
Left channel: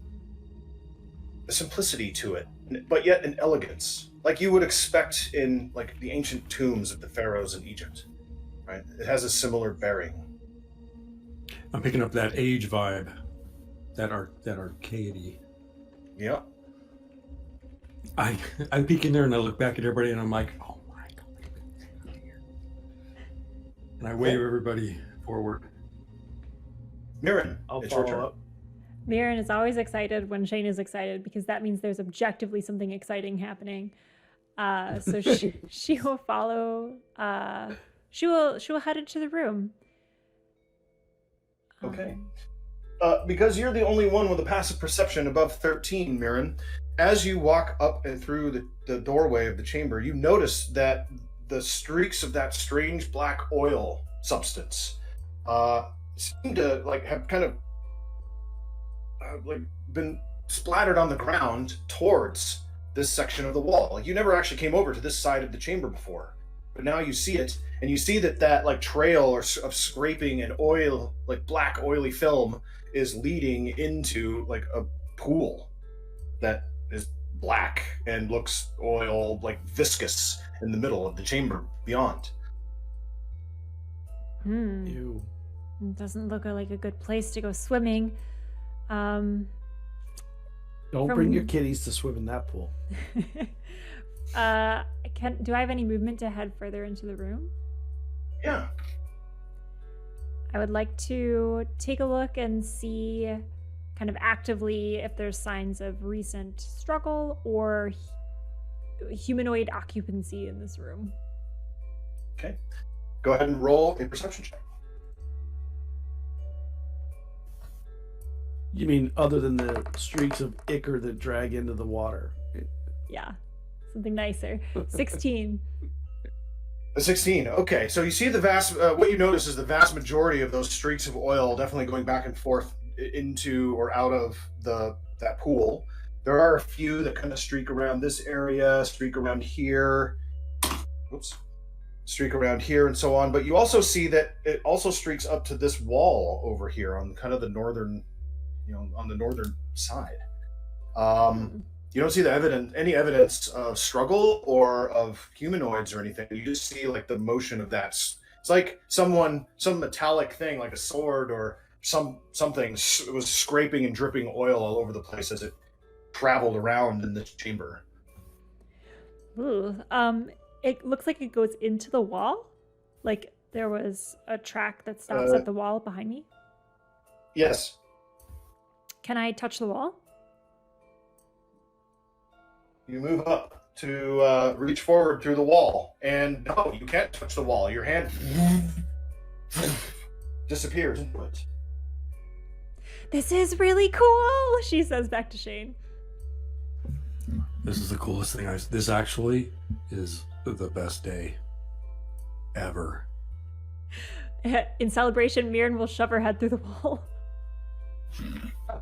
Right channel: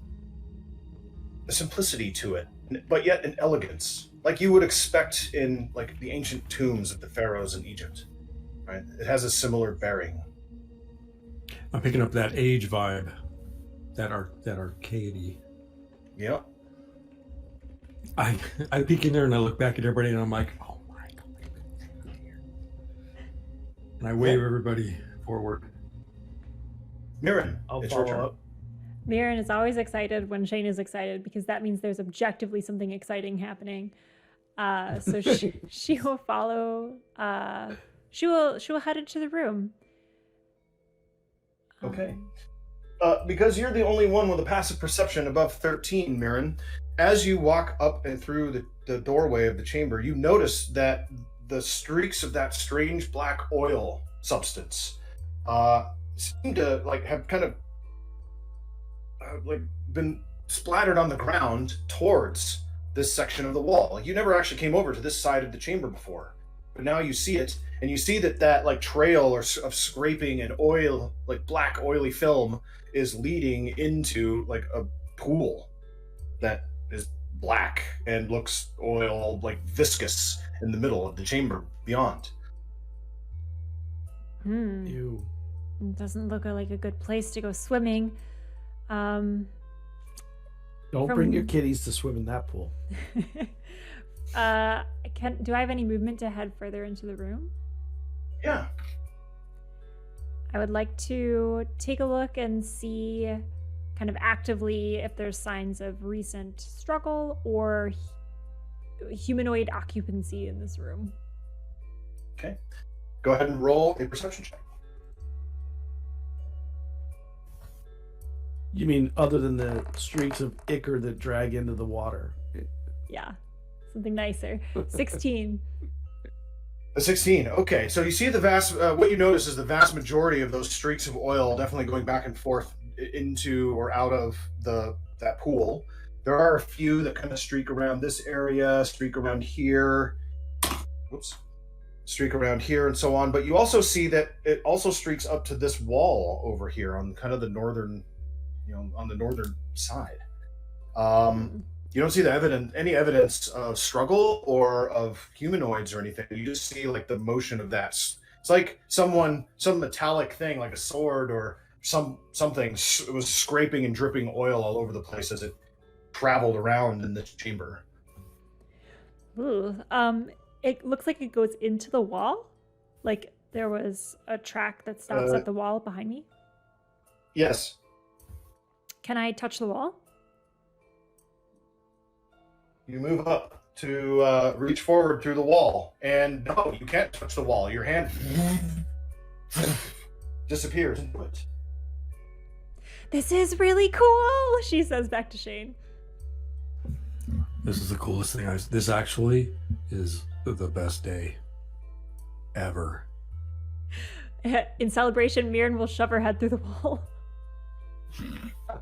simplicity to it, but yet an elegance, like you would expect in the ancient tombs of the pharaohs in Egypt. Right? It has a similar bearing. I'm picking up that age vibe, that arcadey. Yeah. I peek in there and I look back at everybody and I'm like, oh my God. And I wave everybody forward. Mirren, I'll it's your follow turn. up. Mirren is always excited when Shane is excited because that means there's objectively something exciting happening. So she will follow. She will head into the room. Okay. Because you're the only one with a passive perception above 13, Mirren, as you walk up and through the doorway of the chamber, you notice that the streaks of that strange black oil substance seem to have kind of been splattered on the ground towards this section of the wall. You never actually came over to this side of the chamber before, but now you see it, and you see that trail of scraping and oil, black oily film, is leading into a pool that is black and looks oil, viscous, in the middle of the chamber beyond. Ew. It doesn't look like a good place to go swimming. Don't bring your kitties to swim in that pool. Do I have any movement to head further into the room? Yeah. I would like to take a look and see kind of actively if there's signs of recent struggle or humanoid occupancy in this room. Okay. Go ahead and roll a perception check. You mean other than the streaks of ichor that drag into the water? Yeah, something nicer. 16. A 16. Okay, so you see what you notice is the vast majority of those streaks of oil definitely going back and forth into or out of that pool. There are a few that kind of streak around this area, streak around here. Whoops. Streak around here and so on. But you also see that it also streaks up to this wall over here on kind of the northern, on the northern side. You don't see any evidence of struggle or of humanoids or anything. You just see like the motion of that. It's like some metallic thing, like a sword or something. It was scraping and dripping oil all over the place as it traveled around in this chamber. Ooh. It looks like it goes into the wall. Like there was a track that stops at the wall behind me. Yes. Can I touch the wall? You move up to reach forward through the wall, and no, you can't touch the wall. Your hand disappears into it. This is really cool, she says back to Shane. This is the coolest thing. This actually is the best day ever. In celebration, Mirren will shove her head through the wall.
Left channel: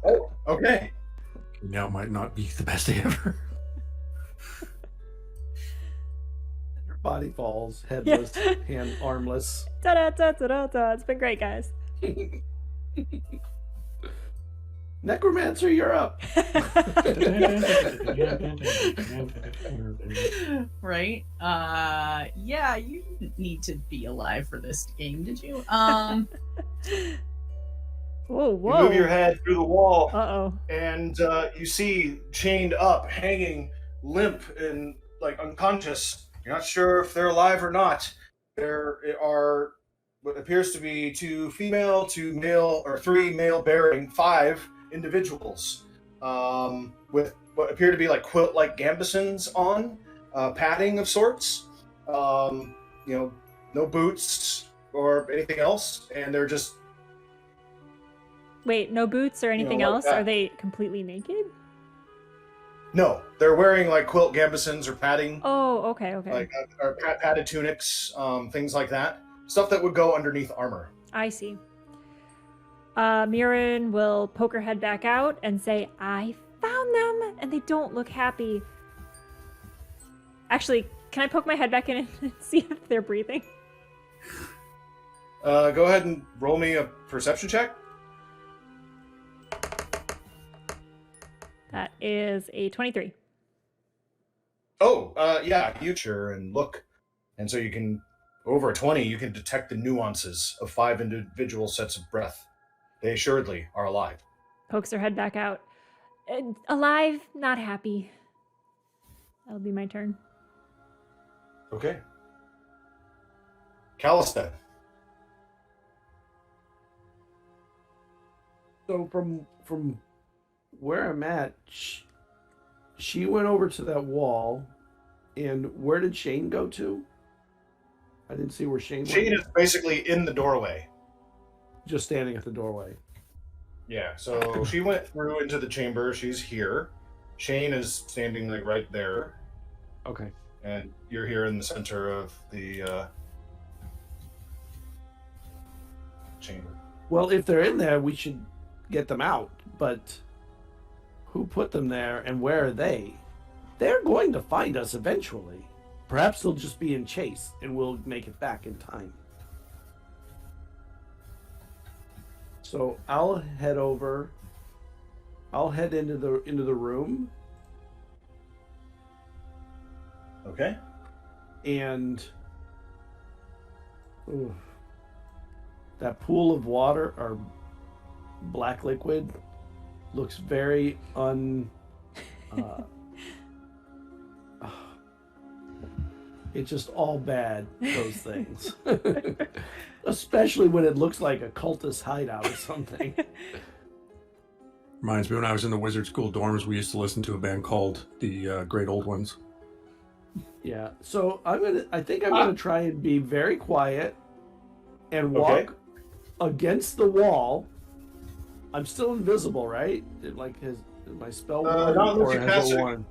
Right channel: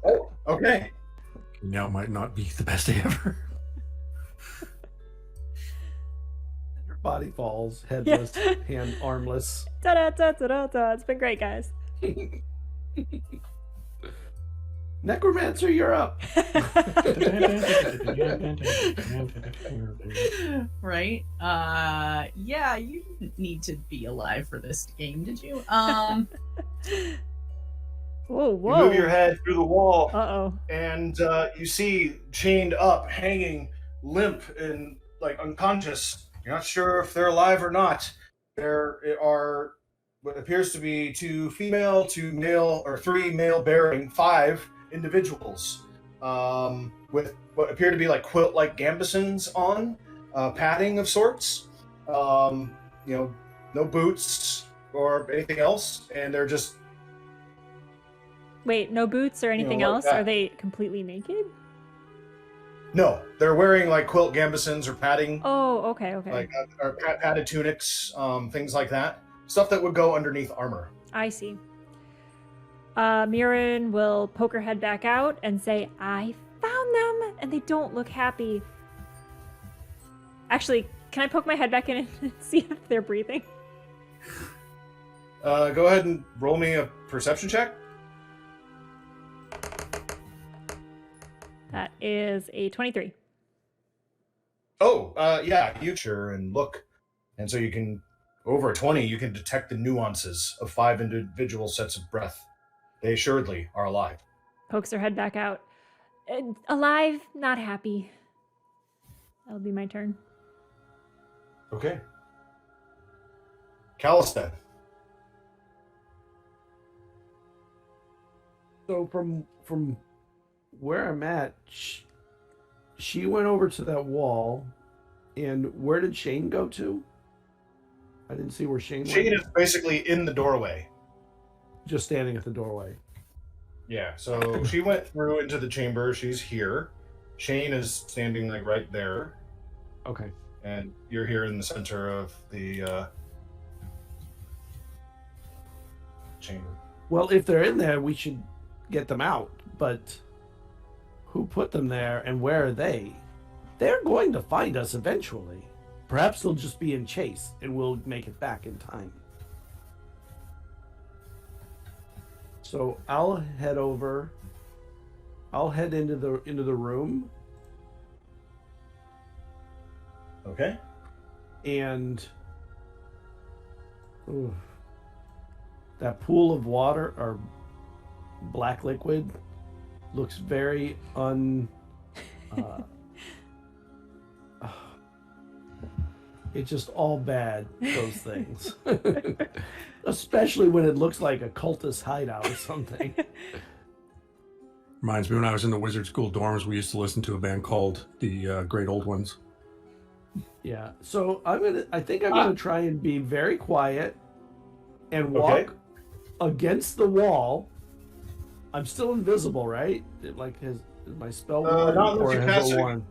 Oh, okay. Now might not be the best day ever. Your body falls, headless, hand armless. Da-da-da-da-da-da. It's been great, guys. Necromancer, you're up. Right? Yeah, you didn't need to be alive for this game, did you? Whoa. You move your head through the wall, Uh-oh. and you see chained up, hanging, limp, and like unconscious. You're not sure if they're alive or not. There are what appears to be 2 female, 2 male, or 3 male-bearing, 5 individuals with what appear to be like quilt-like gambesons on, padding of sorts. No boots or anything else, and they're just. Wait, no boots or anything else? Yeah. Are they completely naked? No, they're wearing like quilt gambesons or padding. Oh, okay. Like or padded tunics, things like that. Stuff that would go underneath armor. I see. Mirren will poke her head back out and say, I found them, and they don't look happy. Actually, can I poke my head back in and see if they're breathing? Go ahead and roll me a perception check. That is a 23. Oh, yeah, you sure and look. And so you can, over 20, you can detect the nuances of 5 individual sets of breath. They assuredly are alive. Pokes her head back out. Alive, not happy. That'll be my turn. Okay. Callista. So from where I'm at, she went over to that wall, and where did Shane go to? I didn't see where Shane went. Shane is basically in the doorway. Just standing at the doorway. Yeah, so she went through into the chamber. She's here. Shane is standing like right there. Okay. And you're here in the center of the chamber. Well, if they're in there, we should get them out. But who put them there and where are they? They're going to find us eventually. Perhaps they'll just be in chase and we'll make it back in time. So I'll head over. I'll head into the room. Okay. And that pool of water or black liquid looks very it's just all bad, those things. Especially when it looks like a cultist hideout or something. Reminds me when I was in the wizard school dorms, we used to listen to a band called the Great Old Ones. Yeah. So I think I'm gonna try and be very quiet and walk against the wall. I'm still invisible, right? Is my spell worn not or unless you has cast it it. worn?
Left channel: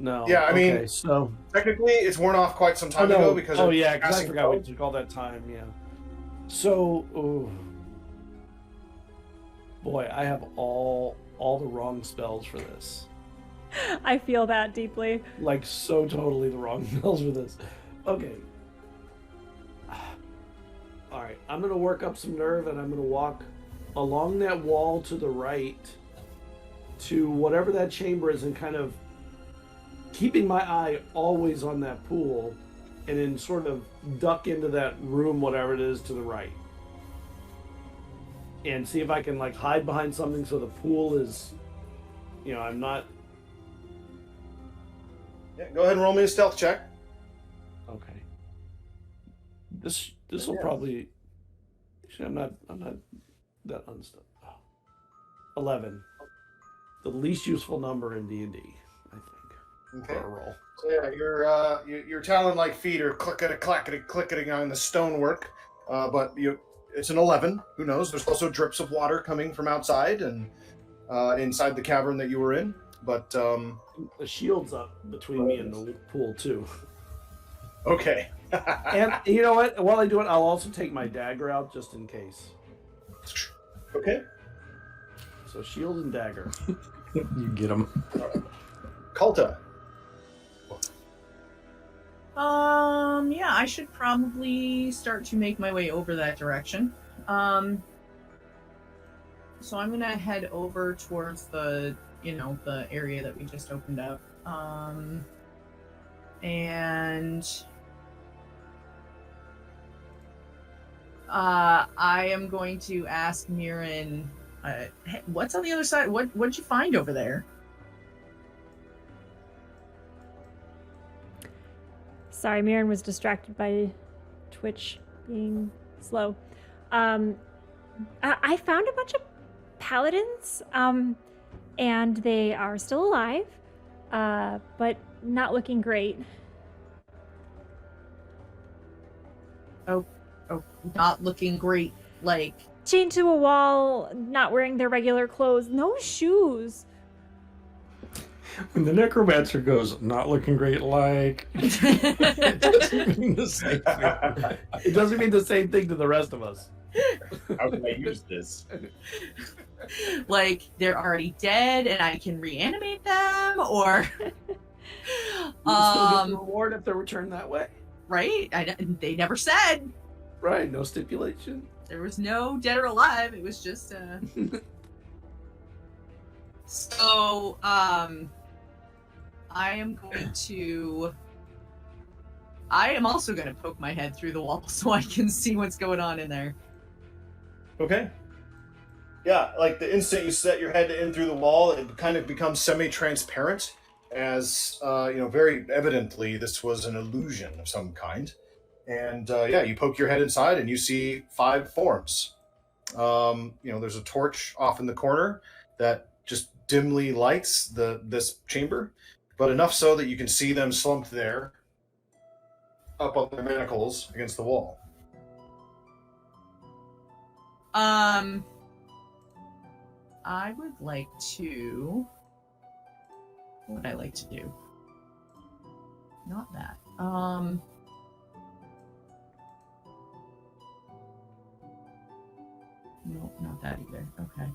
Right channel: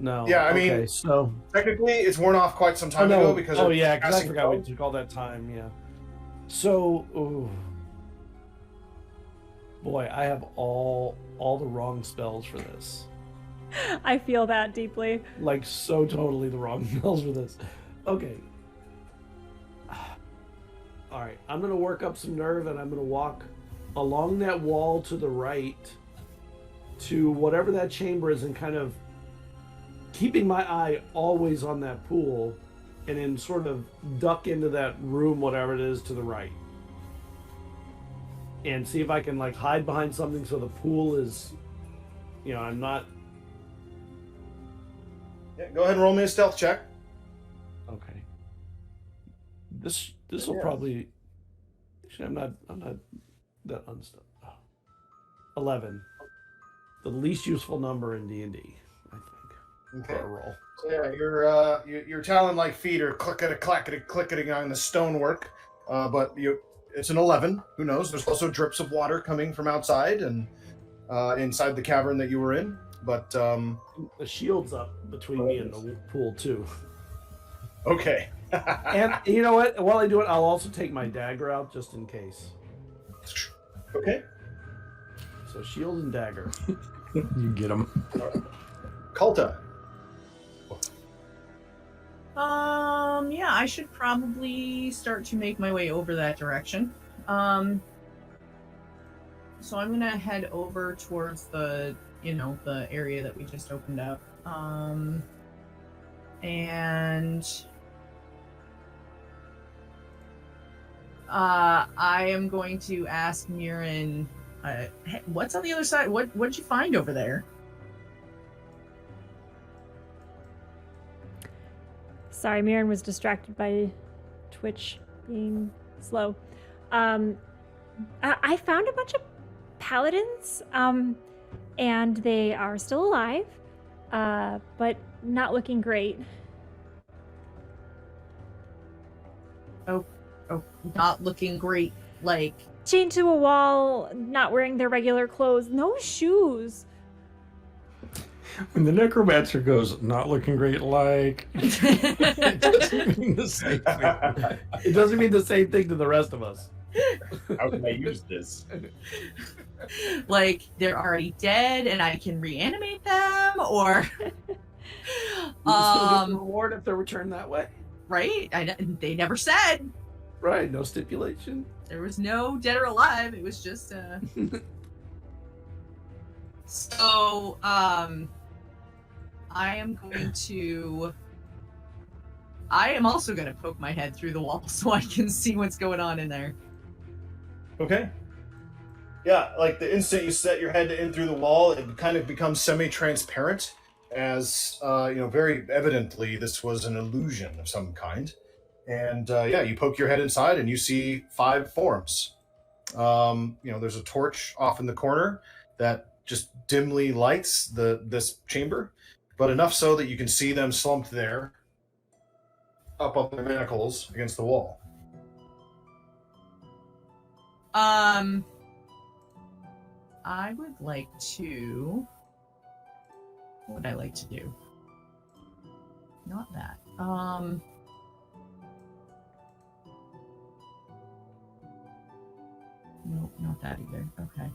No. Yeah, I mean, so technically it's worn off quite some time ago because because I forgot we took all that time. Yeah. So, boy, I have all the wrong spells for this. I feel that deeply. Like, so totally the wrong spells for this. Okay. Alright, I'm going to work up some nerve and I'm going to walk along that wall to the right to whatever that chamber is and kind of keeping my eye always on that pool and then sort of duck into that room, whatever it is, to the right. And see if I can, like, hide behind something so the pool is, you know, I'm not... Yeah, go ahead and roll me a stealth check. Okay. This will probably... Actually, I'm not that unstuck. Oh. 11. The least useful number in D&D, I think. Okay. For a roll. So yeah, your talon-like feet are clickety on the stonework, but it's an 11. Who knows? There's also drips of water coming from outside and inside the cavern that you were in. But The shield's up between me and the pool, too. okay. And you know what? While I do it, I'll also take my dagger out just in case. Okay. So shield and dagger. You get them. Kalta. Yeah, I should probably start to make my way over that direction. So I'm gonna head over towards the area that we just opened up. And I am going to ask Mirren, hey, what's on the other side? What'd you find over there? Sorry, Mirren was distracted by Twitch being slow. I found a bunch of paladins, and they are still alive, but not looking great. Oh, not looking great. Like, Chained to a wall, not wearing their regular clothes, no shoes. When the necromancer goes, not looking great, like, it doesn't mean the same thing. It doesn't mean the same thing to the rest of us. How can I use this? like they're already dead and I can reanimate them, or You still get the reward if they're returned that way. right? They never said. Right, no stipulation. There was no dead or alive. It was just So, I am also going to poke my head through the wall so I can see what's going on in there. Okay. Yeah, like the instant you set your head in through the wall, it kind of becomes semi-transparent, as very evidently this was an illusion of some kind. And you poke your head inside and you see 5 forms. There's a torch off in the corner that just dimly lights this chamber, but enough so that you can see them slumped there, up on their manacles against the wall. I would like to... What would I like to do? Not that. Nope, not that either. Okay.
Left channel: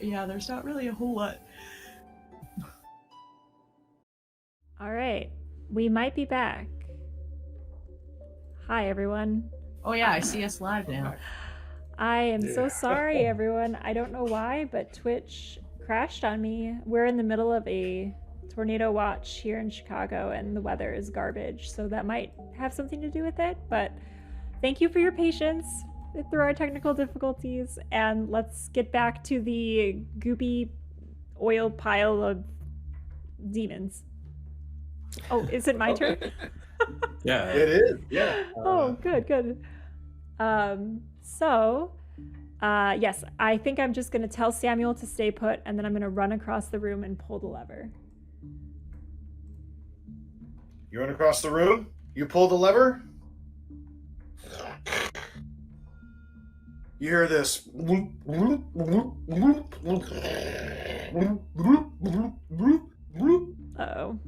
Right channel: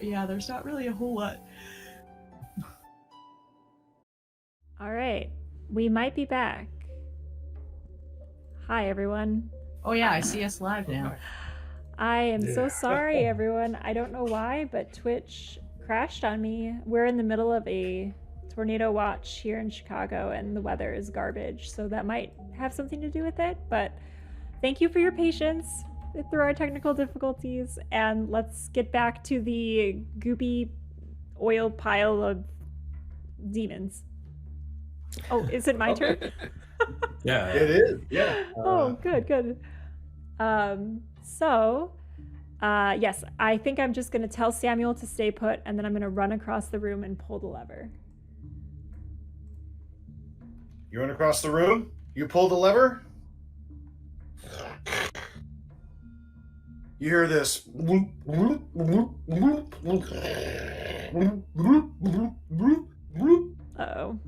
Yeah, there's not really a whole lot. All right, we might be back. Hi, everyone. Oh yeah, I see us live now. I am so sorry, everyone. I don't know why, but Twitch crashed on me. We're in the middle of a tornado watch here in Chicago, and the weather is garbage, so that might have something to do with it. But thank you for your patience through our technical difficulties, and let's get back to the goopy oil pile of demons. Oh, is it my turn? Yeah. It is, yeah. Oh, good. Yes, I think I'm just going to tell Samuel to stay put, and then I'm going to run across the room and pull the lever. You run across the room, you pull the lever. You hear this. Uh-oh.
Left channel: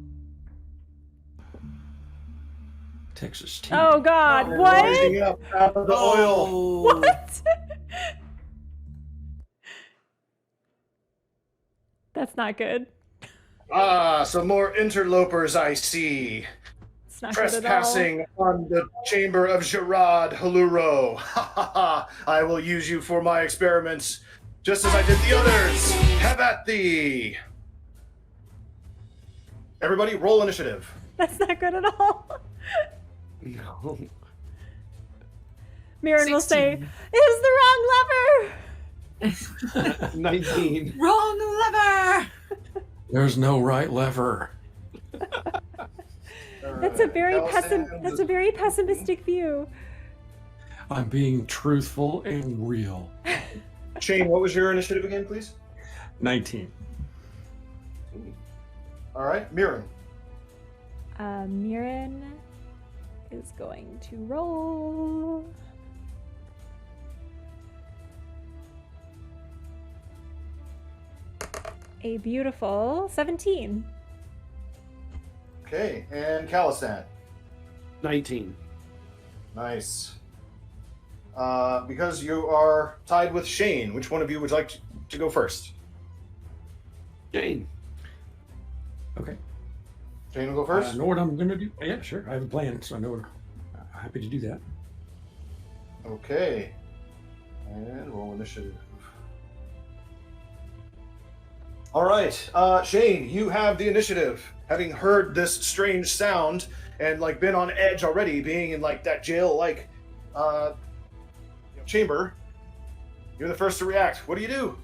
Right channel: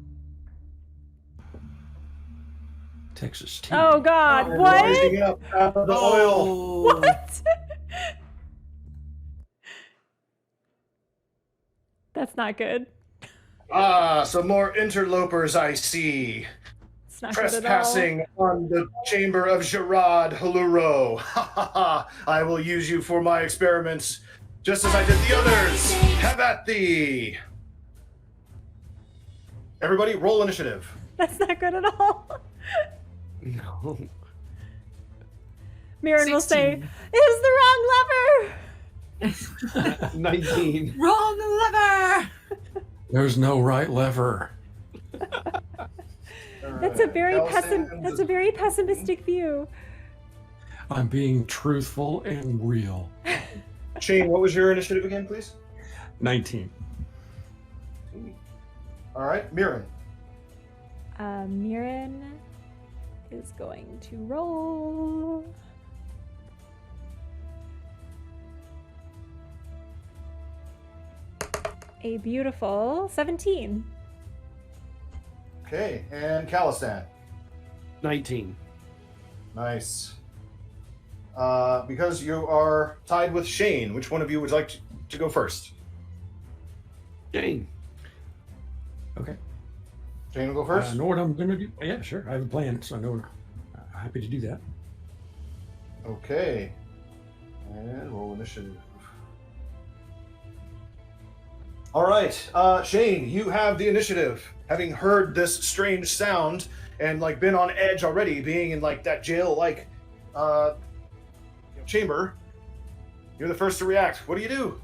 Texas tea. Oh, God, what? Rising up out of the oil. Oh. What? That's not good. Ah, some more interlopers I see. It's not good at all. Trespassing on the chamber of Gerard Haluro. Ha ha ha! I will use you for my experiments, just as I did the others. Have at thee! Everybody, roll initiative. That's not good at all. No. Mirren will say, 16. "It was the wrong lever." 19. Wrong lever! There's no right lever. That's a very pessimistic view. I'm being truthful and real. Shane, what was your initiative again, please? 19. All right, Mirren. Mirren is going to roll. A beautiful 17. Okay, and Calistan. 19. Nice. Because you are tied with Shane, which one of you would like to go first? Jane. Okay. Shane will go I first? know what I'm going to do. Yeah, sure. I have a plan, so I know. I'm happy to do that. Okay. And roll initiative. All right, Shane, you have the initiative. Having heard this strange sound and like been on edge already, being in like that jail-like chamber, you're the first to react. What do you do?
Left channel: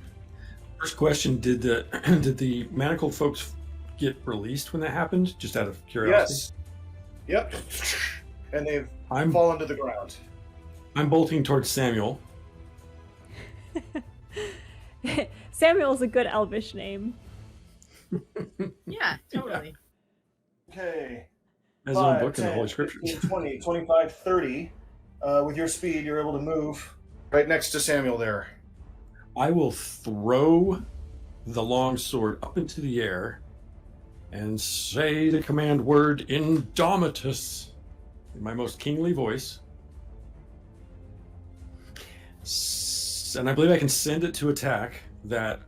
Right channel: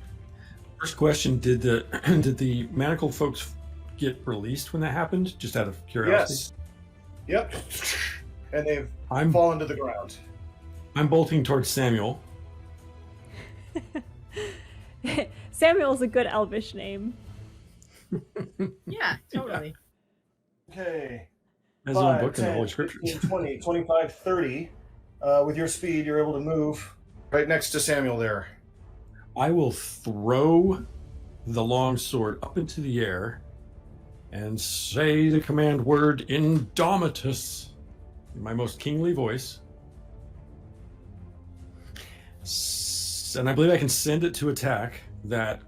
First question: Did the did the manacled folks get released when that happened? Just out of curiosity. Yes. Yep. And they've I'm fallen to the ground. I'm bolting towards Samuel. Samuel's a good elvish name. Yeah, totally. Okay. As a book in the Holy 10, Scriptures. 15, 20, 25, 30. With your speed, you're able to move right next to Samuel there. I will throw the longsword up into the air and say the command word Indomitus in my most kingly voice. And I believe I can send it to attack that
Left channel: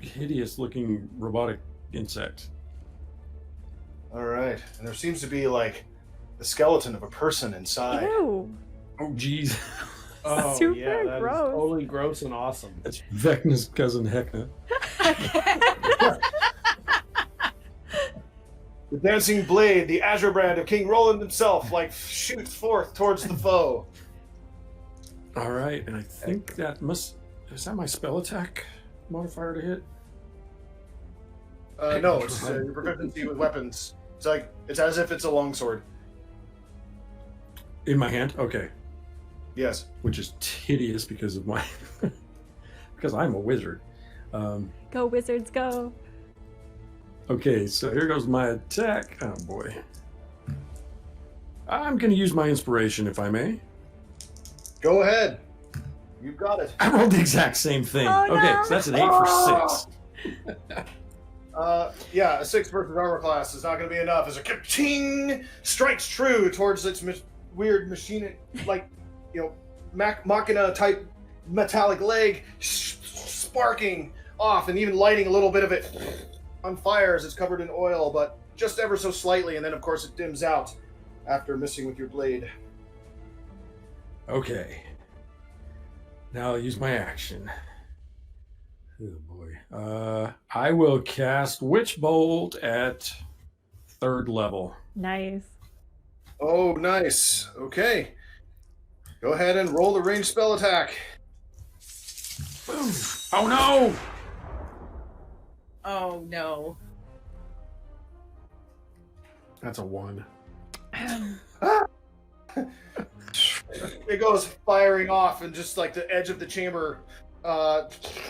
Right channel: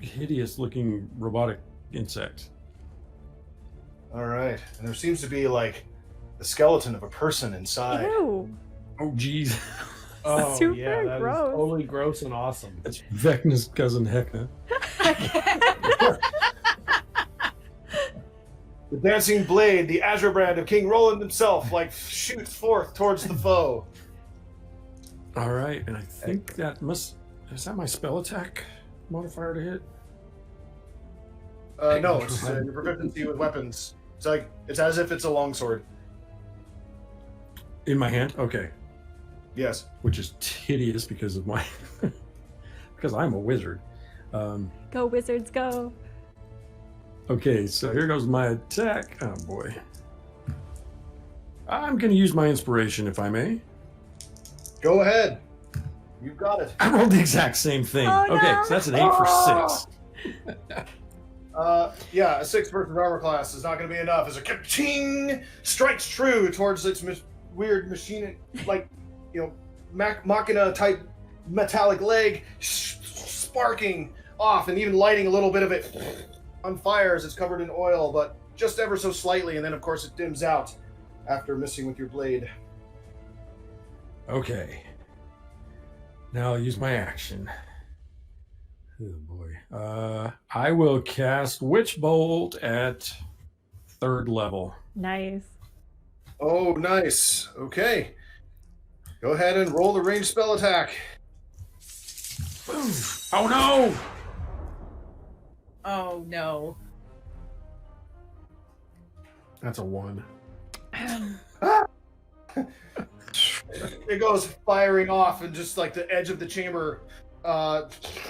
hideous looking robotic insect. All right. And there seems to be like the skeleton of a person inside. Ew. Oh, geez. Oh, Super yeah, that is gross. totally gross and awesome. That's Vecna's cousin Hecna. The dancing blade, the azure brand of King Roland himself, like shoots forth towards the foe. All right, and I think that is that my spell attack modifier to hit? No, it's your proficiency with weapons. It's as if it's a longsword. In my hand? Okay. Yes. Which is hideous because of my because I'm a wizard. Go wizards, go. Okay, so here goes my attack. Oh boy. I'm gonna use my inspiration if I may. Go ahead. You've got it. I rolled the exact same thing. Oh, Okay, no. so that's an 8 for 6. Yeah, a 6 versus armor class is not going to be enough. As a ka-ching strikes true towards its weird machine, like, machina type metallic leg, sparking off and even lighting a little bit of it on fire as it's covered in oil, but just ever so slightly, and then of course it dims out after missing with your blade. Okay. Now I'll use my action. Oh boy. I will cast Witch Bolt at 3rd level. Nice. Oh, nice. Okay. Go ahead and roll the ranged spell attack. Boom. Oh no! Oh no. That's a 1. It goes firing off, and just like the edge of the chamber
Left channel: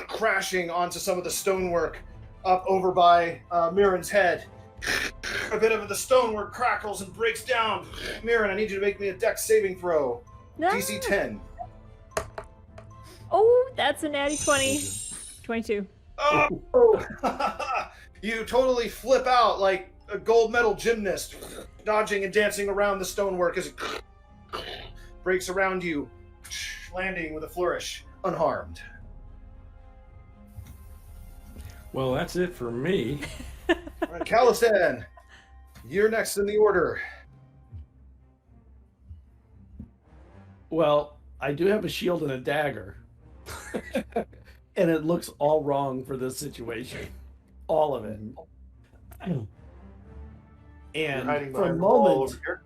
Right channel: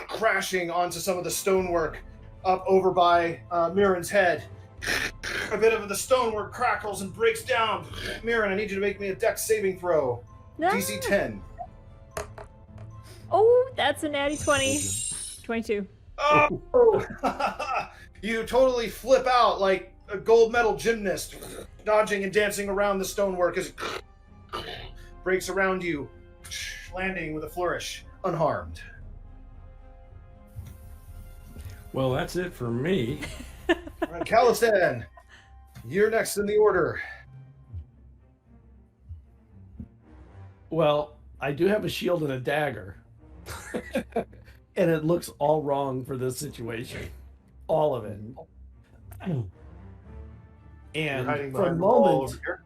crashing onto some of the stonework up over by Mirren's head. A bit of the stonework crackles and breaks down. Mirren, I need you to make me a dex saving throw. No. DC 10. Oh, that's a natty 20. 22. Oh! You totally flip out like a gold medal gymnast, dodging and dancing around the stonework as it breaks around you, landing with a flourish, unharmed. Well, that's it for me. All right, Calistan, you're next in the order. Well, I do have a shield and a dagger. And it looks all wrong for this situation. All of it. You're And hiding for a behind the wall moment, over here.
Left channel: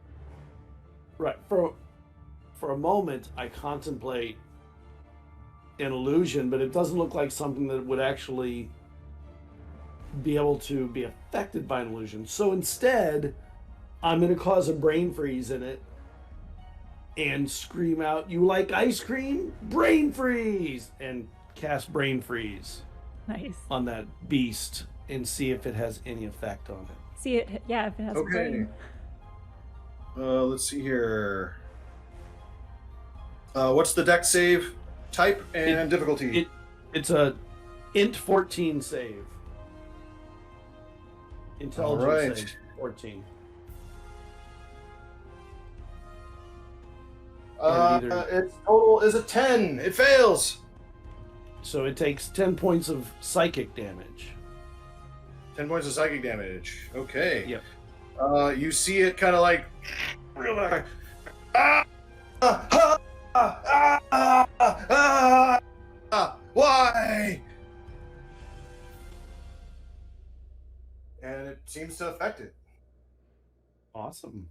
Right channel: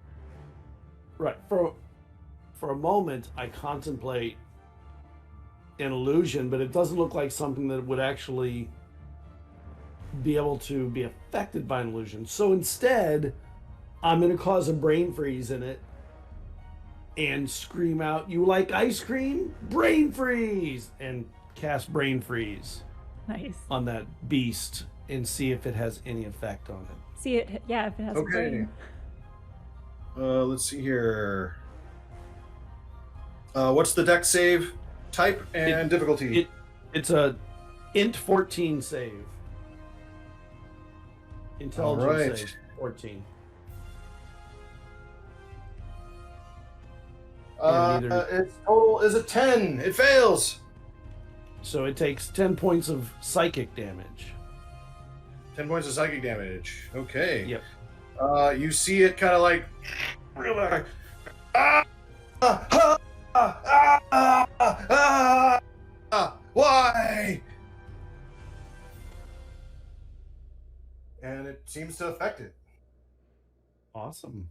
right, for a moment, I contemplate an illusion, but it doesn't look like something that would actually be able to be affected by an illusion. So instead, I'm going to cause a brain freeze in it and scream out, "You like ice cream? Brain freeze!" and cast brain freeze Nice. on that beast and see if it has any effect on it. See it? Yeah, if it has a Okay. brain. Let's see here. What's the deck save type and difficulty? It's a int 14 save. Intelligence Alright. save 14. Its total is a 10. It fails. So it takes 10 points of psychic damage. 10 points of psychic damage. Okay. Yep. You see it kind of like. Ah, ah, ah, ah, ah, ah, why? And it seems to affect it. Awesome.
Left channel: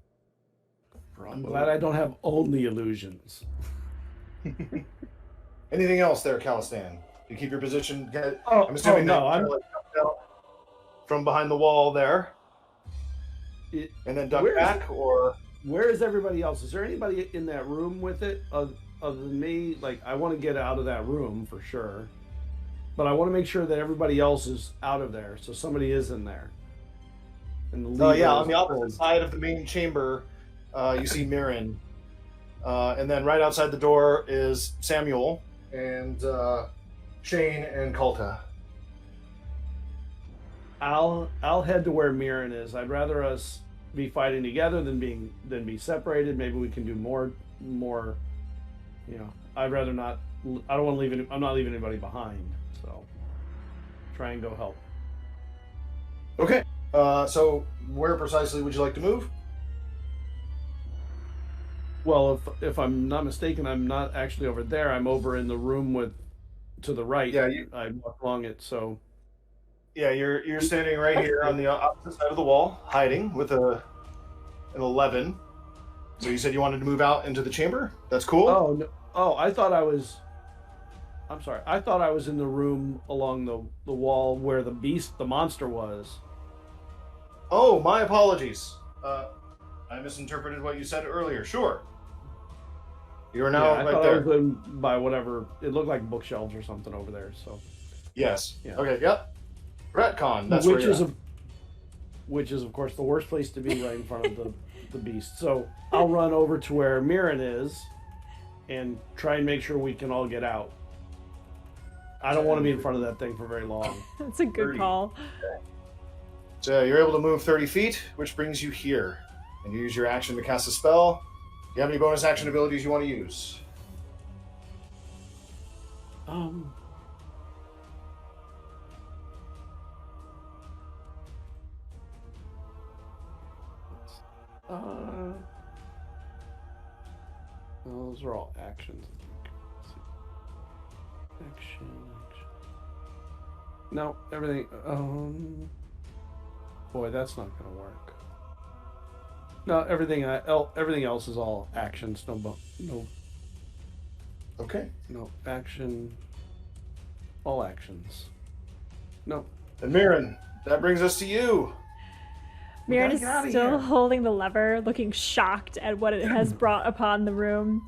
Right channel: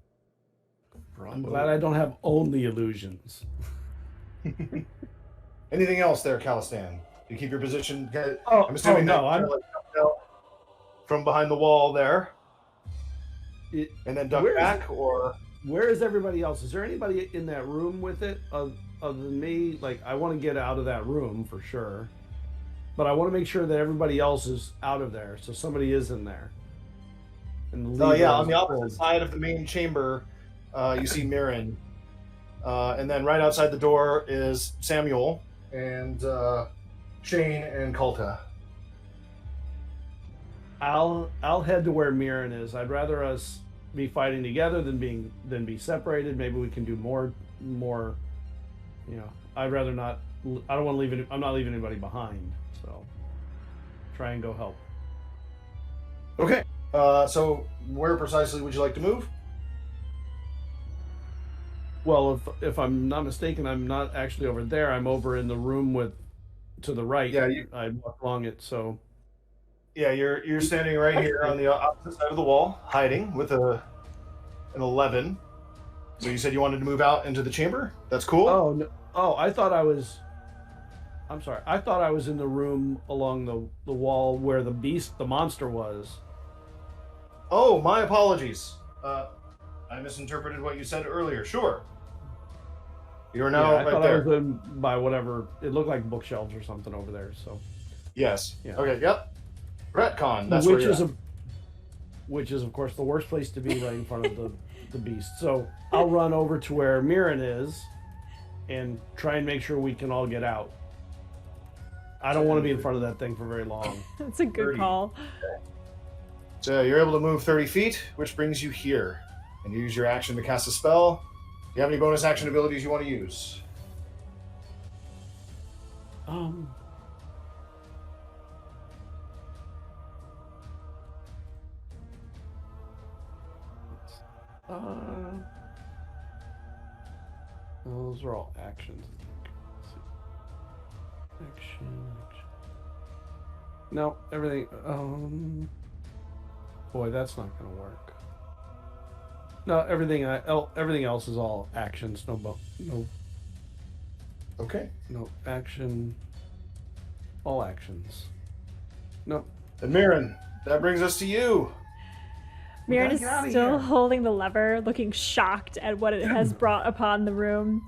I'm glad I don't have only illusions. Anything else there, Calistan? You keep your position. Oh, I'm assuming no, that I'm you're, like, jumped out from behind the wall there, it, and then duck Where is- back, or where is everybody else? Is there anybody in that room with it other than me? Like, I want to get out of that room for sure, but I want to make sure that everybody else is out of there, so somebody is in there. And the leader yeah, is on the opposite pulled. side of the main chamber, you see Mirren, and then right outside the door is Samuel and Shane and Kulta. I'll head to where Mirren is. I'd rather us be fighting together than be separated. Maybe we can do more. You know, I'd rather not. I don't want to leave it. I'm not leaving anybody behind. So try and go help. Okay. So where precisely would you like to move? Well, if I'm not mistaken, I'm not actually over there. I'm over in the room to the right. Yeah, I walked along it. So Yeah, you're standing right here on the opposite side of the wall, hiding with an 11. So you said you wanted to move out into the chamber? That's cool. oh no, I thought I was. I'm sorry. I thought I was in the room along the wall where the monster was. Oh, my apologies. I misinterpreted what you said earlier. Sure. You are now I right thought there. I was in by whatever. It looked like bookshelves or something over there. So, Yes. Yeah. Okay. Yep. Retcon. That's which where you're is at. which is of course the worst place to be, right in front of the beast. So I'll run over to where Mirren is, and try and make sure we can all get out. I don't want to be in front of that thing for very long. That's a good 30. call. So you're able to move 30 feet, which brings you here. And you use your action to cast a spell. Do you have any bonus action abilities you want to use? Those are all actions. Let's see. Action. No, everything. Boy, that's not gonna work. No, everything else is all actions. No Okay. action. All actions. No. And Mirren, that brings us to you. Mirren gotta is get outta still here. holding the lever, looking shocked at what it has brought upon the room.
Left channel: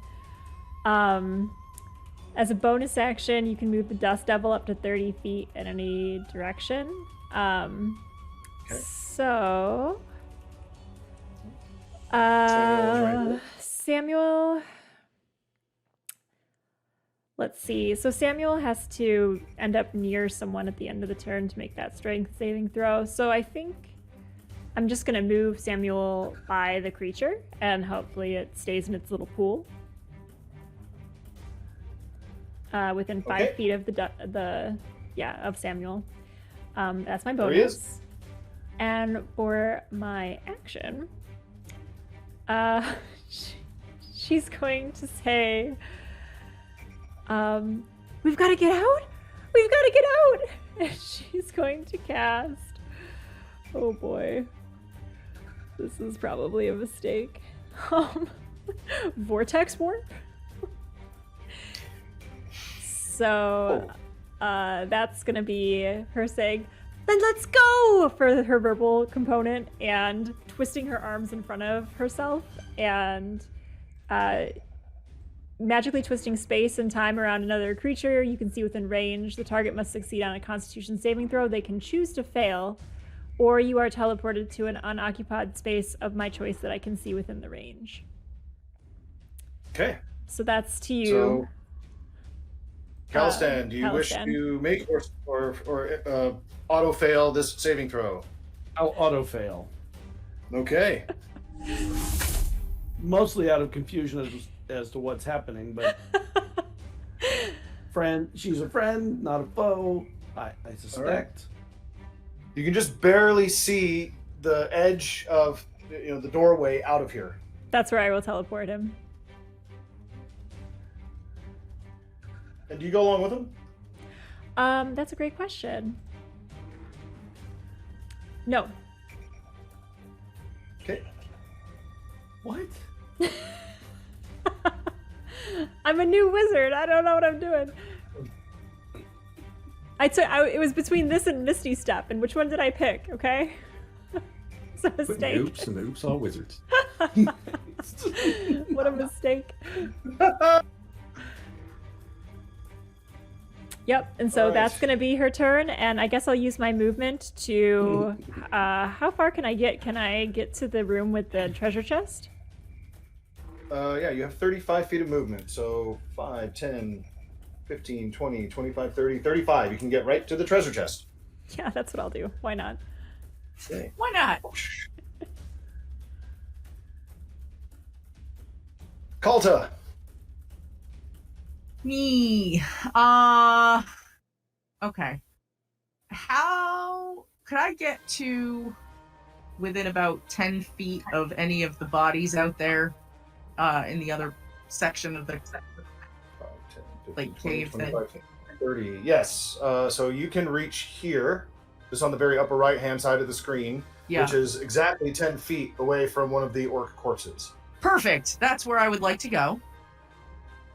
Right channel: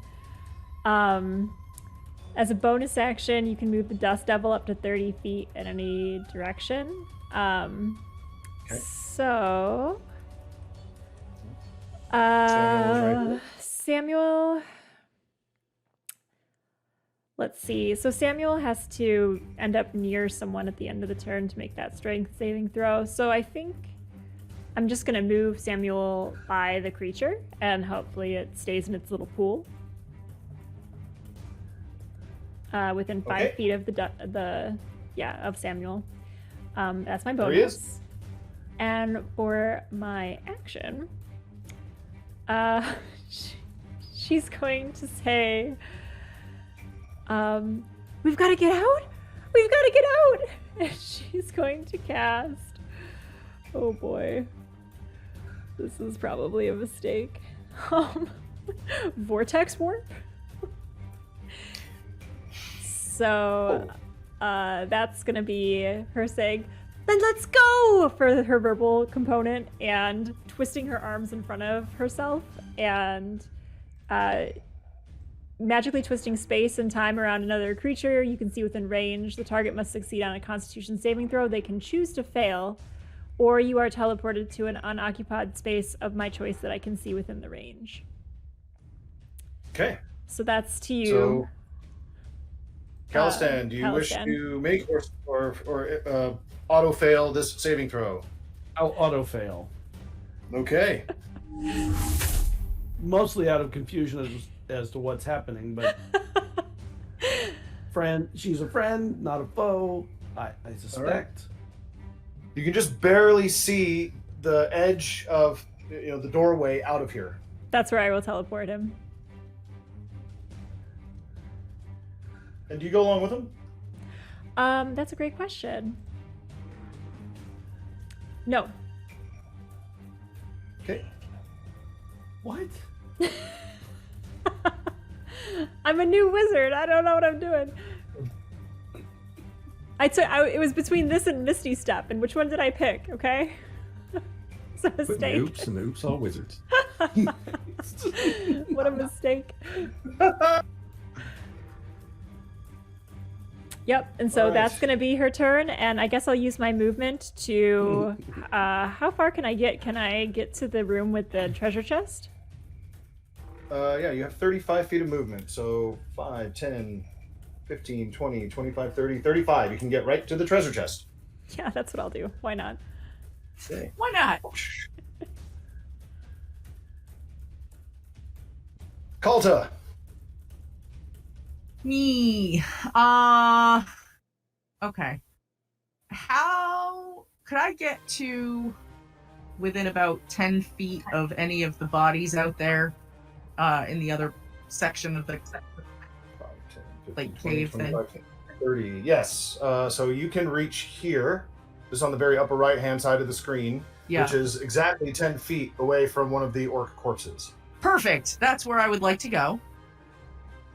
As a bonus action, you can move the Dust Devil up to 30 feet in any direction. So, Samuel. Let's see. So Samuel has to end up near someone at the end of the turn to make that strength saving throw. So I think I'm just going to move Samuel by the creature, and hopefully it stays in its little pool. Within 5 Okay. feet of of Samuel. That's my There he is. bonus. And for my action, she's going to say, we've got to get out. We've got to get out. And she's going to cast. Oh boy. This is probably a mistake. Vortex warp. So that's gonna be her saying, then let's go, for her verbal component, and twisting her arms in front of herself and magically twisting space and time around another creature you can see within range. The target must succeed on a Constitution saving throw. They can choose to fail, or you are teleported to an unoccupied space of my choice that I can see within the range. Okay. So that's to you. So, Calistan, do you wish Calistan. to make or auto fail this saving throw? I'll auto fail. Okay. Mostly out of confusion as to what's happening, but she's a friend, not a foe, I suspect. You can just barely see the edge of the doorway out of here. That's where I will teleport him. And do you go along with him? That's a great question. No. Okay. What? I'm a new wizard. I don't know what I'm doing. It was between this and Misty Step, and which one did I pick? Okay, it's a mistake. Oops and oops, all wizards. What a mistake. Yep, and so All right. that's gonna be her turn, and I guess I'll use my movement to. How far can I get? Can I get to the room with the treasure chest? Yeah, you have 35 feet of movement. So 5, 10, 15, 20, 25, 30, 35. You can get right to the treasure chest. Yeah, that's what I'll do. Why not? Okay. Why not? Kalta. Me. Okay. How could I get to within about 10 feet of any of the bodies out there in the other section of the 5, 10, 15, Like 20, cave thing. 25, 30. Yes. So you can reach here, just on the very upper right-hand side of the screen, Yeah. which is exactly 10 feet away from one of the orc corpses. Perfect. That's where I would like to go.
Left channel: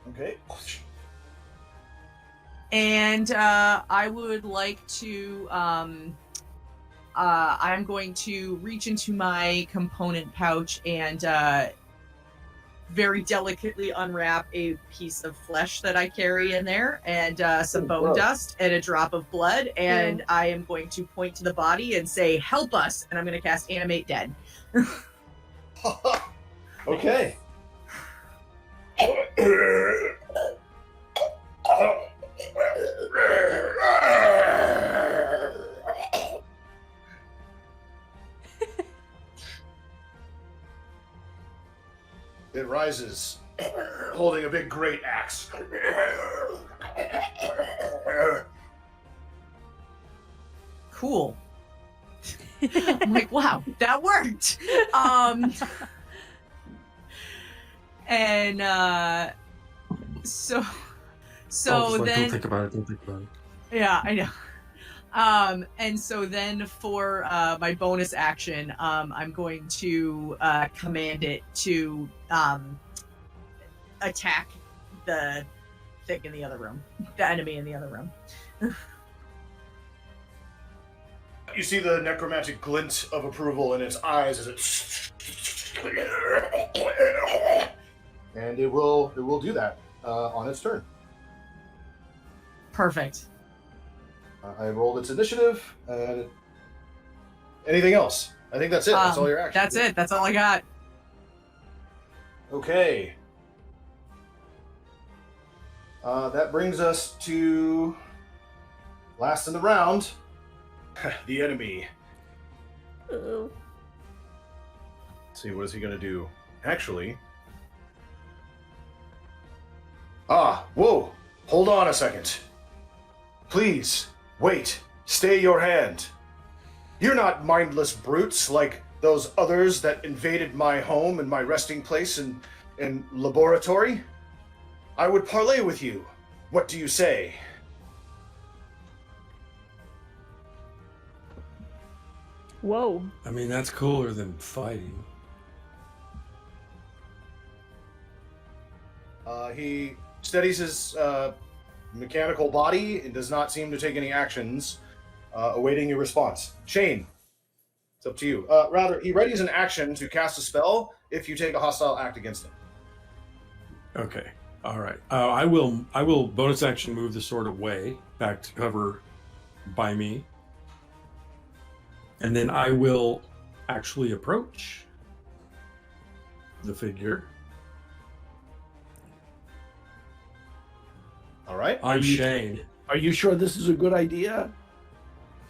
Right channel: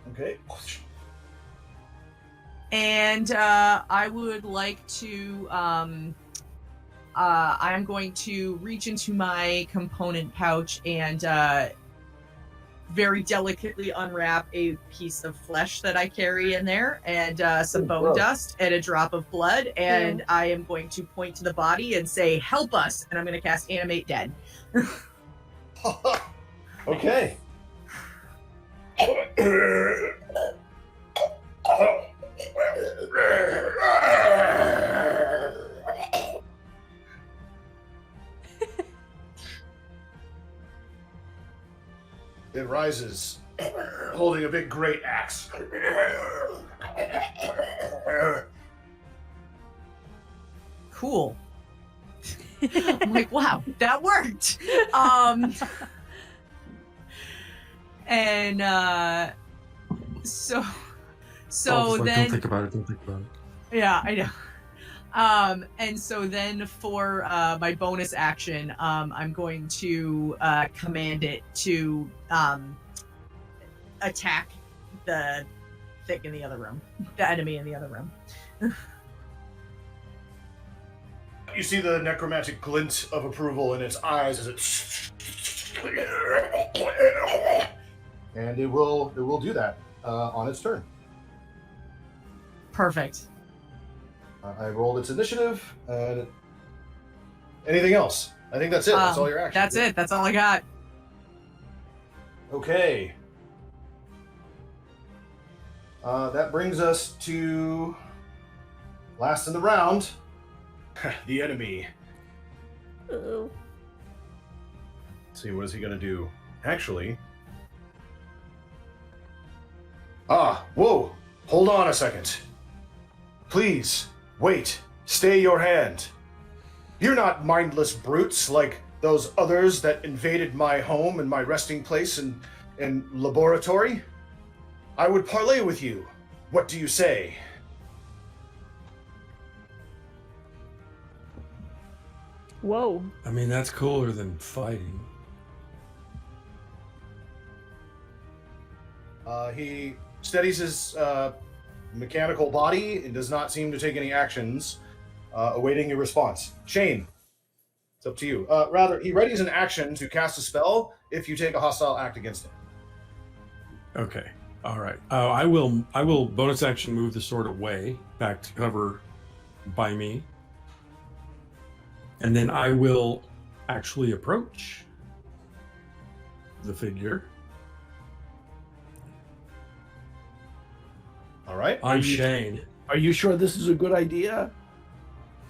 Okay. And I would like to I'm going to reach into my component pouch and very delicately unwrap a piece of flesh that I carry in there, and some Ooh, bone gross. dust and a drop of blood, and I am going to point to the body and say, help us, and I'm going to cast Animate Dead. Okay. It rises, holding a big great axe. Cool. I'm like, wow, that worked. And so Don't then think about it. Don't think about it. yeah, I know. And so then for my bonus action, I'm going to command it to attack the thing in the other room, the enemy in the other room. You see the necromantic glint of approval in its eyes as it, and it will do that on its turn. Perfect. I rolled its initiative. Anything else? I think that's it. That's all your actions. That's it. That's all I got. Okay. That brings us to last in the round. The enemy. Ooh. Let's see, what is he gonna do? Actually. Whoa! Hold on a second. Please, wait. Stay your hand. You're not mindless brutes like those others that invaded my home and my resting place and laboratory. I would parley with you. What do you say? Whoa. I mean, that's cooler than fighting. He steadies his mechanical body and does not seem to take any actions, awaiting your response. Shane, it's up to you. Rather, he readies an action to cast a spell if you take a hostile act against him. Okay. All right. I will bonus action move the sword away back to cover by me. And then I will actually approach the figure. All right. I'm Shane. Are you sure this is a good idea?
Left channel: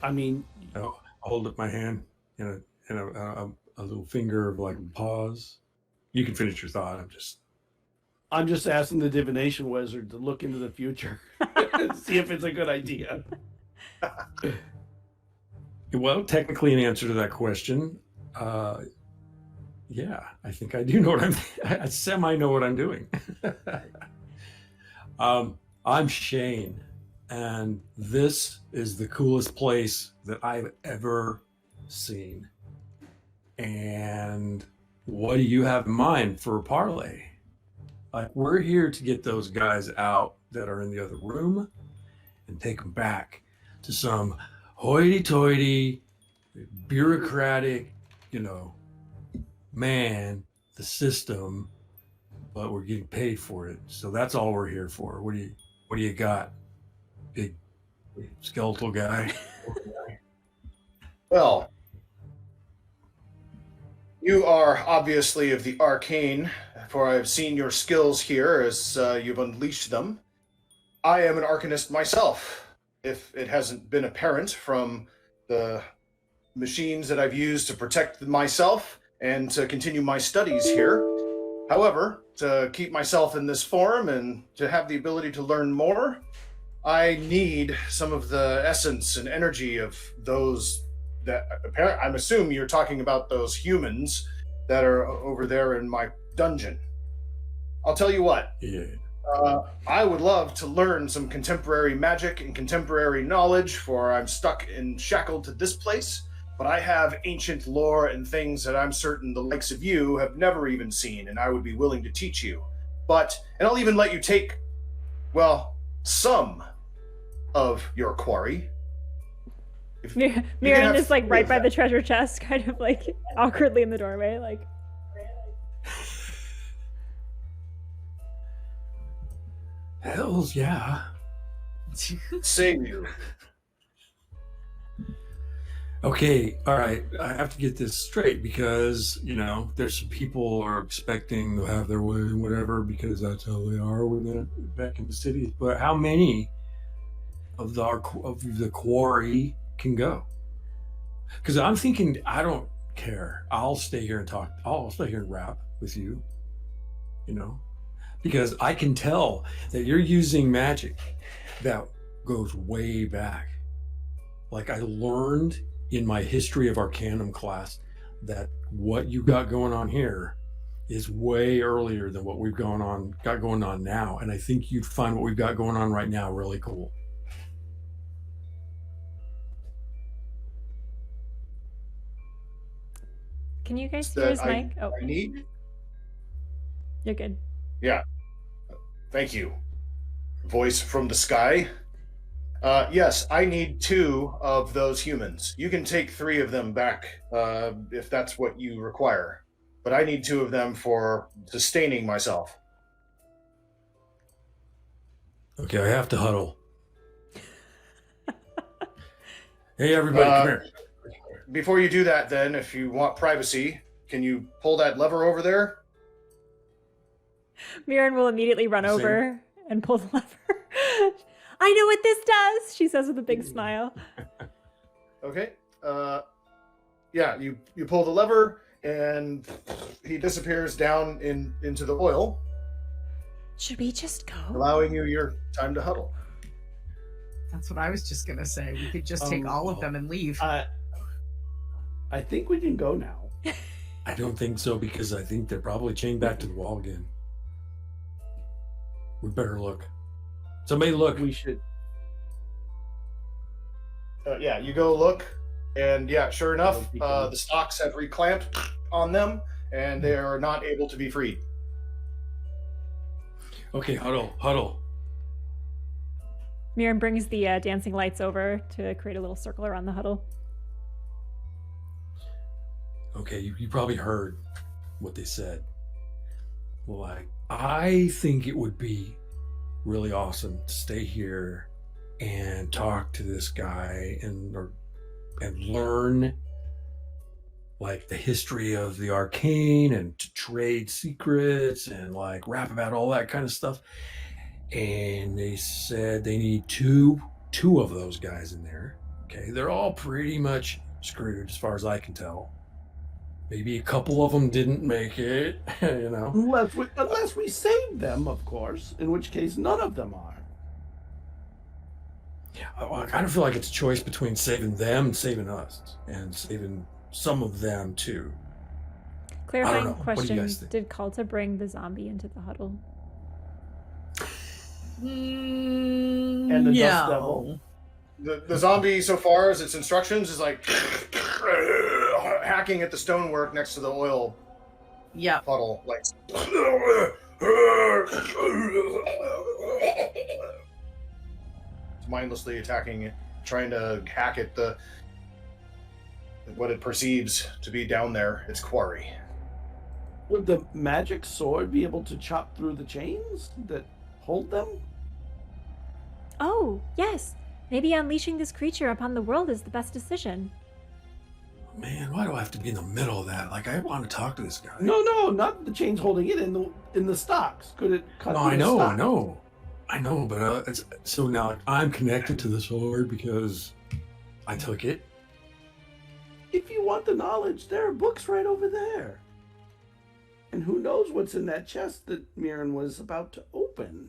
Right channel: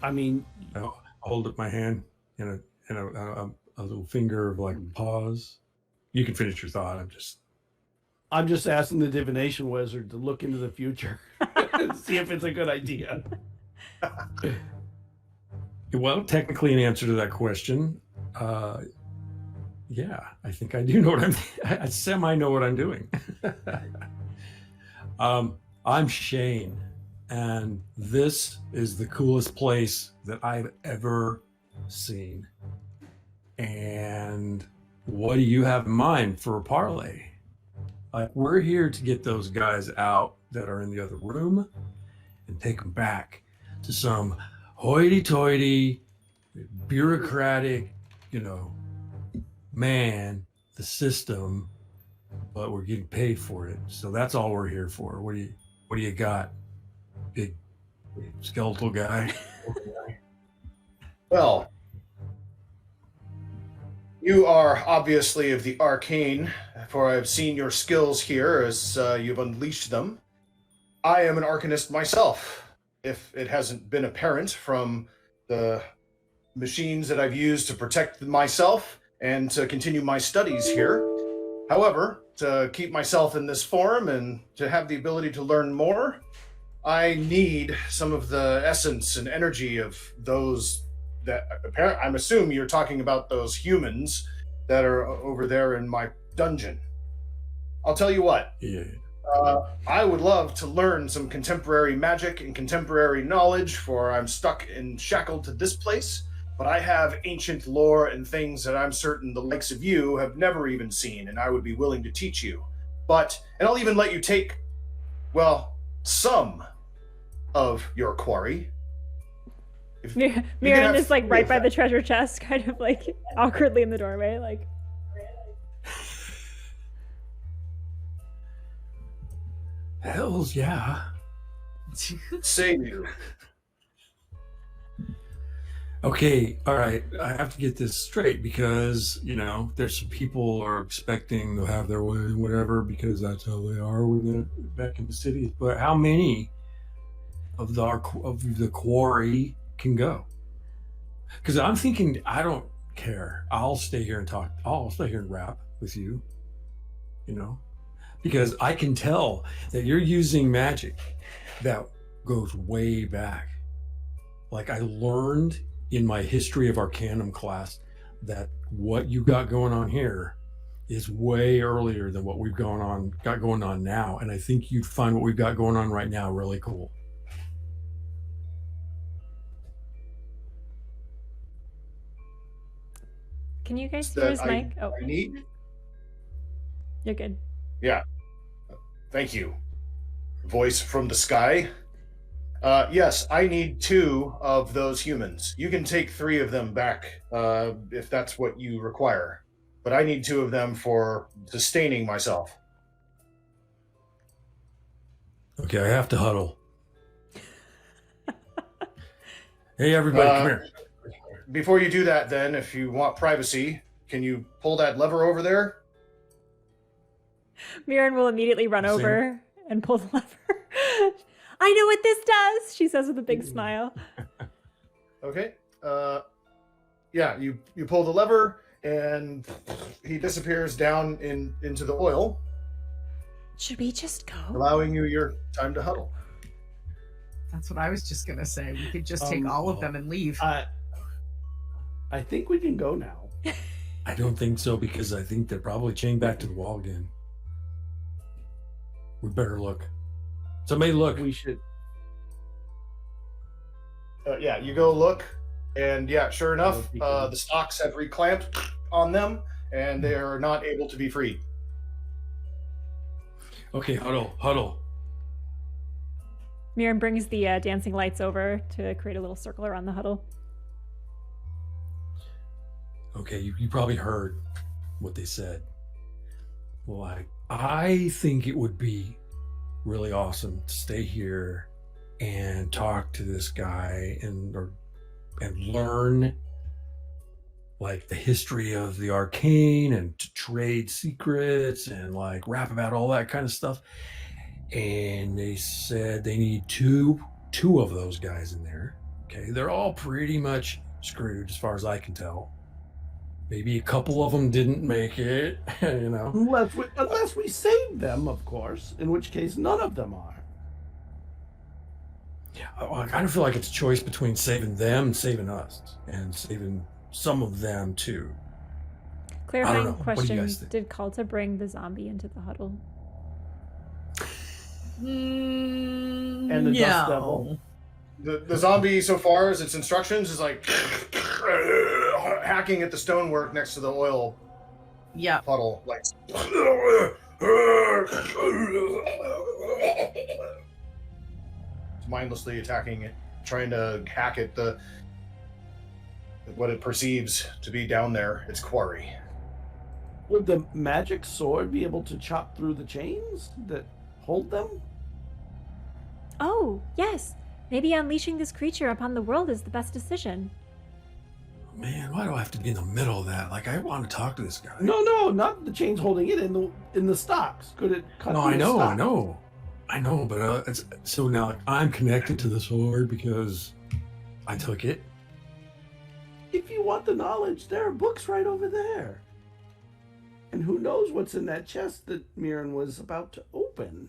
I mean, I'll hold up my hand and a little finger of like pause. You can finish your thought. I'm just asking the divination wizard to look into the future and see if it's a good idea. Well, technically, an answer to that question, yeah, I think I do know what I semi know what I'm doing. I'm Shane, and this is the coolest place that I've ever seen. And what do you have in mind for a parlay? Like, we're here to get those guys out that are in the other room and take them back to some hoity-toity, bureaucratic, man, the system, but we're getting paid for it. So that's all we're here for. What do you got, big skeletal guy? Well, you are obviously of the arcane, for I have seen your skills here as you've unleashed them. I am an arcanist myself, if it hasn't been apparent from the machines that I've used to protect myself and to continue my studies here. However, to keep myself in this form and to have the ability to learn more, I need some of the essence and energy of those that I'm assuming you're talking about those humans that are over there in my dungeon. I'll tell you what. Yeah. I would love to learn some contemporary magic and contemporary knowledge, for I'm stuck and shackled to this place, but I have ancient lore and things that I'm certain the likes of you have never even seen, and I would be willing to teach you. And I'll even let you take, well, some of your quarry. Mirren is like right by the treasure chest, kind of like awkwardly in the doorway, like. Hells yeah. Save you. Okay, all right. I have to get this straight because, there's some people are expecting to have their way and whatever because that's how they are when they're back in the cities. But how many of the quarry can go? Because I'm thinking, I don't care. I'll stay here and talk. I'll stay here and rap with you, because I can tell that you're using magic that goes way back. Like, I learned in my history of Arcanum class that what you got going on here is way earlier than what we've got going on now. And I think you'd find what we've got going on right now really cool. Can you guys hear his mic? Oh, I need? you're good. Yeah. Thank you. Voice from the sky. Yes, I need 2 of those humans. You can take 3 of them back if that's what you require. But I need 2 of them for sustaining myself. Okay, I have to huddle. Hey, everybody, come here. Before you do that, then, if you want privacy, can you pull that lever over there? Mirren will immediately run over and pull the lever. I know what this does, she says with a big smile. Okay. Yeah, you pull the lever, and he disappears down into the oil. Should we just go? Allowing you your time to huddle. That's what I was just gonna say. We could just take all of them and leave. I think we can go now. I don't think so, because I think they're probably chained back to the wall again. We better look. Somebody look. We should. Yeah, you go look, and yeah, sure enough, we can- the stocks have reclamped on them, and they are not able to be freed. Okay, huddle. Mirren brings the dancing lights over to create a little circle around the huddle. Okay, you probably heard what they said. Like, I think it would be really awesome to stay here and talk to this guy and learn like the history of the arcane and to trade secrets and like rap about all that kind of stuff. And they said they need two of those guys in there. Okay, they're all pretty much screwed as far as I can tell. Maybe a couple of them didn't make it, you know. Unless we save them, of course, in which case none of them are. I kind of feel like it's a choice between saving them and saving us, and saving some of them too. Clarifying know. What do you question: guys think? did Kalta bring the zombie into the huddle? And the dust devil. The zombie, so far as its instructions, is like hacking at the stonework next to the oil Yeah. puddle, like. It's mindlessly attacking it, trying to hack at what it perceives to be down there, its quarry. Would the magic sword be able to chop through the chains that hold them? Oh, yes. Maybe unleashing this creature upon the world is the best decision. Man, why do I have to be in the middle of that? Like, I want to talk to this guy. No, not the chains holding it in the stocks. Could it cut No, through I the know, stocks? I know, but so now I'm connected to the sword because I took it. If you want the knowledge, there are books right over there. And who knows what's in that chest that Mirren was about to open?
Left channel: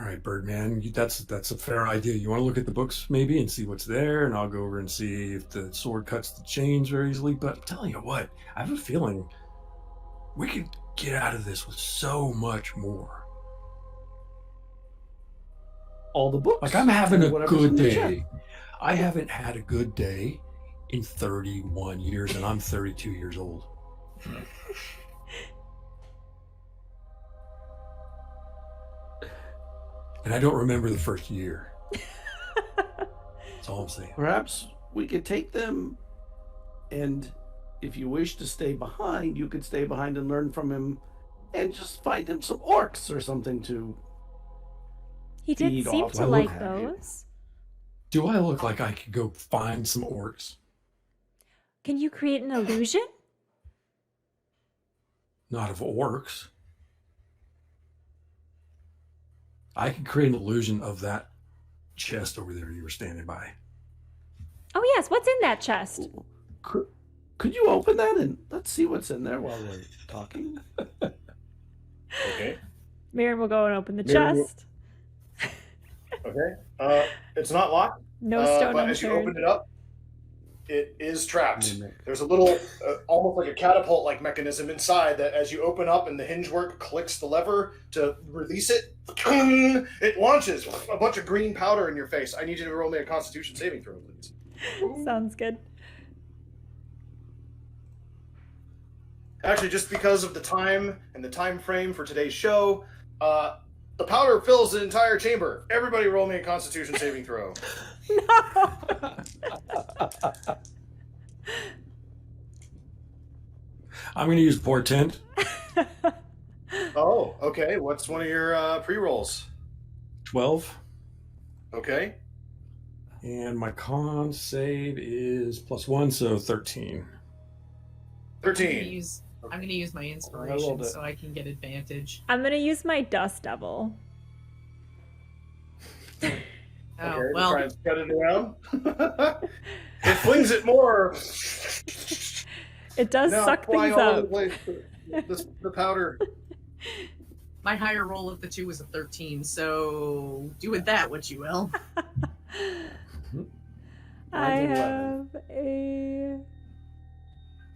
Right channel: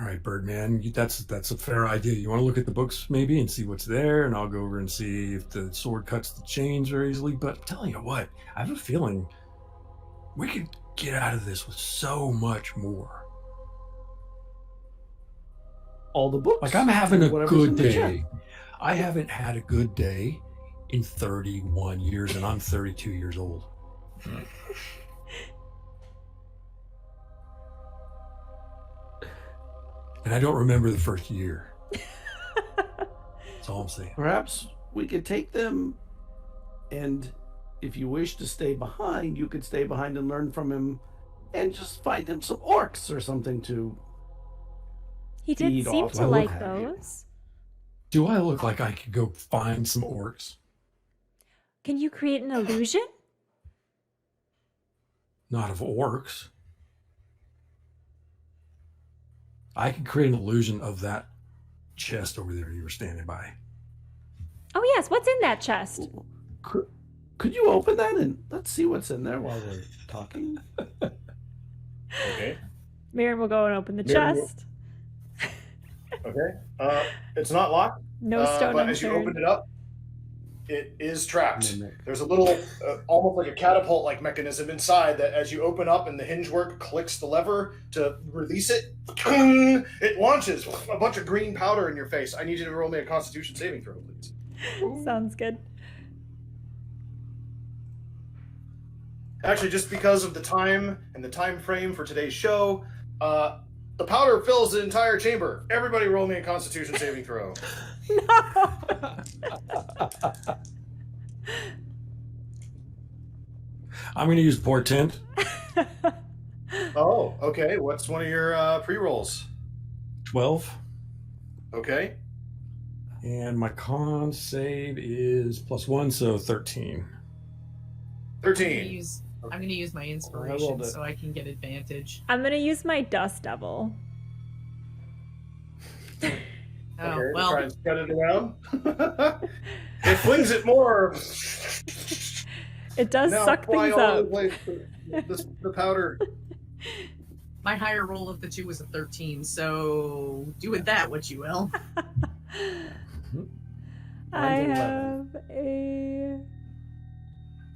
All right, Birdman, that's a fair idea. You want to look at the books maybe and see what's there, and I'll go over and see if the sword cuts the chains very easily. But I'm telling you what, I have a feeling we could get out of this with so much more. All the books. Like, I'm having a Whatever's good in the day. chest. I haven't had a good day in 31 years, and I'm 32 years old. And I don't remember the first year. That's all I'm saying. Perhaps we could take them, and if you wish to stay behind, you could stay behind and learn from him, and just find him some orcs or something to. He did Feed seem off to of like it. those. Do I look like I could go find some orcs? Can you create an illusion? Not of orcs. I could create an illusion of that chest over there you were standing by. Oh, yes. What's in that chest? Could you open that and let's see what's in there while we're talking? Okay. Mirren will go and open the Mirren will- chest. Okay. It's not locked. No stone but as you open unturned. it up, it is trapped. Mimic. There's a little, almost like a catapult-like mechanism inside that, as you open up and the hinge work clicks the lever to release it, it launches a bunch of green powder in your face. I need you to roll me a Constitution saving throw, please. Sounds good. Actually, just because of the time and the time frame for today's show, the powder fills the entire chamber. Everybody roll me a Constitution saving throw. No. I'm going to use portent. Oh, okay. What's one of your pre-rolls? 12. Okay. And my con save is +1, so 13. 13. I'm gonna use my rolled inspiration it. so I can get advantage. I'm going to use my dust devil. Oh Okay, well, try and spread it around. It flings it more. It does Now suck fly things all over up. the place. The powder. My higher roll of the two was a 13, so do with that what you will. I have a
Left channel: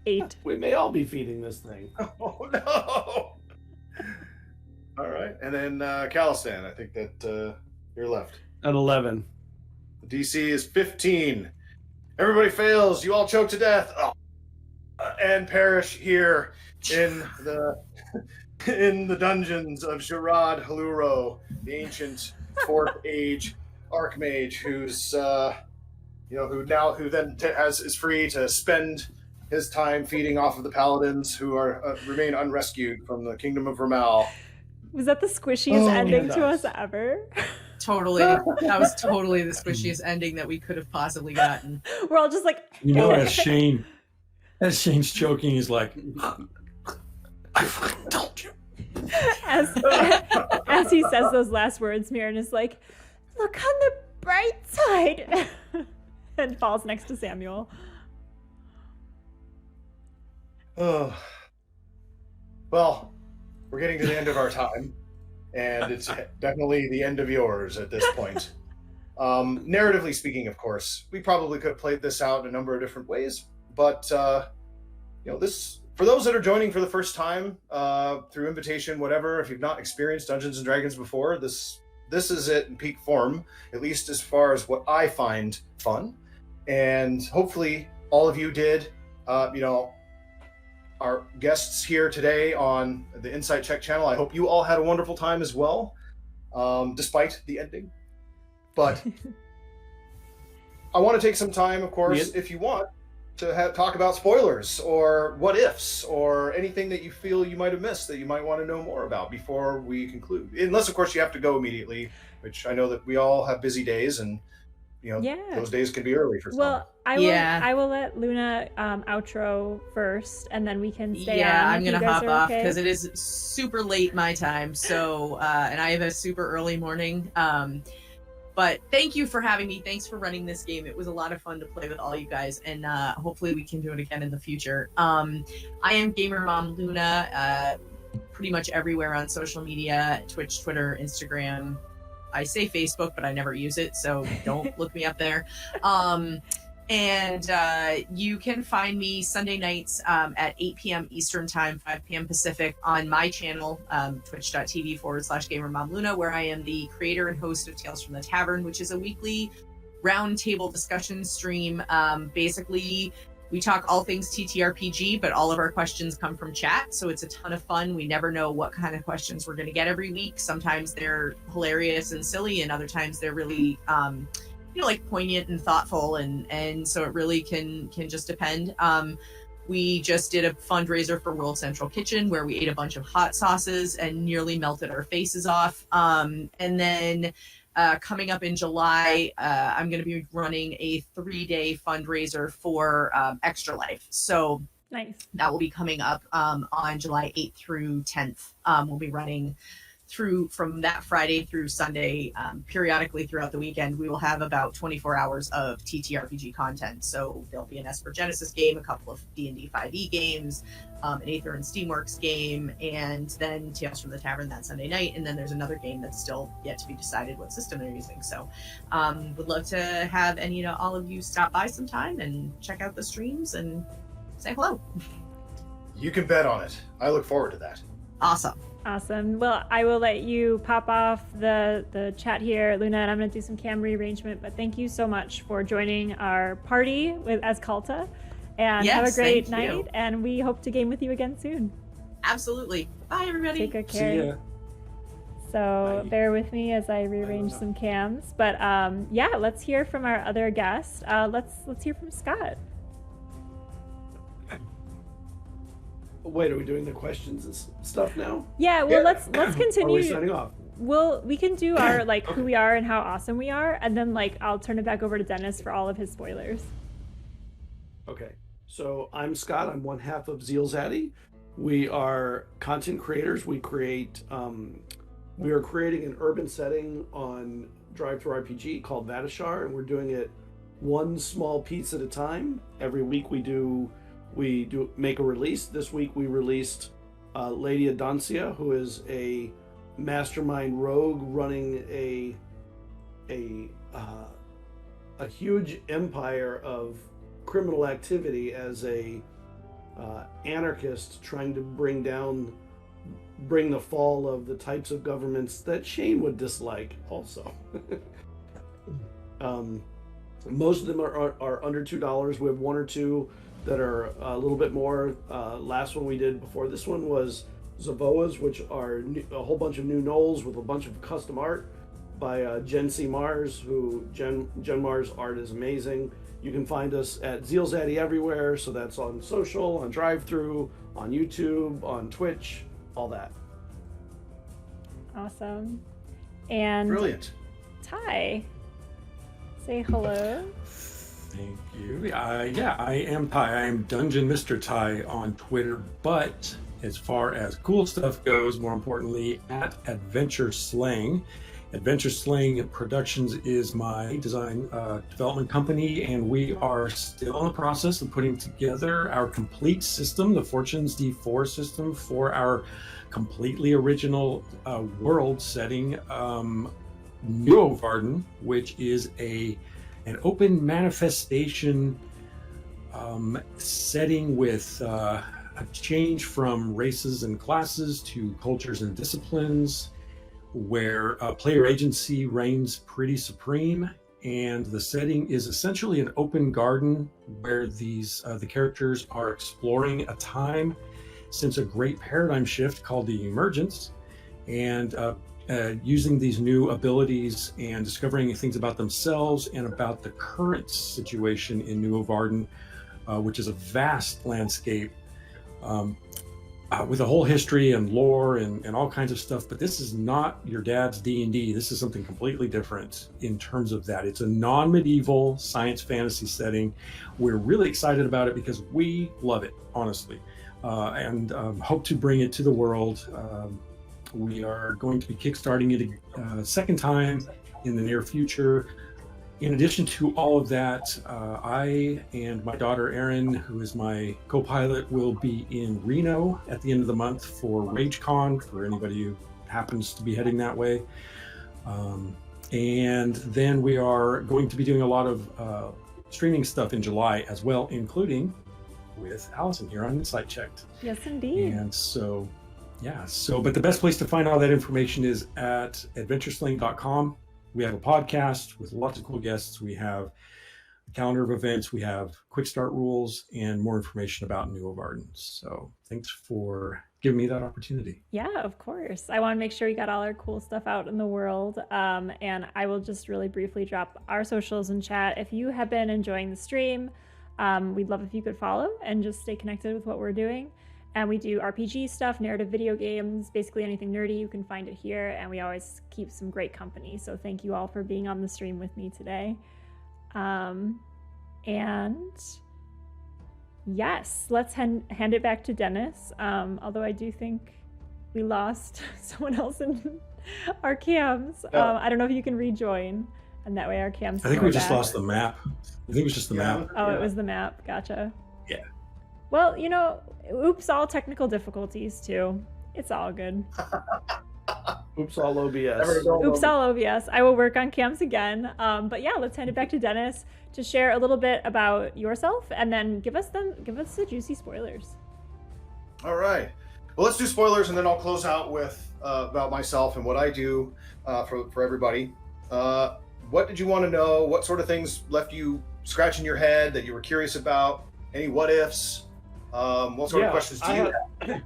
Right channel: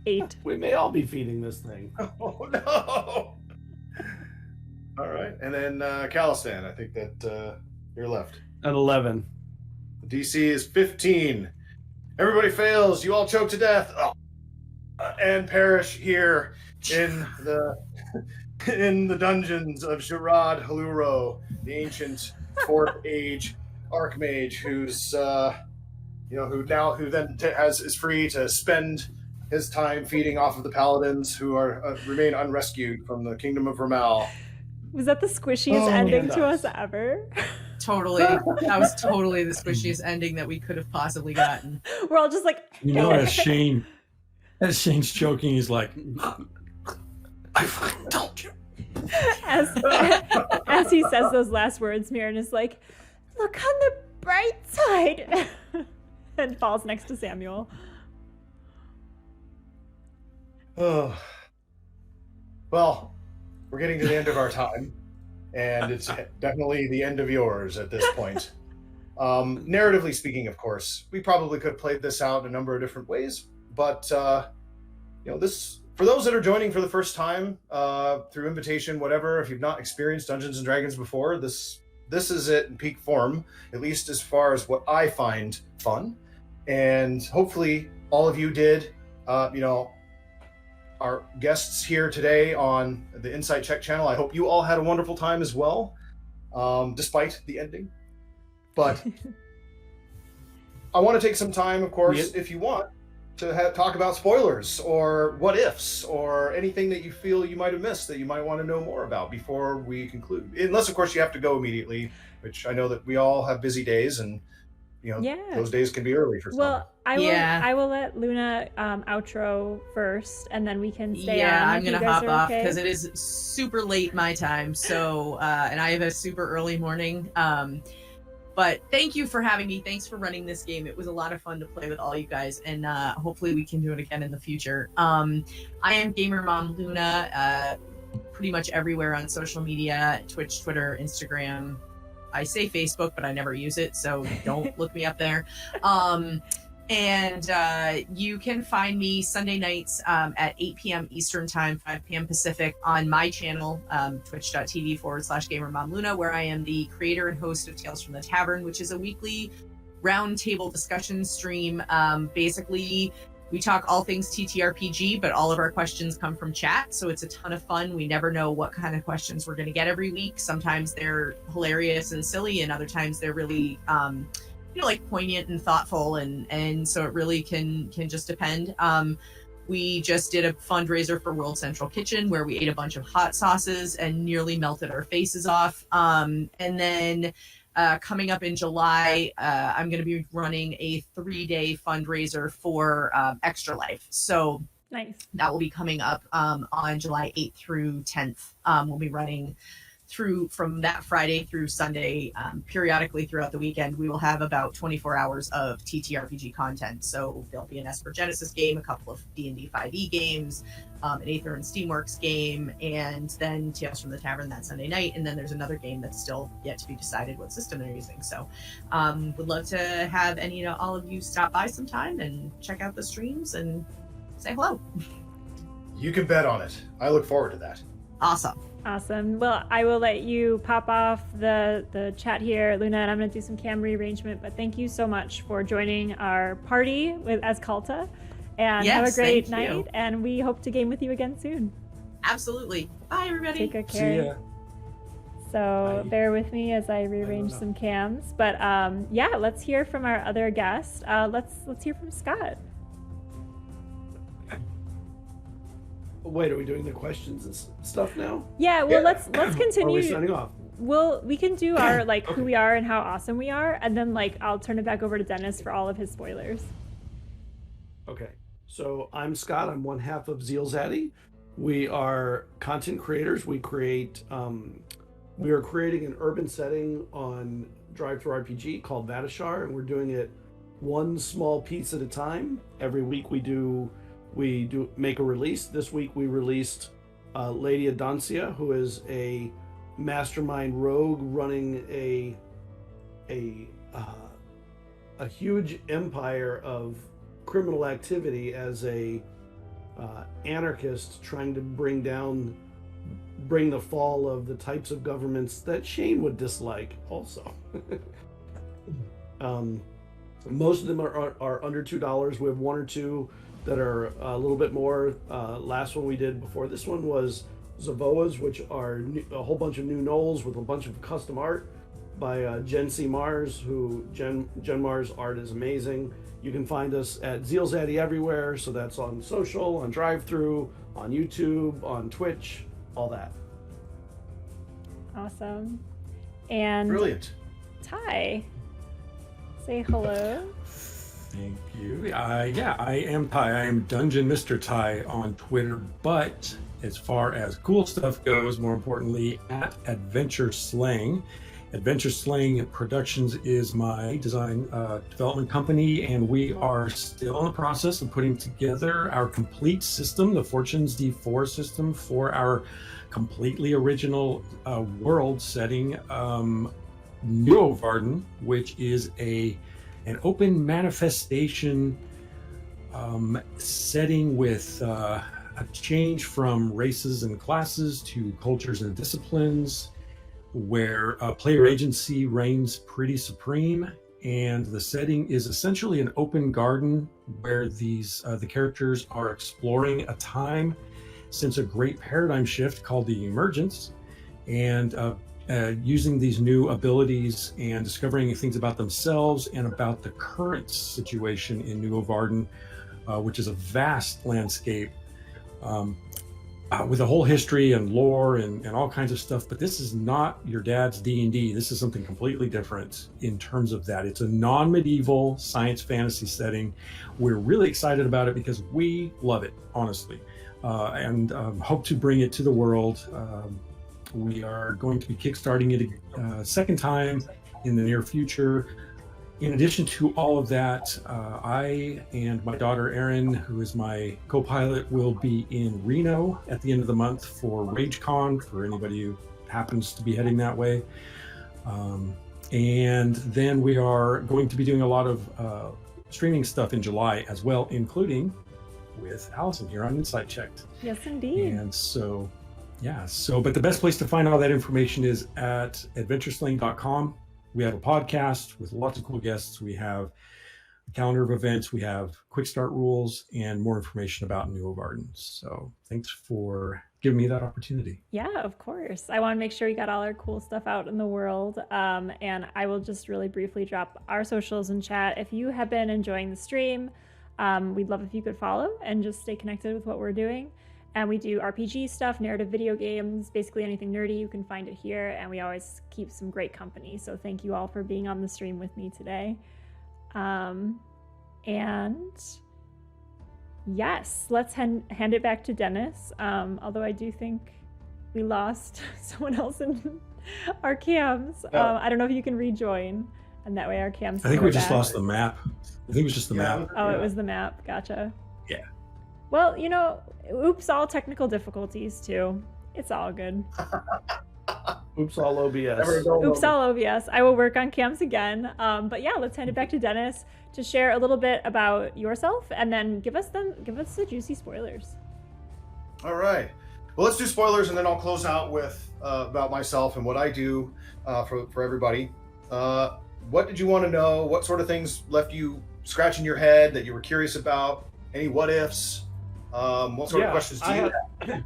8. We may all be feeding this thing. Oh no! All right, and then Calistan, I think that you're left. An 11. The DC is 15. Everybody fails. You all choke to death, and perish here in the dungeons of Sharad Haluro, the ancient Fourth Age Archmage, who's who then is free to spend his time feeding off of the paladins who are remain unrescued from the kingdom of Ramal. Was that the squishiest ending to us ever? Totally. That was totally the squishiest ending that we could have possibly gotten. We're all just like... As Shane's choking, he's like, I fucking told you. As he says those last words, Mirren is like, look on the bright side. And falls next to Samuel. Oh. Well, we're getting to the end of our time, and it's definitely the end of yours at this point. Narratively speaking, of course, we probably could have played this out in a number of different ways, but this, for those that are joining for the first time, through invitation, whatever, if you've not experienced Dungeons and Dragons before, this is it in peak form, at least as far as what I find fun, and hopefully all of you did. Our guests here today on the Insight Check channel, I hope you all had a wonderful time as well, despite the ending. But I want to take some time, of course, if you want, to talk about spoilers or what ifs or anything that you feel you might have missed that you might want to know more about before we conclude. Unless, of course, you have to go immediately, which I know that we all have busy days, and those days can be early for some. Well, I will let Luna outro first, and then we can stay on. I'm going to to hop off because it is super late my time. So, and I have a super early morning. But thank you for having me. Thanks for running this game. It was a lot of fun to play with all you guys, and hopefully we can do it again in the future. I am Gamer Mom Luna, pretty much everywhere on social media: Twitch, Twitter, Instagram. I say Facebook, but I never use it, so don't look me up there. And you can find me Sunday nights at 8 p.m. Eastern Time, 5 p.m. Pacific on my channel, twitch.tv/GamerMomLuna, where I am the creator and host of Tales from the Tavern, which is a weekly roundtable discussion stream. Basically, we talk all things TTRPG, but all of our questions come from chat, so it's a ton of fun. We never know what kind of questions we're going to get every week. Sometimes they're hilarious and silly, and other times they're really like poignant and thoughtful, and so it really can just depend. We just did a fundraiser for World Central Kitchen where we ate a bunch of hot sauces and nearly melted our faces off. And then coming up in July, I'm going to be running a 3-day fundraiser for Extra Life. So nice. That will be coming up on July 8th through 10th. We'll be running through from that Friday through Sunday, periodically throughout the weekend. We will have about 24 hours of TTRPG content. So there'll be an Esper Genesis game, a couple of D&D 5e games, an Aether and Steamworks game, and then Tales from the Tavern that Sunday night. And then there's another game that's still yet to be decided what system they're using. So would love to have all of you stop by sometime and check out the streams and say hello. You can bet on it. I look forward to that. Awesome. Well, I will let you pop off the chat here, Luna, and I'm going to do some cam rearrangement. But thank you so much for joining our party as Kalta. And have a great night. And we hope to game with you again soon. Absolutely. Bye, everybody. Take good care. So bear with me as I rearrange some cams. But let's hear from our other guest. Let's hear from Scott. Wait, are we doing the questions and stuff now? Yeah, well, let's continue. Or are we signing off? We can do our who we are and how awesome we are, and then I'll turn it back over to Dennis for all of his spoilers. Okay, so I'm Scott. I'm one half of Zeal Zaddy. We are content creators. We are creating an urban setting on Drive-Thru RPG called Vatishar, and we're doing it one small piece at a time. Every week we do make a release. This week we released Lady Adancia, who is a mastermind rogue running a huge empire of criminal activity as a anarchist trying to bring the fall of the types of governments that Shane would dislike also. Most of them are under $2. We have one or two that are a little bit more. Last one we did before this one was Zavoas, which are a whole bunch of new gnolls with a bunch of custom art by Jen C. Mars, who Jen Mars' art is amazing. You can find us at Zealzaddy everywhere, so that's on social, on drive-thru, on YouTube, on Twitch, all that. Awesome. And Brilliant. Ty, say hello. Thank you. Yeah, I am Ty. I am Dungeon Mr. Ty on Twitter, but as far as cool stuff goes, more importantly, at Adventure Slang. Adventure Slang Productions is my design development company, and we are still in the process of putting together our complete system, the Fortunes D4 system, for our completely original world setting, Neovarden, which is an open manifestation setting with a change from races and classes to cultures and disciplines, where player agency reigns pretty supreme, and the setting is essentially an open garden where the characters are exploring a time since a great paradigm shift called the Emergence, and using these new abilities and discovering things about themselves and about the current situation in Neovarden, which is a vast landscape with a whole history and lore and all kinds of stuff. But this is not your dad's D&D. This is something completely different in terms of that. It's a non-medieval science fantasy setting. We're really excited about it because we love it, honestly, and hope to bring it to the world. We are going to be kickstarting it a second time in the near future. In addition to all of that, I and my daughter Erin, who is my co-pilot, will be in Reno at the end of the month for RageCon, for anybody who happens to be heading that way. And then we are going to be doing a lot of streaming stuff in July as well, including with Allison here on Insight Checked. Yes, indeed. And so, yeah, but the best place to find all that information is at adventuresling.com. We have a podcast with lots of cool guests. We have a calendar of events. We have quick start rules and more information about Neovarden. So thanks for giving me that opportunity. Yeah, of course. I want to make sure we got all our cool stuff out in the world. And I will just really briefly drop our socials in chat. If you have been enjoying the stream, we'd love if you could follow and just stay connected with what we're doing. And we do RPG stuff, narrative video games, basically anything nerdy, you can find it here. And we always keep some great company. So thank you all for being on the stream with me today. And yes, let's hand it back to Dennis. Although I do think we lost someone else in our cams. I don't know if you can rejoin, and that way our cams. I think we just lost the map. I think it was just the map. Oh, it was the map. Gotcha. Yeah. Well, oops, all technical difficulties too. It's all good. Oops, all OBS. Oops, all OBS. I will work on cams again. But yeah, let's hand it back to Dennis to share a little bit about yourself, and then give us the juicy spoilers. All right. Well, let's do spoilers, and then I'll close out with about myself and what I do for everybody. What did you want to know? What sort of things left you scratching your head that you were curious about? Any what ifs? What sort of questions do you have?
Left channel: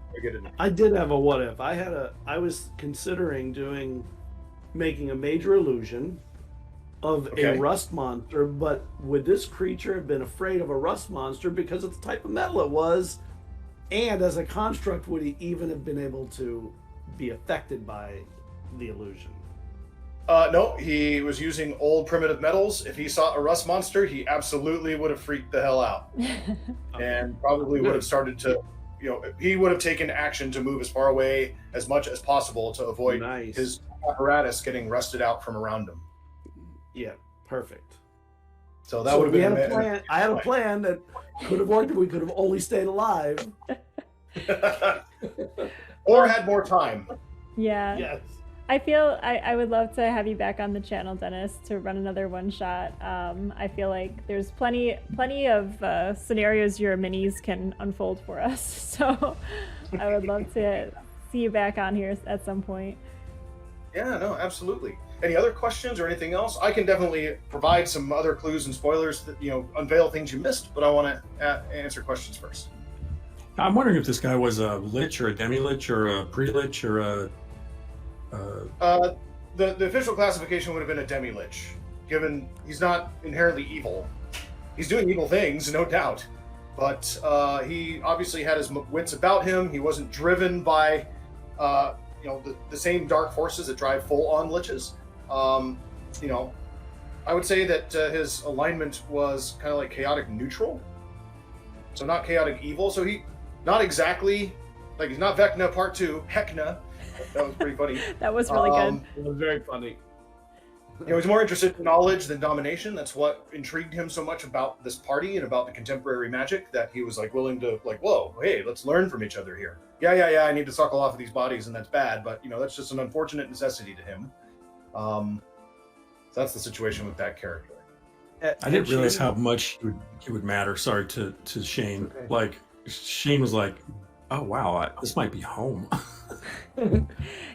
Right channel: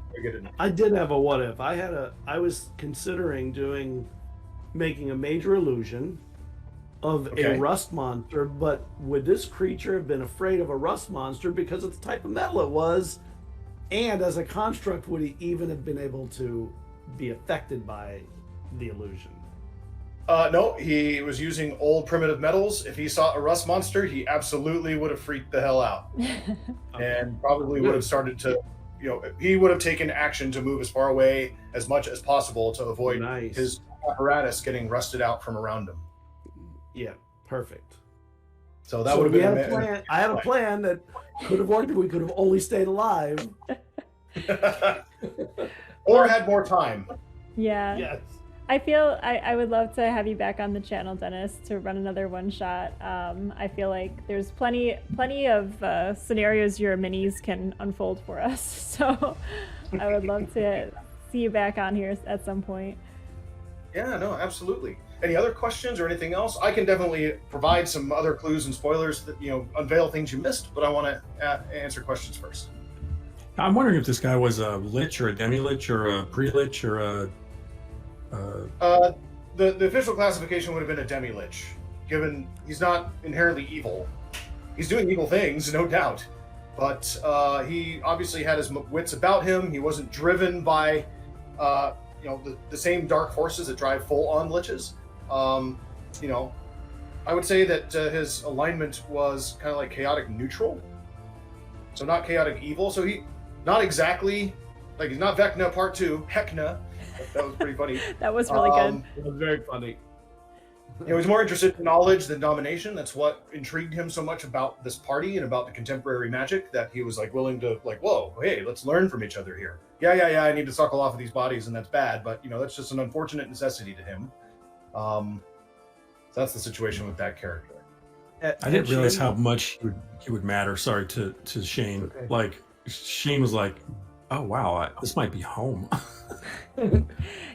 I did have a what if. I was considering making a major illusion of a rust monster, but would this creature have been afraid of a rust monster because of the type of metal it was? And as a construct, would he even have been able to be affected by the illusion? No, he was using old primitive metals. If he saw a rust monster, he absolutely would have freaked the hell out. And probably would have started to, he would have taken action to move as far away as much as possible to avoid his apparatus getting rusted out from around him. Yeah, perfect. So that would have been a plan. I had a plan that could have worked if we could have only stayed alive. Or had more time. Yeah. Yes. I feel I would love to have you back on the channel, Dennis, to run another one shot. I feel like there's plenty of scenarios your minis can unfold for us. So I would love to see you back on here at some point. Yeah, no, absolutely. Any other questions or anything else? I can definitely provide some other clues and spoilers that, unveil things you missed, but I want to answer questions first. I'm wondering if this guy was a lich or a demi-lich or a pre-lich or a... The official classification would have been a demi-lich, given he's not inherently evil. He's doing evil things, no doubt, but he obviously had his wits about him. He wasn't driven by, the same dark forces that drive full-on liches. I would say that his alignment was kind of like chaotic neutral, so not chaotic evil. So he, not exactly, like he's not Vecna Part 2, Hecna. That was pretty funny. That was really good. It was very funny. He was more interested in knowledge than domination. That's what intrigued him so much about this party and about the contemporary magic, that he was like willing to whoa, hey, let's learn from each other here. Yeah, I need to suckle off of these bodies, and that's bad, but that's just an unfortunate necessity to him. So that's the situation with that character. I didn't realize how much he would matter. Sorry to Shane. Okay. Like Shane was like, "Oh wow, this might be home."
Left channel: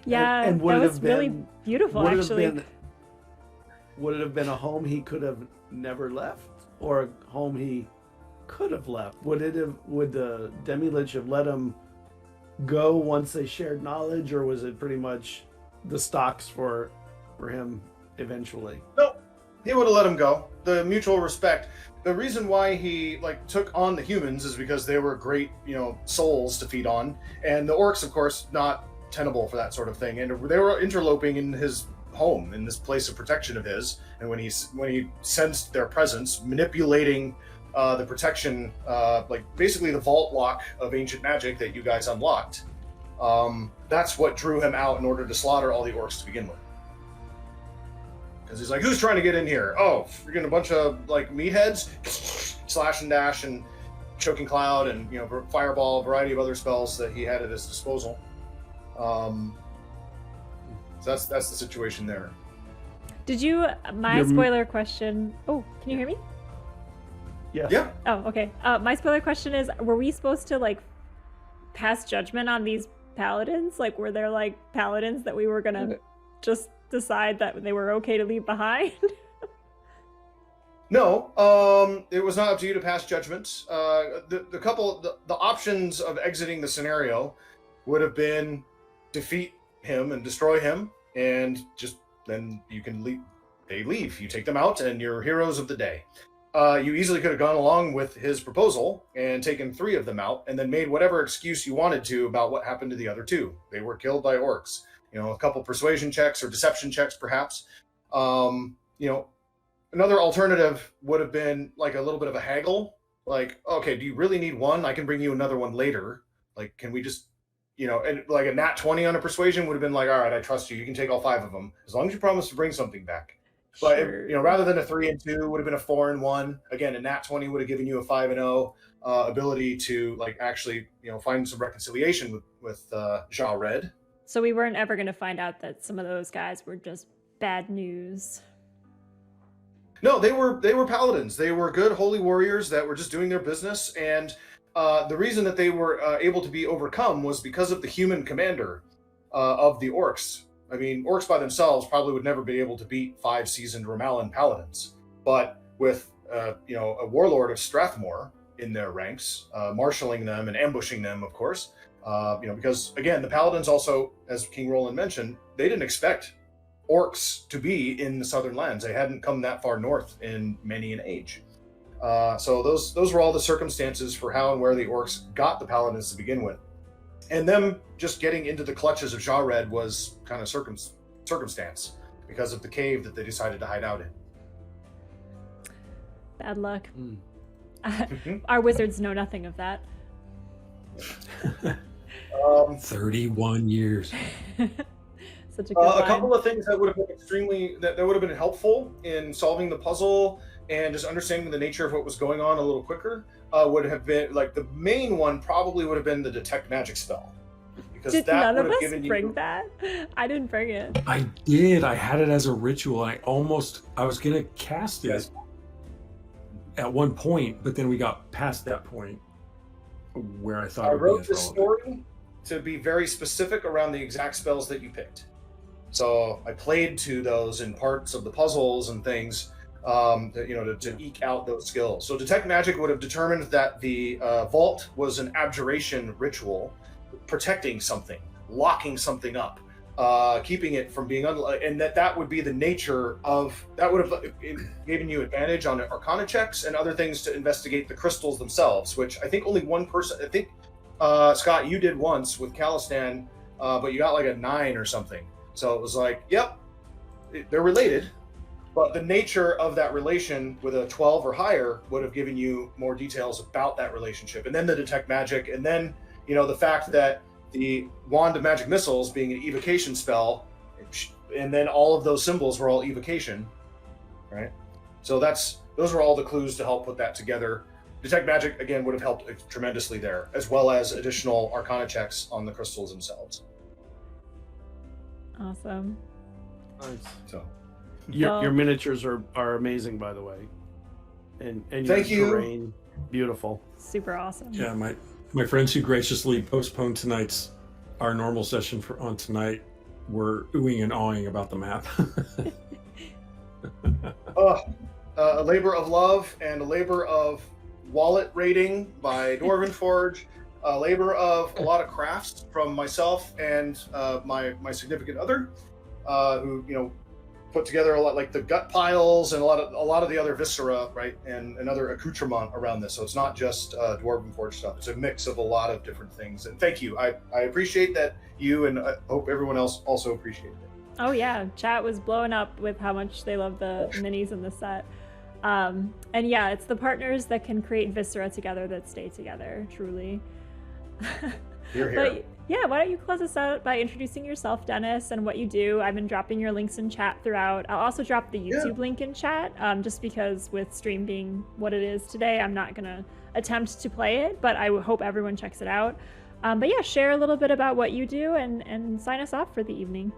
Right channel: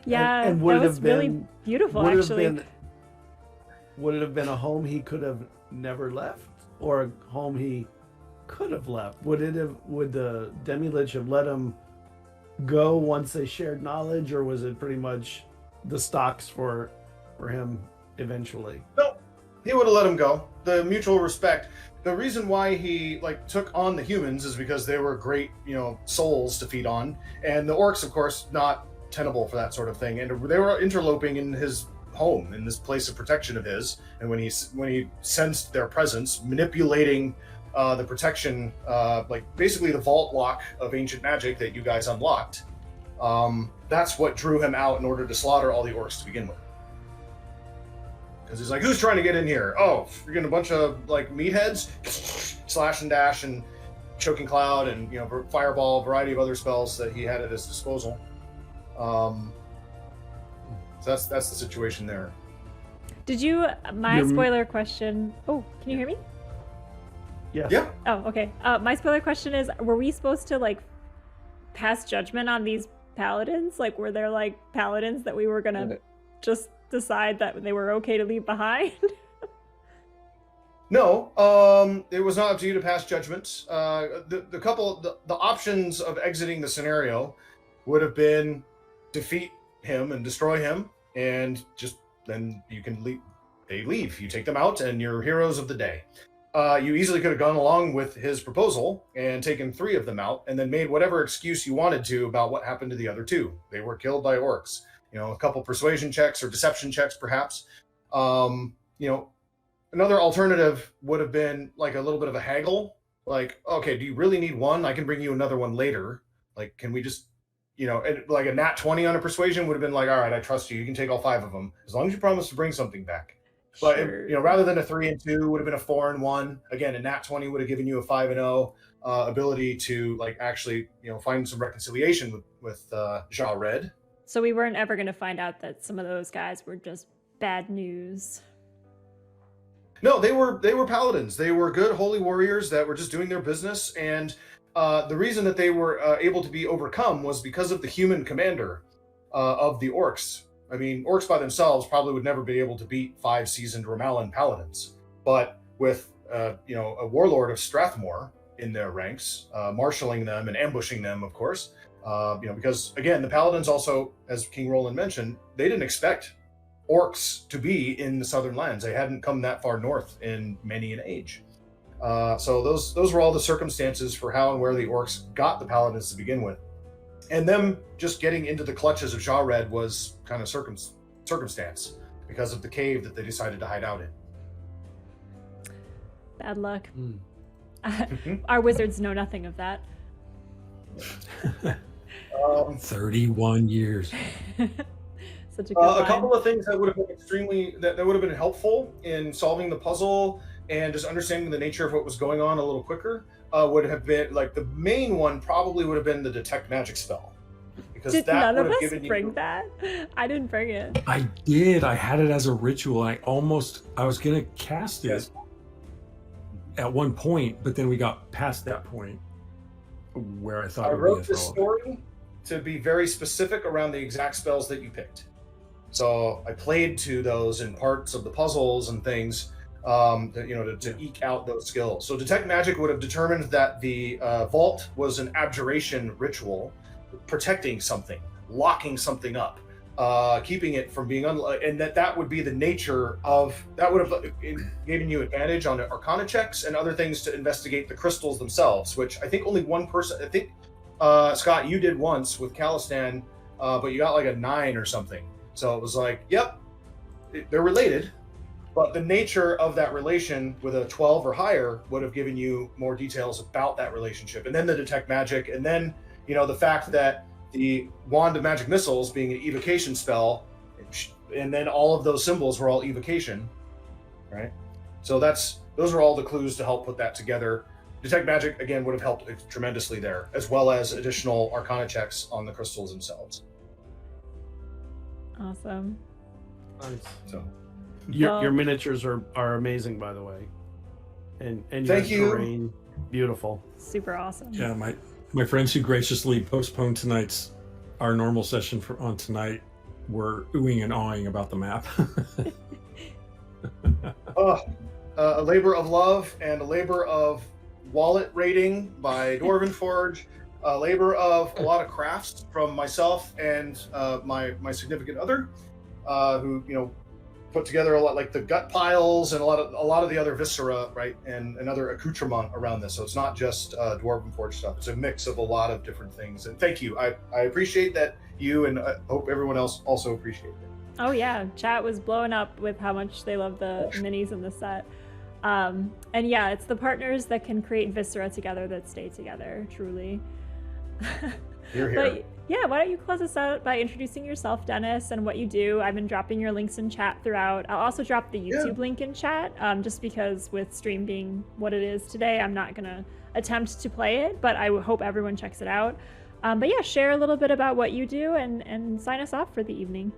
Yeah, And that was really beautiful, actually. Would it have been a home he could have never left, or a home he could have left? Would the demi-lich have let him go once they shared knowledge, or was it pretty much the stocks for him eventually? No, he would have let him go. The mutual respect. The reason why he took on the humans is because they were great, souls to feed on, and the orcs, of course, not tenable for that sort of thing. And they were interloping in his home, in this place of protection of his. And when he sensed their presence, manipulating the protection, basically the vault lock of ancient magic that you guys unlocked, that's what drew him out in order to slaughter all the orcs to begin with. Because he's like, who's trying to get in here? Oh, you're getting a bunch of meatheads, slash and dash and choking cloud and fireball, a variety of other spells that he had at his disposal. So that's the situation there. Did you? My spoiler question. Oh, can you hear me? Yes. Yeah. Oh, okay. My spoiler question is: were we supposed to pass judgment on these paladins? Were there paladins that we were gonna just decide that they were okay to leave behind? No, it was not up to you to pass judgment. The options of exiting the scenario would have been defeat him and destroy him, and just then you can leave. They leave. You take them out, and you're heroes of the day. You easily could have gone along with his proposal and taken 3 of them out, and then made whatever excuse you wanted to about what happened to the other 2. They were killed by orcs. A couple persuasion checks or deception checks, perhaps. Another alternative would have been a little bit of a haggle. Okay, do you really need one? I can bring you another one later. Can we just, and a nat 20 on a persuasion would have been all right, I trust you. You can take all 5 of them as long as you promise to bring something back. But Sure. rather than a 3 and 2, would have been a 4 and 1. Again, a nat 20 would have given you a 5 and 0 ability to actually find some reconciliation with Ja Red. So we weren't ever going to find out that some of those guys were just bad news. No, they were paladins. They were good holy warriors that were just doing their business, and the reason that they were able to be overcome was because of the human commander of the orcs. I mean, orcs by themselves probably would never be able to beat 5 seasoned Romalan paladins, but with a warlord of Strathmore in their ranks, marshaling them and ambushing them, of course. Because again, the paladins also, as King Roland mentioned, they didn't expect orcs to be in the southern lands. They hadn't come that far north in many an age. So those were all the circumstances for how and where the orcs got the paladins to begin with. And them just getting into the clutches of Ja Red was kind of circumstance because of the cave that they decided to hide out in. Bad luck. Our wizards know nothing of that. 31 years. Such a good line. A couple of things that would have been that would have been helpful in solving the puzzle and just understanding the nature of what was going on a little quicker would have been the main one probably would have been the detect magic spell, because Did that none would of have us given bring you. that? I didn't bring it. I did. I had it as a ritual. I was gonna cast it Yes. at one point, but then we got past that point where I thought I it would be wrote as this relevant. story to be very specific around the exact spells that you picked. So I played to those in parts of the puzzles and things, to eke out those skills. So Detect Magic would have determined that the vault was an abjuration ritual, protecting something, locking something up, keeping it from being and that would be the nature of that. Would have given you advantage on Arcana checks and other things to investigate the crystals themselves, which I think only one person. I think Scott, you did once with Calistan, but you got like a 9 or something. So it was like, yep, they're related, but the nature of that relation with a 12 or higher would have given you more details about that relationship. And then the Detect Magic, and then the fact that the Wand of Magic Missiles being an evocation spell, and then all of those symbols were all evocation, right? So those are all the clues to help put that together. Detect Magic, again, would have helped tremendously there, as well as additional Arcana checks on the crystals themselves. Awesome. Nice. So, Your miniatures are amazing, by the way, and your Thank you. terrain, beautiful. Super awesome. Yeah, my friends who graciously postponed our normal session on tonight were oohing and awing about the map. a labor of love and a labor of wallet raiding by Dwarven Forge, a labor of a lot of crafts from myself and my significant other, who put together a lot, like the gut piles and a lot of the other viscera, right, and another accoutrement around this. So it's not just Dwarven Forge stuff. It's a mix of a lot of different things. And thank you. I appreciate that you, and I hope everyone else also appreciates it. Oh yeah, chat was blowing up with how much they love the minis in the set. And yeah, it's the partners that can create viscera together that stay together, truly. You're here. But yeah, why don't you close us out by introducing yourself, Dennis, and what you do. I've been dropping your links in chat throughout. I'll also drop the YouTube link in chat, just because with stream being what it is today, I'm not gonna attempt to play it, but I hope everyone checks it out. But yeah, share a little bit about what you do and sign us off for the evening.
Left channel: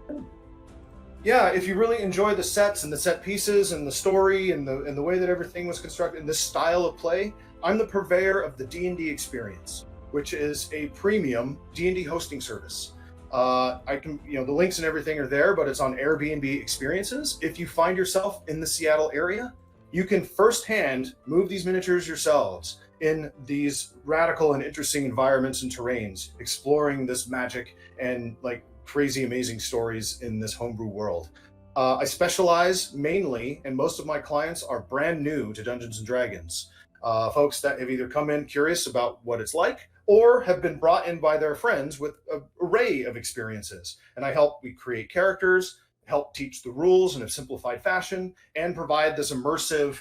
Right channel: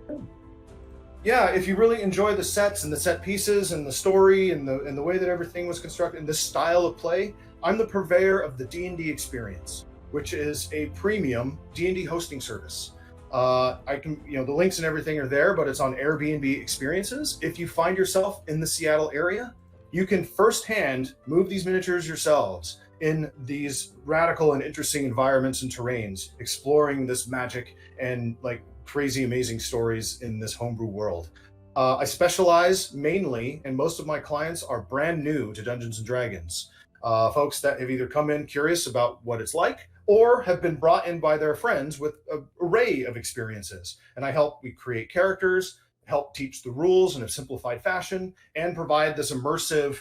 Yeah, if you really enjoy the sets and the set pieces and the story and the way that everything was constructed and this style of play, I'm the purveyor of the D&D Experience, which is a premium D&D hosting service. I can, the links and everything are there, but it's on Airbnb Experiences. If you find yourself in the Seattle area, you can firsthand move these miniatures yourselves in these radical and interesting environments and terrains, exploring this magic and crazy amazing stories in this homebrew world. I specialize mainly, and most of my clients are brand new to Dungeons and Dragons. Folks that have either come in curious about what it's like, or have been brought in by their friends with an array of experiences. And I help create characters, help teach the rules in a simplified fashion, and provide this immersive,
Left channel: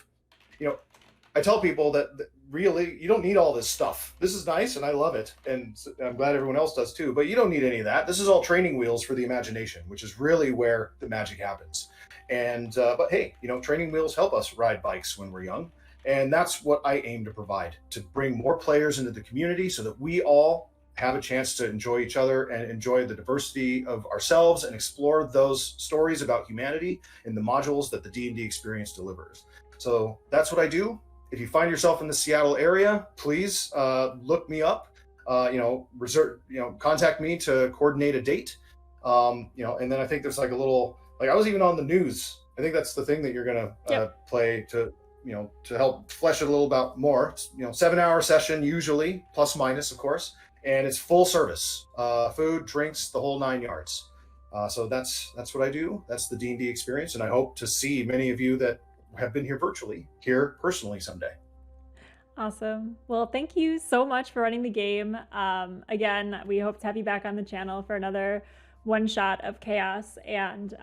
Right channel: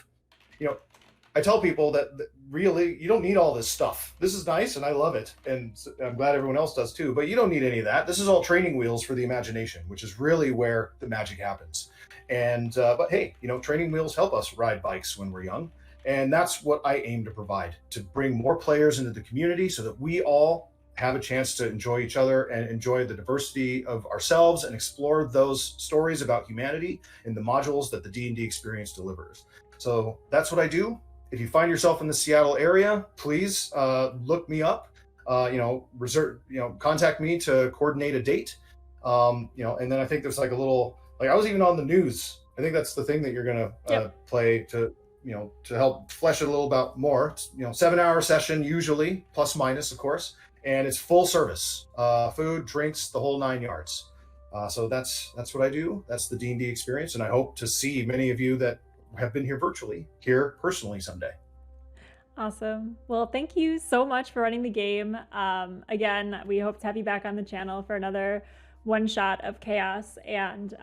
I tell people that really, you don't need all this stuff. This is nice, and I love it, and I'm glad everyone else does too, but you don't need any of that. This is all training wheels for the imagination, which is really where the magic happens. And, but hey, training wheels help us ride bikes when we're young. And that's what I aim to provide, to bring more players into the community so that we all have a chance to enjoy each other and enjoy the diversity of ourselves and explore those stories about humanity in the modules that the D&D Experience delivers. So that's what I do. If you find yourself in the Seattle area, please look me up, contact me to coordinate a date. And then I think there's a little, I was even on the news. I think that's the thing that you're going to play to help flesh it a little bit more. It's, 7-hour session usually, plus minus, of course, and it's full service, food, drinks, the whole 9 yards. So that's what I do. That's the D&D Experience, and I hope to see many of you that have been here virtually here personally someday. Awesome. Well, thank you so much for running the game. Again, we hope to have you back on the channel for another one shot of chaos and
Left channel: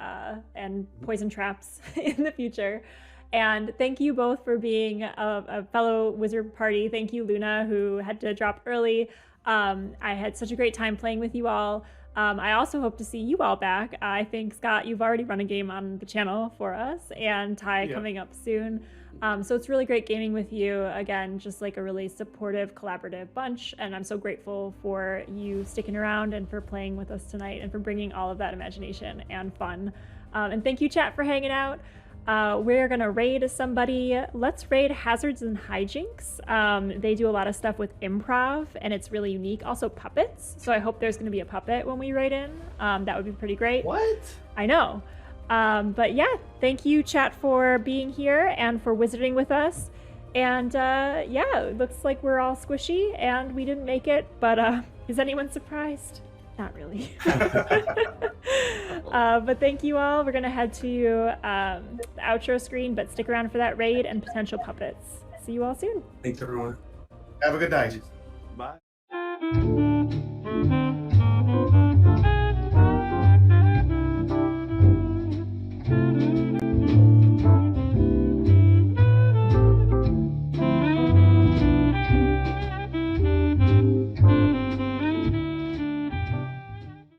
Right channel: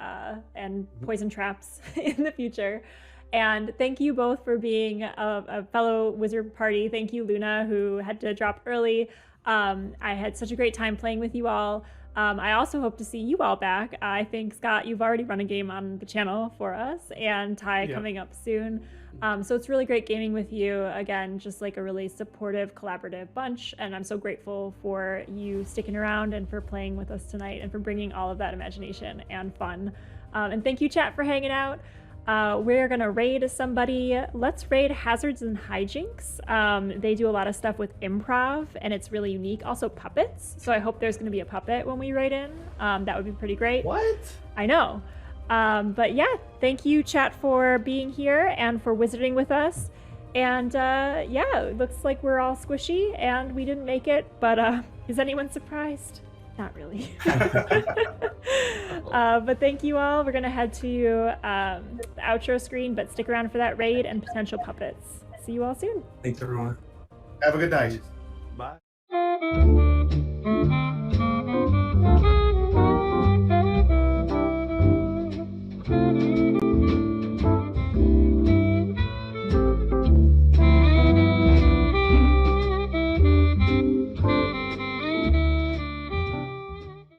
poison traps in the future. And thank you both for being a fellow wizard party. Thank you, Luna, who had to drop early. I had such a great time playing with you all. I also hope to see you all back. I think, Scott, you've already run a game on the channel for us, and Ty coming up soon. So it's really great gaming with you. Again, just like a really supportive, collaborative bunch. And I'm so grateful for you sticking around and for playing with us tonight and for bringing all of that imagination and fun. And thank you, chat, for hanging out. We're going to raid somebody. Let's raid Hazards and Hijinks. They do a lot of stuff with improv, and it's really unique. Also, puppets. So I hope there's going to be a puppet when we raid in. That would be pretty great. What? I know. But yeah, thank you, chat, for being here and for wizarding with us. And yeah, it looks like we're all squishy and we didn't make it, but is anyone surprised? Not really. But thank you all. We're going to head to the outro screen, but stick around for that raid and potential puppets. See you all soon. Thanks, everyone. Have a good night. Bye.